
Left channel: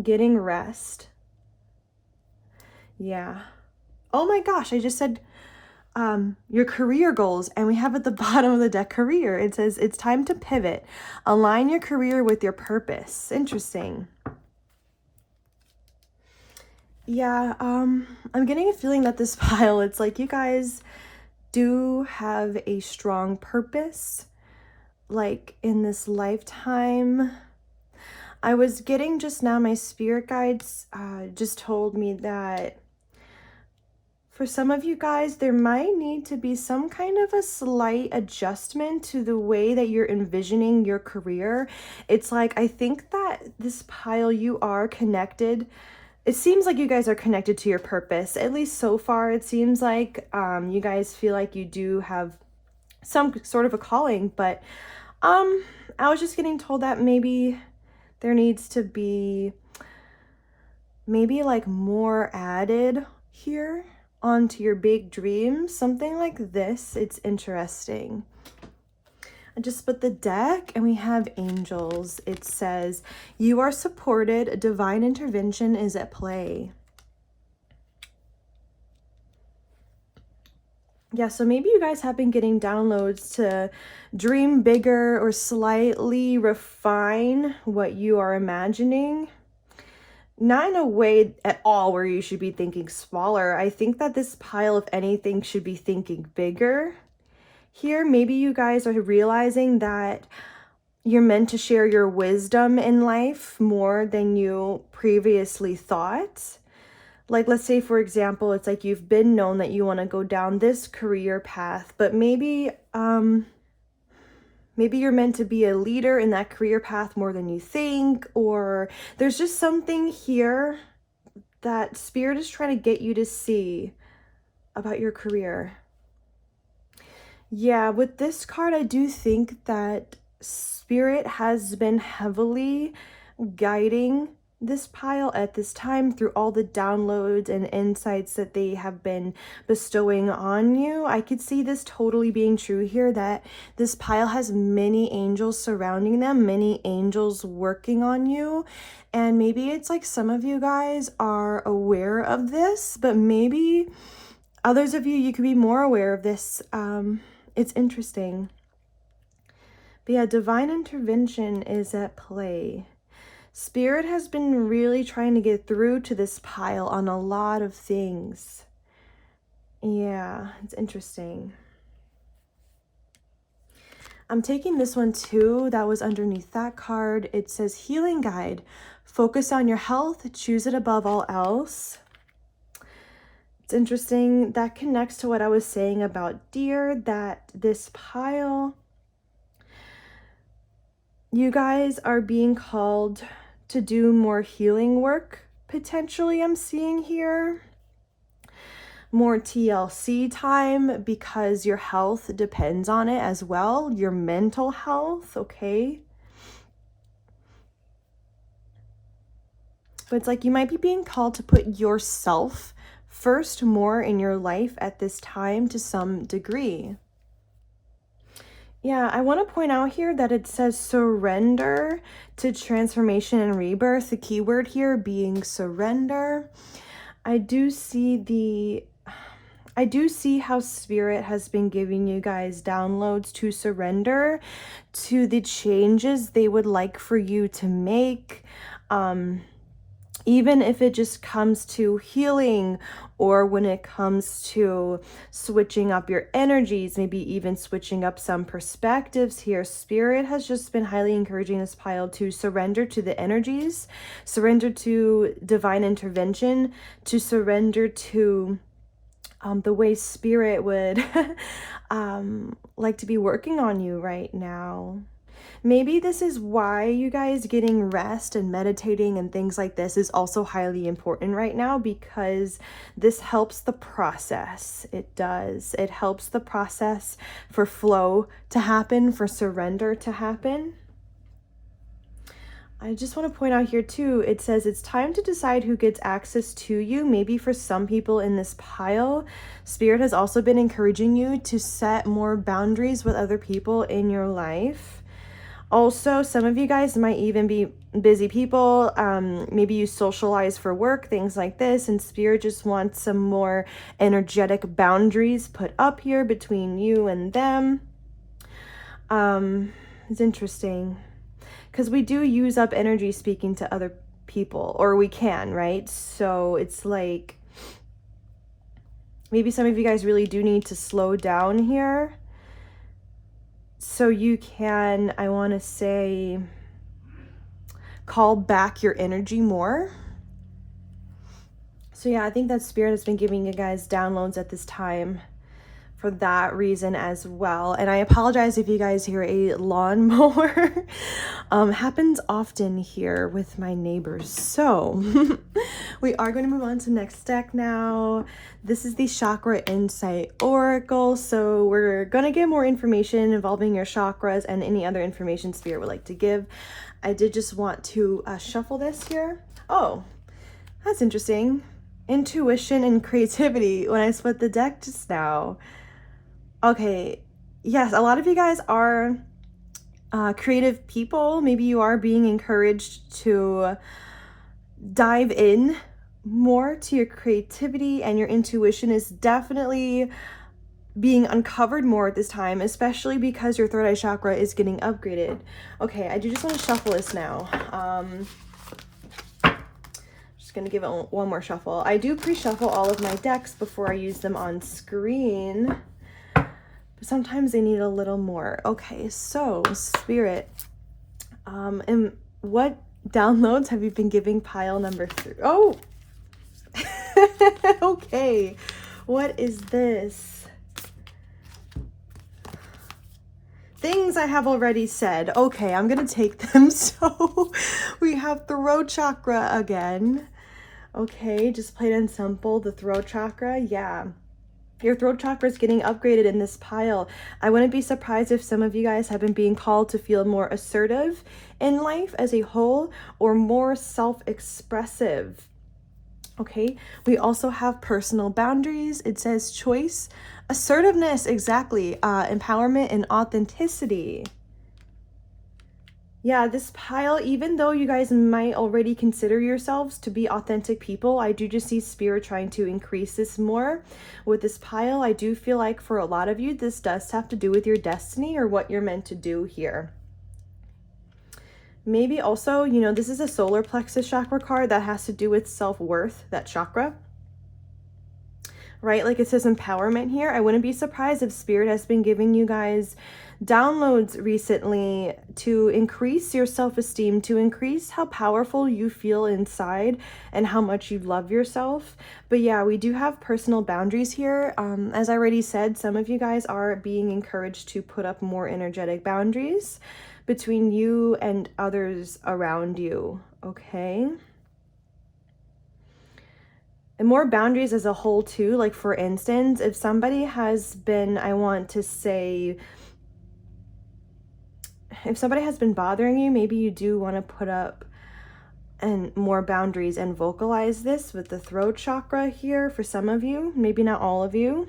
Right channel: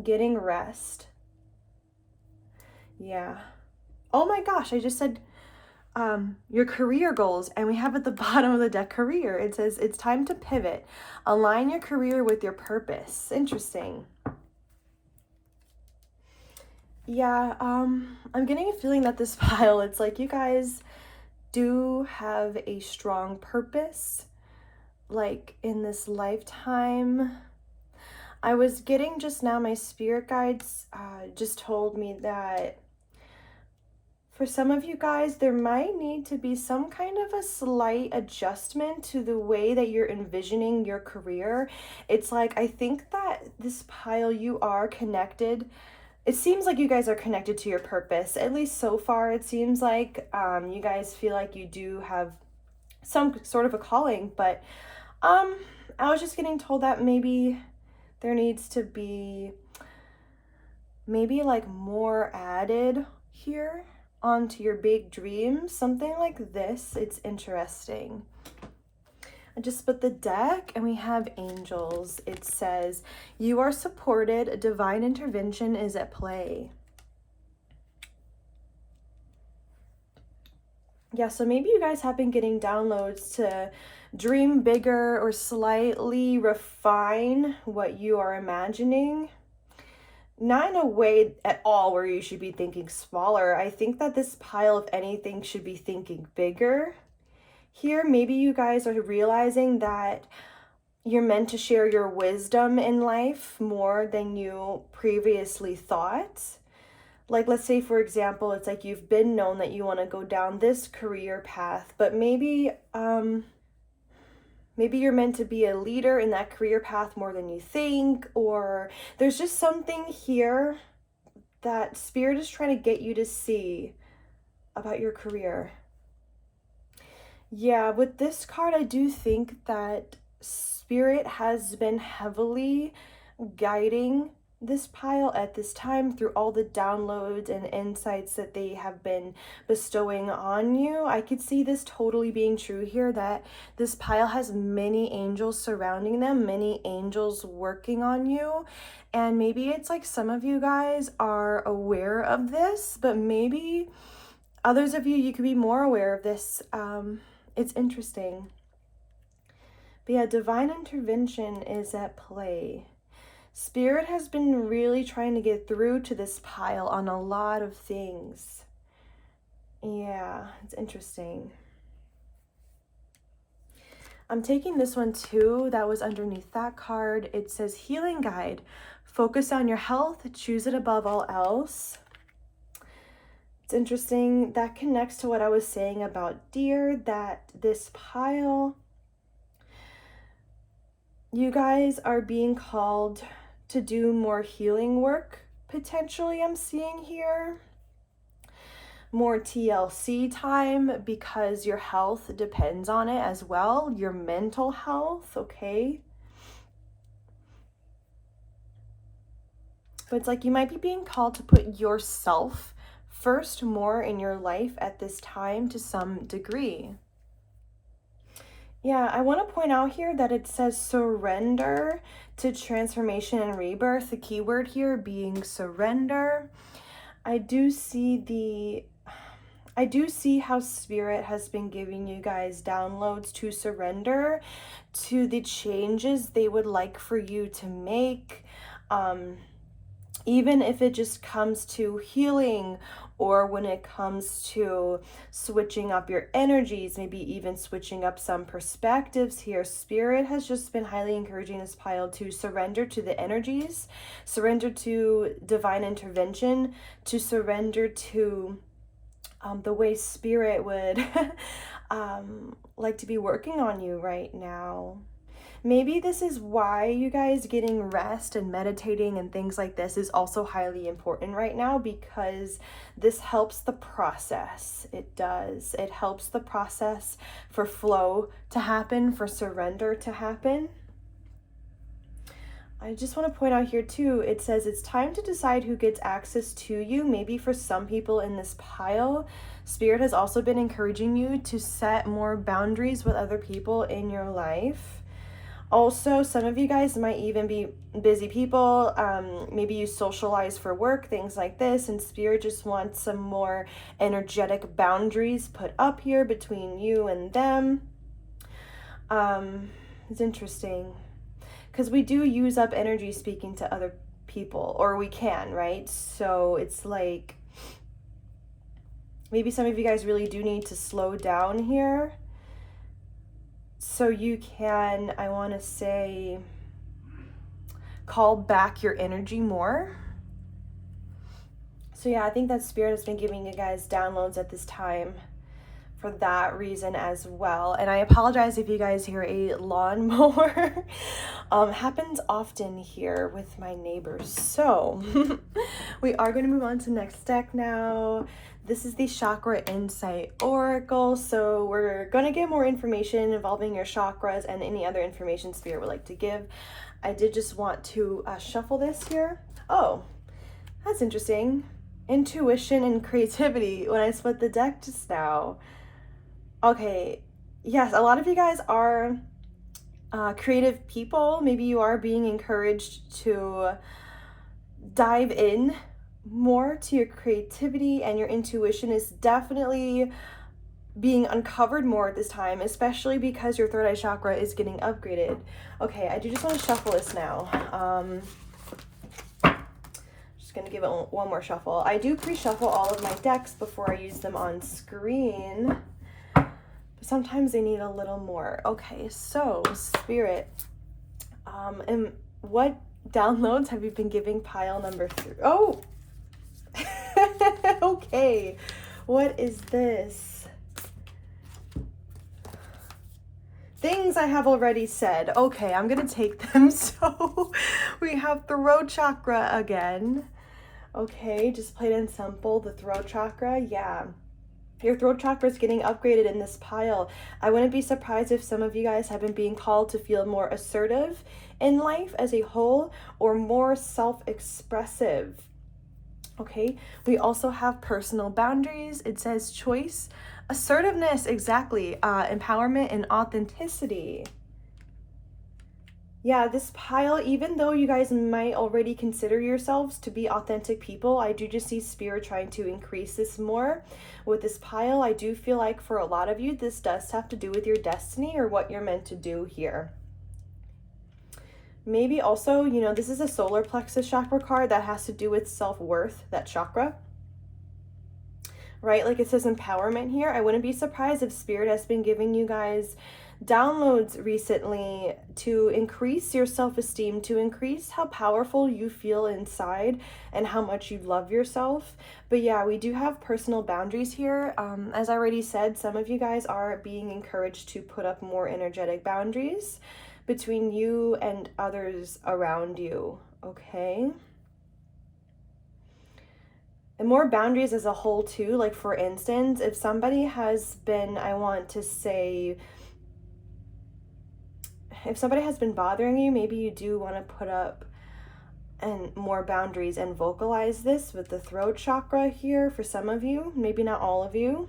Getting rest. Yeah. Oh my gosh, I just said your career goals, and we have at the bottom of the deck career. It says it's time to pivot. Align your career with your purpose. Interesting. Yeah, I'm getting a feeling that this pile, it's like you guys do have a strong purpose, like in this lifetime. I was getting just now, my spirit guides just told me that for some of you guys, there might need to be some kind of a slight adjustment to the way that you're envisioning your career. It's like, I think that this pile, you are connected. It seems like you guys are connected to your purpose, at least so far. It seems like you guys feel like you do have some sort of a calling, but I was just getting told that maybe there needs to be maybe like more added here onto your big dreams, something like this. It's interesting. I just split the deck and we have angels. It says, you are supported. Divine intervention is at play. Yeah, so maybe you guys have been getting downloads to dream bigger or slightly refine what you are imagining. Not in a way at all where you should be thinking smaller. I think that this pile, if anything, should be thinking bigger. Here, maybe you guys are realizing that you're meant to share your wisdom in life more than you previously thought. Like, let's say, for example, it's like you've been known that you want to go down this career path, but maybe you're meant to be a leader in that career path more than you think, or there's just something here that Spirit is trying to get you to see about your career. Yeah, with this card, I do think that Spirit has been heavily guiding this pile at this time through all the downloads and insights that they have been bestowing on you. I could see this totally being true here, that this pile has many angels surrounding them, many angels working on you. And maybe it's like some of you guys are aware of this, but maybe others of you, you could be more aware of this. It's interesting. But yeah, divine intervention is at play. Spirit has been really trying to get through to this pile on a lot of things. Yeah, it's interesting. I'm taking this one too. That was underneath that card. It says healing guide. Focus on your health. Choose it above all else. It's interesting. That connects to what I was saying about Deer, that this pile, you guys are being called to do more healing work, potentially, I'm seeing here. more TLC time because your health depends on it as well, your mental health, okay? But it's like you might be being called to put yourself first more in your life at this time to some degree. Yeah, I want to point out here that it says surrender to transformation and rebirth. The key word here being surrender. I do see how Spirit has been giving you guys downloads to surrender to the changes they would like for you to make. Even if it just comes to healing, or when it comes to switching up your energies, maybe even switching up some perspectives here. Spirit has just been highly encouraging this pile to surrender to the energies, surrender to divine intervention, to surrender to the way Spirit would like to be working on you right now. Maybe this is why you guys getting rest and meditating and things like this is also highly important right now, because this helps the process. It does. It helps the process for flow to happen, for surrender to happen. I just want to point out here too, it says it's time to decide who gets access to you. Maybe for some people in this pile, Spirit has also been encouraging you to set more boundaries with other people in your life. Also, some of you guys might even be busy people. Maybe you socialize for work, things like this, and Spirit just wants some more energetic boundaries put up here between you and them. It's interesting because we do use up energy speaking to other people, or we can, right? So it's like maybe some of you guys really do need to slow down here. So you can, I want to say, call back your energy more. So yeah, I think that Spirit has been giving you guys downloads at this time for that reason as well. And I apologize if you guys hear a lawnmower. Happens often here with my neighbors. So we are going to move on to next deck now. This is the Chakra Insight Oracle. So we're going to get more information involving your chakras and any other information Spirit would like to give. I did just want to shuffle this here. Oh, that's interesting. Intuition and creativity when I split the deck just now. Okay, yes, a lot of you guys are creative people. Maybe you are being encouraged to dive in more to your creativity, and your intuition is definitely being uncovered more at this time, especially because your third eye chakra is getting upgraded. Okay, I do just want to shuffle this now. Just gonna give it one more shuffle. I do pre-shuffle all of my decks before I use them on screen. Sometimes they need a little more. Okay, so Spirit, and what downloads have you been giving pile number 3? Oh, okay. What is this? Things I have already said. Okay, I'm gonna take them. So we have throat chakra again. Okay, just plain and simple, the throat chakra. Yeah. Your throat chakra is getting upgraded in this pile. I wouldn't be surprised if some of you guys have been being called to feel more assertive in life as a whole, or more self-expressive. Okay, we also have personal boundaries. It says choice, assertiveness, exactly, empowerment and authenticity. Yeah, this pile, even though you guys might already consider yourselves to be authentic people, I do just see Spirit trying to increase this more with this pile. I do feel like for a lot of you, this does have to do with your destiny or what you're meant to do here. Maybe also, you know, this is a solar plexus chakra card that has to do with self-worth, that chakra. Right? Like it says empowerment here. I wouldn't be surprised if Spirit has been giving you guys downloads recently to increase your self-esteem, to increase how powerful you feel inside and how much you love yourself. But yeah, we do have personal boundaries here. As I already said, some of you guys are being encouraged to put up more energetic boundaries between you and others around you. Okay. and more boundaries as a whole too. Like for instance, if somebody has been, I want to say, if somebody has been bothering you, maybe you do want to put up and more boundaries and vocalize this with the throat chakra here for some of you, maybe not all of you.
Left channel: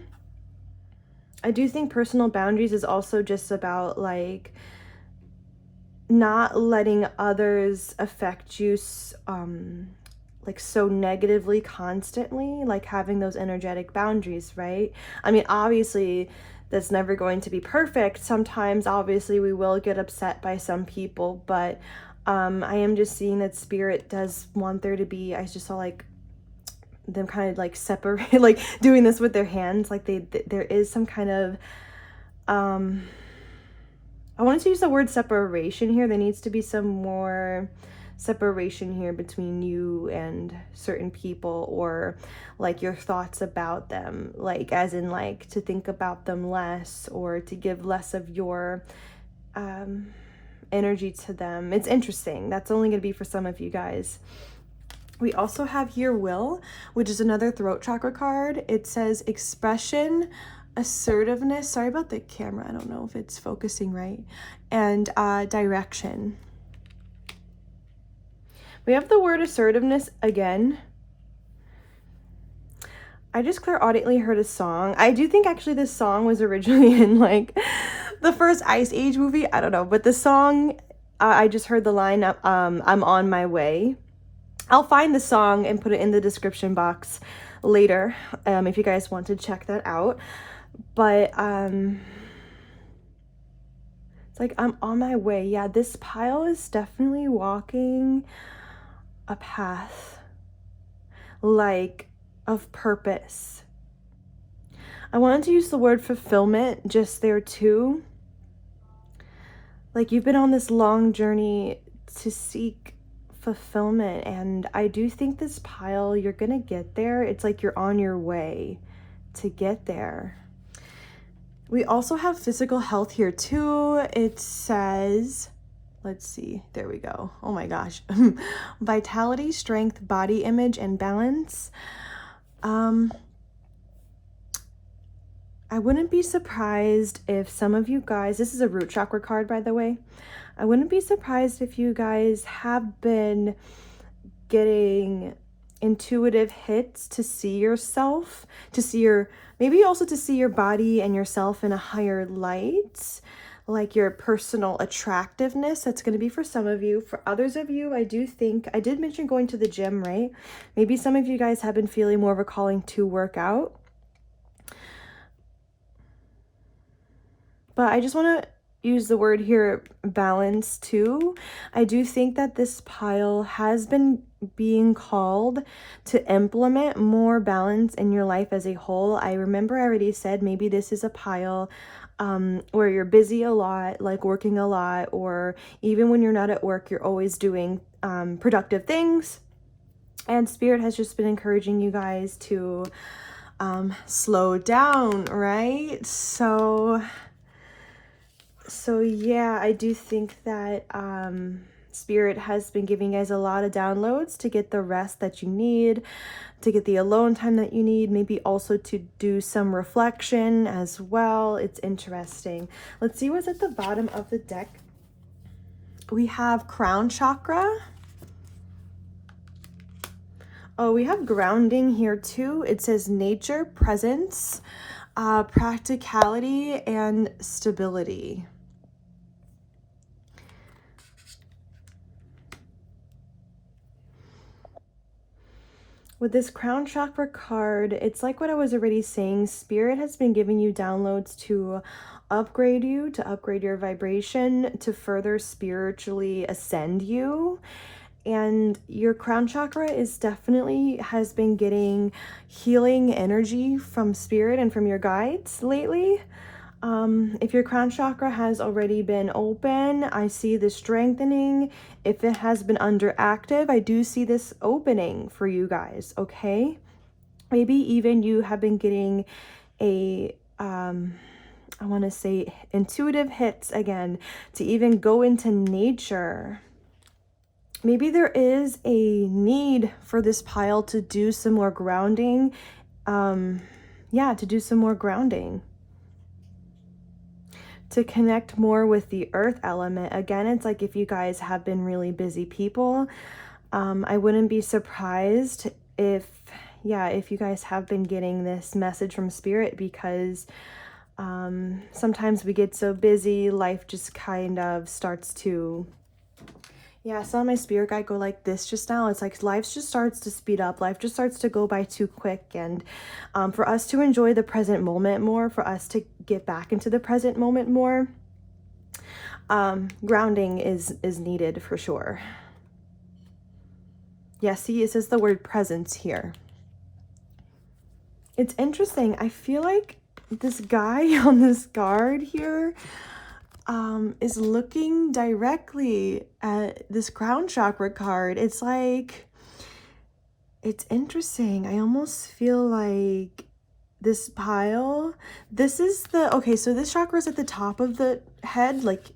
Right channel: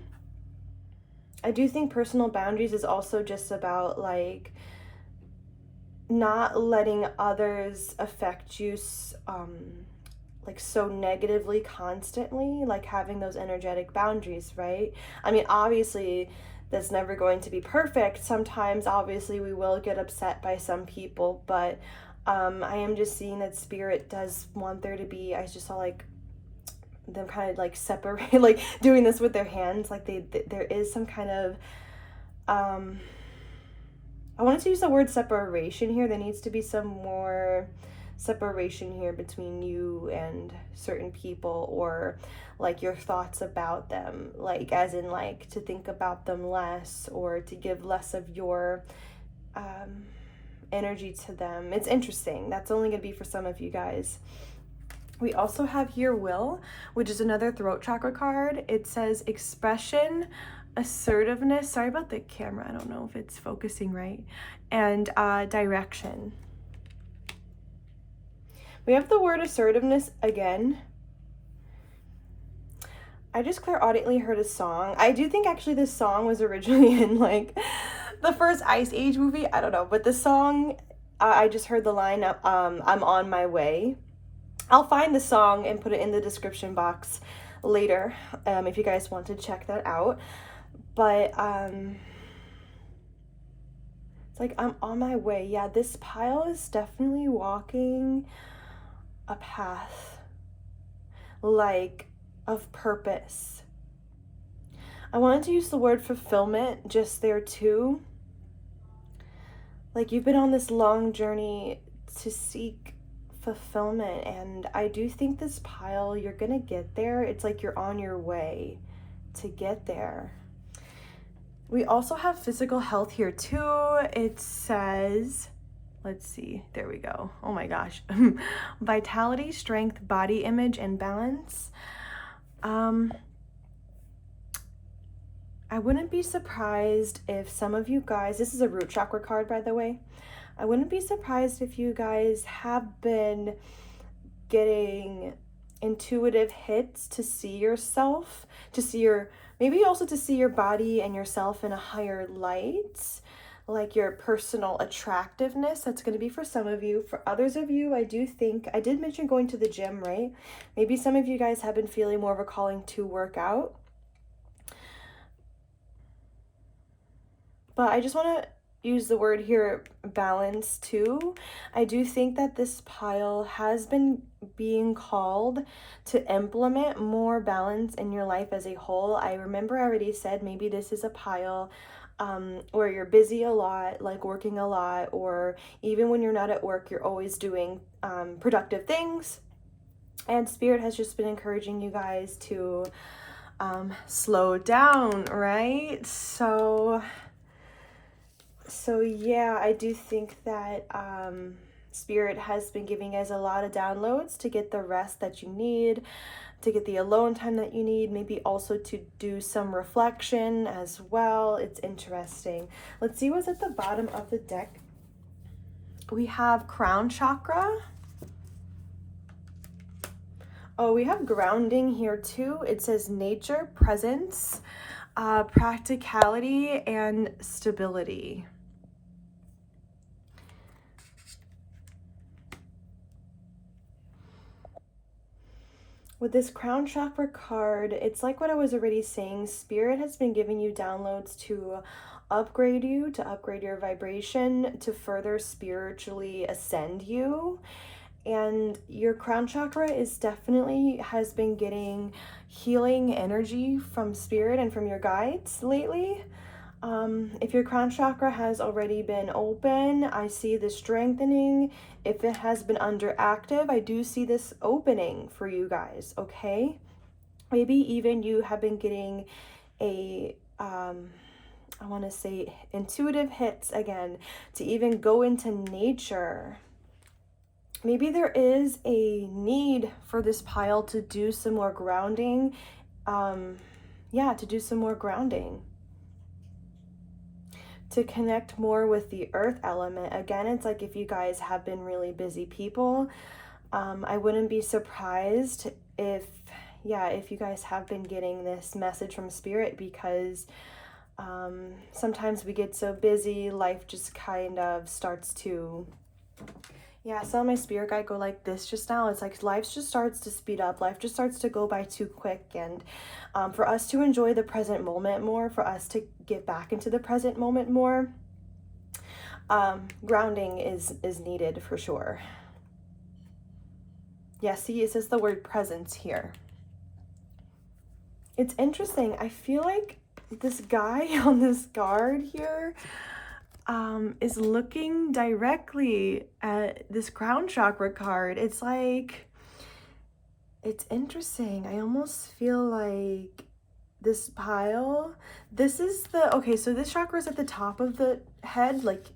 I do think personal boundaries is also just about like not letting others affect you like so negatively constantly, like having those energetic boundaries, right? I mean, obviously that's never going to be perfect. Sometimes obviously we will get upset by some people, but I am just seeing that spirit does want there to be, I just saw like them kind of like separate, like doing this with their hands, like there is some kind of I wanted to use the word separation here. There needs to be some more separation here between you and certain people, or like your thoughts about them, like as in like to think about them less or to give less of your energy to them. It's interesting. That's only going to be for some of you guys. We also have here Will, which is another throat chakra card. It says expression, assertiveness. Sorry about the camera. I don't know if it's focusing right. And direction. We have the word assertiveness again. I just clairaudiently heard a song. I do think actually this song was originally in like the first Ice Age movie. I don't know. But the song, I just heard the line, I'm on my way. I'll find the song and put it in the description box later if you guys want to check that out. But it's like I'm on my way. Yeah, this pile is definitely walking a path like of purpose. I wanted to use the word fulfillment just there too. Like you've been on this long journey to seek fulfillment, and I do think this pile, you're gonna get there. It's like you're on your way to get there. We also have physical health here too. It says, let's see, there we go. Oh my gosh. Vitality, strength, body image, and balance. I wouldn't be surprised if some of you guys, this is a root chakra card, by the way. I wouldn't be surprised if you guys have been getting intuitive hits to see yourself, to see your, maybe also to see your body and yourself in a higher light, like your personal attractiveness. That's going to be for some of you. For others of you, I do think, I did mention going to the gym, right? Maybe some of you guys have been feeling more of a calling to work out. But I just want to use the word here, balance too. I do think that this pile has been being called to implement more balance in your life as a whole. I remember I already said maybe this is a pile where you're busy a lot, like working a lot, or even when you're not at work, you're always doing productive things. And Spirit has just been encouraging you guys to slow down, right? So yeah, I do think that Spirit has been giving you guys a lot of downloads to get the rest that you need, to get the alone time that you need, maybe also to do some reflection as well. It's interesting. Let's see what's at the bottom of the deck. We have crown chakra. Oh, we have grounding here too. It says nature, presence, practicality, and stability. With this crown chakra card, it's like what I was already saying. Spirit has been giving you downloads to upgrade you, to upgrade your vibration, to further spiritually ascend you. And your crown chakra is definitely has been getting healing energy from Spirit and from your guides lately. If your crown chakra has already been open, I see the strengthening. If it has been underactive, I do see this opening for you guys, okay? Maybe even you have been getting a, I want to say intuitive hits again, to even go into nature. maybe there is a need for this pile to do some more grounding. Yeah, to do some more grounding, to connect more with the earth element. Again, it's like if you guys have been really busy people, I wouldn't be surprised if you guys have been getting this message from spirit, because sometimes we get so busy, life just kind of starts to, I saw my spirit guide go like this just now. It's like life just starts to speed up. Life just starts to go by too quick. And for us to enjoy the present moment more, for us to get back into the present moment more, grounding is needed for sure. Yeah, see, it says the word presence here. It's interesting. I feel like this guy on this card here is looking directly at this crown chakra card. It's like, it's interesting. I almost feel like this pile, this is the, okay, so this chakra is at the top of the head, like,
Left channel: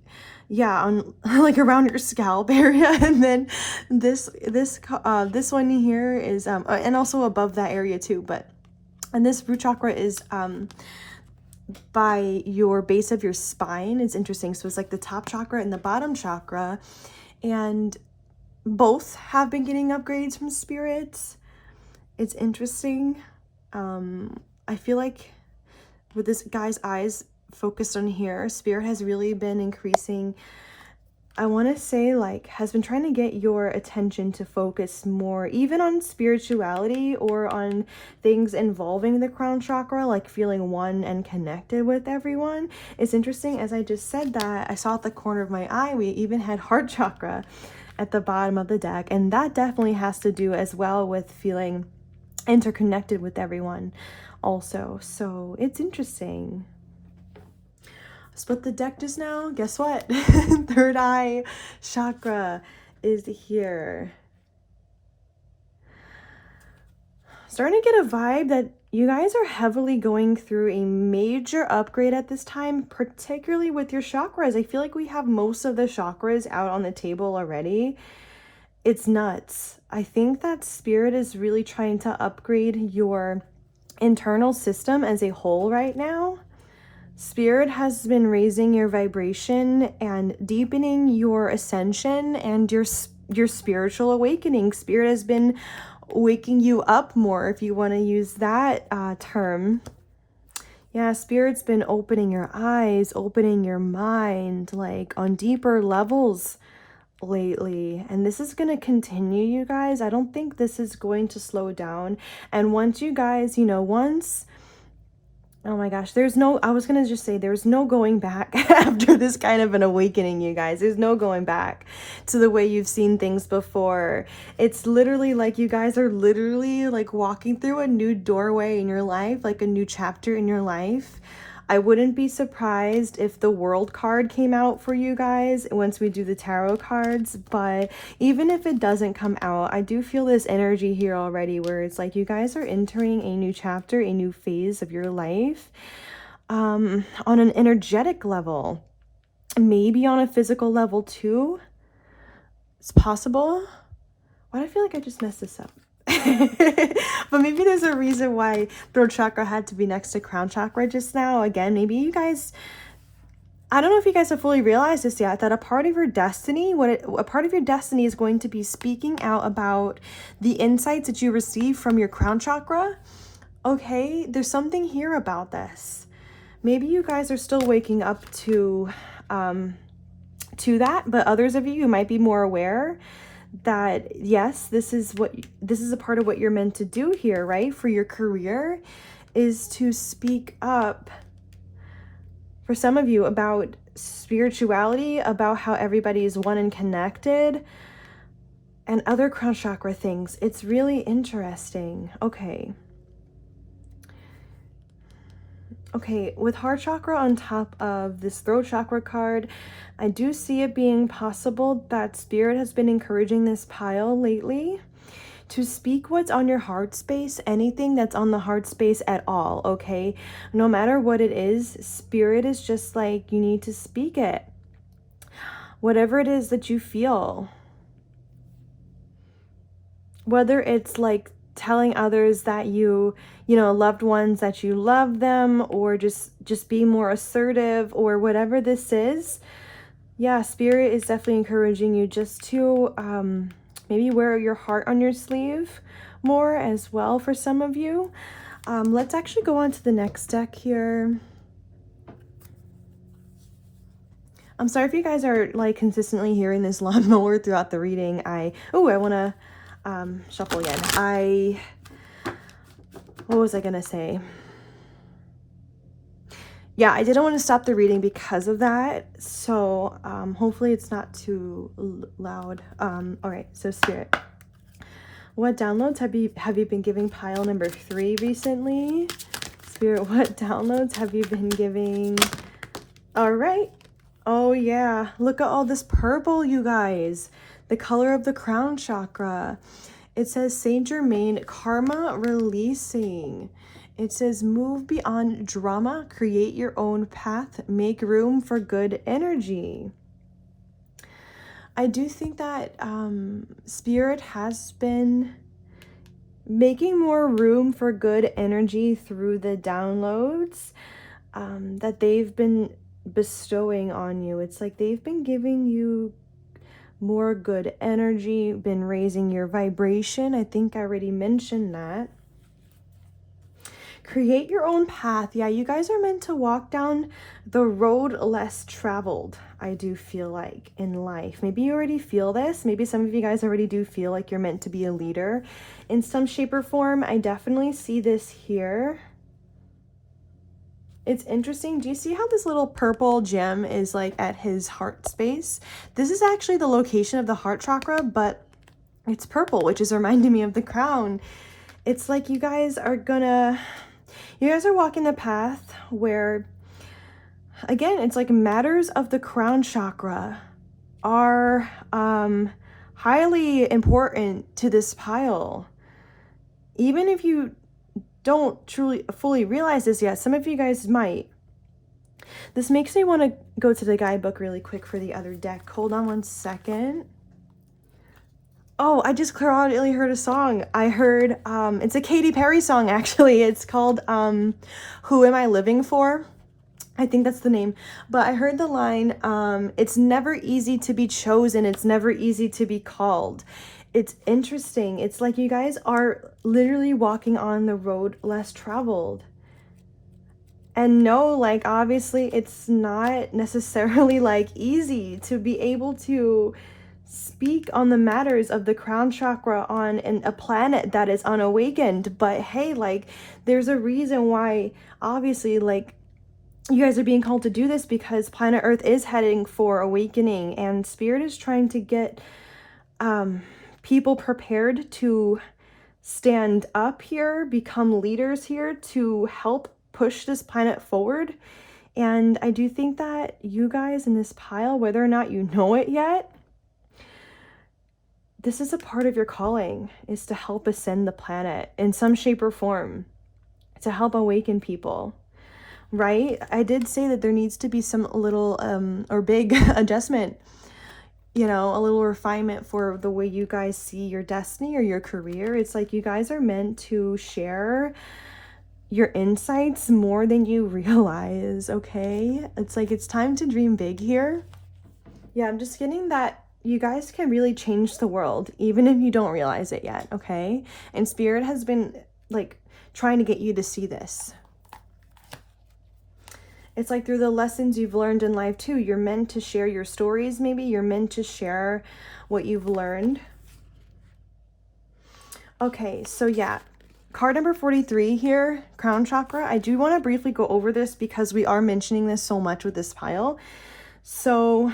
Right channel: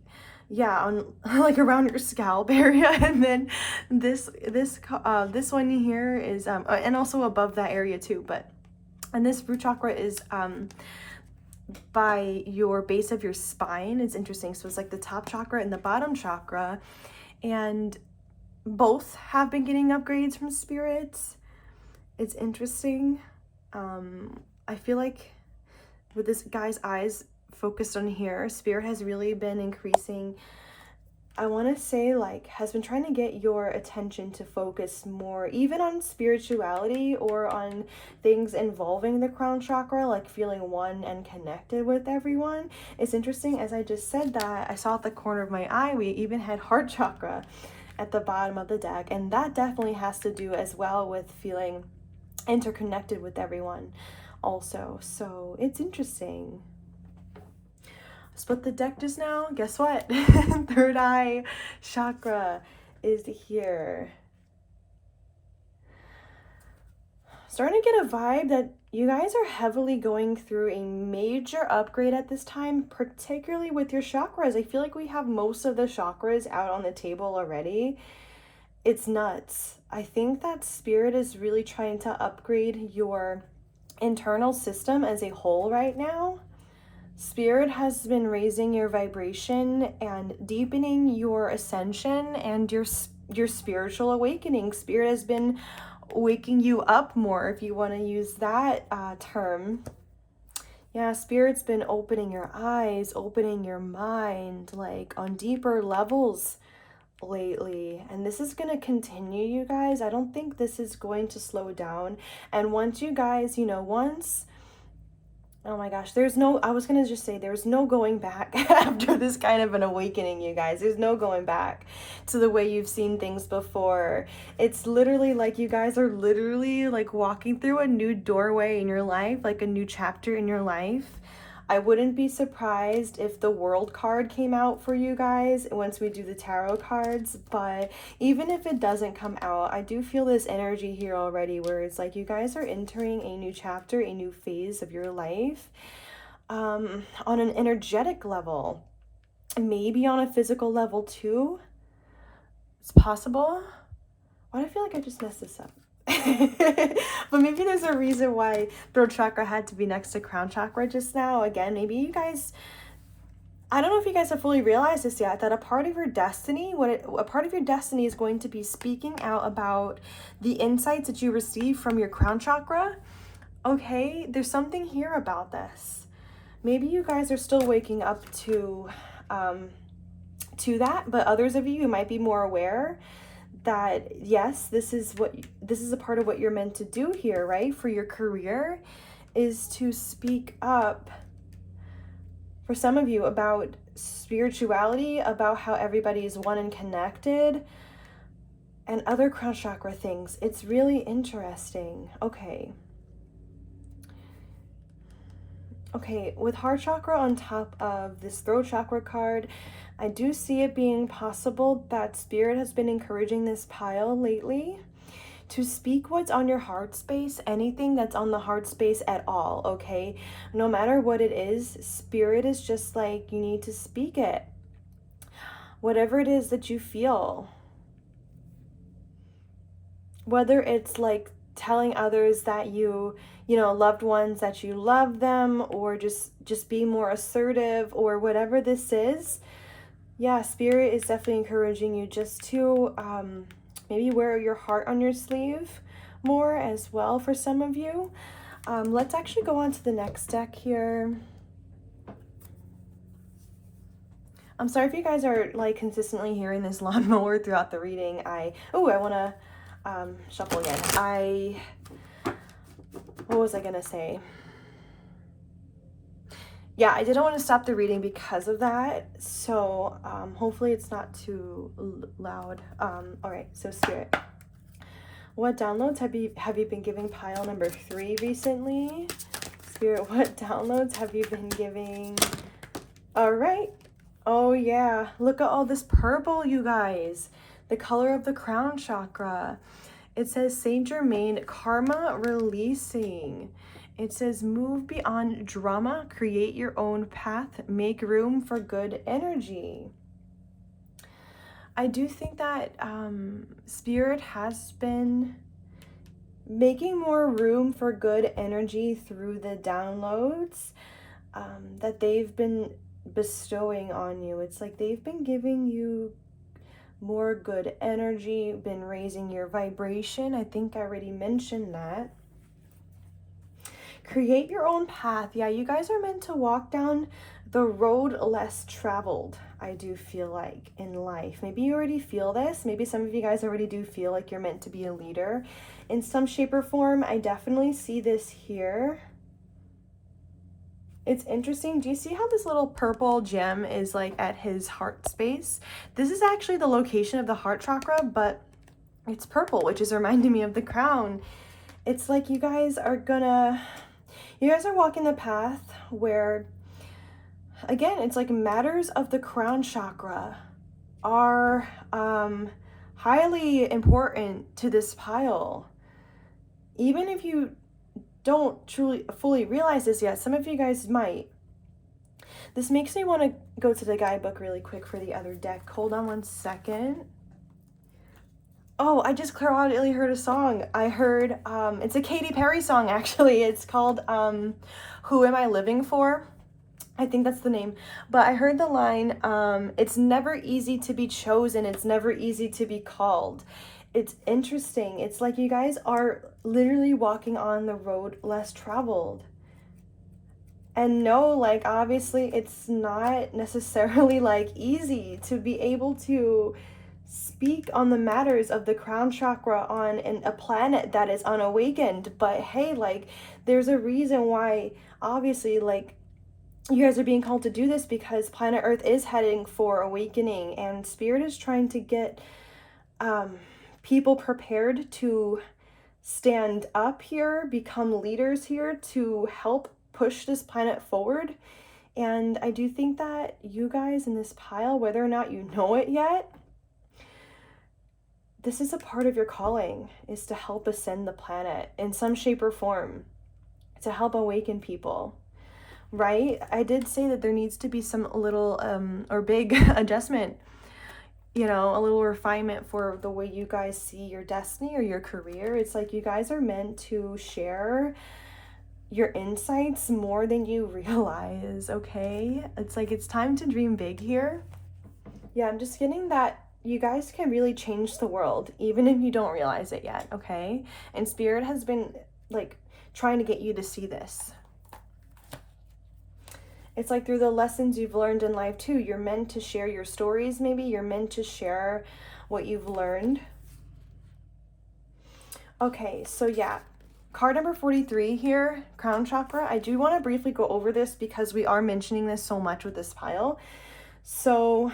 yeah, on like around your scalp area, and then this one here is and also above that area too, but, and this root chakra is by your base of your spine. It's interesting. So it's like the top chakra and the bottom chakra, and both have been getting upgrades from spirits. It's interesting. I feel like with this guy's eyes focused on here, spirit has really been increasing. I want to say, like, has been trying to get your attention to focus more even on spirituality or on things involving the crown chakra, like feeling one and connected with everyone. It's interesting, as I just said that, I saw at the corner of my eye, we even had heart chakra at the bottom of the deck, and that definitely has to do as well with feeling interconnected with everyone also. So it's interesting. Split the deck just now. Guess what? Third eye chakra is here. Starting to get a vibe that you guys are heavily going through a major upgrade at this time, particularly with your chakras. I feel like we have most of the chakras out on the table already. It's nuts. I think that spirit is really trying to upgrade your internal system as a whole right now. Spirit has been raising your vibration and deepening your ascension and your spiritual awakening. Spirit has been waking you up more, if you want to use that term. Yeah, Spirit's been opening your eyes, opening your mind, like on deeper levels lately, and this is going to continue, you guys. I don't think this is going to slow down. And once you guys, oh my gosh, I was gonna just say there's no going back after this kind of an awakening, you guys. There's no going back to the way you've seen things before. It's literally like you guys are literally like walking through a new doorway in your life, like a new chapter in your life. I wouldn't be surprised if the World card came out for you guys once we do the tarot cards, but even if it doesn't come out, I do feel this energy here already where it's like you guys are entering a new chapter, a new phase of your life, on an energetic level, maybe on a physical level too. It's possible. Why do I feel like I just messed this up? But maybe there's a reason why throat chakra had to be next to crown chakra just now. Again, maybe you guys, I don't know if you guys have fully realized this yet, that a part of your destiny, a part of your destiny is going to be speaking out about the insights that you receive from your crown chakra. Okay, there's something here about this. Maybe you guys are still waking up to that, but others of you might be more aware that yes, this is a part of what you're meant to do here, right? For your career, is to speak up, for some of you, about spirituality, about how everybody is one and connected, and other crown chakra things. It's really interesting. Okay, with heart chakra on top of this throat chakra card, I do see it being possible that spirit has been encouraging this pile lately to speak what's on your heart space, anything that's on the heart space at all, okay? No matter what it is, spirit is just like, you need to speak it. Whatever it is that you feel. whether it's like telling others that you know, loved ones, that you love them, or just be more assertive, or whatever this is. Yeah, Spirit is definitely encouraging you just to maybe wear your heart on your sleeve more as well for some of you. Let's actually go on to the next deck here. I'm sorry if you guys are like consistently hearing this lawnmower throughout the reading. I want to shuffle again. What was I gonna say? Yeah, I didn't want to stop the reading because of that. So hopefully it's not too loud. All right, so Spirit, what downloads have you been giving pile number 3 recently? Spirit, what downloads have you been giving? All right. Oh yeah, look at all this purple, you guys. The color of the crown chakra. It says Saint Germain, karma releasing. It says move beyond drama, create your own path, make room for good energy. I do think that Spirit has been making more room for good energy through the downloads that they've been bestowing on you. It's like they've been giving you more good energy, been raising your vibration. I think I already mentioned that. Create your own path. Yeah, you guys are meant to walk down the road less traveled, I do feel like, in life. Maybe you already feel this. Maybe some of you guys already do feel like you're meant to be a leader in some shape or form. I definitely see this here. It's interesting. Do you see how this little purple gem is like at his heart space? This is actually the location of the heart chakra, but it's purple, which is reminding me of the crown. It's like you guys are walking the path where, again, it's like matters of the crown chakra are highly important to this pile. Even if you don't truly fully realize this yet, some of you guys might. This makes me want to go to the guidebook really quick for the other deck. Hold on one second. Oh, I just clairaudiently heard a song. I heard, it's a Katy Perry song, actually. It's called Who Am I Living For? I think that's the name. But I heard the line, it's never easy to be chosen. It's never easy to be called. It's interesting. It's like you guys are literally walking on the road less traveled. And no, like, obviously it's not necessarily like easy to be able to speak on the matters of the crown chakra on a planet that is unawakened. But hey, like, there's a reason why, obviously, like, you guys are being called to do this, because planet Earth is heading for awakening, and Spirit is trying to get people prepared to stand up here, become leaders here, to help push this planet forward. And I do think that you guys in this pile, whether or not you know it yet, this is a part of your calling, is to help ascend the planet in some shape or form, to help awaken people, right? I did say that there needs to be some little or big adjustment, you know, a little refinement for the way you guys see your destiny or your career. It's like you guys are meant to share your insights more than you realize, okay? It's like it's time to dream big here. Yeah, I'm just getting that you guys can really change the world, even if you don't realize it yet, okay? And Spirit has been, like, trying to get you to see this. It's like through the lessons you've learned in life, too. You're meant to share your stories, maybe. You're meant to share what you've learned. Okay, so yeah. Card number 43 here, crown chakra. I do want to briefly go over this because we are mentioning this so much with this pile. So,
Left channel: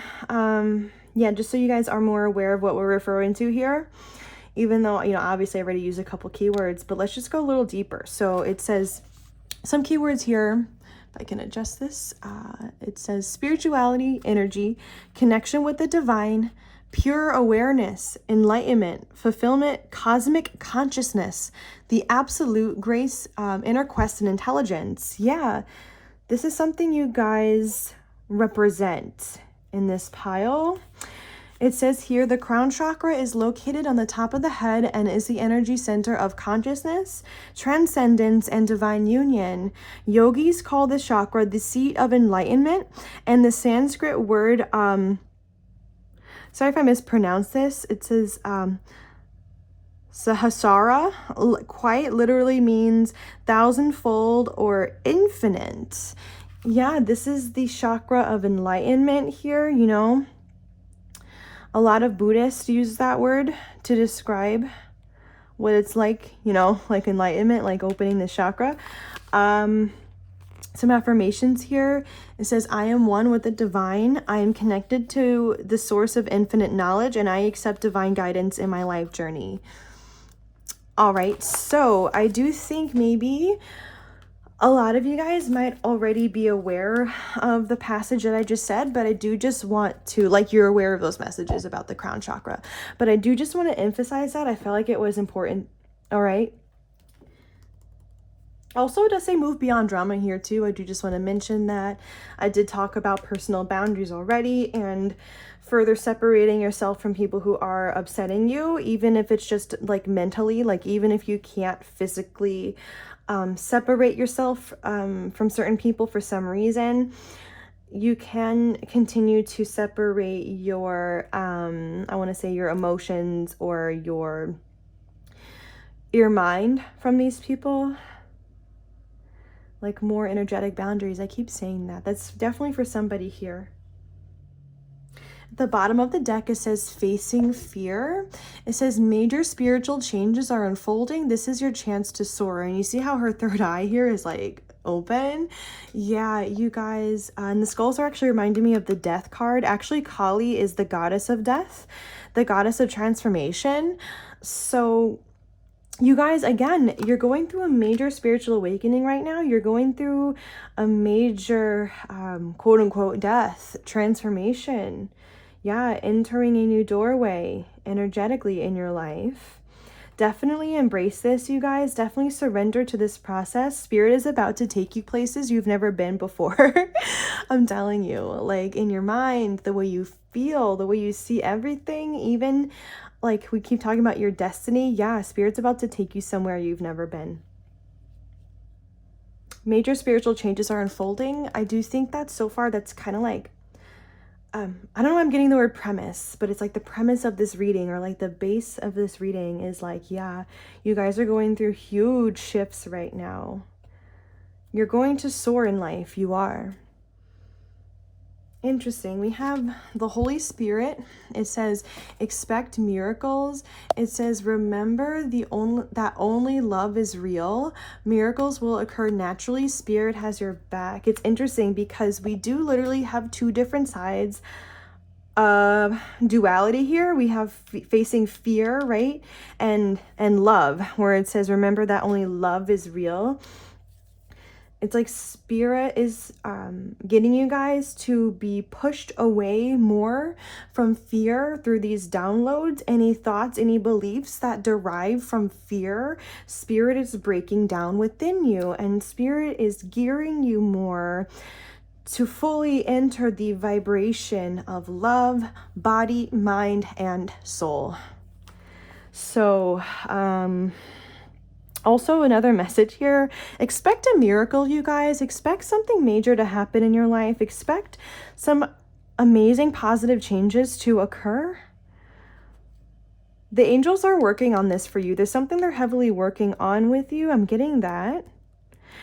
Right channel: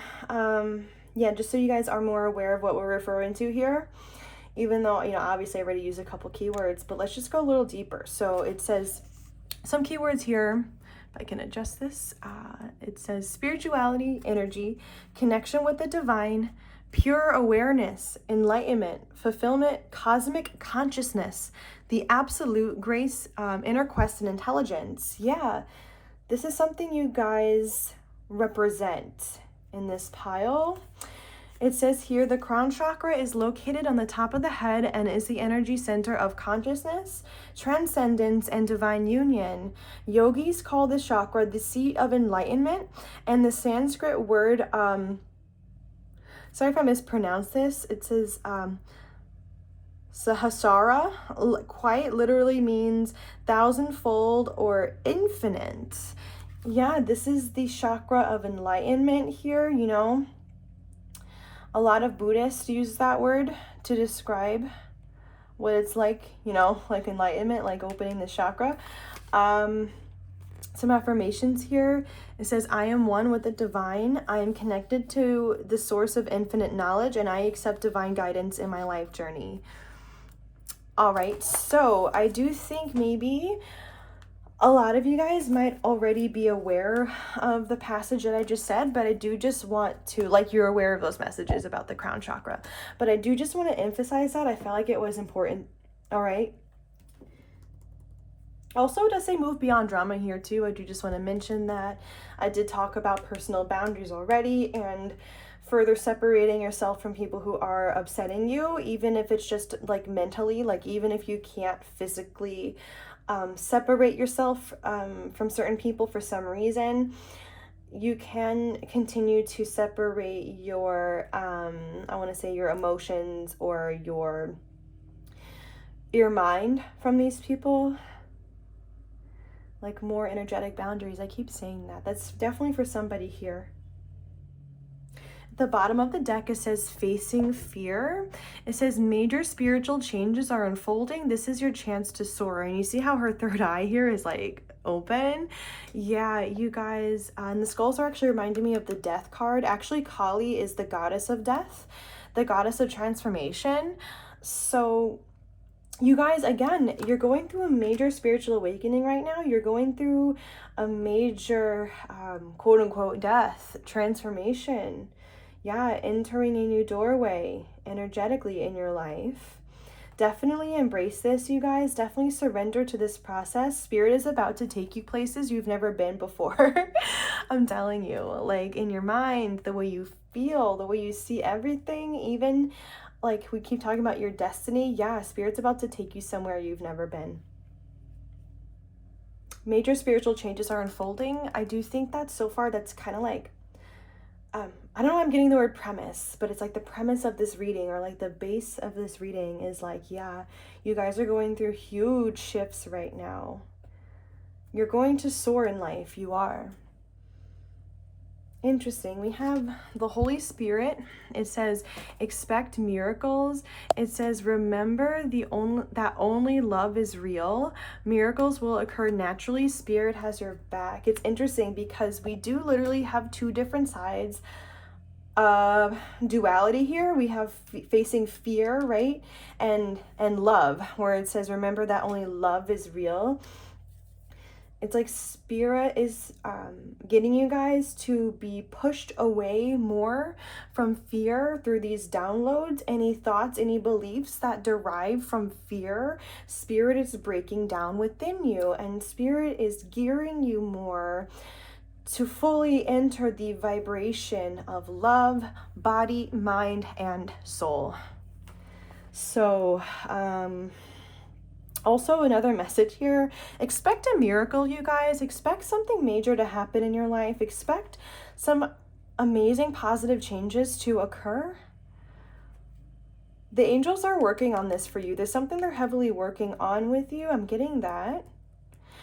yeah, just so you guys are more aware of what we're referring to here, even though, you know, obviously I already used a couple keywords, but let's just go a little deeper. So it says some keywords here. If I can adjust this, it says spirituality, energy, connection with the divine, pure awareness, enlightenment, fulfillment, cosmic consciousness, the absolute grace, inner quest, and intelligence. Yeah, this is something you guys represent in this pile. It says here, the crown chakra is located on the top of the head and is the energy center of consciousness, transcendence, and divine union. Yogis call this chakra the seat of enlightenment, and the Sanskrit word, sorry if I mispronounce this, it says Sahasrara, quite literally means thousandfold or infinite. Yeah, this is the chakra of enlightenment here, you know. A lot of Buddhists use that word to describe what it's like, you know, like enlightenment, like opening the chakra. Some affirmations here. It says, I am one with the divine. I am connected to the source of infinite knowledge, and I accept divine guidance in my life journey. All right, so I do think maybe a lot of you guys might already be aware of the passage that I just said, but I do just want to, like, you're aware of those messages about the crown chakra, but I do just want to emphasize that. I felt like it was important. All right. Also, it does say move beyond drama here too. I do just want to mention that. I did talk about personal boundaries already and further separating yourself from people who are upsetting you, even if it's just like mentally, like even if you can't physically separate yourself from certain people for some reason, you can continue to separate your, I want to say your emotions or your mind from these people. Like more energetic boundaries. I keep saying that. That's definitely for somebody here. At the bottom of the deck, it says facing fear. It says major spiritual changes are unfolding. This is your chance to soar. And you see how her third eye here is like open? Yeah, you guys, and the skulls are actually reminding me of the death card. Actually, Kali is the goddess of death, the goddess of transformation. So you guys, again, you're going through a major spiritual awakening right now. You're going through a major, quote unquote, death, transformation. Yeah, entering a new doorway energetically in your life. Definitely embrace this, you guys. Definitely surrender to this process. Spirit is about to take you places you've never been before. I'm telling you, like in your mind, the way you feel, the way you see everything, even like we keep talking about your destiny. Yeah, Spirit's about to take you somewhere you've never been. Major spiritual changes are unfolding. I do think that so far that's kind of like, I don't know, I'm getting the word premise, but it's like the premise of this reading, or like the base of this reading is like, yeah, you guys are going through huge shifts right now. You're going to soar in life. You are. Interesting. We have the Holy Spirit. It says expect miracles. It says remember that only love is real. Miracles will occur naturally. Spirit has your back. It's interesting because we do literally have two different sides of duality here. We have facing fear, right? And love, where it says remember that only love is real. It's like Spirit is getting you guys to be pushed away more from fear through these downloads. Any thoughts, any beliefs that derive from fear, Spirit is breaking down within you, and Spirit is gearing you more to fully enter the vibration of love, body, mind, and soul. So, also, another message here, expect a miracle, you guys. Expect something major to happen in your life. Expect some amazing positive changes to occur. The angels are working on this for you. There's something they're heavily working on with you. I'm getting that.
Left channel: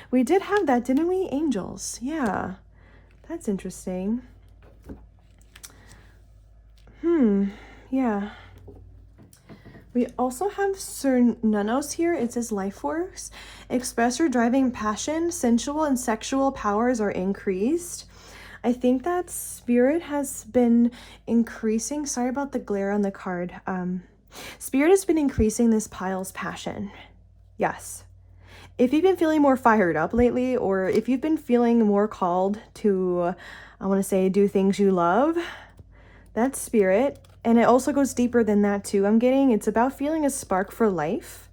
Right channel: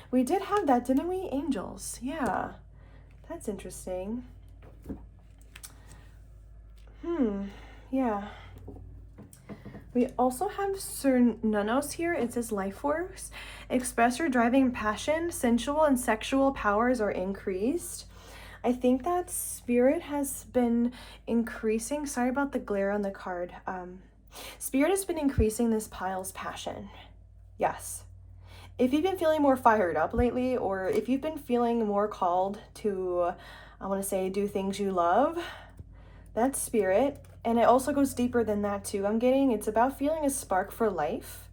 We did have that, didn't we? Angels. Yeah, that's interesting. Yeah. We also have Sir Nanos here. It says life force. Express your driving passion. Sensual and sexual powers are increased. I think that Spirit has been increasing. Sorry about the glare on the card. Spirit has been increasing this pile's passion. Yes. If you've been feeling more fired up lately, or if you've been feeling more called to, I want to say, do things you love, that's Spirit. And it also goes deeper than that too. I'm getting, it's about feeling a spark for life.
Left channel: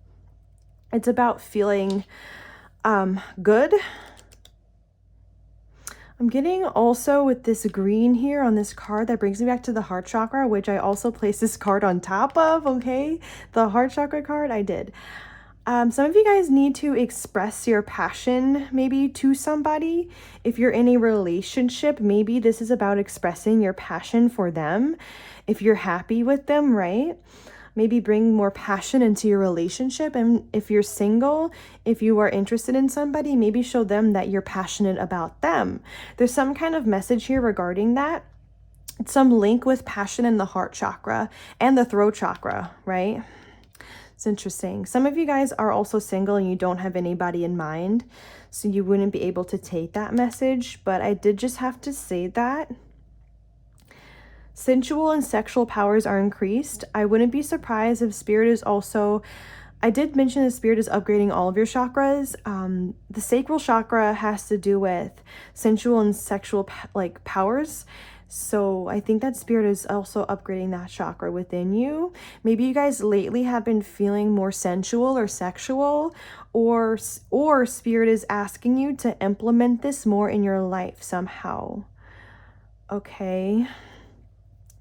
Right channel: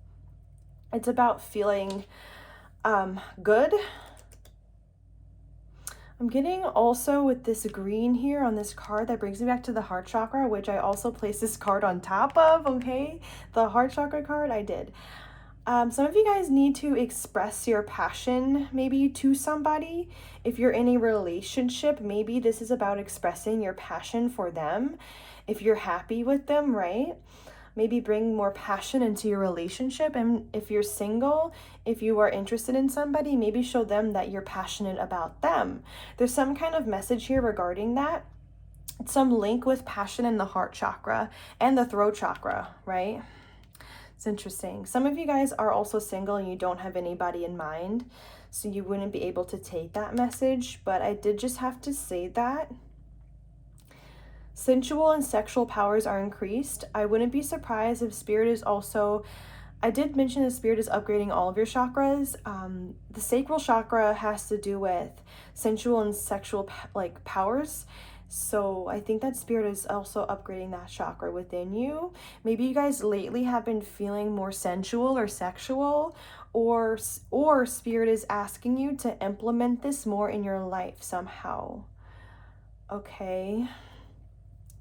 It's about feeling good. I'm getting also with this green here on this card that brings me back to the heart chakra, which I also placed this card on top of, okay? The heart chakra card, I did. Some of you guys need to express your passion maybe to somebody. If you're in a relationship, maybe this is about expressing your passion for them. If you're happy with them, right? Maybe bring more passion into your relationship. And if you're single, if you are interested in somebody, maybe show them that you're passionate about them. There's some kind of message here regarding that. Some link with passion in the heart chakra and the throat chakra, right? It's interesting. Some of you guys are also single and you don't have anybody in mind, so you wouldn't be able to take that message, but I did just have to say that. Sensual and sexual powers are increased. I wouldn't be surprised if spirit is also, I did mention the spirit is upgrading all of your chakras. The sacral chakra has to do with sensual and sexual powers. So I think that spirit is also upgrading that chakra within you. Maybe you guys lately have been feeling more sensual or sexual, or spirit is asking you to implement this more in your life somehow. Okay.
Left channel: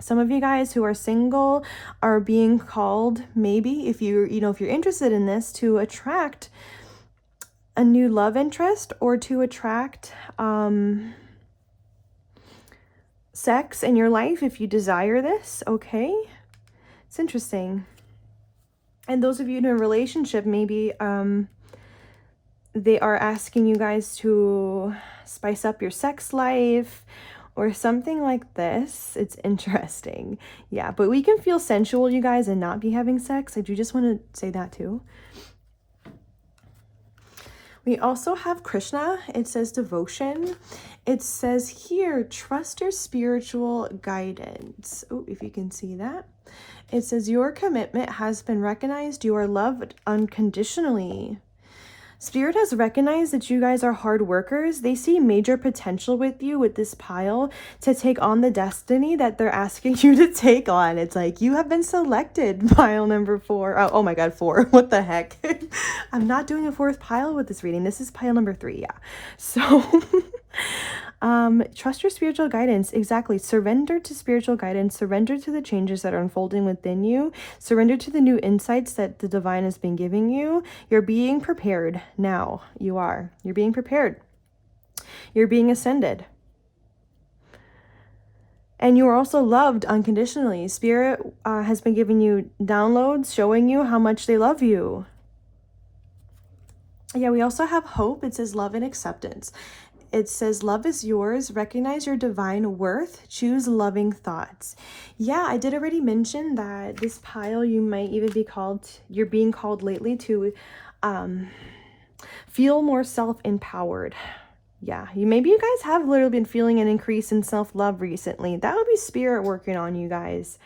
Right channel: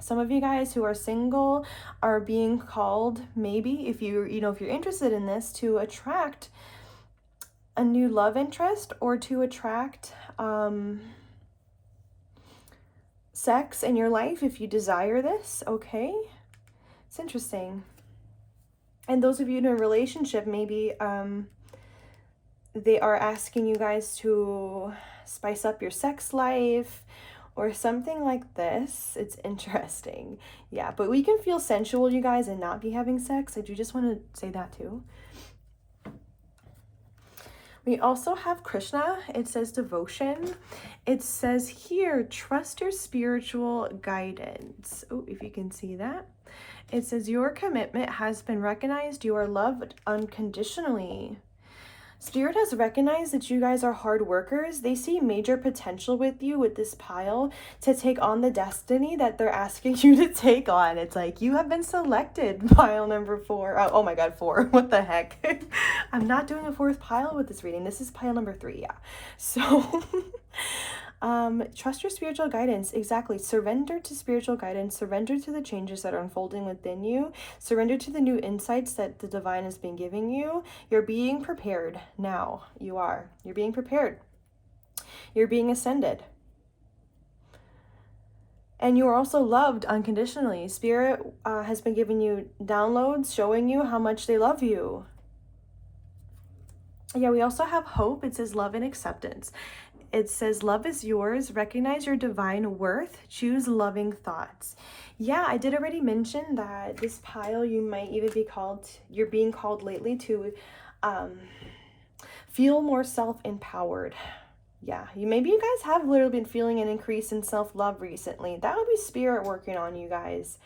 Some of you guys who are single are being called, maybe if you're interested in this, to attract a new love interest or to attract sex in your life if you desire this, okay? It's interesting. And those of you in a relationship, maybe they are asking you guys to spice up your sex life or something like this. It's interesting. Yeah, but we can feel sensual, you guys, and not be having sex. I do just want to say that too. We also have Krishna. It says devotion. It says here, trust your spiritual guidance. Oh, if you can see that. It says your commitment has been recognized. You are loved unconditionally. Spirit has recognized that you guys are hard workers. They see major potential with you with this pile to take on the destiny that they're asking you to take on. It's like you have been selected, pile number 4. Oh my God, 4. What the heck? I'm not doing a 4th pile with this reading. This is pile number 3, yeah. So trust your spiritual guidance. Exactly. Surrender to spiritual guidance. Surrender to the changes that are unfolding within you. Surrender to the new insights that the divine has been giving you. You're being prepared now. You are. You're being prepared. You're being ascended. And you are also loved unconditionally. Spirit has been giving you downloads showing you how much they love you. Yeah, we also have hope. It says love and acceptance. It says, love is yours. Recognize your divine worth. Choose loving thoughts. Yeah, I did already mention that this pile, you might even be called, you're being called lately to feel more self-empowered. Yeah, maybe you guys have literally been feeling an increase in self-love recently. That would be spirit working on you guys.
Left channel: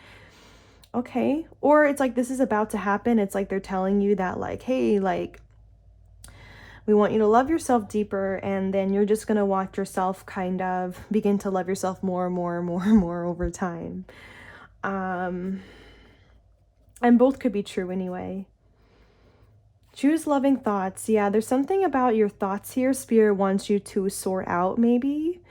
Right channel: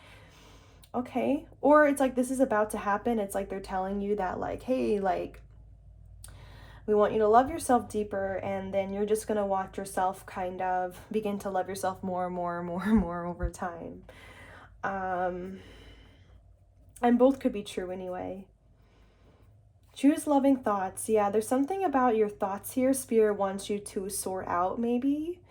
Okay. Or it's like this is about to happen. It's like they're telling you that like, hey, like, we want you to love yourself deeper, and then you're just going to watch yourself kind of begin to love yourself more and more and more and more over time. And both could be true anyway. Choose loving thoughts. Yeah, there's something about your thoughts here Spirit wants you to sort out maybe.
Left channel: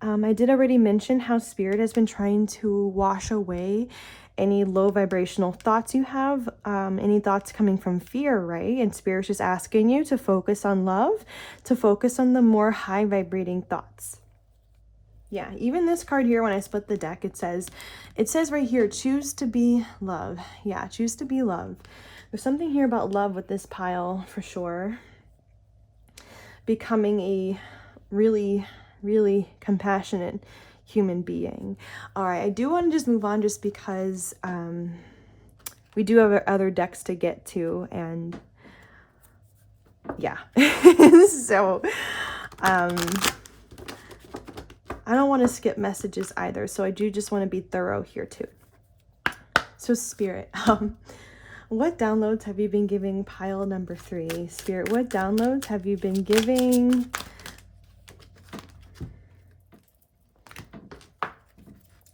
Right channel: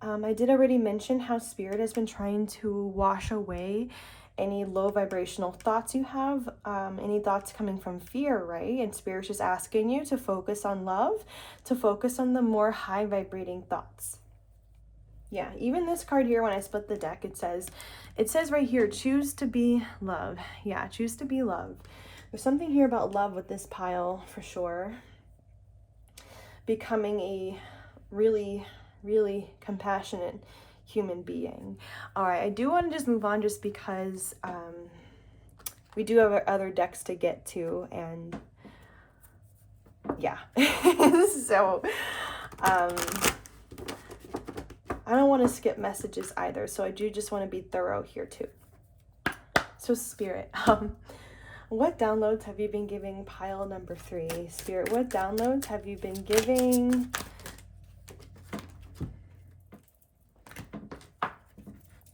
I did already mention how Spirit has been trying to wash away any low vibrational thoughts you have, any thoughts coming from fear, right? And Spirit's just asking you to focus on love, to focus on the more high vibrating thoughts. Yeah, even this card here, when I split the deck, it says right here, choose to be love. Yeah, choose to be love. There's something here about love with this pile for sure. Becoming a really, really compassionate human being. All right, I do want to just move on just because we do have other decks to get to, and yeah. So I don't want to skip messages either, so I do just want to be thorough here too. So Spirit, what downloads have you been giving pile number 3? Spirit, what downloads have you been giving?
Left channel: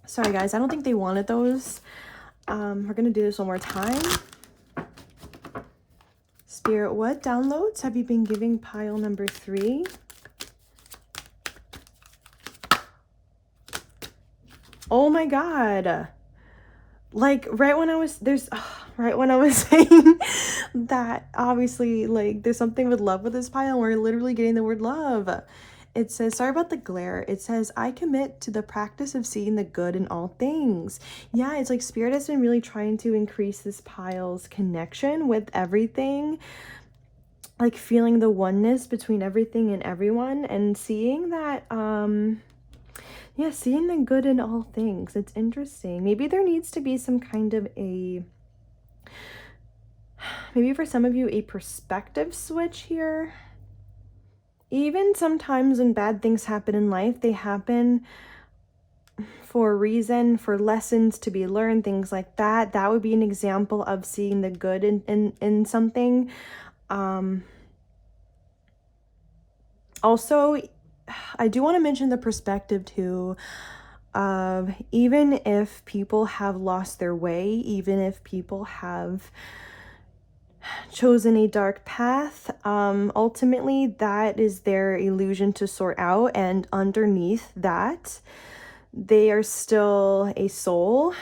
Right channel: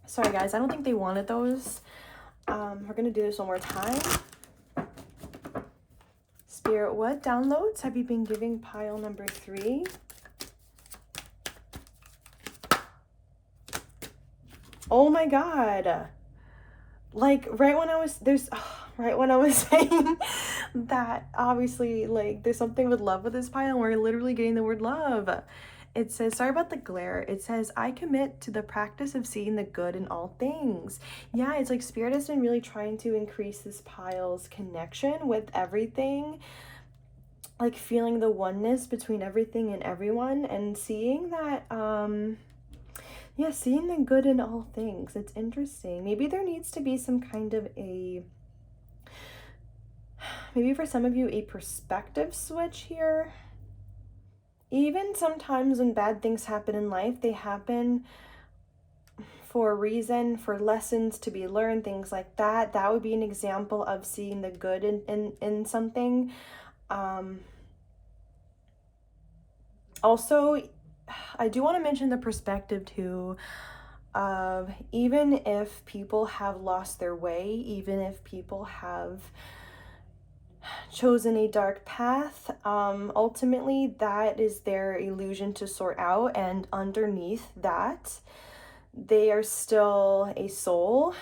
Sorry guys, I don't think they wanted those. We're gonna do this one more time. Spirit, what downloads have you been giving pile number 3? Oh my God. Like right when I was right when I was saying that obviously like there's something with love with this pile, and we're literally getting the word love. It says, sorry about the glare. It says, I commit to the practice of seeing the good in all things. Yeah, it's like spirit has been really trying to increase this pile's connection with everything, like feeling the oneness between everything and everyone, and seeing that yeah, seeing the good in all things. It's interesting. Maybe there needs to be some kind of maybe for some of you, a perspective switch here. Even sometimes when bad things happen in life, they happen for a reason, for lessons to be learned, things like that. That would be an example of seeing the good in something. Also, I do want to mention the perspective too of even if people have lost their way, even if people have chosen a dark path, ultimately that is their illusion to sort out, and underneath that they are still a soul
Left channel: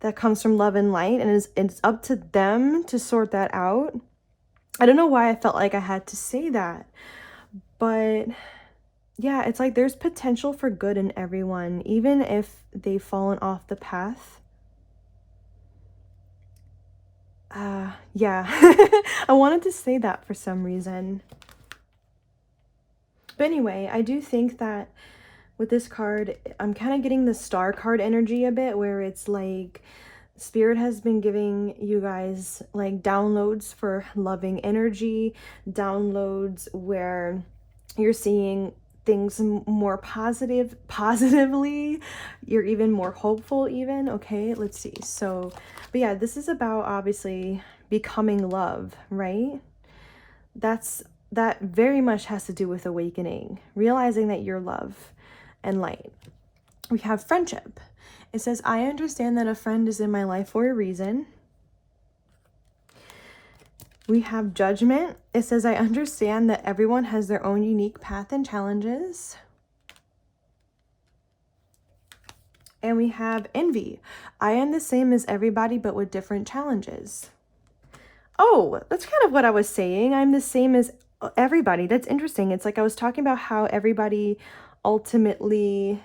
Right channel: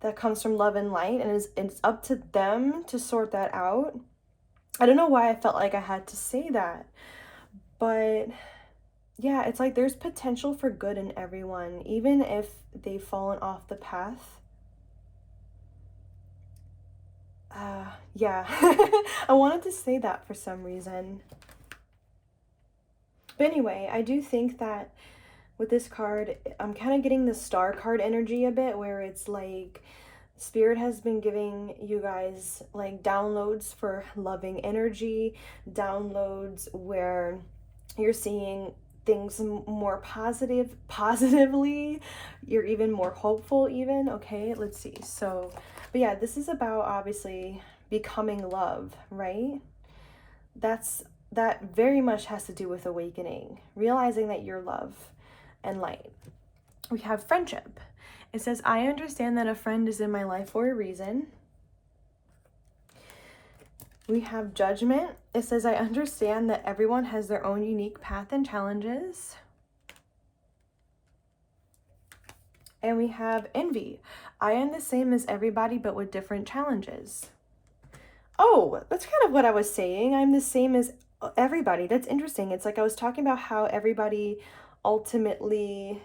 that comes from love and light, and it's up to them to sort that out. I don't know why I felt like I had to say that, but yeah, it's like there's potential for good in everyone, even if they've fallen off the path. Yeah, I wanted to say that for some reason. But anyway, I do think that with this card, I'm kind of getting the star card energy a bit, where it's like spirit has been giving you guys like downloads for loving energy, downloads where you're seeing things more positively, you're even more hopeful even. Okay, let's see. So, but yeah, this is about obviously becoming love, right? That very much has to do with awakening, realizing that you're love and light. We have friendship. It says, I understand that a friend is in my life for a reason. We have judgment. It says, I understand that everyone has their own unique path and challenges. And we have envy. I am the same as everybody, but with different challenges. Oh, that's kind of what I was saying. I'm the same as everybody. That's interesting. It's like I was talking about how everybody ultimately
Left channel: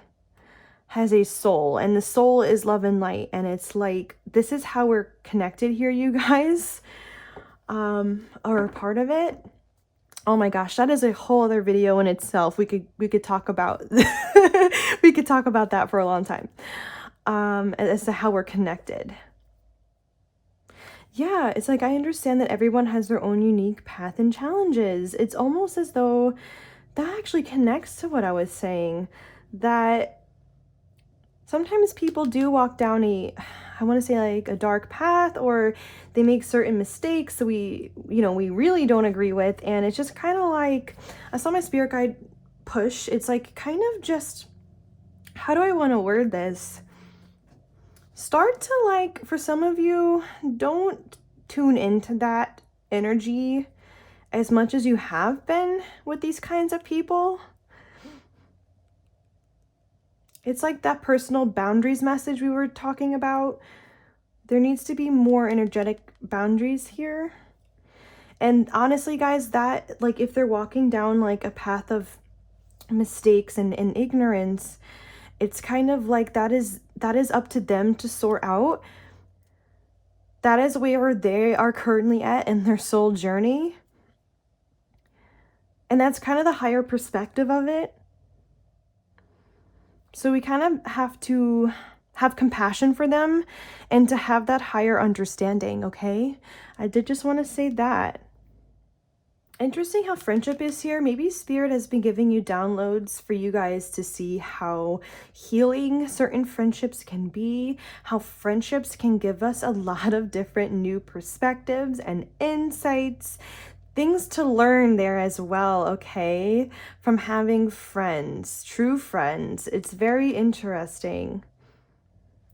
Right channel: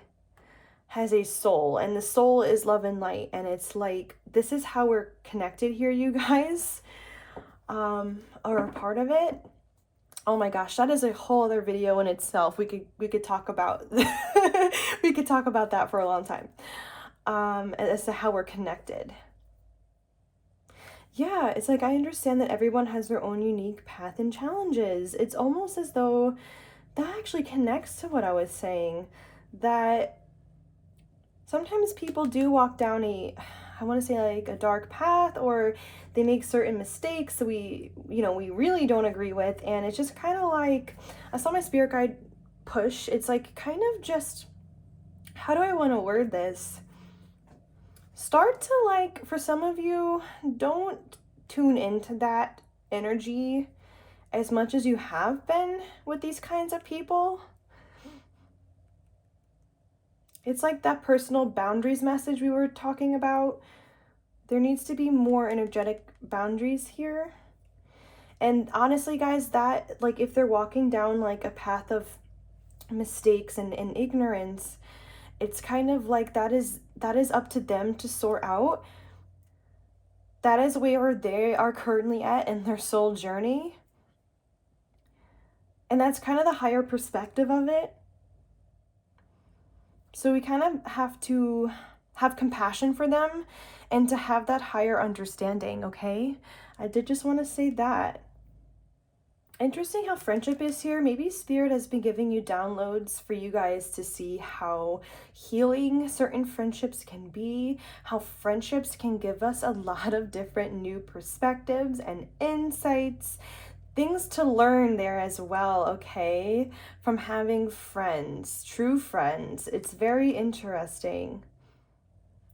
has a soul, and the soul is love and light, and it's like this is how we're connected here, you guys, are a part of it. Oh my gosh, that is a whole other video in itself. We could talk about we could talk about that for a long time, as to how we're connected. Yeah, it's like I understand that everyone has their own unique path and challenges. It's almost as though that actually connects to what I was saying, that sometimes people do walk down I want to say like a dark path, or they make certain mistakes that we really don't agree with. And it's just kind of like, I saw my spirit guide push. It's like kind of just, how do I want to word this? Start to, like, for some of you, don't tune into that energy as much as you have been with these kinds of people. It's like that personal boundaries message we were talking about. There needs to be more energetic boundaries here. And honestly, guys, that, like, if they're walking down like a path of mistakes and ignorance, it's kind of like that is up to them to sort out. That is where they are currently at in their soul journey. And that's kind of the higher perspective of it. So we kind of have to have compassion for them and to have that higher understanding, okay? I did just want to say that. Interesting how friendship is here. Maybe spirit has been giving you downloads for you guys to see how healing certain friendships can be, how friendships can give us a lot of different new perspectives and insights, things to learn there as well, okay? From having friends, true friends. It's very interesting.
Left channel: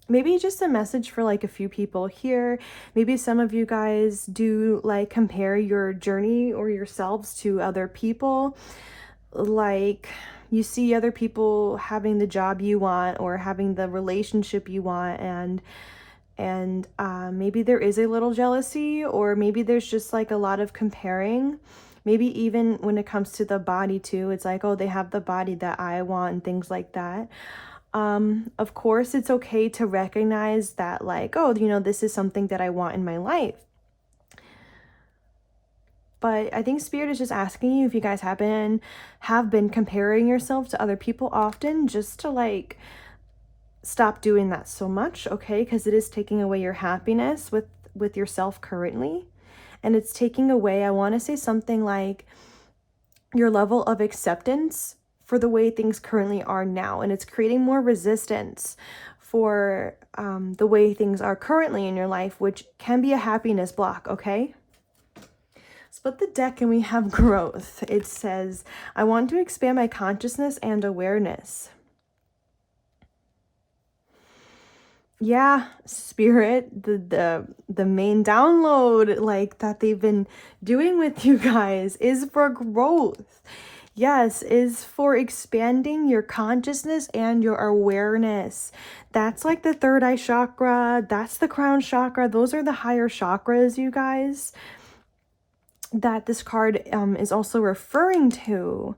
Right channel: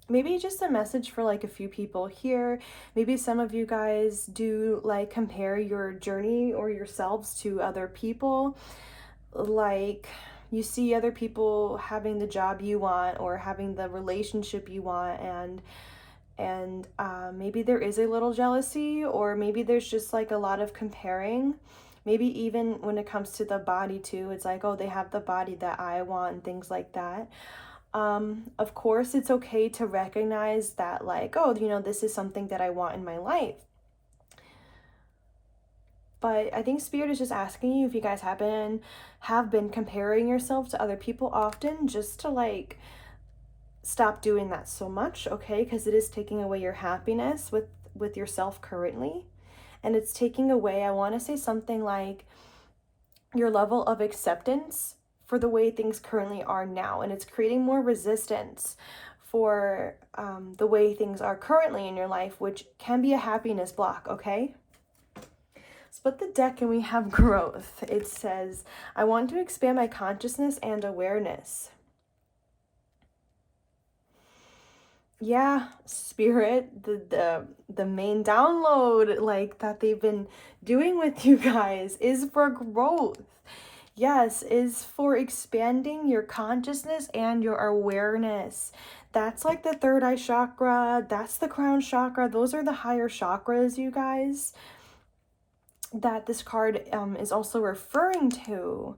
Maybe just a message for like a few people here. Maybe some of you guys do like compare your journey or yourselves to other people. Like, you see other people having the job you want or having the relationship you want, and maybe there is a little jealousy, or maybe there's just like a lot of comparing. Maybe even when it comes to the body too, it's like, oh, they have the body that I want and things like that. Of course, it's okay to recognize that, like, oh, you know, this is something that I want in my life. But I think Spirit is just asking you if you guys have been comparing yourself to other people often, just to like stop doing that so much, okay? Because it is taking away your happiness with yourself currently. And it's taking away, I want to say something like, your level of acceptance for the way things currently are now. And it's creating more resistance for the way things are currently in your life, which can be a happiness block, okay? Split the deck and we have growth. It says, I want to expand my consciousness and awareness. Yeah, Spirit, the main download like that they've been doing with you guys is for growth. Yes, is for expanding your consciousness and your awareness. That's like the third eye chakra, that's the crown chakra. Those are the higher chakras, you guys, that this card is also referring to.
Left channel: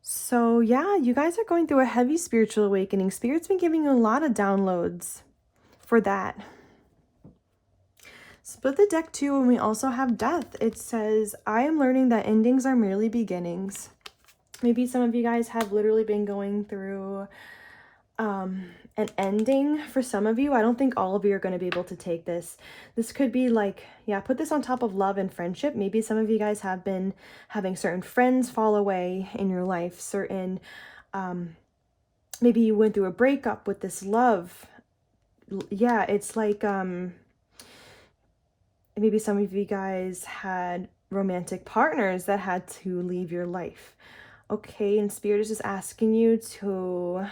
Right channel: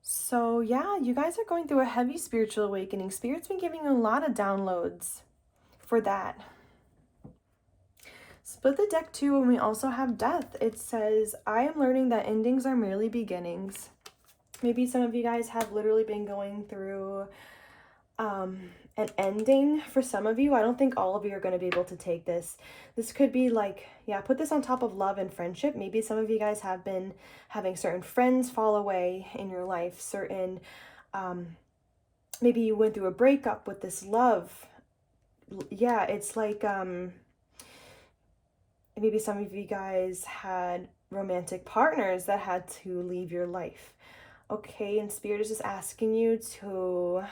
So yeah, you guys are going through a heavy spiritual awakening. Spirit's been giving you a lot of downloads for that. Split the deck too, and we also have death. It says, I am learning that endings are merely beginnings. Maybe some of you guys have literally been going through an ending. For some of you, I don't think all of you are going to be able to take this. This could be like, yeah, put this on top of love and friendship. Maybe some of you guys have been having certain friends fall away in your life, certain maybe you went through a breakup with this love. Yeah, it's like maybe some of you guys had romantic partners that had to leave your life. Okay, and Spirit is just asking you to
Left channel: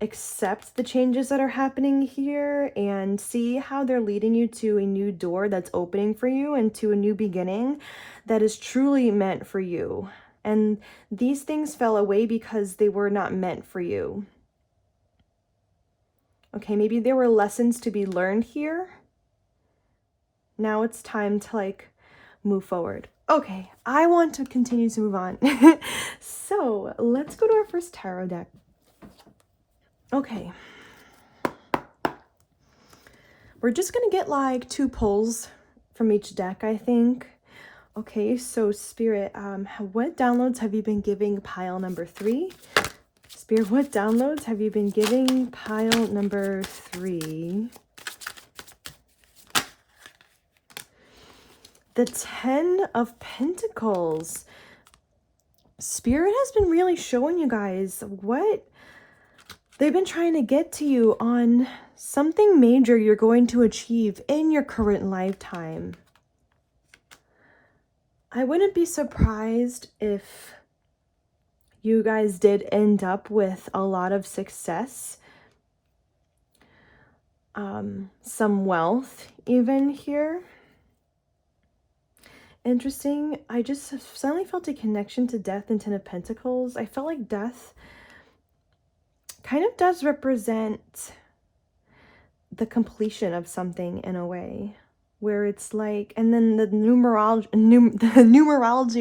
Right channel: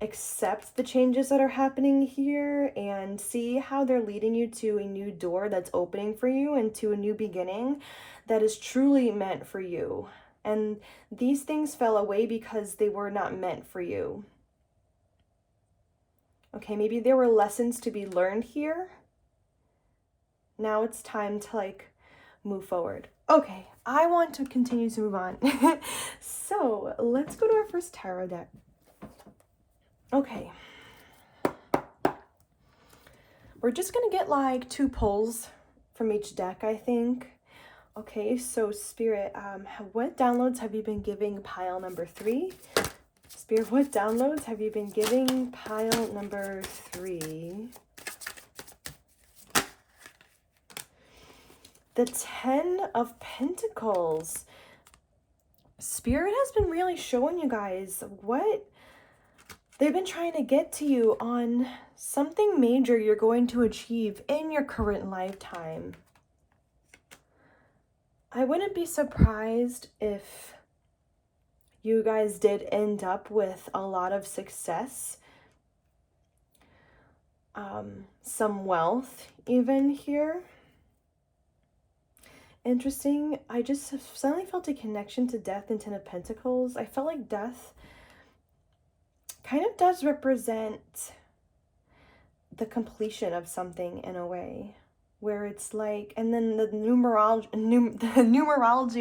accept the changes that are happening here and see how they're leading you to a new door that's opening for you and to a new beginning that is truly meant for you. And these things fell away because they were not meant for you. Okay, maybe there were lessons to be learned here. Now it's time to like move forward. Okay, I want to continue to move on. So let's go to our first tarot deck. Okay. We're just gonna get like 2 pulls from each deck, I think. Okay, so Spirit, what downloads have you been giving pile number 3? Spirit, what downloads have you been giving pile number 3? The 10 of Pentacles. Spirit has been really showing you guys what they've been trying to get to you on something major you're going to achieve in your current lifetime. I wouldn't be surprised if you guys did end up with a lot of success, some wealth even here. Interesting. I just suddenly felt a connection to death and 10 of Pentacles. I felt like death kind of does represent the completion of something in a way, where it's like, and then the numerology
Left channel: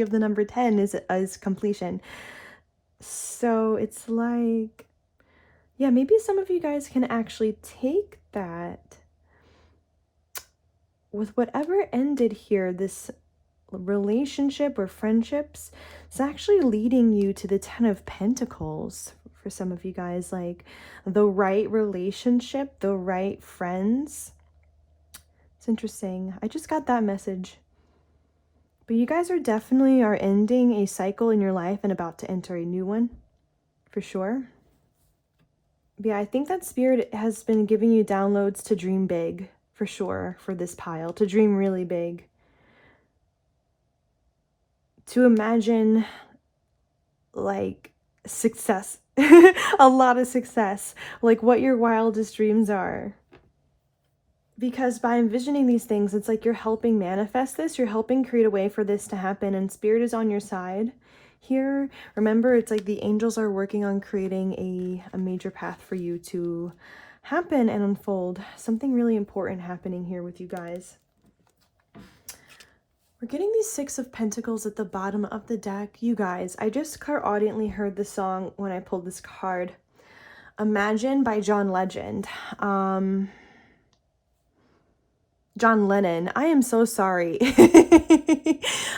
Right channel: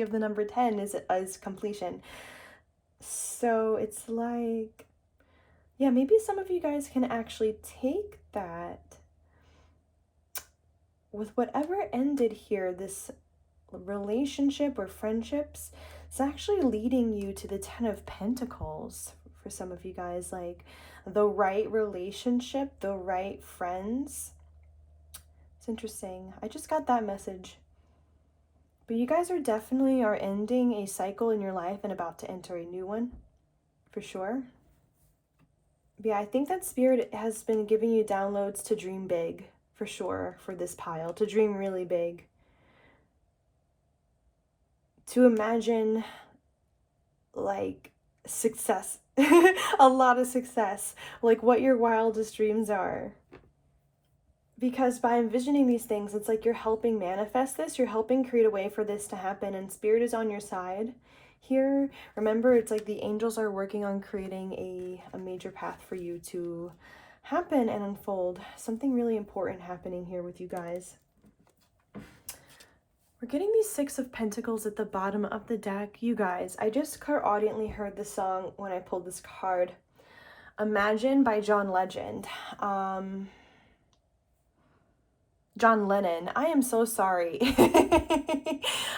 of the number 10 is completion. So it's like, yeah, maybe some of you guys can actually take that with whatever ended here, this relationship or friendships. It's actually leading you to the 10 of Pentacles for some of you guys, like the right relationship, the right friends. It's interesting. I just got that message. But you guys are definitely ending a cycle in your life and about to enter a new one, for sure. But yeah, I think that Spirit has been giving you downloads to dream big, for sure, for this pile, to dream really big. To imagine like success, a lot of success, like what your wildest dreams are. Because by envisioning these things, it's like you're helping manifest this, you're helping create a way for this to happen, and Spirit is on your side here. Remember, it's like the angels are working on creating a major path for you to happen and unfold. Something really important happening here with you guys. We're getting these Six of Pentacles at the bottom of the deck. You guys, I just clairaudiently heard the song when I pulled this card. Imagine by John Legend. John Lennon. I am so sorry.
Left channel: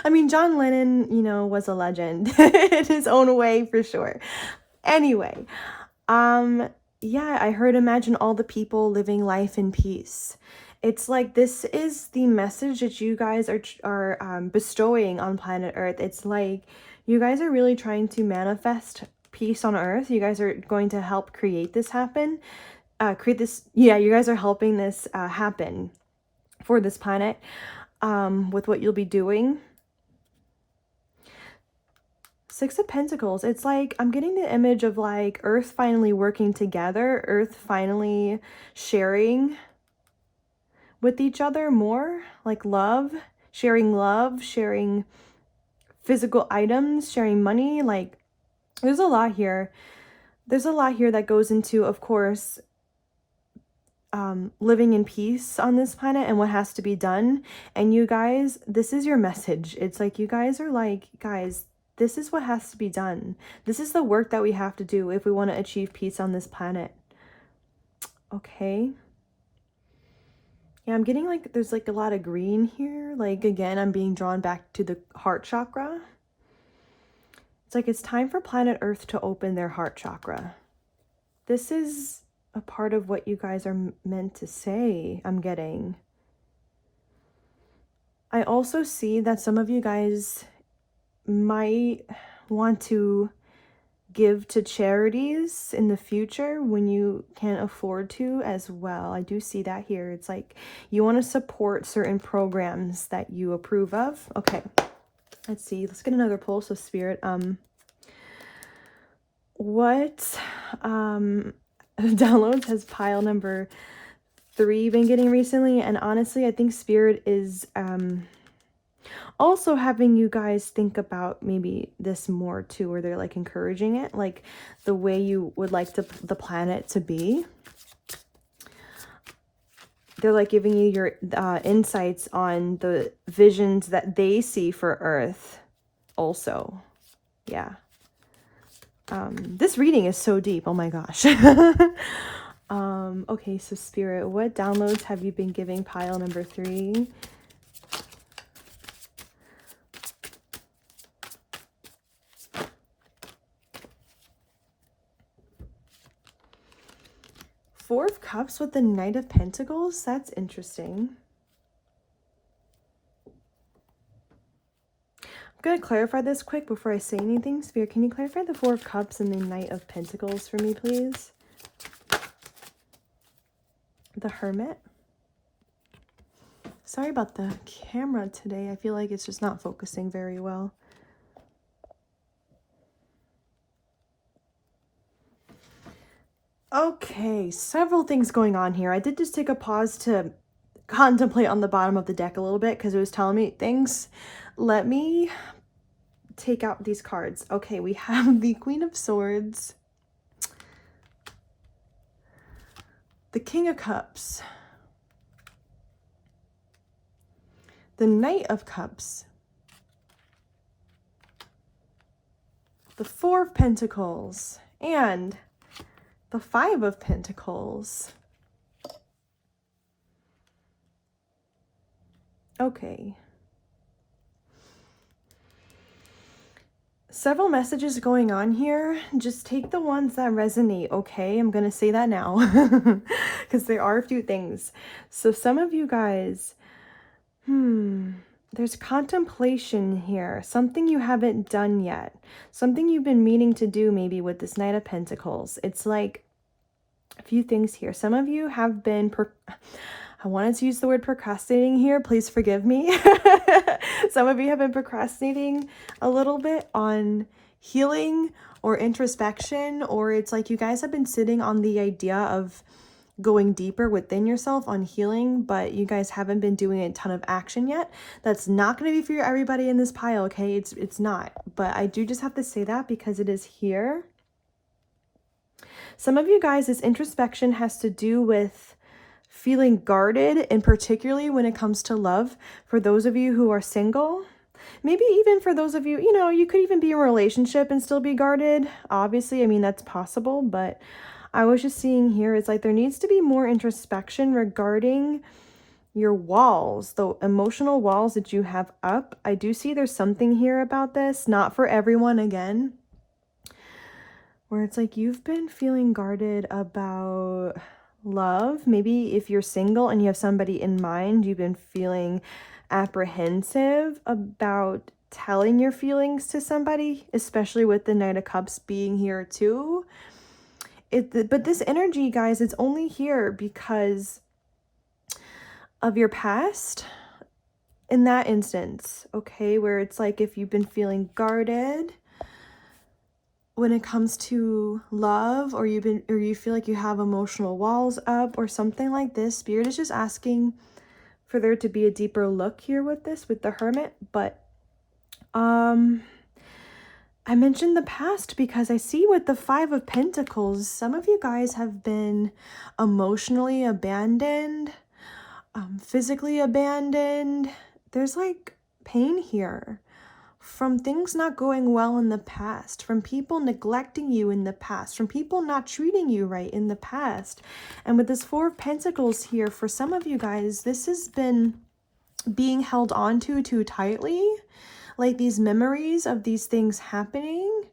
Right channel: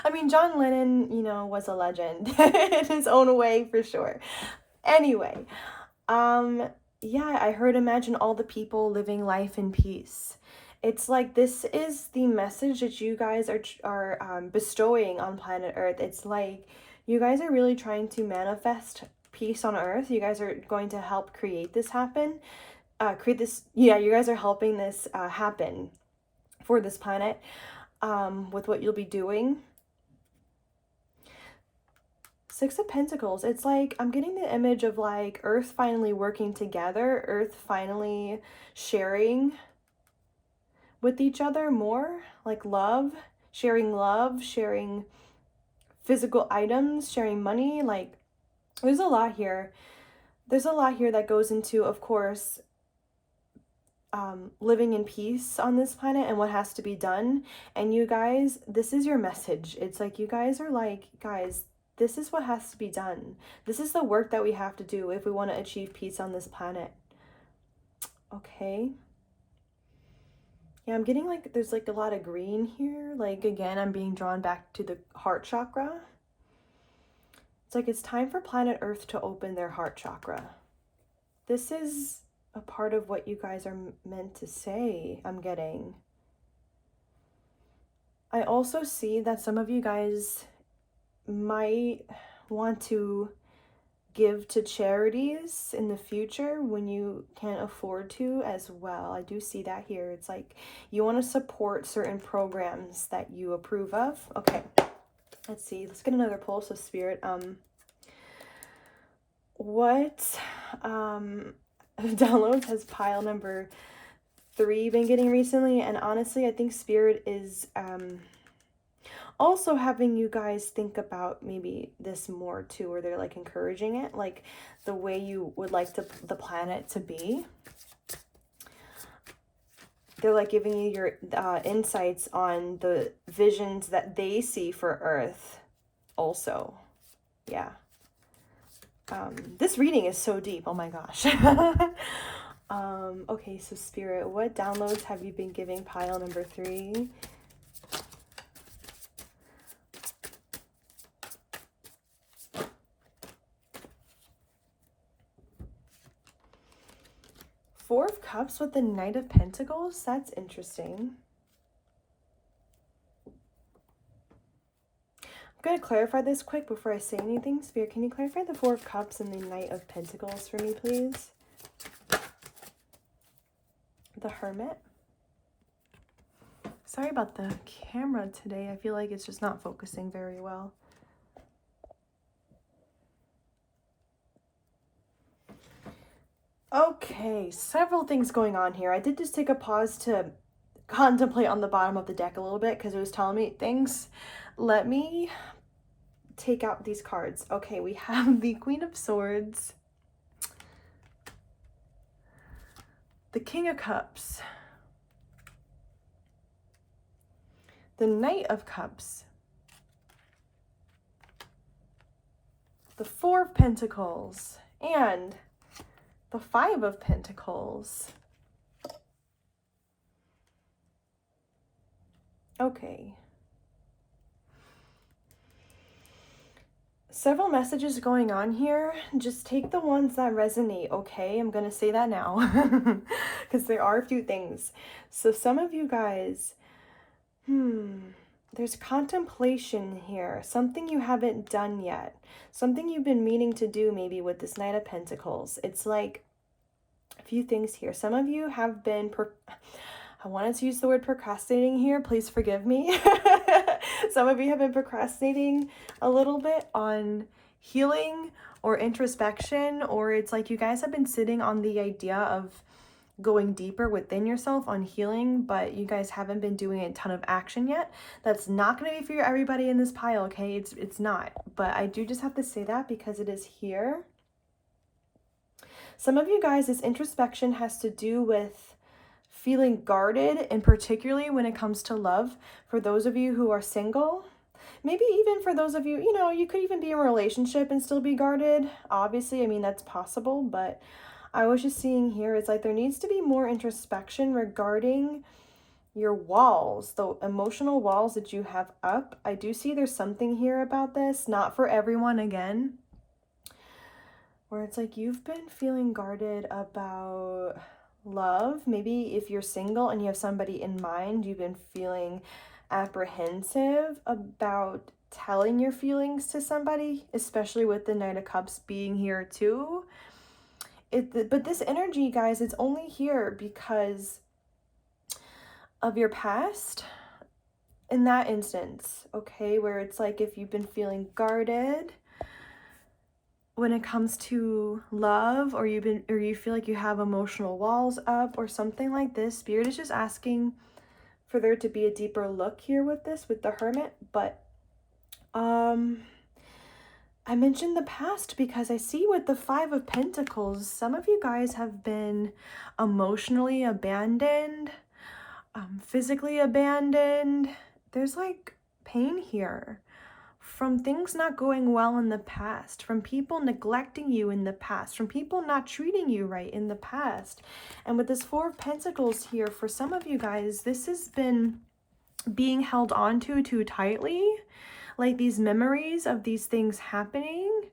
I mean, John Lennon, you know, was a legend in his own way for sure. Anyway, yeah, I heard imagine all the people living life in peace. It's like this is the message that you guys are bestowing on planet Earth. It's like you guys are really trying to manifest peace on Earth. You guys are going to help create this happen. You guys are helping this happen for this planet with what you'll be doing. Six of Pentacles. It's like I'm getting the image of like Earth finally working together, Earth finally sharing with each other more, like love, sharing physical items, sharing money. Like there's a lot here. There's a lot here that goes into, of course, living in peace on this planet and what has to be done. And you guys, this is your message. It's like you guys are like, guys, this is what has to be done. This is the work that we have to do if we want to achieve peace on this planet. Okay. Yeah, I'm getting like there's like a lot of green here. Like again, I'm being drawn back to the heart chakra. It's like it's time for planet Earth to open their heart chakra. This is a part of what you guys are meant to say, I'm getting. I also see that some of you guys might want to give to charities in the future when you can't afford to as well. I do see that here. It's like you want to support certain programs that you approve of. Okay, let's see. Let's get another pull. So Spirit, what downloads has pile number 3 been getting recently? And honestly, I think Spirit is also having you guys think about maybe this more too, or they're like encouraging it, like the way you would like the planet to be. They're like giving you your insights on the visions that they see for Earth also. Yeah. This reading is so deep. Oh my gosh. Okay, so Spirit, what downloads have you been giving pile number 3? Four of Cups with the Knight of Pentacles? That's interesting. I'm going to clarify this quick before I say anything. Spirit, can you clarify the Four of Cups and the Knight of Pentacles for me, please? The Hermit. Sorry about the camera today. I feel like it's just not focusing very well. Okay, several things going on here. I did just take a pause to contemplate on the bottom of the deck a little bit because it was telling me things. Let me take out these cards. Okay, we have the Queen of Swords, the King of Cups, the Knight of Cups, the Four of Pentacles, and the Five of Pentacles. Okay. Several messages going on here. Just take the ones that resonate, okay? I'm gonna say that now because there are a few things. So some of you guys, there's contemplation here. Something you haven't done yet. Something you've been meaning to do maybe with this Knight of Pentacles. It's like a few things here. Some of you have been, I wanted to use the word procrastinating here. Please forgive me. Some of you have been procrastinating a little bit on healing or introspection, or it's like you guys have been sitting on the idea of going deeper within yourself on healing, but you guys haven't been doing a ton of action yet. That's not going to be for everybody in this pile, okay? It's not. But I do just have to say that because it is here. Some of you guys, this introspection has to do with feeling guarded, and particularly when it comes to love. For those of you who are single, maybe even for those of you, you know, you could even be in a relationship and still be guarded. Obviously, I mean, that's possible, but I was just seeing here, it's like there needs to be more introspection regarding your walls, the emotional walls that you have up. I do see there's something here about this, not for everyone again, where it's like you've been feeling guarded about love. Maybe if you're single and you have somebody in mind, you've been feeling apprehensive about telling your feelings to somebody, especially with the Knight of Cups being here too. But this energy, guys, it's only here because of your past in that instance, okay? Where it's like if you've been feeling guarded when it comes to love, or you feel like you have emotional walls up or something like this, Spirit is just asking for there to be a deeper look here with this, with the Hermit. But I mentioned the past because I see with the Five of Pentacles, some of you guys have been emotionally abandoned, physically abandoned. There's like pain here from things not going well in the past, from people neglecting you in the past, from people not treating you right in the past. And with this Four of Pentacles here, for some of you guys, this has been being held on to too tightly, like these memories of these things happening.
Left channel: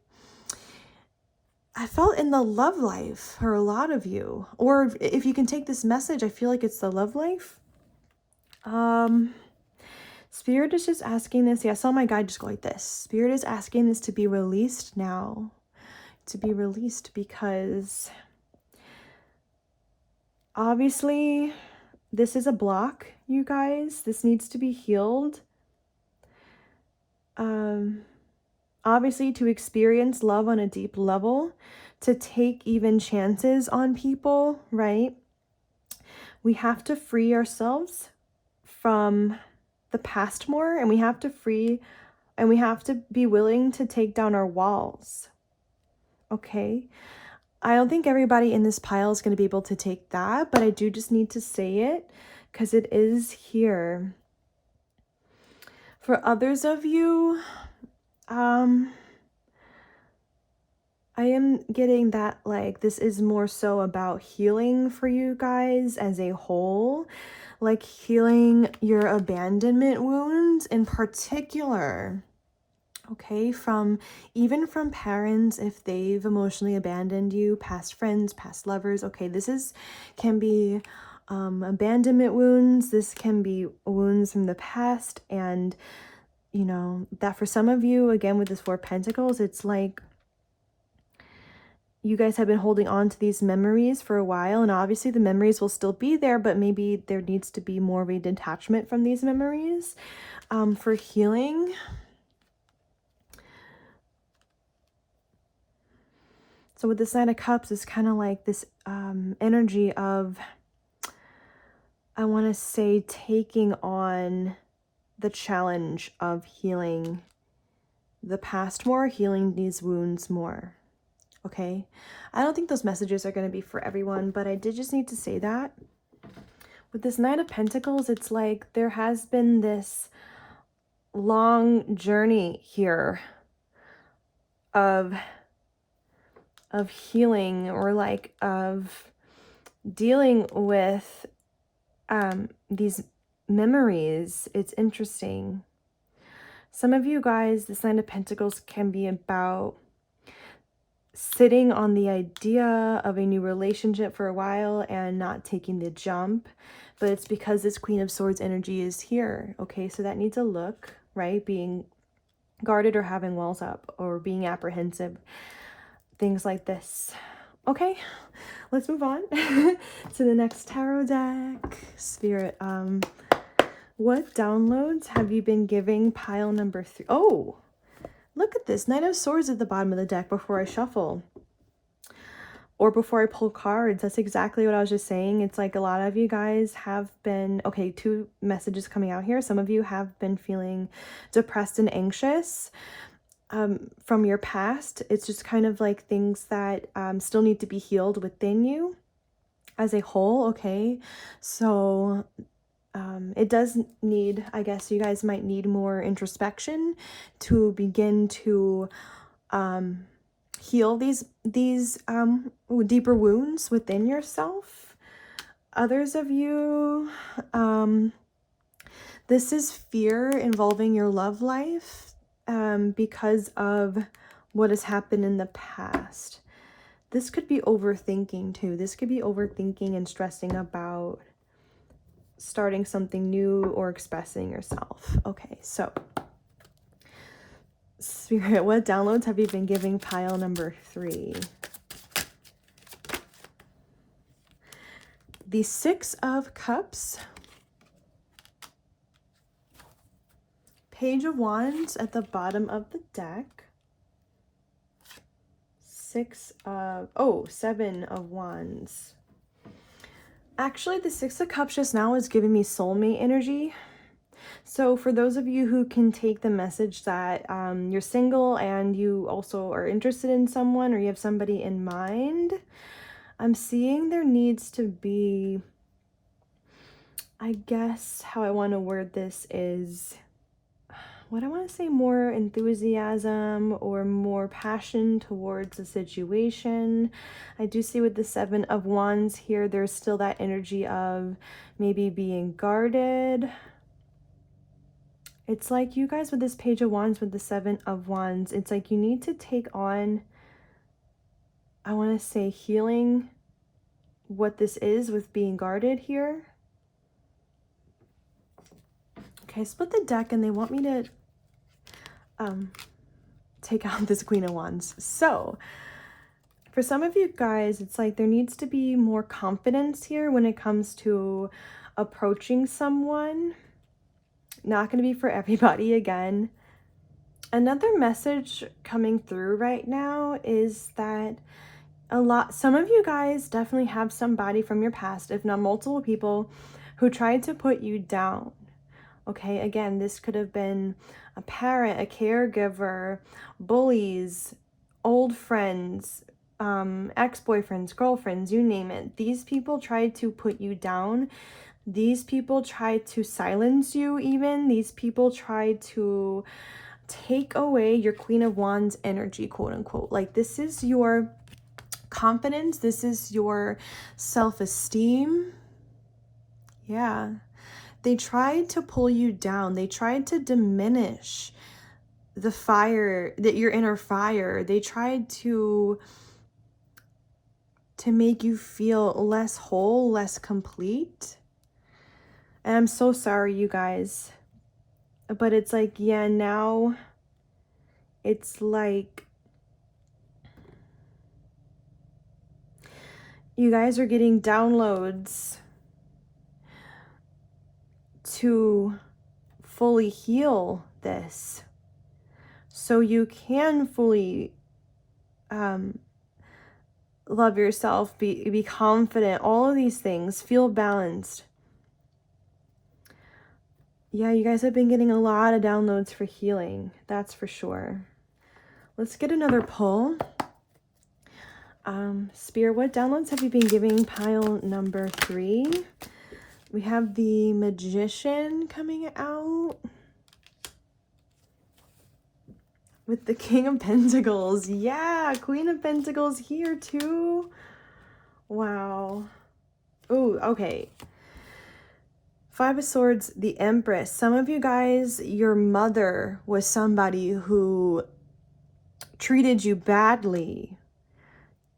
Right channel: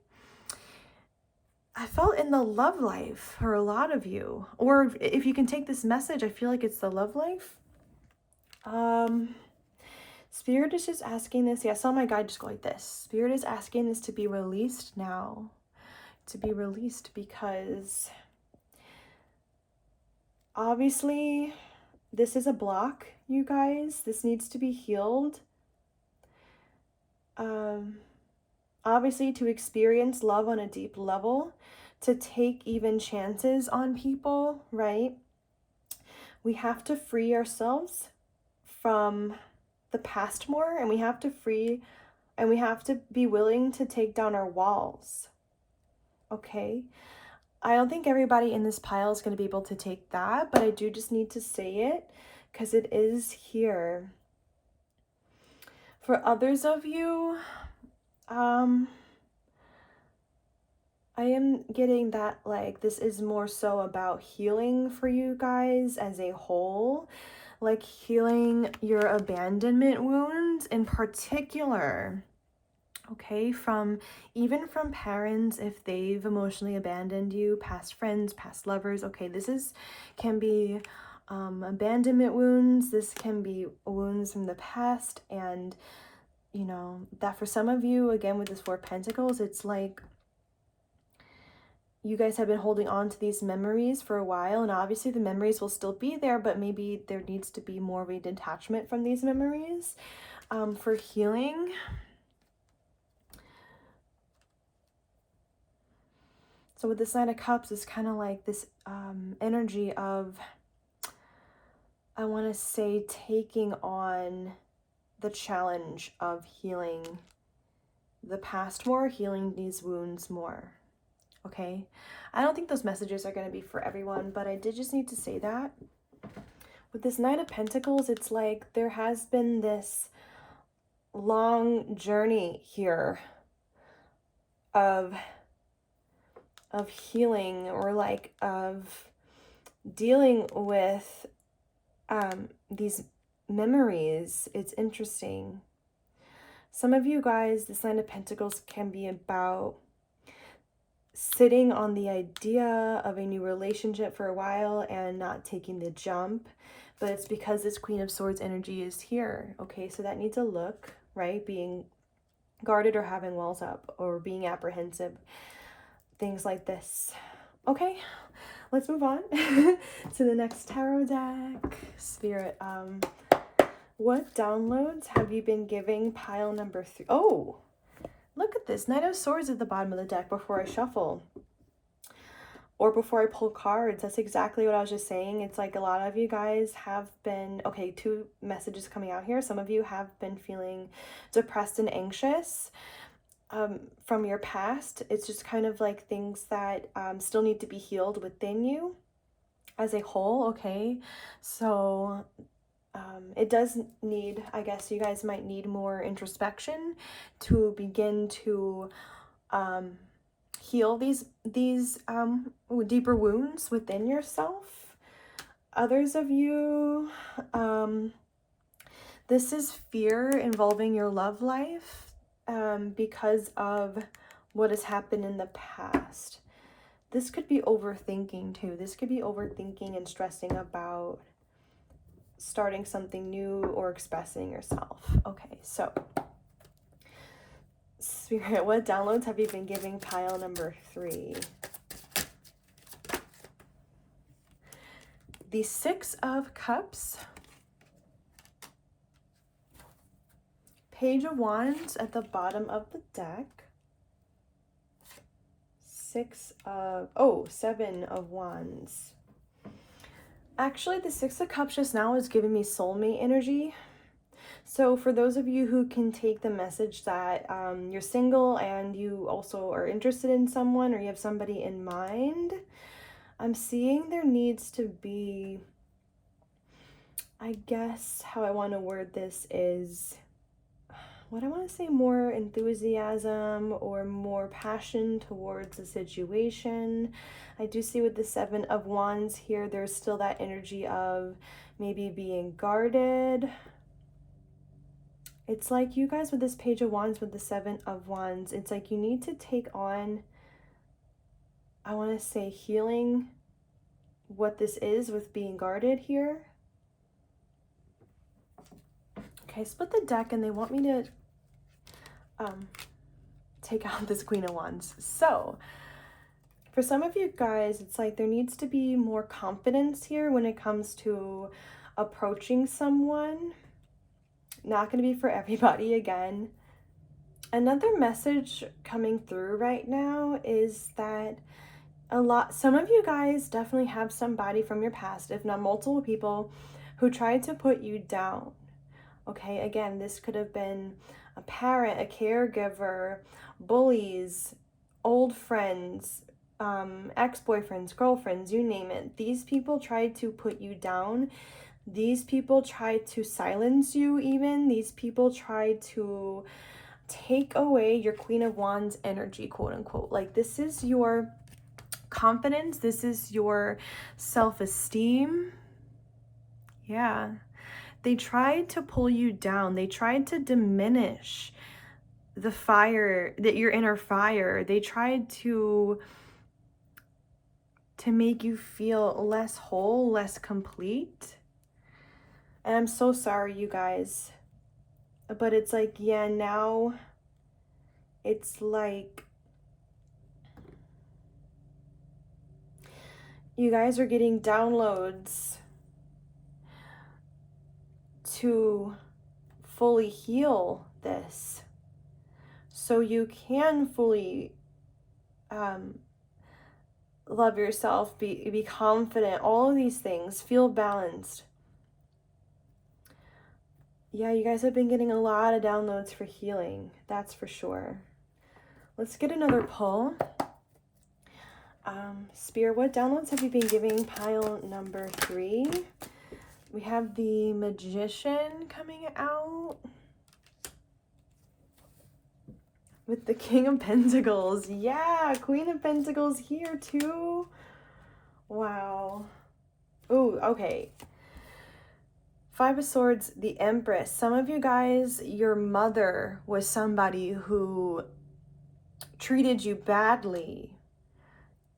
I felt in the love life for a lot of you, or if you can take this message, I feel like it's the love life. Spirit is just asking this. Yeah, I saw my guide just go like this. Spirit is asking this to be released now. To be released because obviously this is a block, you guys. This needs to be healed. Obviously to experience love on a deep level, to take even chances on people, right? We have to free ourselves from the past more, and we have to be willing to take down our walls. Okay? I don't think everybody in this pile is going to be able to take that, but I do just need to say it because it is here. For others of you, I am getting that like this is more so about healing for you guys as a whole, like healing your abandonment wounds in particular. Okay, even from parents, if they've emotionally abandoned you, past friends, past lovers. Okay, can be abandonment wounds. This can be wounds from the past, and you know that for some of you, again with this Four of Pentacles, it's like you guys have been holding on to these memories for a while, and obviously the memories will still be there, but maybe there needs to be more of a detachment from these memories for healing. So with this Nine of Cups, it's kind of like this energy of, I want to say, taking on the challenge of healing the past more, healing these wounds more. Okay, I don't think those messages are going to be for everyone, but I did just need to say that. With this Knight of Pentacles, it's like there has been this long journey here of healing, or like of dealing with these memories. It's interesting. Some of you guys, this Nine of Pentacles can be about sitting on the idea of a new relationship for a while and not taking the jump, but it's because this Queen of Swords energy is here. Okay, so that needs a look, right? Being guarded or having walls up or being apprehensive, things like this. Okay, let's move on to the next tarot deck. Spirit, what downloads have you been giving pile number 3? Oh, look at this. Knight of Swords at the bottom of the deck before I shuffle. or before I pull cards. That's exactly what I was just saying. It's like a lot of you guys have been, okay, 2 messages coming out here. Some of you have been feeling depressed and anxious from your past. It's just kind of like things that still need to be healed within you as a whole, okay? So it does need, I guess you guys might need more introspection to begin to heal these deeper wounds within yourself. Others of you, this is fear involving your love life because of what has happened in the past. This could be overthinking too. This could be overthinking and stressing about starting something new or expressing yourself. Okay, so Spirit, what downloads have you been giving pile number 3? The 6 of Cups, Page of Wands at the bottom of the deck, 7 of Wands. Actually, the 6 of Cups just now is giving me soulmate energy. So for those of you who can take the message that you're single and you also are interested in someone, or you have somebody in mind, I'm seeing there needs to be, I guess how I want to word this is, what I want to say, more enthusiasm or more passion towards the situation. I do see with the 7 of Wands here, there's still that energy of maybe being guarded. It's like you guys with this Page of Wands, with the 7 of Wands, it's like you need to take on, I want to say, healing what this is with being guarded here. Okay, I split the deck and they want me to take out this Queen of Wands. So for some of you guys, it's like there needs to be more confidence here when it comes to approaching someone. Not going to be for everybody again. Another message coming through right now is that some of you guys definitely have somebody from your past, if not multiple people, who tried to put you down. Okay, again, this could have been a parent, a caregiver, bullies, old friends, ex-boyfriends, girlfriends, you name it. These people tried to put you down. These people tried to silence you even. These people tried to take away your Queen of Wands energy, quote unquote. Like, this is your confidence. This is your self-esteem. Yeah. They tried to pull you down. They tried to diminish the fire, that your inner fire. They tried to make you feel less whole, less complete. And I'm so sorry, you guys. But it's like, yeah, now it's like you guys are getting downloads to fully heal this, so you can fully love yourself, be confident, all of these things, feel balanced. Yeah, you guys have been getting a lot of downloads for healing, that's for sure. Let's get another pull. Spirit, what downloads have you been giving pile number 3? We have the Magician coming out with the King of Pentacles. Yeah, Queen of Pentacles here too. Wow. Oh, okay. 5 of Swords, the Empress. Some of you guys, your mother was somebody who treated you badly.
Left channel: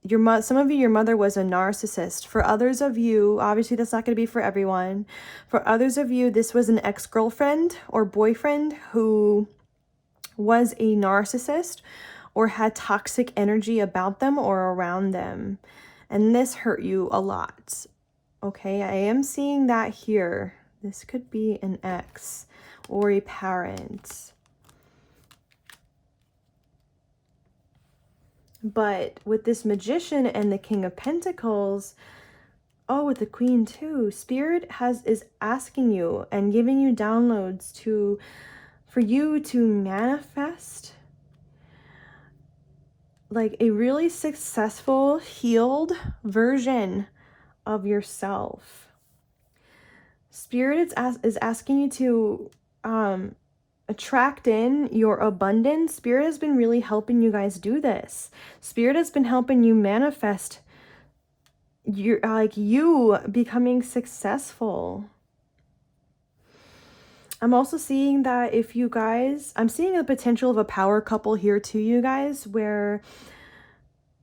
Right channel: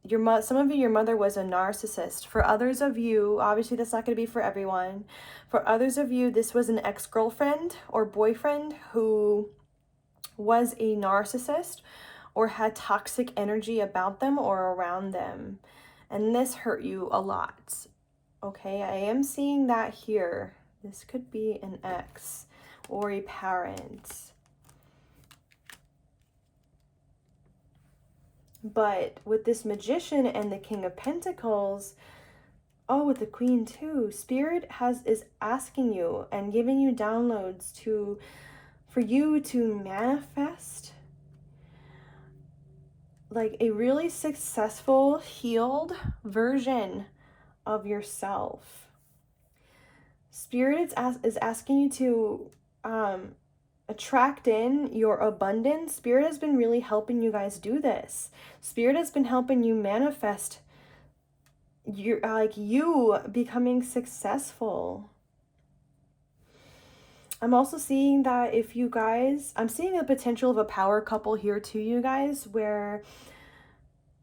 Some of you, your mother was a narcissist. For others of you, obviously that's not going to be for everyone. For others of you, this was an ex-girlfriend or boyfriend who was a narcissist or had toxic energy about them or around them. And this hurt you a lot. Okay, I am seeing that here. This could be an ex or a parent. But with this Magician and the King of Pentacles, oh, with the Queen too, Spirit is asking you and giving you downloads for you to manifest like a really successful, healed version of yourself. Spirit is asking you to attract in your abundance. Spirit has been really helping you guys do this. Spirit has been helping you manifest you becoming successful. I'm also seeing that if you guys, I'm seeing a potential of a power couple here too, you guys, where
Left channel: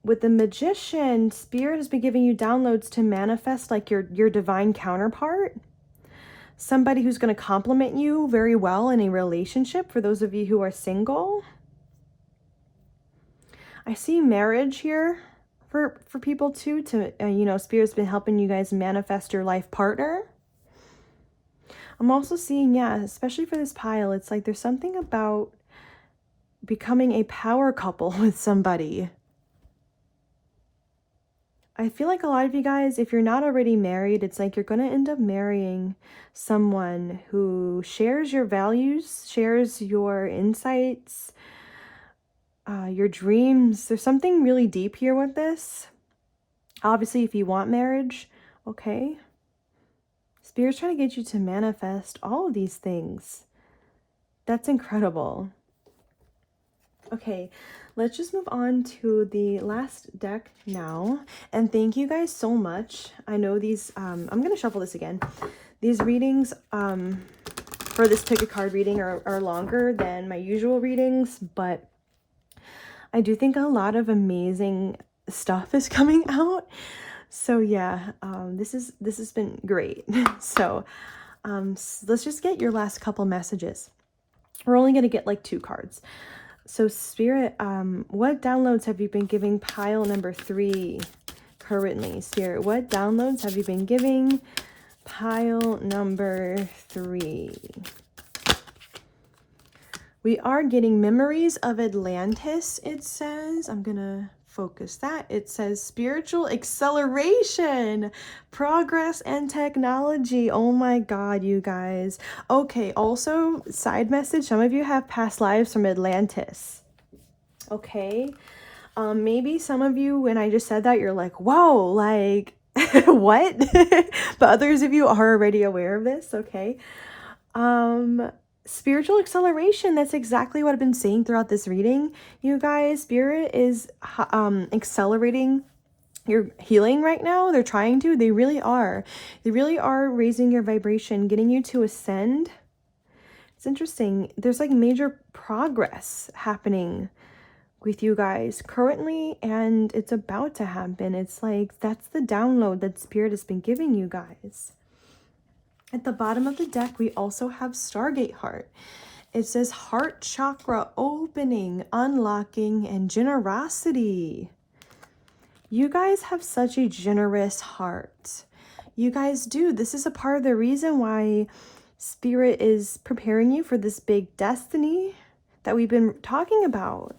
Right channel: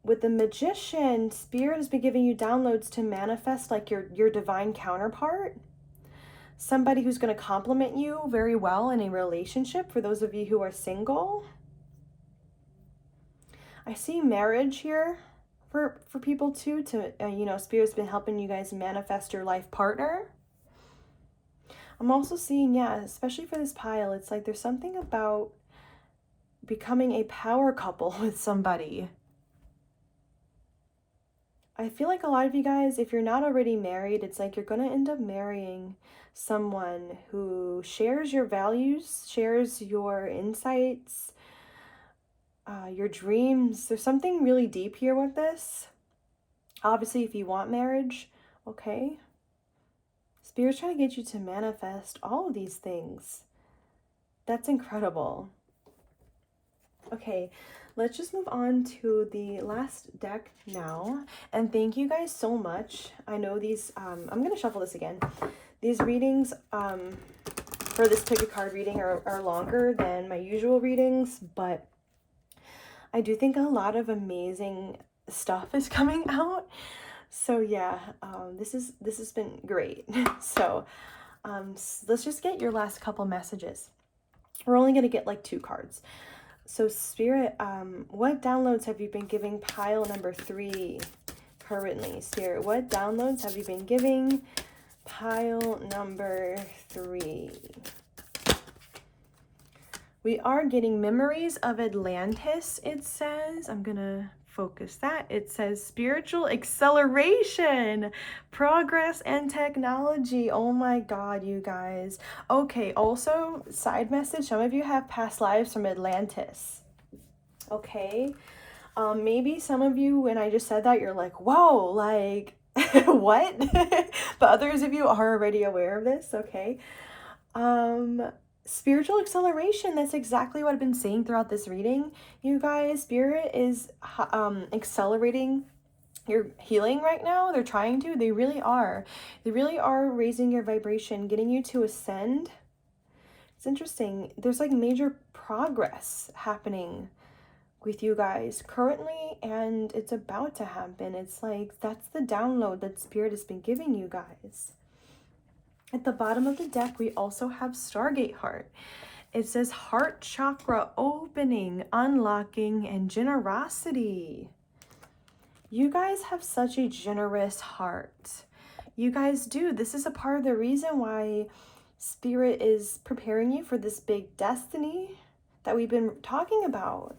with the Magician, Spirit has been giving you downloads to manifest like your divine counterpart. Somebody who's going to complement you very well in a relationship for those of you who are single. I see marriage here for people too, to, you know, Spirit's been helping you guys manifest your life partner. I'm also seeing, yeah, especially for this pile, it's like there's something about becoming a power couple with somebody. I feel like a lot of you guys, if you're not already married, it's like you're going to end up marrying someone who shares your values, shares your insights, your dreams. There's something really deep here with this. Obviously, if you want marriage, okay. Spirit's trying to get you to manifest all of these things. That's incredible. Okay, let's just move on to the last deck now. And thank you guys so much. I know these, I'm going to shuffle this again. These readings for this pick a card reading are longer than my usual readings, but I do think a lot of amazing stuff is coming out. So yeah, this has been great. So let's just get your last couple messages. We're only going to get like 2 cards. So Spirit, what downloads have you been giving pile number 3 currently? Spirit, what downloads have you been giving pile number 3? We are getting memories of Atlantis, it says. I'm gonna focus that. It says spiritual acceleration, progress, and technology. Oh my god, you guys. Okay, also, side message, some of you have past lives from Atlantis. Okay? Maybe some of you, when I just said that, you're like, whoa, like, what? But others of you are already aware of this, okay? Spiritual acceleration, that's exactly what I've been saying throughout this reading, you guys. Spirit is accelerating your healing right now. They're trying to. They really are raising your vibration, getting you to ascend. It's interesting. There's like major progress happening with you guys currently, and it's about to happen. It's like that's the download that Spirit has been giving you guys. At the bottom of the deck, we also have Stargate Heart. It says heart chakra opening, unlocking, and generosity. You guys have such a generous heart. You guys do. This is a part of the reason why Spirit is preparing you for this big destiny that we've been talking about.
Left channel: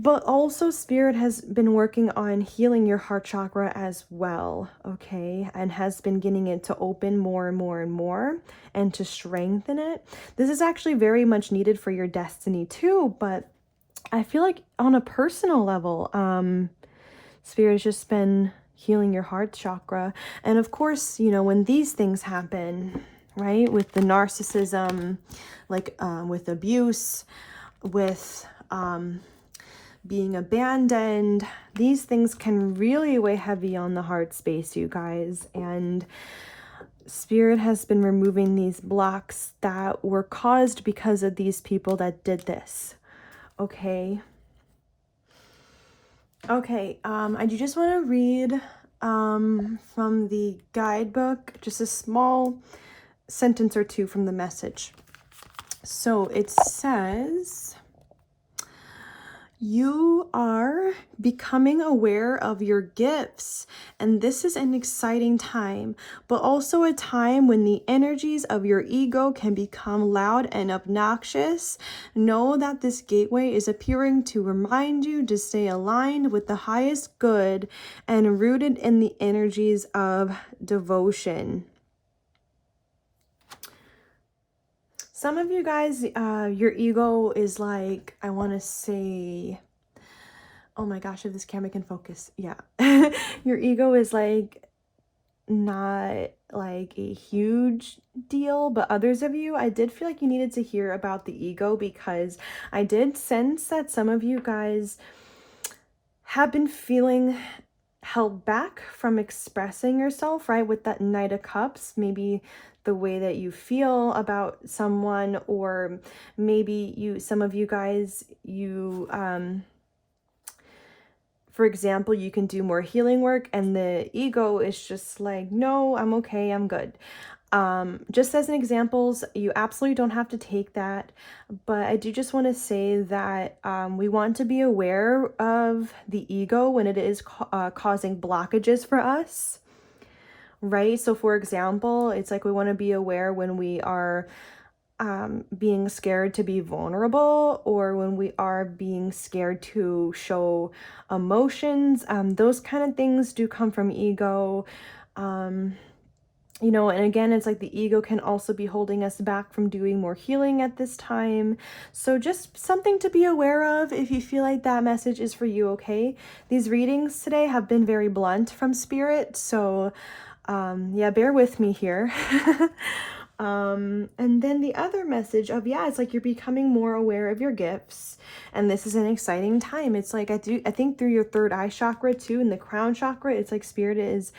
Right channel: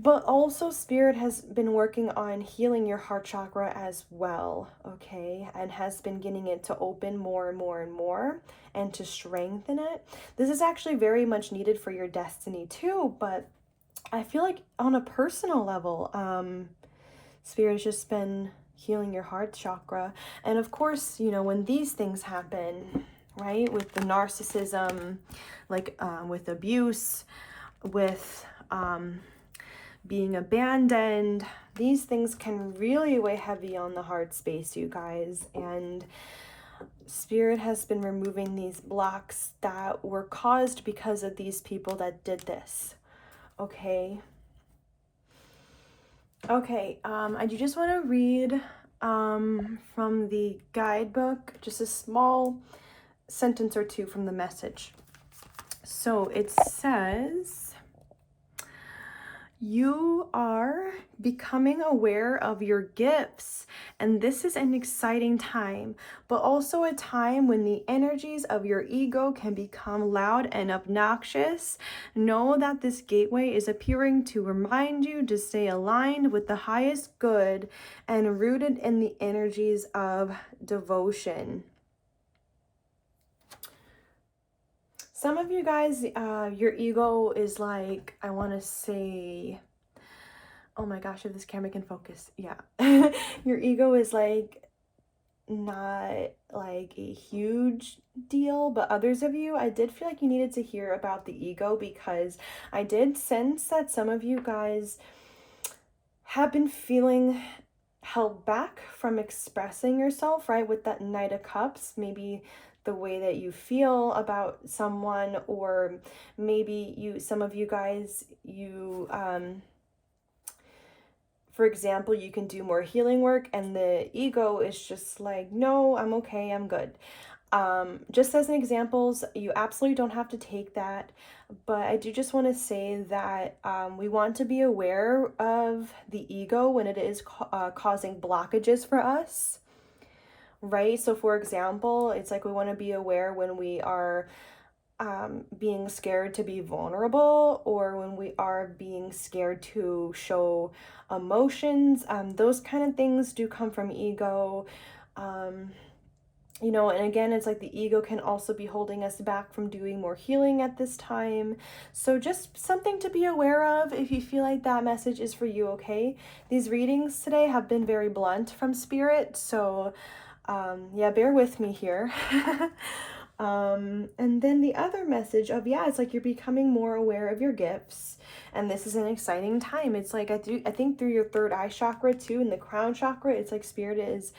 But also Spirit has been working on healing your heart chakra as well, okay? And has been getting it to open more and more and more and to strengthen it. This is actually very much needed for your destiny too, but I feel like on a personal level, Spirit has just been healing your heart chakra. And of course, you know, when these things happen, right? With the narcissism, like with abuse, with being abandoned, these things can really weigh heavy on the heart space, you guys. And Spirit has been removing these blocks that were caused because of these people that did this. Okay. Okay, I do just want to read from the guidebook, just a small sentence or two from the message. So it says, You are becoming aware of your gifts, and this is an exciting time, but also a time when the energies of your ego can become loud and obnoxious. Know that this gateway is appearing to remind you to stay aligned with the highest good and rooted in the energies of devotion. Some of you guys, your ego is like, I want to say, oh my gosh, if this camera can focus, yeah. Your ego is like not like a huge deal, but others of you, I did feel like you needed to hear about the ego, because I did sense that some of you guys have been feeling held back from expressing yourself, right? With that Knight of Cups, maybe the way that you feel about someone, or maybe some of you guys, for example, you can do more healing work and the ego is just like, no, I'm okay, I'm good. Just as an examples, you absolutely don't have to take that, but I do just want to say that we want to be aware of the ego when it is causing blockages for us, right? So for example, it's like we want to be aware when we are being scared to be vulnerable, or when we are being scared to show emotions. Those kind of things do come from ego. You know, and again, it's like the ego can also be holding us back from doing more healing at this time. So just something to be aware of if you feel like that message is for you, okay? These readings today have been very blunt from Spirit, so yeah, bear with me here. And then the other message of, yeah, it's like you're becoming more aware of your gifts, and this is an exciting time. It's like I think through your third eye chakra too, and the crown chakra, it's like Spirit is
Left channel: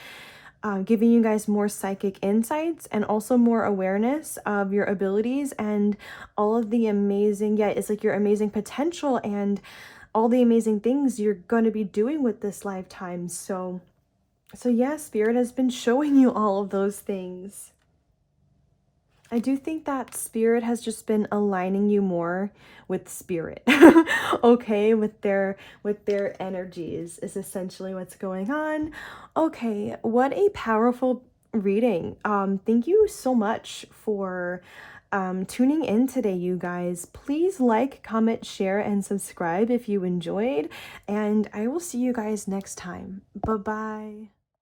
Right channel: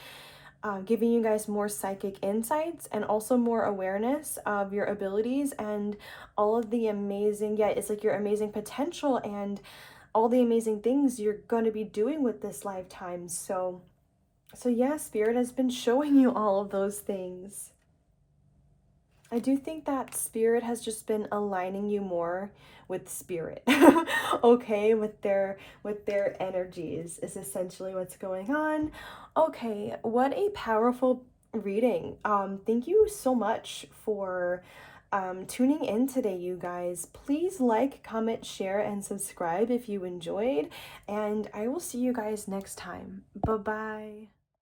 giving you guys more psychic insights and also more awareness of your abilities and all of the amazing, yeah, it's like your amazing potential and all the amazing things you're going to be doing with this lifetime. So yeah, Spirit has been showing you all of those things. I do think that Spirit has just been aligning you more with Spirit. Okay, with their energies is essentially what's going on. Okay, what a powerful reading. Thank you so much for tuning in today, you guys. Please like, comment, share, and subscribe if you enjoyed, and I will see you guys next time. Bye-bye.